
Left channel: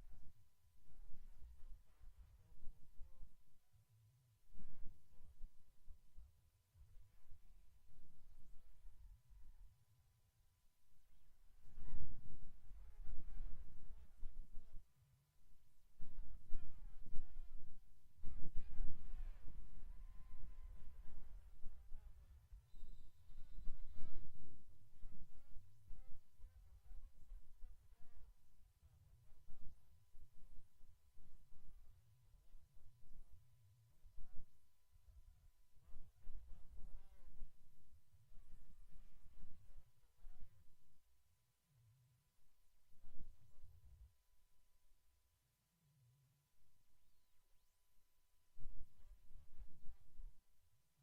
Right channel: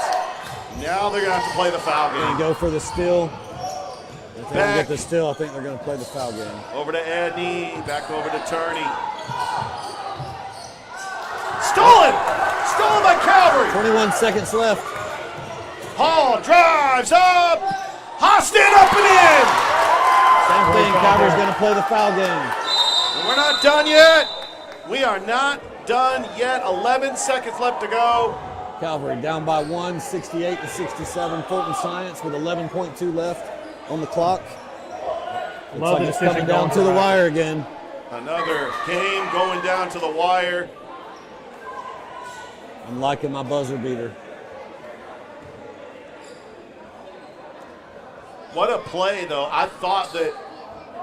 Now they're going to have to play the foul game. And go for the steal. If they don't get the steal, I think they're going to play the foul game. Over to Edney, back over to Turney. Stolen! Stolen by Calvary! 21 seconds left. Hall drives up! Hostin up and in! Same thing, Calvary's going to play the foul game. And we're not done yet. We are not done yet. 11 seconds left to go. Calvary down by 1, 68-67. Fulton Science with 11.2 left on the clock. Looks like it's coming down to the wire again. Another game going down to the wire. I'm liking my buzzer beater. What a play, though. I thought that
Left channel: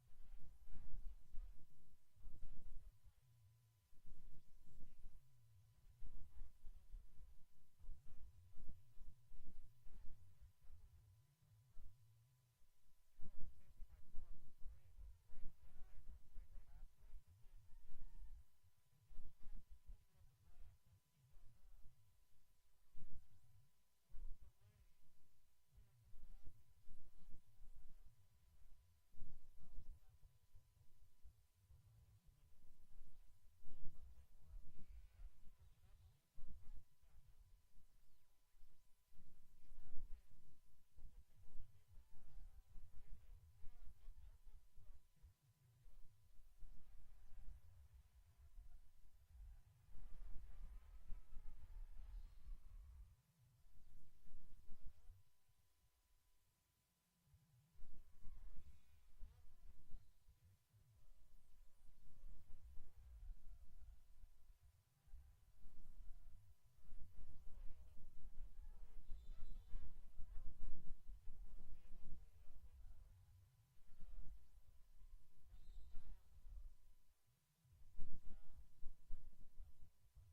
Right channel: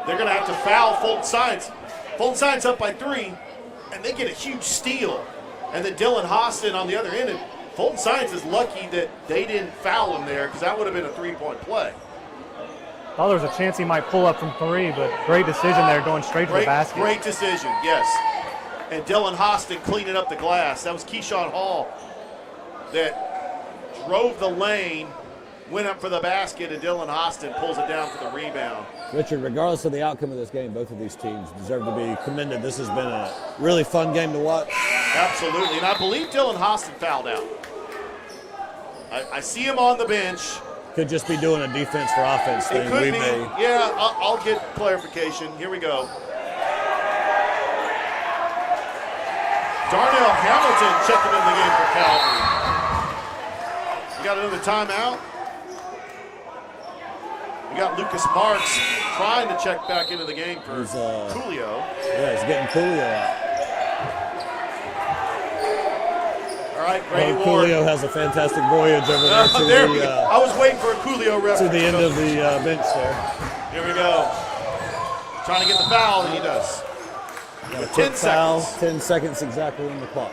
they're going to have to foul Fulton Science. Fulton Science up by 3, and they get a huge steal. And then Dylan Hostin on the other end. And Fulton Science is lucky that they didn't foul him there because that would have been a 3-point play. Thought there was a chance he might pull up from 3, but great decision there, going straight to the basket. Great decision, yes. And Dylan Hostin cleaning up the glass. That was Keyshawn Hall that drove the lane, went up for the basket, and Dylan Hostin pulls it down for the rebound. Richard, regardless of the outcome of this game, both of these teams deserve to be commended. This has been a really fun game to watch. Absolutely, and I believe Dylan Hostin fouled out. I see him on the bench. Could just be doing a defense for offense thing. It could be. Yeah, I'll get clarification. Here we go. Darnell Hamilton checking in the game for Calvary. We got another timeout. We got Lucas Marks trying to check back into the game for Coolio. Yeah, he's getting Coolio out. All right, Grady Ward. Coolio has a fantastic voyage over there to I was waiting for a Coolio reference. To the end of the bench there. Here we go. Trying to get the foul, and he does. Got a 10 seconds. 10 seconds exactly on the clock.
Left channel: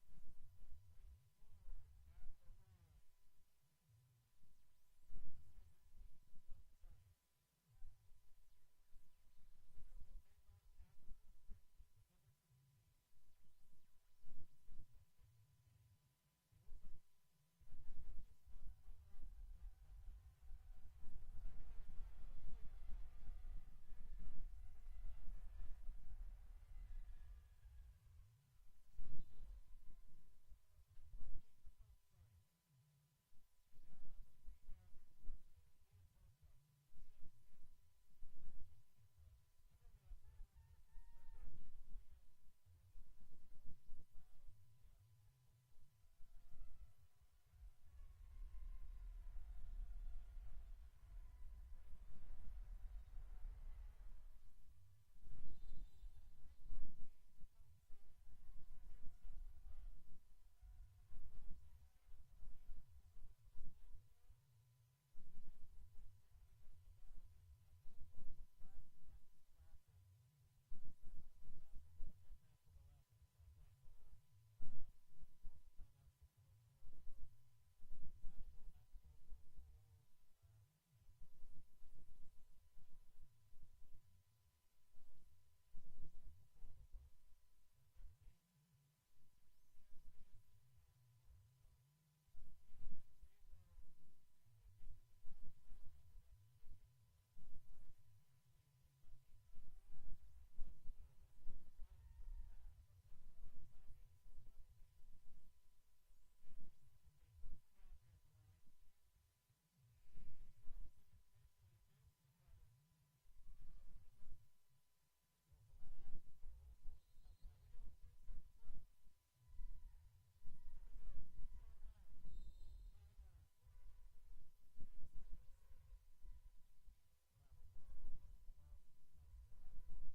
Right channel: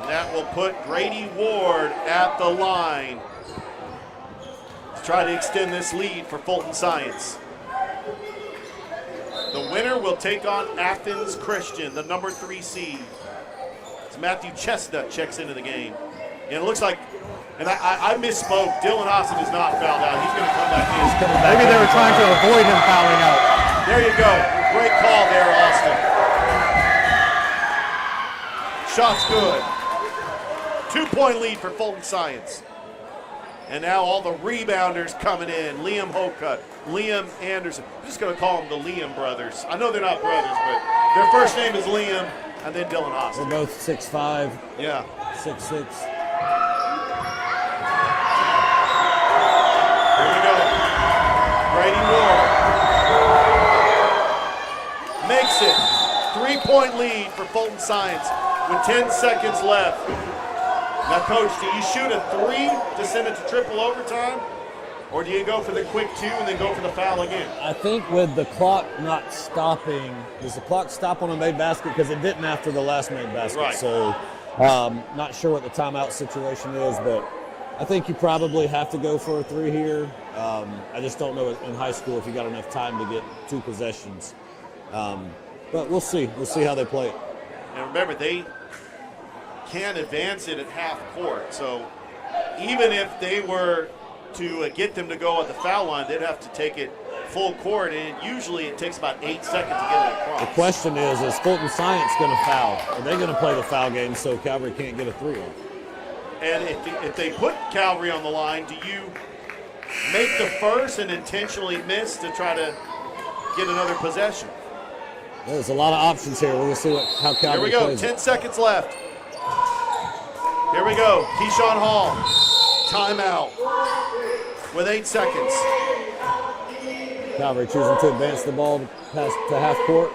And that will put Grady Ward at the line to try to extend this lead for Fulton Science. The winner will take on Athens Christian, the number 3 seed. It's Matthew Chestnut checks into the game. And it looks like, and I misspoke, Dylan Hostin is not fouled out. He's going to come back in. Maybe they were trying to avoid him fouling out. There you go. Great call there, Austin. Shot's good. 2-point lead for Fulton Science. And now all the rebounders coming in. Liam Hocutt, Liam Anderson. I'm just going to call them the Liam brothers. I know they're not brothers, but their first name is Liam, and then Dylan Austin. They're both 6'5". Yeah. 6'6". Here we go. Brady Ward makes it. 3-point lead for Fulton Science with 10 seconds left. Now, Coach, do you shoot a 3 to send it to triple overtime? Or do you go for the quick 2 and then go for the foul again? I think with the clock not stopping, does the clock stop on a made basket? Because it didn't after the last made basket. Right. So not sure what the timeout situation is, but I think you probably have to go for a 3 here. I just don't know in high school if you got enough time to get 2 possessions. But we'll see. We'll see how they play it. And remember, they can't advance it at half court. So even if they were to get them to go at the foul line, they'd have to take it full court, and usually it takes about 8 seconds to get it across. The question is Fulton Science going to foul? Are they going to play the foul game so Calvary can't get a 3 on? And if they put Calvary on the line, do you make the first and intentionally miss to try to get another possession? There's a lot of options here. We're going to see how Calvary Here we go, plays 10 it. seconds left. Here we go, Keyshawn Hall, timeout with 8 seconds. Calvary choosing to advance the ball to half court,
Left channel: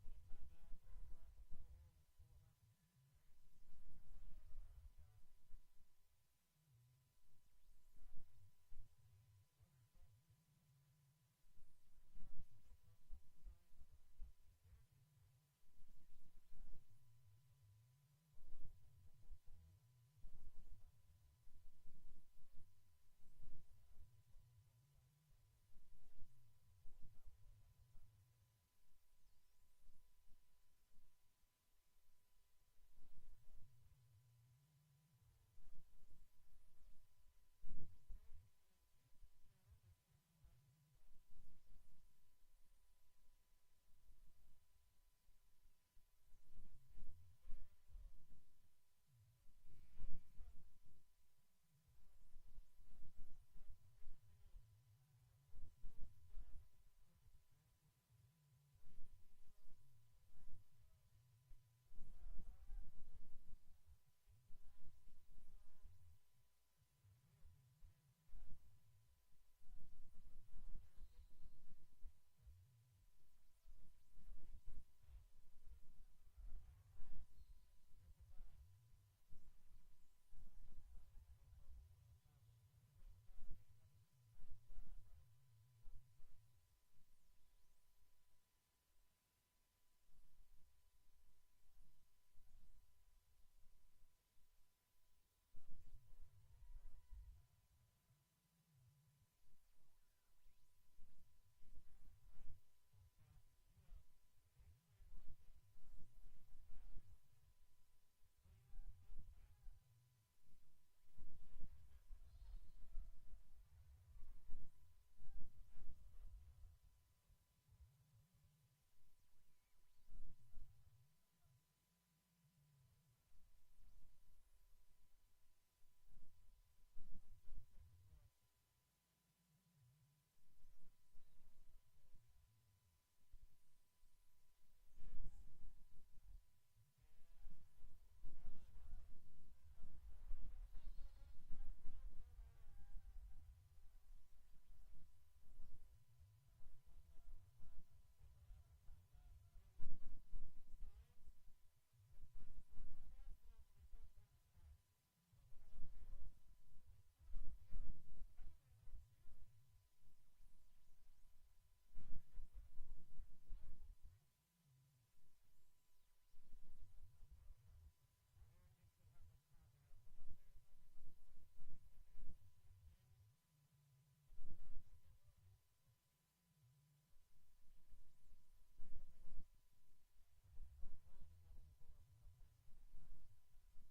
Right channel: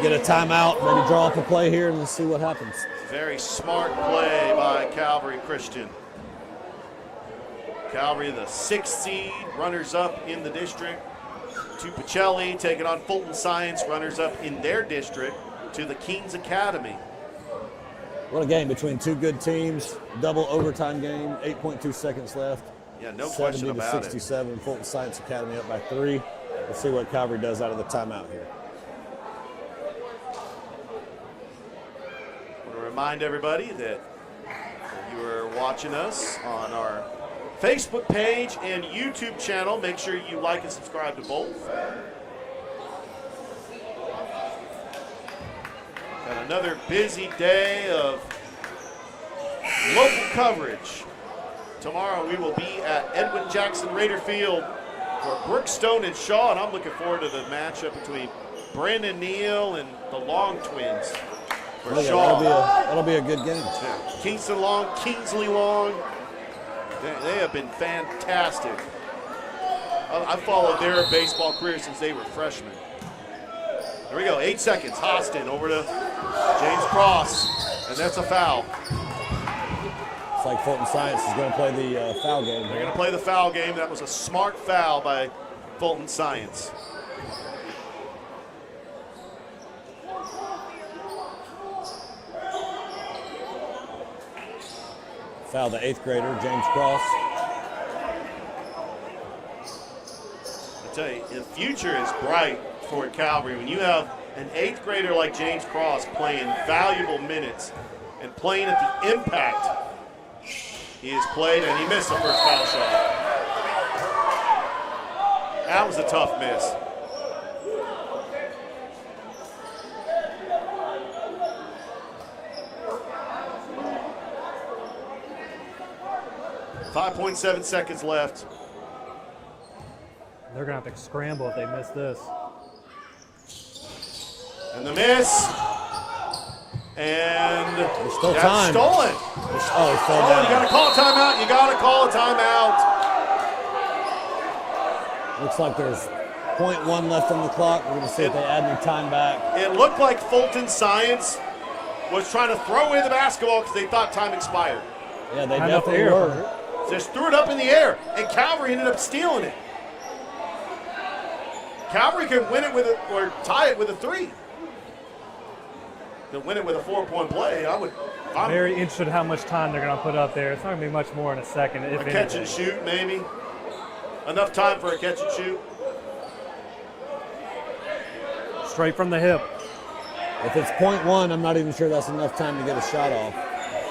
get a timeout, maybe draw up a play here, and we'll see what happens. Very smart play by Calvary Christian. Calvary, the 6th seed, runners-up in the district. To Pacelli, taking on Fulton Science, runners-up in their district, to the Kings Academy. What a game between 2 good teams, double overtime game, 8.2 seconds left. Yeah, no question about 70 to 67, Fulton Science Academy up by 3. We'll see what Calvary does out of the timeout here. I want to remind everybody that if you are watching us on our Facebook page and YouTube channel, make sure you like and subscribe to both. Got another busy day of local coverage. Tomorrow we will be at Edwin Jackson Raider Field for Brookstone and Shaw, and I'm looking forward to the matchup between Brandon Neal and the Long Twins for Oh, yeah, Shaw. that'll be a good game. Yeah. Kingston Long, Kingsley Long, they have been fantastic. I followed their baseball career since they were freshmen. There we go, 8 seconds. Hostin over to James Cross, and that's a foul. It's like Fulton Science is going to play the foul game. They're going to play the foul game. That was a smart foul by Fulton Science. Foul the 8th grader, James Cross. I tell you, the future is bright for Calvary. When you have an 8th grader like James Cross playing valuable minutes and playing at the impact he has played, and he missed the first foul shot. That was a tough miss. .7 seconds left. They're going to have to scramble if they miss this. And the miss. And There's still that's time. stolen. He fell down. You got to call a timeout. You got to call a timeout. Looks like there's 0.1 left on the clock. We're going to see if they add any time back. It looked like Fulton Science was trying to throw away the basketball because they thought time expired. Yeah, they definitely were. Just threw it up in the air, and Calvary ended up stealing it. Calvary can win it with or tie it with a 3. To win it with a 4-point play, I'm very interested how much time they're going to put up there. It's not going to be much more in a second, if a catch and shoot, maybe. Enough time for a catch and shoot. Straight from the hip. If it's 0.1, I'm not even sure that's enough time to get a shot off.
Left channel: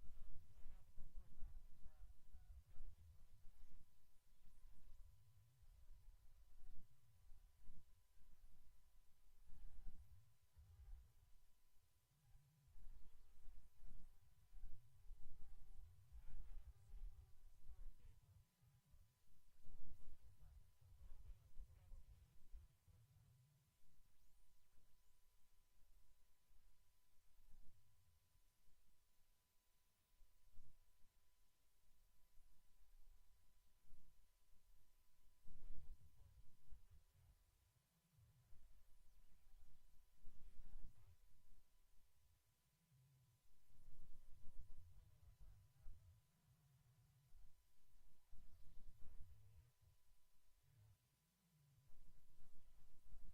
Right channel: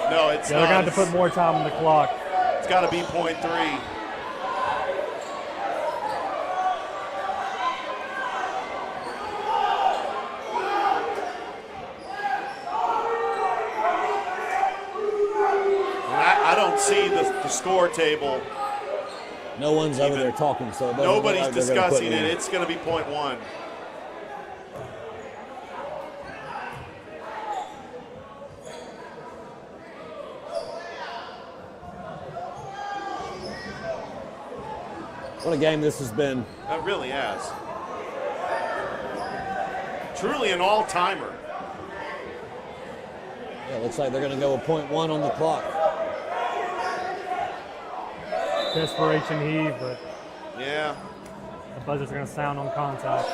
No, it's They're going to have to put more time on the clock. It's got to be 0.3. I don't see the score table. No one's over there talking, so it doesn't look Nobody's like they're gonna put discussing it it. in. It's going to be .1. What a game this has been. That really has. Truly an all-timer. Yeah, looks like they're going to go with .1 on the clock. Desperation heave, but yeah, the buzzers are going to sound on contact.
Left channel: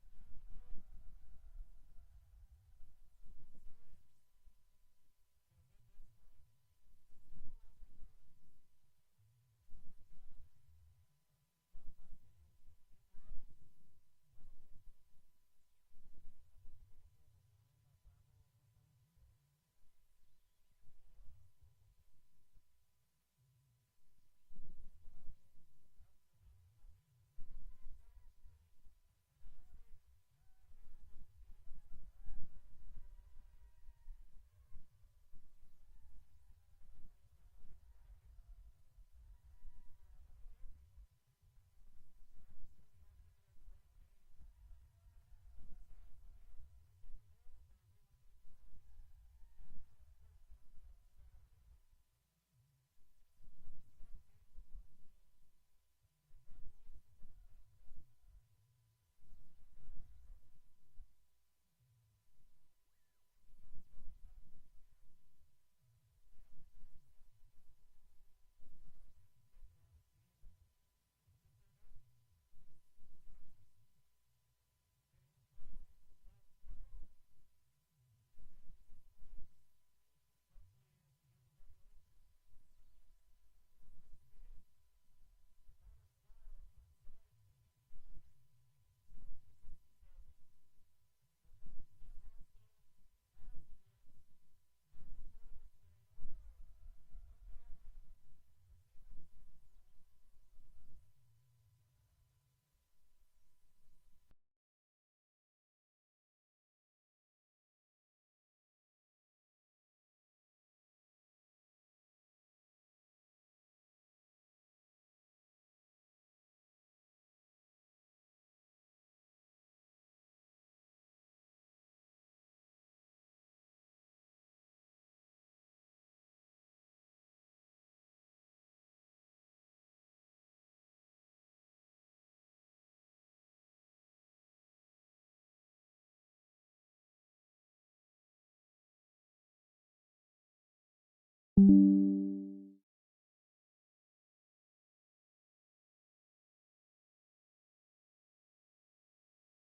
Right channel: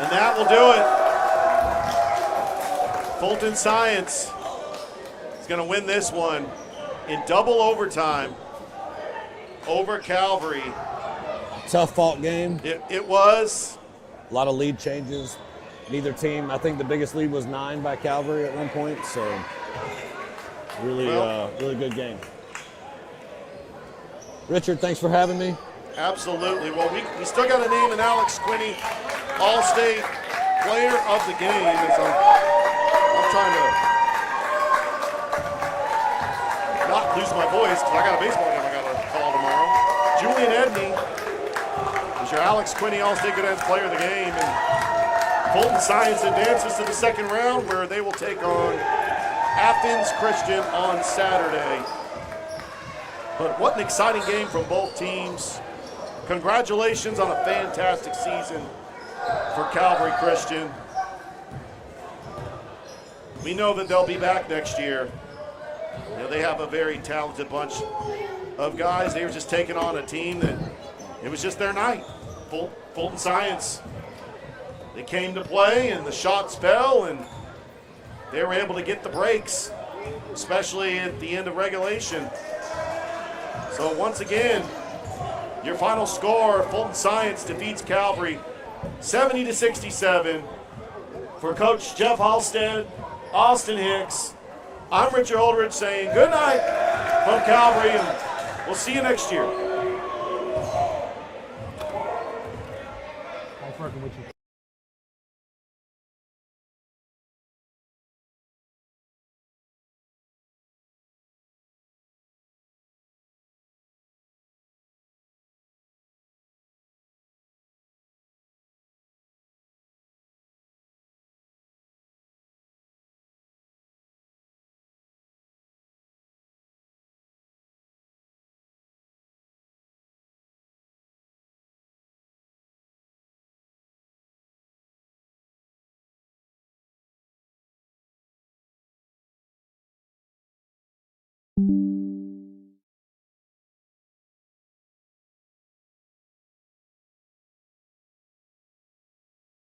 And that will do it. Fulton Science is going to win this one in double overtime over Calvary. Tough fought game. It was. A lot of lead changes. Neither team, I think the biggest lead was 9 by Calvary at one point, so really, really good game. Richard, thanks for having me. Absolutely. Well, we still got to name an Alex Quinney All-State Player of the Game. As I'm trying to not lose my voice because I got a baseball game I got to call tomorrow. Julian Edney is your Alex Quinney All-State Good Ends Player of the Game. And Fulton Science advances to the second round where they will take on Athens Christian on Saturday. But what an exciting game from both teams. Congratulations on a fantastic season for Calvary Christian. We know that they'll be back next year. You know, they have a very talented bunch of guys. They were just taking on a team that it was just their night. Fulton Science, they came to play and the shots fell and they were able to get the breaks, especially at the end of regulation. So once again, your final score, Fulton Science defeats Calvary 70-67. For Coach Jeff Halstead, Austin Hicks, I'm Richard Holdridge saying good night from Calvary, and we'll see you next year. Nice working with you. you